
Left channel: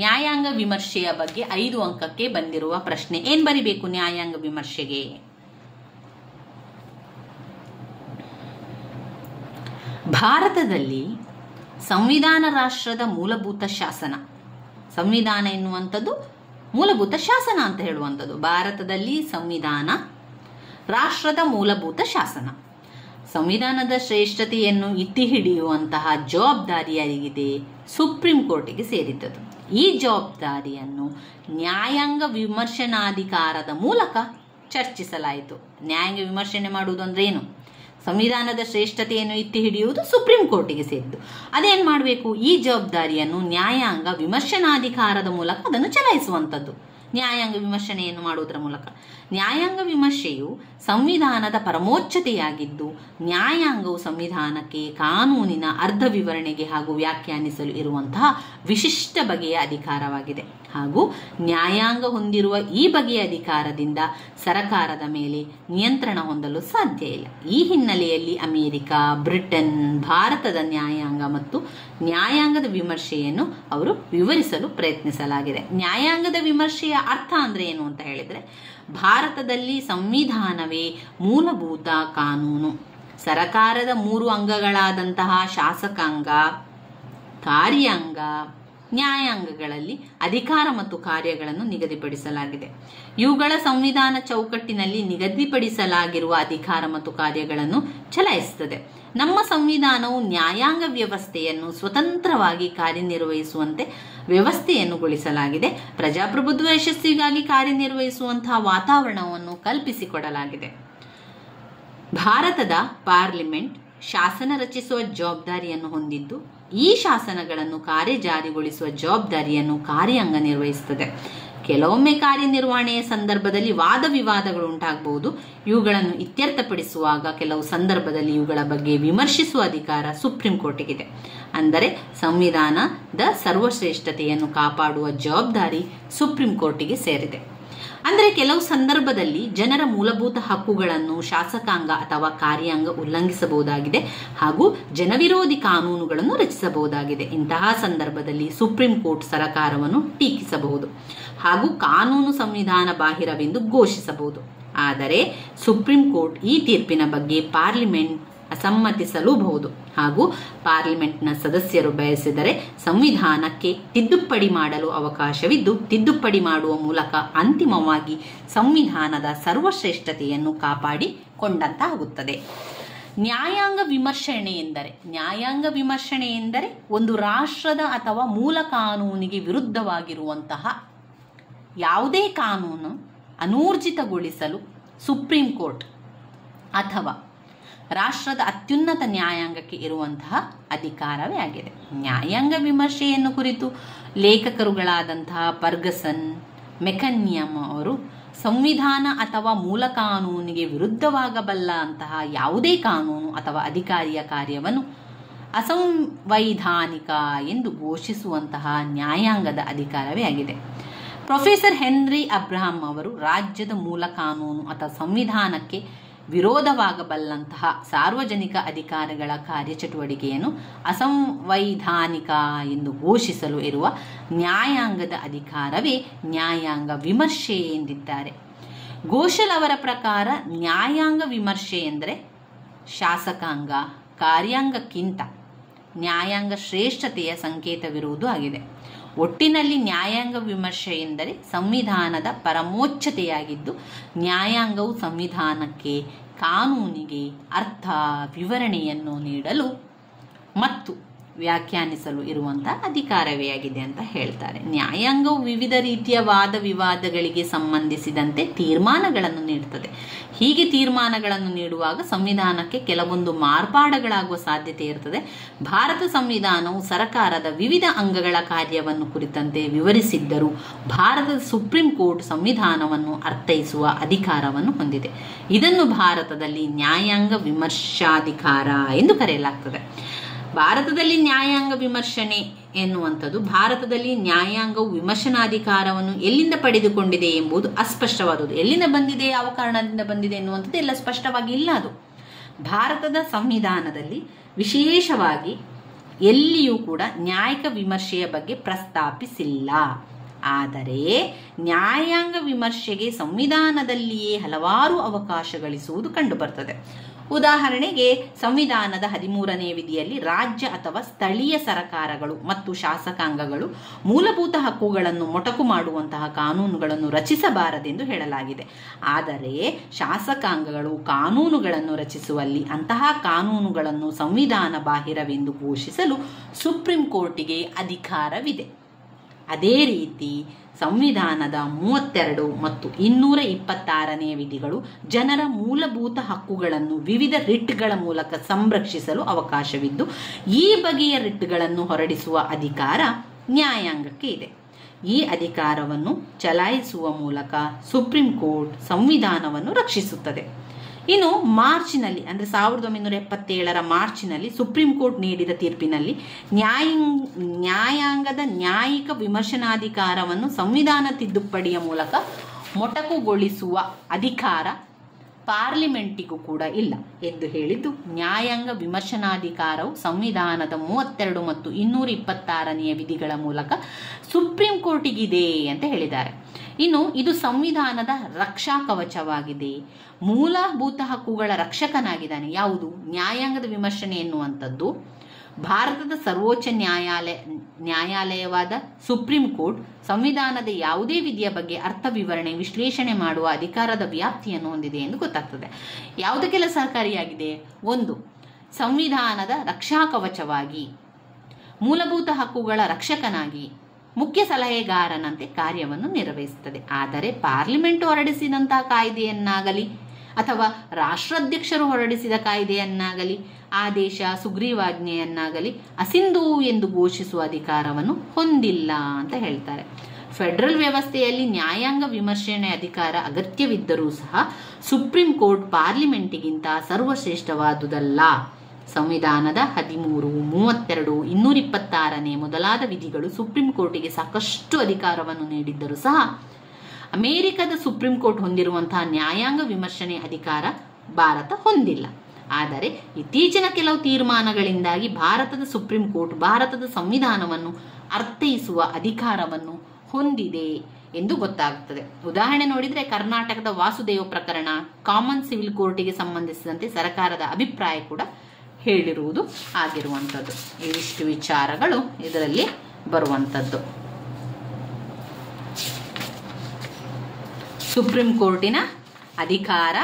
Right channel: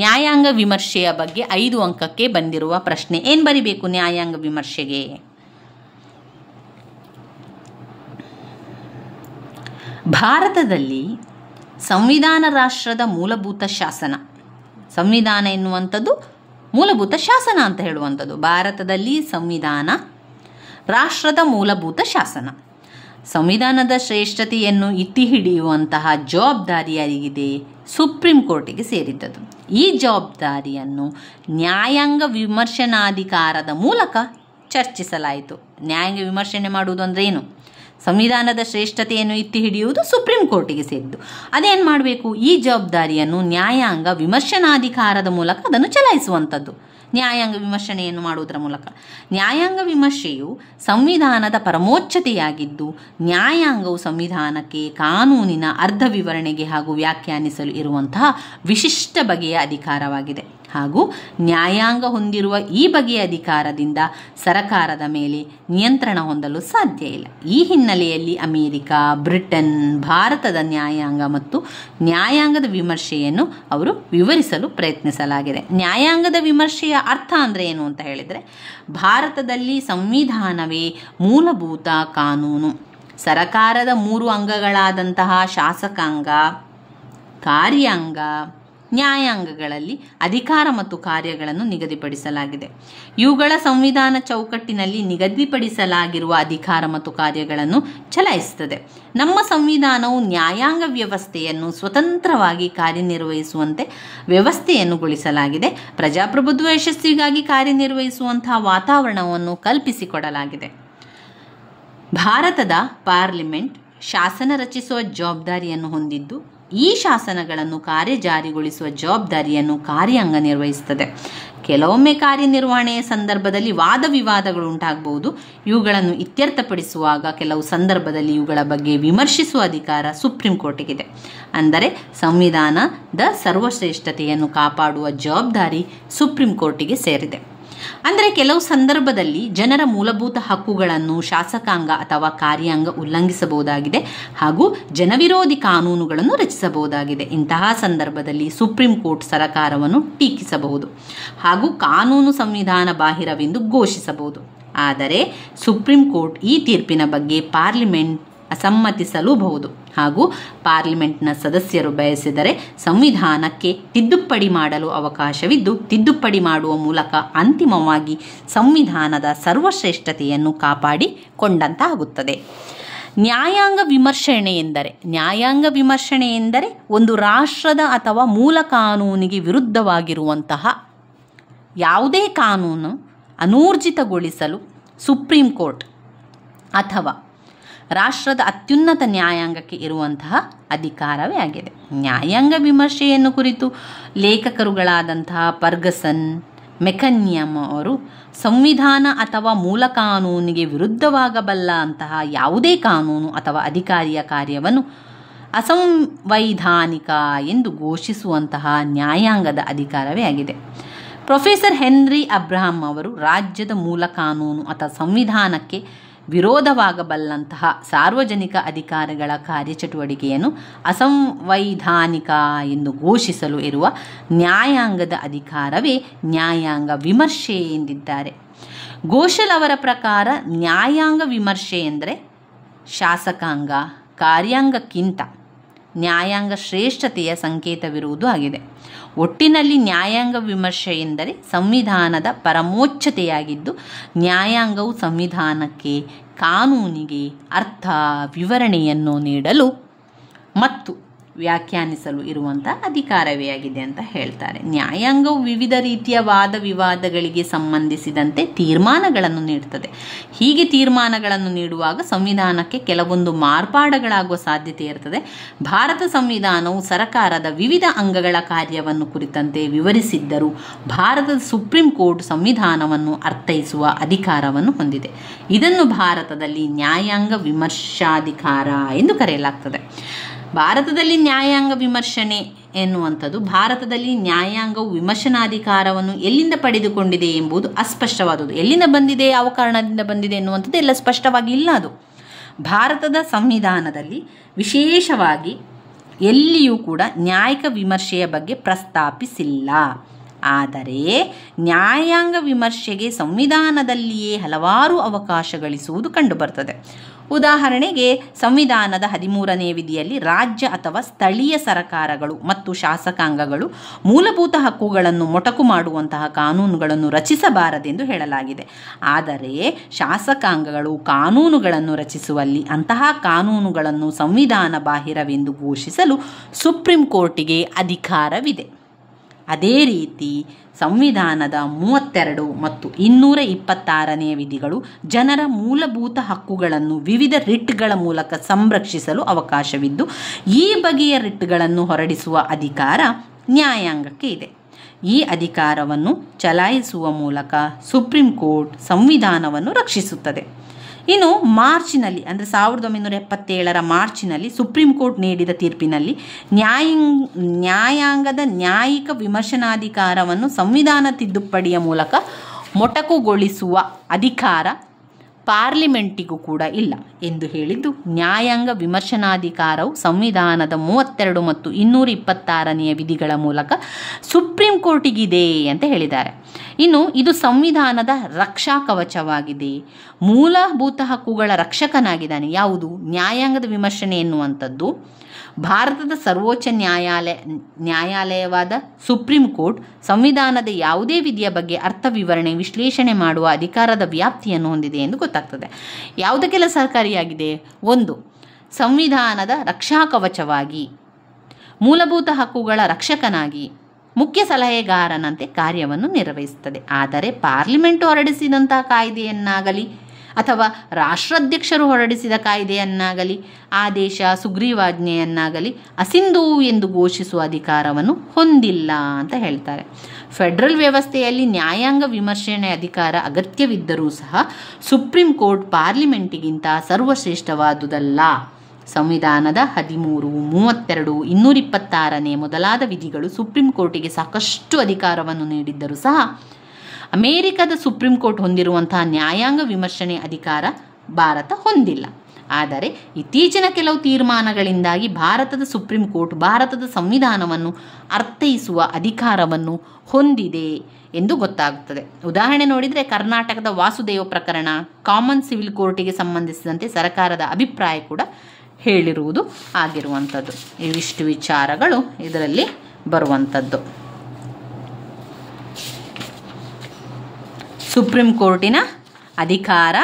ನ್ಯಾಯಾಂಗ ವಿಮರ್ಶೆಯ ಬಗ್ಗೆ 5 ಅಂಕಕ್ಕೆ ಬಂದಿರುವ ಪ್ರಶ್ನೆ. ಏನು ಬರಿಬೇಕು ನ್ಯಾಯಾಂಗ ವಿಮರ್ಶೆಗೆ? ಭಾರತದಲ್ಲಿ ಸಂವಿಧಾನ ರಾಷ್ಟ್ರದ ಮೂಲಭೂತ ಶಾಸನ. ಸಂವಿಧಾನ ಎನ್ನುವಂಥದ್ದು ಮೂಲಭೂತ ಶಾಸನ ಅಂತ ಹೇಳುವಂಥದ್ದು. ಭಾರತದಲ್ಲಿ ಸಂವಿಧಾನ ರಾಷ್ಟ್ರದ ಮೂಲಭೂತ ಶಾಸನ. ಸಂವಿಧಾನದ ಶ್ರೇಷ್ಠತೆಯನ್ನು ಎತ್ತಿ ಹಿಡಿಯುವಂತಹ ಜವಾಬ್ದಾರಿ ಯಾರಿಗಿದೆ? ಸುಪ್ರೀಂ ಕೋರ್ಟಿಗೆ ಸೇರಿದ್ದದು. ಈ ಜವಾಬ್ದಾರಿಯನ್ನು ನ್ಯಾಯಾಂಗ ವಿಮರ್ಶನಾಧಿಕಾರದ ಮೂಲಕ ಚರ್ಚಿಸಲಾಯಿತು. ನ್ಯಾಯಾಂಗ ವಿಮರ್ಶನೆ ಮಾಡುವುದು ಅಂದರೆ ಏನು? ಸಂವಿಧಾನದ ಶ್ರೇಷ್ಠತೆಯನ್ನು ಎತ್ತಿ ಹಿಡಿಯುವುದು ಸುಪ್ರೀಂ ಕೋರ್ಟಿಗೆ ಸೇರಿದ್ದು. ಅದೇನು ಮಾಡಬೇಕು? ಈ ಜವಾಬ್ದಾರಿಯನ್ನು ನ್ಯಾಯಾಂಗ ವಿಮರ್ಶನಾಧಿಕಾರದ ಮೂಲಕ ಅದನ್ನು ಚಲಾಯಿಸುವಂಥದ್ದು. ನ್ಯಾಯಾಂಗ ವಿಮರ್ಶನೆಯನ್ನು ಮಾಡುವುದರ ಮೂಲಕ. ನ್ಯಾಯಾಂಗ ವಿಮರ್ಶೆಯು ಸಂವಿಧಾನದ ಪರಮೋಚ್ಚತೆಯಾಗಿದ್ದು, ನ್ಯಾಯಾಂಗವು ಸಂವಿಧಾನಕ್ಕೆ ಕಾನೂನಿನ ಅರ್ಧ ವಿವರಣೆಗೆ ಹಾಗೂ ವ್ಯಾಖ್ಯಾನಿಸಲು ಇರುವಂತಹ ವಿಶಿಷ್ಟ ಬಗೆಯ ಅಧಿಕಾರವಾಗಿದೆ. ಹಾಗೂ ನ್ಯಾಯಾಂಗ ಹೊಂದಿರುವ ಈ ಬಗೆಯ ಅಧಿಕಾರದಿಂದ ಸರಕಾರದ ಮೇಲೆ ನಿಯಂತ್ರಣ ಹೊಂದಲು ಸಾಧ್ಯ ಇಲ್ಲ. ಈ ಹಿನ್ನೆಲೆಯಲ್ಲಿ ಅಮೆರಿಕ, ಬ್ರಿಟನ್, ಭಾರತದ ನ್ಯಾಯಾಂಗ ಮತ್ತು ನ್ಯಾಯಾಂಗದ ವಿಮರ್ಶೆಯನ್ನು ಅವರು ವಿವರಿಸಲು ಪ್ರಯತ್ನಿಸಲಾಗಿದೆ. ನ್ಯಾಯಾಂಗದ ವಿಮರ್ಶೆಯ ಅರ್ಥ ಅಂದರೆ ಏನು ಅಂತ ಹೇಳಿದರೆ, ಭಾರತದಲ್ಲಿ ಸಂವಿಧಾನವೇ ಮೂಲಭೂತ ಕಾನೂನು. ಸರಕಾರದ 3 ಅಂಗಗಳಾದಂತಹ ಶಾಸಕಾಂಗ, ಕಾರ್ಯಾಂಗ, ನ್ಯಾಯಾಂಗಗಳಲ್ಲಿ ಅಧಿಕಾರ ಮತ್ತು ಕಾರ್ಯಗಳನ್ನು ನಿಗದಿಪಡಿಸಲಾಗಿದೆ. ಇವುಗಳ ಸಂವಿಧಾನ ಚೌಕಟ್ಟಿನಲ್ಲಿ ನಿಗದಿಪಡಿಸಲಾಗಿರುವ ಅಧಿಕಾರ ಮತ್ತು ಕಾರ್ಯಗಳನ್ನು ಚಲಾಯಿಸುತ್ತದೆ. ನಮ್ಮ ಸಂವಿಧಾನವು ನ್ಯಾಯಾಂಗ ವ್ಯವಸ್ಥೆಯನ್ನು ಸ್ವತಂತ್ರವಾಗಿ ಕಾರ್ಯನಿರ್ವಹಿಸುವಂತೆ ವ್ಯವಸ್ಥೆಯನ್ನು ಗೊಳಿಸಲಾಗಿದೆ. ಪ್ರಜಾಪ್ರಭುತ್ವ ಯಶಸ್ವಿಗಾಗಿ ಕಾರ್ಯನಿರ್ವಹಿಸುವಂತಹ ವಾತಾವರಣವನ್ನು ಕಲ್ಪಿಸಿಕೊಡಲಾಗಿದೆ. ಭಾರತದ ಪಾರ್ಲಿಮೆಂಟ್ ಶಾಸನ ರಚಿಸುವ ಜವಾಬ್ದಾರಿಯನ್ನು ಹೊಂದಿದ್ದು, ಈ ಶಾಸನಗಳನ್ನು ಕಾರ್ಯಜಾರಿಗೊಳಿಸುವ ಜವಾಬ್ದಾರಿಯನ್ನು ಕಾರ್ಯಾಂಗ ನಿರ್ವಹಿಸುತ್ತದೆ. ಕೆಲವೊಮ್ಮೆ ಕಾರ್ಯನಿರ್ವಹಣೆಯ ಸಂದರ್ಭದಲ್ಲಿ ವಾದ ವಿವಾದಗಳು ಉಂಟಾಗಬಹುದು. ಇವುಗಳನ್ನು ಇತ್ಯರ್ಥಪಡಿಸುವಾಗ ಕೆಲವು ಸಂದರ್ಭದಲ್ಲಿ ಇವುಗಳ ಬಗ್ಗೆ ವಿಮರ್ಶಿಸುವ ಅಧಿಕಾರ ಸುಪ್ರೀಂ ಕೋರ್ಟಿಗಿದೆ. ಅಂದರೆ ಸಂವಿಧಾನದ ಸರ್ವಶ್ರೇಷ್ಠತೆಯನ್ನು ಕಾಪಾಡುವ ಜವಾಬ್ದಾರಿ ಸುಪ್ರೀಂ ಕೋರ್ಟಿಗೆ ಸೇರಿದೆ. ಅಂದರೆ ಕೆಲವು ಸಂದರ್ಭದಲ್ಲಿ ಜನರ ಮೂಲಭೂತ ಹಕ್ಕುಗಳನ್ನು ಶಾಸಕಾಂಗ ಅಥವಾ ಕಾರ್ಯಾಂಗ ಉಲ್ಲಂಘಿಸಬಹುದಾಗಿದೆ ಹಾಗೂ ಜನವಿರೋಧಿ ಕಾನೂನುಗಳನ್ನು ರಚಿಸಬಹುದಾಗಿದೆ. ಇಂತಹ ಸಂದರ್ಭದಲ್ಲಿ ಸುಪ್ರೀಂ ಕೋರ್ಟ್ ಸರಕಾರವನ್ನು ಟೀಕಿಸಬಹುದು ಹಾಗೂ ಕಾನೂನು ಸಂವಿಧಾನ ಬಾಹಿರವೆಂದು ಘೋಷಿಸಬಹುದು. ಆದರೆ ಸುಪ್ರೀಂ ಕೋರ್ಟ್ ಈ ತೀರ್ಪಿನ ಬಗ್ಗೆ ಪಾರ್ಲಿಮೆಂಟ್ ಅಸಮ್ಮತಿಸಲೂಬಹುದು ಹಾಗೂ ಪಾರ್ಲಿಮೆಂಟ್ನ ಸದಸ್ಯರು ಬಯಸಿದರೆ ಸಂವಿಧಾನಕ್ಕೆ ತಿದ್ದುಪಡಿ ಮಾಡಲು ಅವಕಾಶವಿದ್ದು, ತಿದ್ದುಪಡಿ ಮಾಡುವ ಮೂಲಕ ಅಂತಿಮವಾಗಿ ಸಂವಿಧಾನದ ಸರ್ವಶ್ರೇಷ್ಠತೆಯನ್ನು ಕಾಪಾಡಿಕೊಂಡಂತಾಗುತ್ತದೆ. ನ್ಯಾಯಾಂಗ ವಿಮರ್ಶನೆ ಎಂದರೆ ಒಂದು ರಾಷ್ಟ್ರದ ಅಥವಾ ಮೂಲ ಕಾನೂನಿಗೆ ವಿರುದ್ಧವಾಗಿರುವಂತಹ ಯಾವುದೇ ಕಾನೂನು ಅನೂರ್ಜಿತಗೊಳಿಸಲು ಸುಪ್ರೀಂ ಕೋರ್ಟ್ ಅಥವಾ ರಾಷ್ಟ್ರದ ಅತ್ಯುನ್ನತ ನ್ಯಾಯಾಂಗಕ್ಕೆ ಇರುವಂತಹ ಅಧಿಕಾರವೇ ಆಗಿದೆ. ನ್ಯಾಯಾಂಗ ವಿಮರ್ಶೆಯನ್ನು ಕುರಿತು ಲೇಖಕರುಗಳಾದಂತಹ ಫರ್ಗಸನ್, ಮೆಕನ್ಯಮ್ ಅವರು ಸಂವಿಧಾನ ಅಥವಾ ಮೂಲ ಕಾನೂನಿಗೆ ವಿರುದ್ಧವಾಗಬಲ್ಲ ಅಂತಹ ಯಾವುದೇ ಕಾನೂನು ಅಥವಾ ಅಧಿಕಾರಿಯ ಕಾರ್ಯವನ್ನು ಅಸಂವೈಧಾನಿಕ ಎಂದು ಘೋಷಿಸುವಂತಹ ನ್ಯಾಯಾಂಗದ ಅಧಿಕಾರವೇ ಆಗಿದೆ. ಪ್ರೊಫೆಸರ್ ಹೆನ್ರಿ ಅಬ್ರಹಾಂ ಅವರು ರಾಜ್ಯದ ಮೂಲ ಕಾನೂನು ಅಥವಾ ಸಂವಿಧಾನಕ್ಕೆ ವಿರೋಧವಾಗಬಲ್ಲಂತಹ ಸಾರ್ವಜನಿಕ ಅಧಿಕಾರಿಗಳ ಕಾರ್ಯಚಟುವಟಿಕೆಯನ್ನು ಅಸಂವೈಧಾನಿಕ ಎಂದು ಘೋಷಿಸಲು ಇರುವ ನ್ಯಾಯಾಂಗದ ಅಧಿಕಾರವೇ ನ್ಯಾಯಾಂಗ ವಿಮರ್ಶೆ ಎಂದಿದ್ದಾರೆ. ಘೋಷಲ್ ಅವರ ಪ್ರಕಾರ ನ್ಯಾಯಾಂಗ ವಿಮರ್ಶೆ ಎಂದರೆ ಶಾಸಕಾಂಗ ಕಾರ್ಯಾಂಗಕ್ಕಿಂತ ನ್ಯಾಯಾಂಗ ಶ್ರೇಷ್ಠತೆಯ ಸಂಕೇತವಿರುವುದು ಆಗಿದೆ. ಒಟ್ಟಿನಲ್ಲಿ ನ್ಯಾಯಾಂಗ ವಿಮರ್ಶೆ ಎಂದರೆ ಸಂವಿಧಾನದ ಪರಮೋಚ್ಚತೆಯಾಗಿದ್ದು, ನ್ಯಾಯಾಂಗವು ಸಂವಿಧಾನಕ್ಕೆ ಕಾನೂನಿಗೆ ಅರ್ಥ ವಿವರಣೆಯನ್ನು ನೀಡಲು ಮತ್ತು ವ್ಯಾಖ್ಯಾನಿಸಲು ಇರುವಂಥ ಅಧಿಕಾರವೇ ಆಗಿದೆ ಅಂತ ಹೇಳ್ತಾರೆ. ನ್ಯಾಯಾಂಗವು ವಿವಿಧ ರೀತಿಯ ವಾದ ವಿವಾದಗಳಿಗೆ ಸಂಬಂಧಿಸಿದಂತೆ ತೀರ್ಮಾನಗಳನ್ನು ನೀಡುತ್ತದೆ. ಹೀಗೆ ತೀರ್ಮಾನಗಳನ್ನು ನೀಡುವಾಗ ಸಂವಿಧಾನಕ್ಕೆ ಕೆಲವೊಂದು ಮಾರ್ಪಾಡುಗಳಾಗುವ ಸಾಧ್ಯತೆ ಇರುತ್ತದೆ. ಭಾರತ ಸಂವಿಧಾನವು ಸರ್ಕಾರದ ವಿವಿಧ ಅಂಗಗಳ ಕಾರ್ಯವನ್ನು ಕುರಿತಂತೆ ವಿವರಿಸಿದ್ದರೂ ಭಾರತದ ಸುಪ್ರೀಂ ಕೋರ್ಟ್ ಸಂವಿಧಾನವನ್ನು ಅರ್ಥೈಸುವ ಅಧಿಕಾರವನ್ನು ಹೊಂದಿದೆ. ಇದನ್ನು ಭಾರತದಲ್ಲಿ ನ್ಯಾಯಾಂಗ ವಿಮರ್ಶಾಧಿಕಾರ ಎಂದು ಕರೆಯಲಾಗ್ತದೆ. ಭಾರತದಲ್ಲಿ ನ್ಯಾಯಾಂಗ ವಿಮರ್ಶನೆ ಎನ್ನುವಂಥದ್ದು, ಭಾರತದಲ್ಲಿ ನ್ಯಾಯಾಂಗವು ವಿಮರ್ಶನಾಧಿಕಾರವನ್ನು ಎಲ್ಲಿಂದ ಪಡೆದುಕೊಂಡಿದೆ ಎಂಬುದು ಅಸ್ಪಷ್ಟವಾದುದು. ಎಲ್ಲಿಂದ ಬಂದಿದೆ, ಯಾವ ಕಾರಣದಿಂದ ಬಂದಿದೆ ಎನ್ನುವಂಥದ್ದು ಎಲ್ಲ ಸ್ಪಷ್ಟವಾಗಿ ಇಲ್ಲ. ಅದು ಭಾರತದ ಸಂವಿಧಾನದಲ್ಲಿ ವಿಶೇಷವಾಗಿ ಎಲ್ಲಿಯೂ ಕೂಡ ನ್ಯಾಯಿಕ ವಿಮರ್ಶೆಯ ಬಗ್ಗೆ ಪ್ರಸ್ತಾಪಿಸಿಲ್ಲ. ಆದರೆ ನ್ಯಾಯಾಂಗ ವಿಮರ್ಶೆಗೆ ಸಂವಿಧಾನದಲ್ಲಿಯೇ ಹಲವಾರು ಅವಕಾಶಗಳಿಸುವುದು ಕಂಡುಬರ್ತದೆ. ಉದಾಹರಣೆಗೆ ಸಂವಿಧಾನದ 13ನೇ ವಿಧಿಯಲ್ಲಿ ರಾಜ್ಯ ಅಥವಾ ಸ್ಥಳೀಯ ಸರ್ಕಾರಗಳು ಮತ್ತು ಶಾಸಕಾಂಗಗಳು ಮೂಲಭೂತ ಹಕ್ಕುಗಳನ್ನು ಮೊಟಕು ಮಾಡುವಂತಹ ಕಾನೂನುಗಳನ್ನು ರಚಿಸಬಾರದೆಂದು ಹೇಳಲಾಗಿದೆ. ಆದರೆ ಶಾಸಕಾಂಗಗಳು ಕಾನೂನುಗಳನ್ನು ರಚಿಸುವಲ್ಲಿ ಅಂತಹ ಕಾನೂನುಗಳನ್ನು ಸಂವಿಧಾನ ಬಾಹಿರವೆಂದು ಘೋಷಿಸಲು ಸುಪ್ರೀಂ ಕೋರ್ಟಿಗೆ ಅಧಿಕಾರವಿದೆ. ಅದೇ ರೀತಿ ಸಂವಿಧಾನದ 32 ಮತ್ತು 226ನೇ ವಿಧಿಗಳು ಜನರ ಮೂಲಭೂತ ಹಕ್ಕುಗಳನ್ನು ವಿವಿಧ ರಿಟ್ಗಳ ಮೂಲಕ ಸಂರಕ್ಷಿಸಲು ಅವಕಾಶವಿದ್ದು, ಈ ಬಗೆಯ ರಿಟ್ಗಳನ್ನು ಹೊರಡಿಸುವ ಅಧಿಕಾರ ನ್ಯಾಯಾಂಗಕ್ಕೆ ಇದೆ. ಈ ಅಧಿಕಾರವನ್ನು ಚಲಾಯಿಸುವ ಮೂಲಕ ಸುಪ್ರೀಂ ಕೋರ್ಟ್ ಸಂವಿಧಾನವನ್ನು ರಕ್ಷಿಸುತ್ತದೆ. ಇನ್ನು ಮಾರ್ಚ್ನಲ್ಲಿ, ಅಂದರೆ 1977ರ ಮಾರ್ಚ್ನಲ್ಲಿ ಸುಪ್ರೀಂ ಕೋರ್ಟ್ ನೀಡಿದ ತೀರ್ಪಿನಲ್ಲಿ ನ್ಯಾಯಾಂಗದ ನ್ಯಾಯಿಕ ವಿಮರ್ಶನಾಧಿಕಾರವನ್ನು ಸಂವಿಧಾನ ತಿದ್ದುಪಡಿಯ ಮೂಲಕ ಮೊಟಕುಗೊಳಿಸುವ ಅಧಿಕಾರ ಪಾರ್ಲಿಮೆಂಟಿಗೂ ಕೂಡ ಇಲ್ಲ ಎಂದು ಹೇಳಿದ್ದು, ನ್ಯಾಯಾಂಗ ವಿಮರ್ಶನಾಧಿಕಾರವು ಸಂವಿಧಾನದ 32 ಮತ್ತು 226ನೇ ವಿಧಿಗಳ ಮೂಲಕ ಸುಪ್ರೀಂ ಕೋರ್ಟಿಗಿದೆ ಅಂತ ಹೇಳಿದ್ದಾರೆ. ಇನ್ನು ಇದು ಸಂವಿಧಾನದ ರಕ್ಷಾ ಕವಚವಾಗಿದೆ. ಮೂಲಭೂತ ಹಕ್ಕುಗಳ ರಕ್ಷಕನಾಗಿದ್ದಾನೆ. ಯಾವುದು? ನ್ಯಾಯಾಂಗದ ವಿಮರ್ಶನೆ ಎನ್ನುವಂಥದ್ದು ಭಾರತದ ಸರ್ವೋಚ್ಚ ನ್ಯಾಯಾಲಯವಾದ ಸುಪ್ರೀಂ ಕೋರ್ಟ್ ಸಂವಿಧಾನದ ಯಾವುದೇ ವಿಧಿಯ ಬಗ್ಗೆ ಅರ್ಥ ವಿವರಣೆ ವಿಶ್ಲೇಷಣೆ ಮಾಡುವ ಅಧಿಕಾರದ ವ್ಯಾಪ್ತಿಯನ್ನು ಹೊಂದಿದೆ ಎಂದು ಗೊತ್ತಾಗ್ತದೆ. ಯಾವುದಕ್ಕೆಲ್ಲ ಸಹಕಾರಿಯಾಗಿದೆ? 1. ಸಂವಿಧಾನದ ರಕ್ಷಾ ಕವಚವಾಗಿ, ಮೂಲಭೂತ ಹಕ್ಕುಗಳ ರಕ್ಷಕನಾಗಿ, ಮುಖ್ಯ ಸಲಹೆಗಾರನಂತೆ ಕಾರ್ಯವನ್ನು ನಿರ್ವಹಿಸುತ್ತದೆ. ಆದರೆ ಪಾರ್ಲಿಮೆಂಟ್ ಹೊರಡಿಸಿದಂತಹ ಕಾಯ್ದೆಯನ್ನಾಗಲಿ ಅಥವಾ ರಾಷ್ಟ್ರಾಧ್ಯಕ್ಷರು ಹೊರಡಿಸಿದ ಕಾಯ್ದೆಯನ್ನಾಗಲಿ ಆದೇಶ ಸುಗ್ರೀವಾಜ್ಞೆಯನ್ನಾಗಲಿ ಅಸಿಂಧು ಎಂದು ಘೋಷಿಸುವ ಅಧಿಕಾರವನ್ನು ಹೊಂದಿಲ್ಲ ಅಂತ ಹೇಳ್ತಾರೆ. ಫೆಡರಲ್ ವ್ಯವಸ್ಥೆಯಲ್ಲಿ ನ್ಯಾಯಾಂಗ ವಿಮರ್ಶನೆ ಅಧಿಕಾರ ಅಗತ್ಯವಿದ್ದರೂ ಸಹ ಸುಪ್ರೀಂ ಕೋರ್ಟ್ ಪಾರ್ಲಿಮೆಂಟಿಗಿಂತ ಸರ್ವಶ್ರೇಷ್ಠವಾದುದಲ್ಲ. ಸಂವಿಧಾನದ 13, 32, 226ನೇ ಮೊದಲಾದ ವಿಧಿಗಳು ಸುಪ್ರೀಂ ಕೋರ್ಟಿಗೆ ಸಾಕಷ್ಟು ಅಧಿಕಾರವನ್ನು ನೀಡಿದ್ದರೂ ಸಹ ಅಮೆರಿಕದ ಸುಪ್ರೀಂ ಕೋರ್ಟ್ ಹೊಂದಿರುವಂತಹ ನ್ಯಾಯಾಂಗ ವಿಮರ್ಶನೆ ಅಧಿಕಾರ ಭಾರತ ಹೊಂದಿಲ್ಲ. ಆದರೆ ಇತ್ತೀಚಿನ ಕೆಲವು ತೀರ್ಮಾನಗಳಿಂದಾಗಿ ಭಾರತದ ಸುಪ್ರೀಂ ಕೋರ್ಟ್ ಭಾರತದ ಸಂವಿಧಾನವನ್ನು ಅರ್ಥೈಸುವ ಅಧಿಕಾರವನ್ನು ಹೊಂದಿದೆ ಎಂದು ಗೊತ್ತಾಗುತ್ತದೆ. ಉದಾಹರಣೆ ನೋಡಿದರೆ ಕರ್ನಾಟಕದ ವಾಸುದೇವ ಪ್ರಕರಣ ಕಾಮನ್ ಸಿವಿಲ್ ಕೋರ್ಟಿಗೆ ಸಂಬಂಧಿಸಿದಂತೆ ಸರ್ಕಾರದ ಅಭಿಪ್ರಾಯ ಕೂಡ ಹೇಳಿರುವುದು ಆಗಿರುವಂಥದ್ದು. ಇವಿಷ್ಟು ವಿಚಾರಗಳು ಇದರಲ್ಲಿ ಬರುವಂಥದ್ದು. ಸುಪ್ರೀಂ ಕೋರ್ಟಿನ ಅಧಿಕಾರ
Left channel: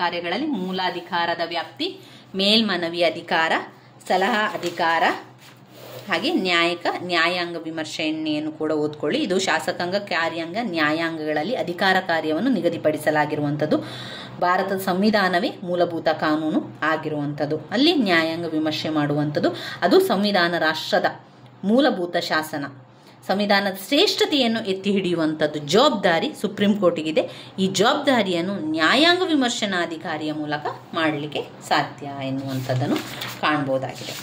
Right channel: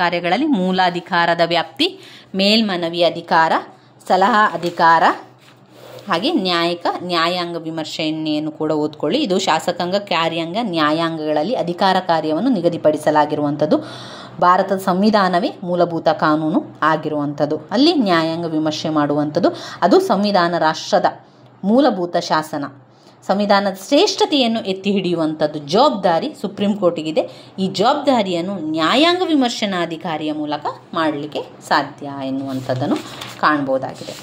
ಕಾರ್ಯಗಳಲ್ಲಿ ಮೂಲ ಅಧಿಕಾರದ ವ್ಯಾಪ್ತಿ, ಮೇಲ್ಮನವಿ ಅಧಿಕಾರ, ಸಲಹಾ ಅಧಿಕಾರ, ಹಾಗೆ ನ್ಯಾಯಾಂಗ ವಿಮರ್ಶೆಯನ್ನು ಕೂಡ ಓದ್ಕೊಳ್ಳಿ. ಇದು ಶಾಸಕಾಂಗ, ಕಾರ್ಯಾಂಗ, ನ್ಯಾಯಾಂಗಗಳಲ್ಲಿ ಅಧಿಕಾರ ಕಾರ್ಯವನ್ನು ನಿಗದಿಪಡಿಸಲಾಗಿರುವಂಥದ್ದು. ಭಾರತದ ಸಂವಿಧಾನವೇ ಮೂಲಭೂತ ಕಾನೂನು ಆಗಿರುವಂಥದ್ದು. ಅಲ್ಲಿ ನ್ಯಾಯಾಂಗ ವಿಮರ್ಶೆ ಮಾಡುವಂಥದ್ದು ಅದು ಸಂವಿಧಾನ ರಾಷ್ಟ್ರದ ಮೂಲಭೂತ ಶಾಸನ. ಸಂವಿಧಾನದ ಶ್ರೇಷ್ಠತೆಯನ್ನು ಎತ್ತಿ ಹಿಡಿಯುವಂಥದ್ದು ಜವಾಬ್ದಾರಿ ಸುಪ್ರೀಂ ಕೋರ್ಟಿಗಿದೆ. ಈ ಜವಾಬ್ದಾರಿಯನ್ನು ನ್ಯಾಯಾಂಗ ವಿಮರ್ಶನಾಧಿಕಾರಿಯ ಮೂಲಕ ಮಾಡಲಿಕ್ಕೆ ಸಾಧ್ಯ ಎನ್ನುವಂಥದ್ದನ್ನು ಕಾಣಬಹುದಾಗಿದೆ.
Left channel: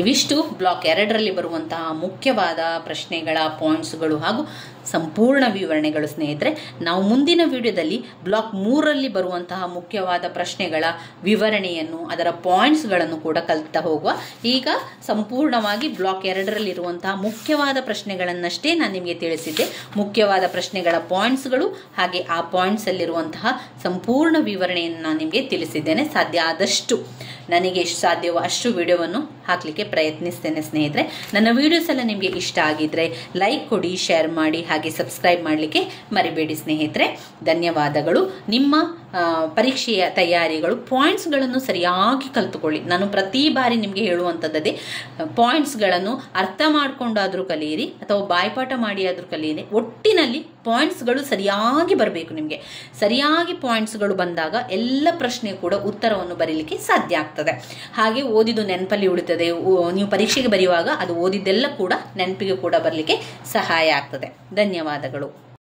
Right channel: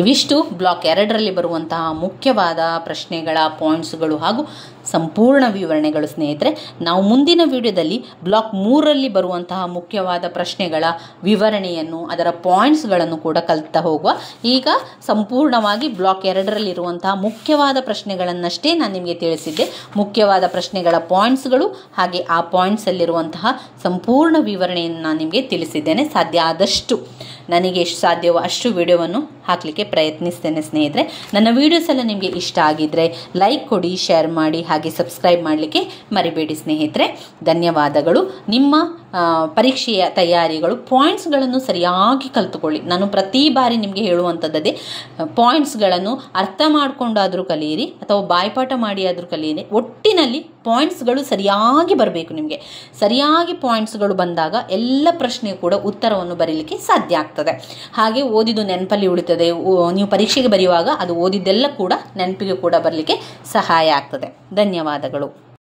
ಇವಿಷ್ಟು ಬ್ಲಾಕ್ 2ರಲ್ಲಿ ಬರುವಂತಹ ಮುಖ್ಯವಾದ ಪ್ರಶ್ನೆಗಳ ಪಾಯಿಂಟ್ಸ್ಗಳು ಹಾಗೂ ಸಂಪೂರ್ಣ ವಿವರಣೆಗಳು. ಸ್ನೇಹಿತರೆ, ನಾವು ಮುಂದಿನ ವಿಡಿಯೋದಲ್ಲಿ ಬ್ಲಾಕ್ 3ರಲ್ಲಿ ಬರುವಂತಹ ಮುಖ್ಯವಾದ ಪ್ರಶ್ನೆಗಳ ವಿವರಣೆಯನ್ನು, ಅದರ ಪಾಯಿಂಟ್ಸ್ಗಳನ್ನು ಕೂಡ ಕಲಿತಾ ಹೋಗುವ. ಈಗ ಸಂಪೂರ್ಣವಾಗಿ ಬ್ಲಾಕ್ 2ರಲ್ಲಿರುವಂತಹ ಮುಖ್ಯವಾದ ಪ್ರಶ್ನೆಗಳನ್ನಷ್ಟೇ ನಾನು ನಿಮಗೆ ತಿಳಿಸಿದ್ದೆ. ಮುಖ್ಯವಾದ ಪ್ರಶ್ನೆಗಳ ಪಾಯಿಂಟ್ಸ್ಗಳು ಹಾಗೆ ಆ ಪಾಯಿಂಟ್ಸಲ್ಲಿರುವಂತಹ ಸಂಪೂರ್ಣ ವಿವರಣೆಯನ್ನು ನಾನು ನಿಮಗೆ ತಿಳಿಸಿದ್ದೇನೆ. ಸಾಧ್ಯ ಆದಷ್ಟು ನನಗೆ ಎಷ್ಟು ಸಾಧ್ಯವೋ ಅಷ್ಟು ವಿಡಿಯೋವನ್ನು ಹಾಕಲಿಕ್ಕೆ ಪ್ರಯತ್ನಿಸ್ತೇನೆ. ಸ್ನೇಹಿತರೆ, ನನ್ನ ವಿಡಿಯೋಸ್ ಎಲ್ಲ ನಿಮಗೆ ಇಷ್ಟ ಆಗಿದ್ರೆ ಲೈಕ್ ಕೊಡಿ, ಶೇರ್ ಮಾಡಿ, ಹಾಗೆ ಸಬ್ಸ್ಕ್ರೈಬ್ ಮಾಡಲಿಕ್ಕೆ ಮರಿಬೇಡಿ ಸ್ನೇಹಿತರೆ. ಧನ್ಯವಾದಗಳು. ನಿಮ್ಮ ಪರೀಕ್ಷೆಯ ತಯಾರಿಗಳು ಪಾಯಿಂಟ್ಸ್ಗಳನ್ನು ಸರಿಯಾಗಿ ಕಲಿತುಕೊಳ್ಳಿ. ನಾನು ಪ್ರತಿ ಬಾರಿ ನಿಮಗೆ ಹೇಳುವಂಥದ್ದೇ, ಪಾಯಿಂಟ್ಸ್ಗಳನ್ನು ಅರ್ಥ ಮಾಡಿಕೊಂಡಾದರೂ ಕಲಿಯಿರಿ ಅಥವಾ ಬಾಯ್ಪಾಠ ಮಾಡಿ ಆದರೂ ಕಲಿಯಿರಿ. ಒಟ್ಟಿನಲ್ಲಿ ಪಾಯಿಂಟ್ಸ್ಗಳು ಸರಿಯಾಗಿ ಬರಬೇಕು. ನಿಮಗೆ ಸರಿಯಾಗಿ ಪಾಯಿಂಟ್ಸ್ಗಳು ಬಂದಾಗ ಎಲ್ಲ ಪ್ರಶ್ನೆ ಕೂಡ ಉತ್ತರವನ್ನು ಬರೀಲಿಕ್ಕೆ ಸಾಧ್ಯ ಆಗ್ತದೆ. ಹಾಗೆ ಓದಿದ್ದು ನೆನಪಲ್ಲಿ ಉಳಿತದೆ. ನೀವು ಪರೀಕ್ಷೆಗೆ ಬರೆಯುವಾಗ ಅದು ಓದಿದ್ದೆಲ್ಲ ಕೂಡ ನೆನಪಿಗೆ ಕೂಡ ಬರಲಿಕ್ಕೆ ಸಹಾಯ ಆಗ್ತದೆ. ಧನ್ಯವಾದಗಳು.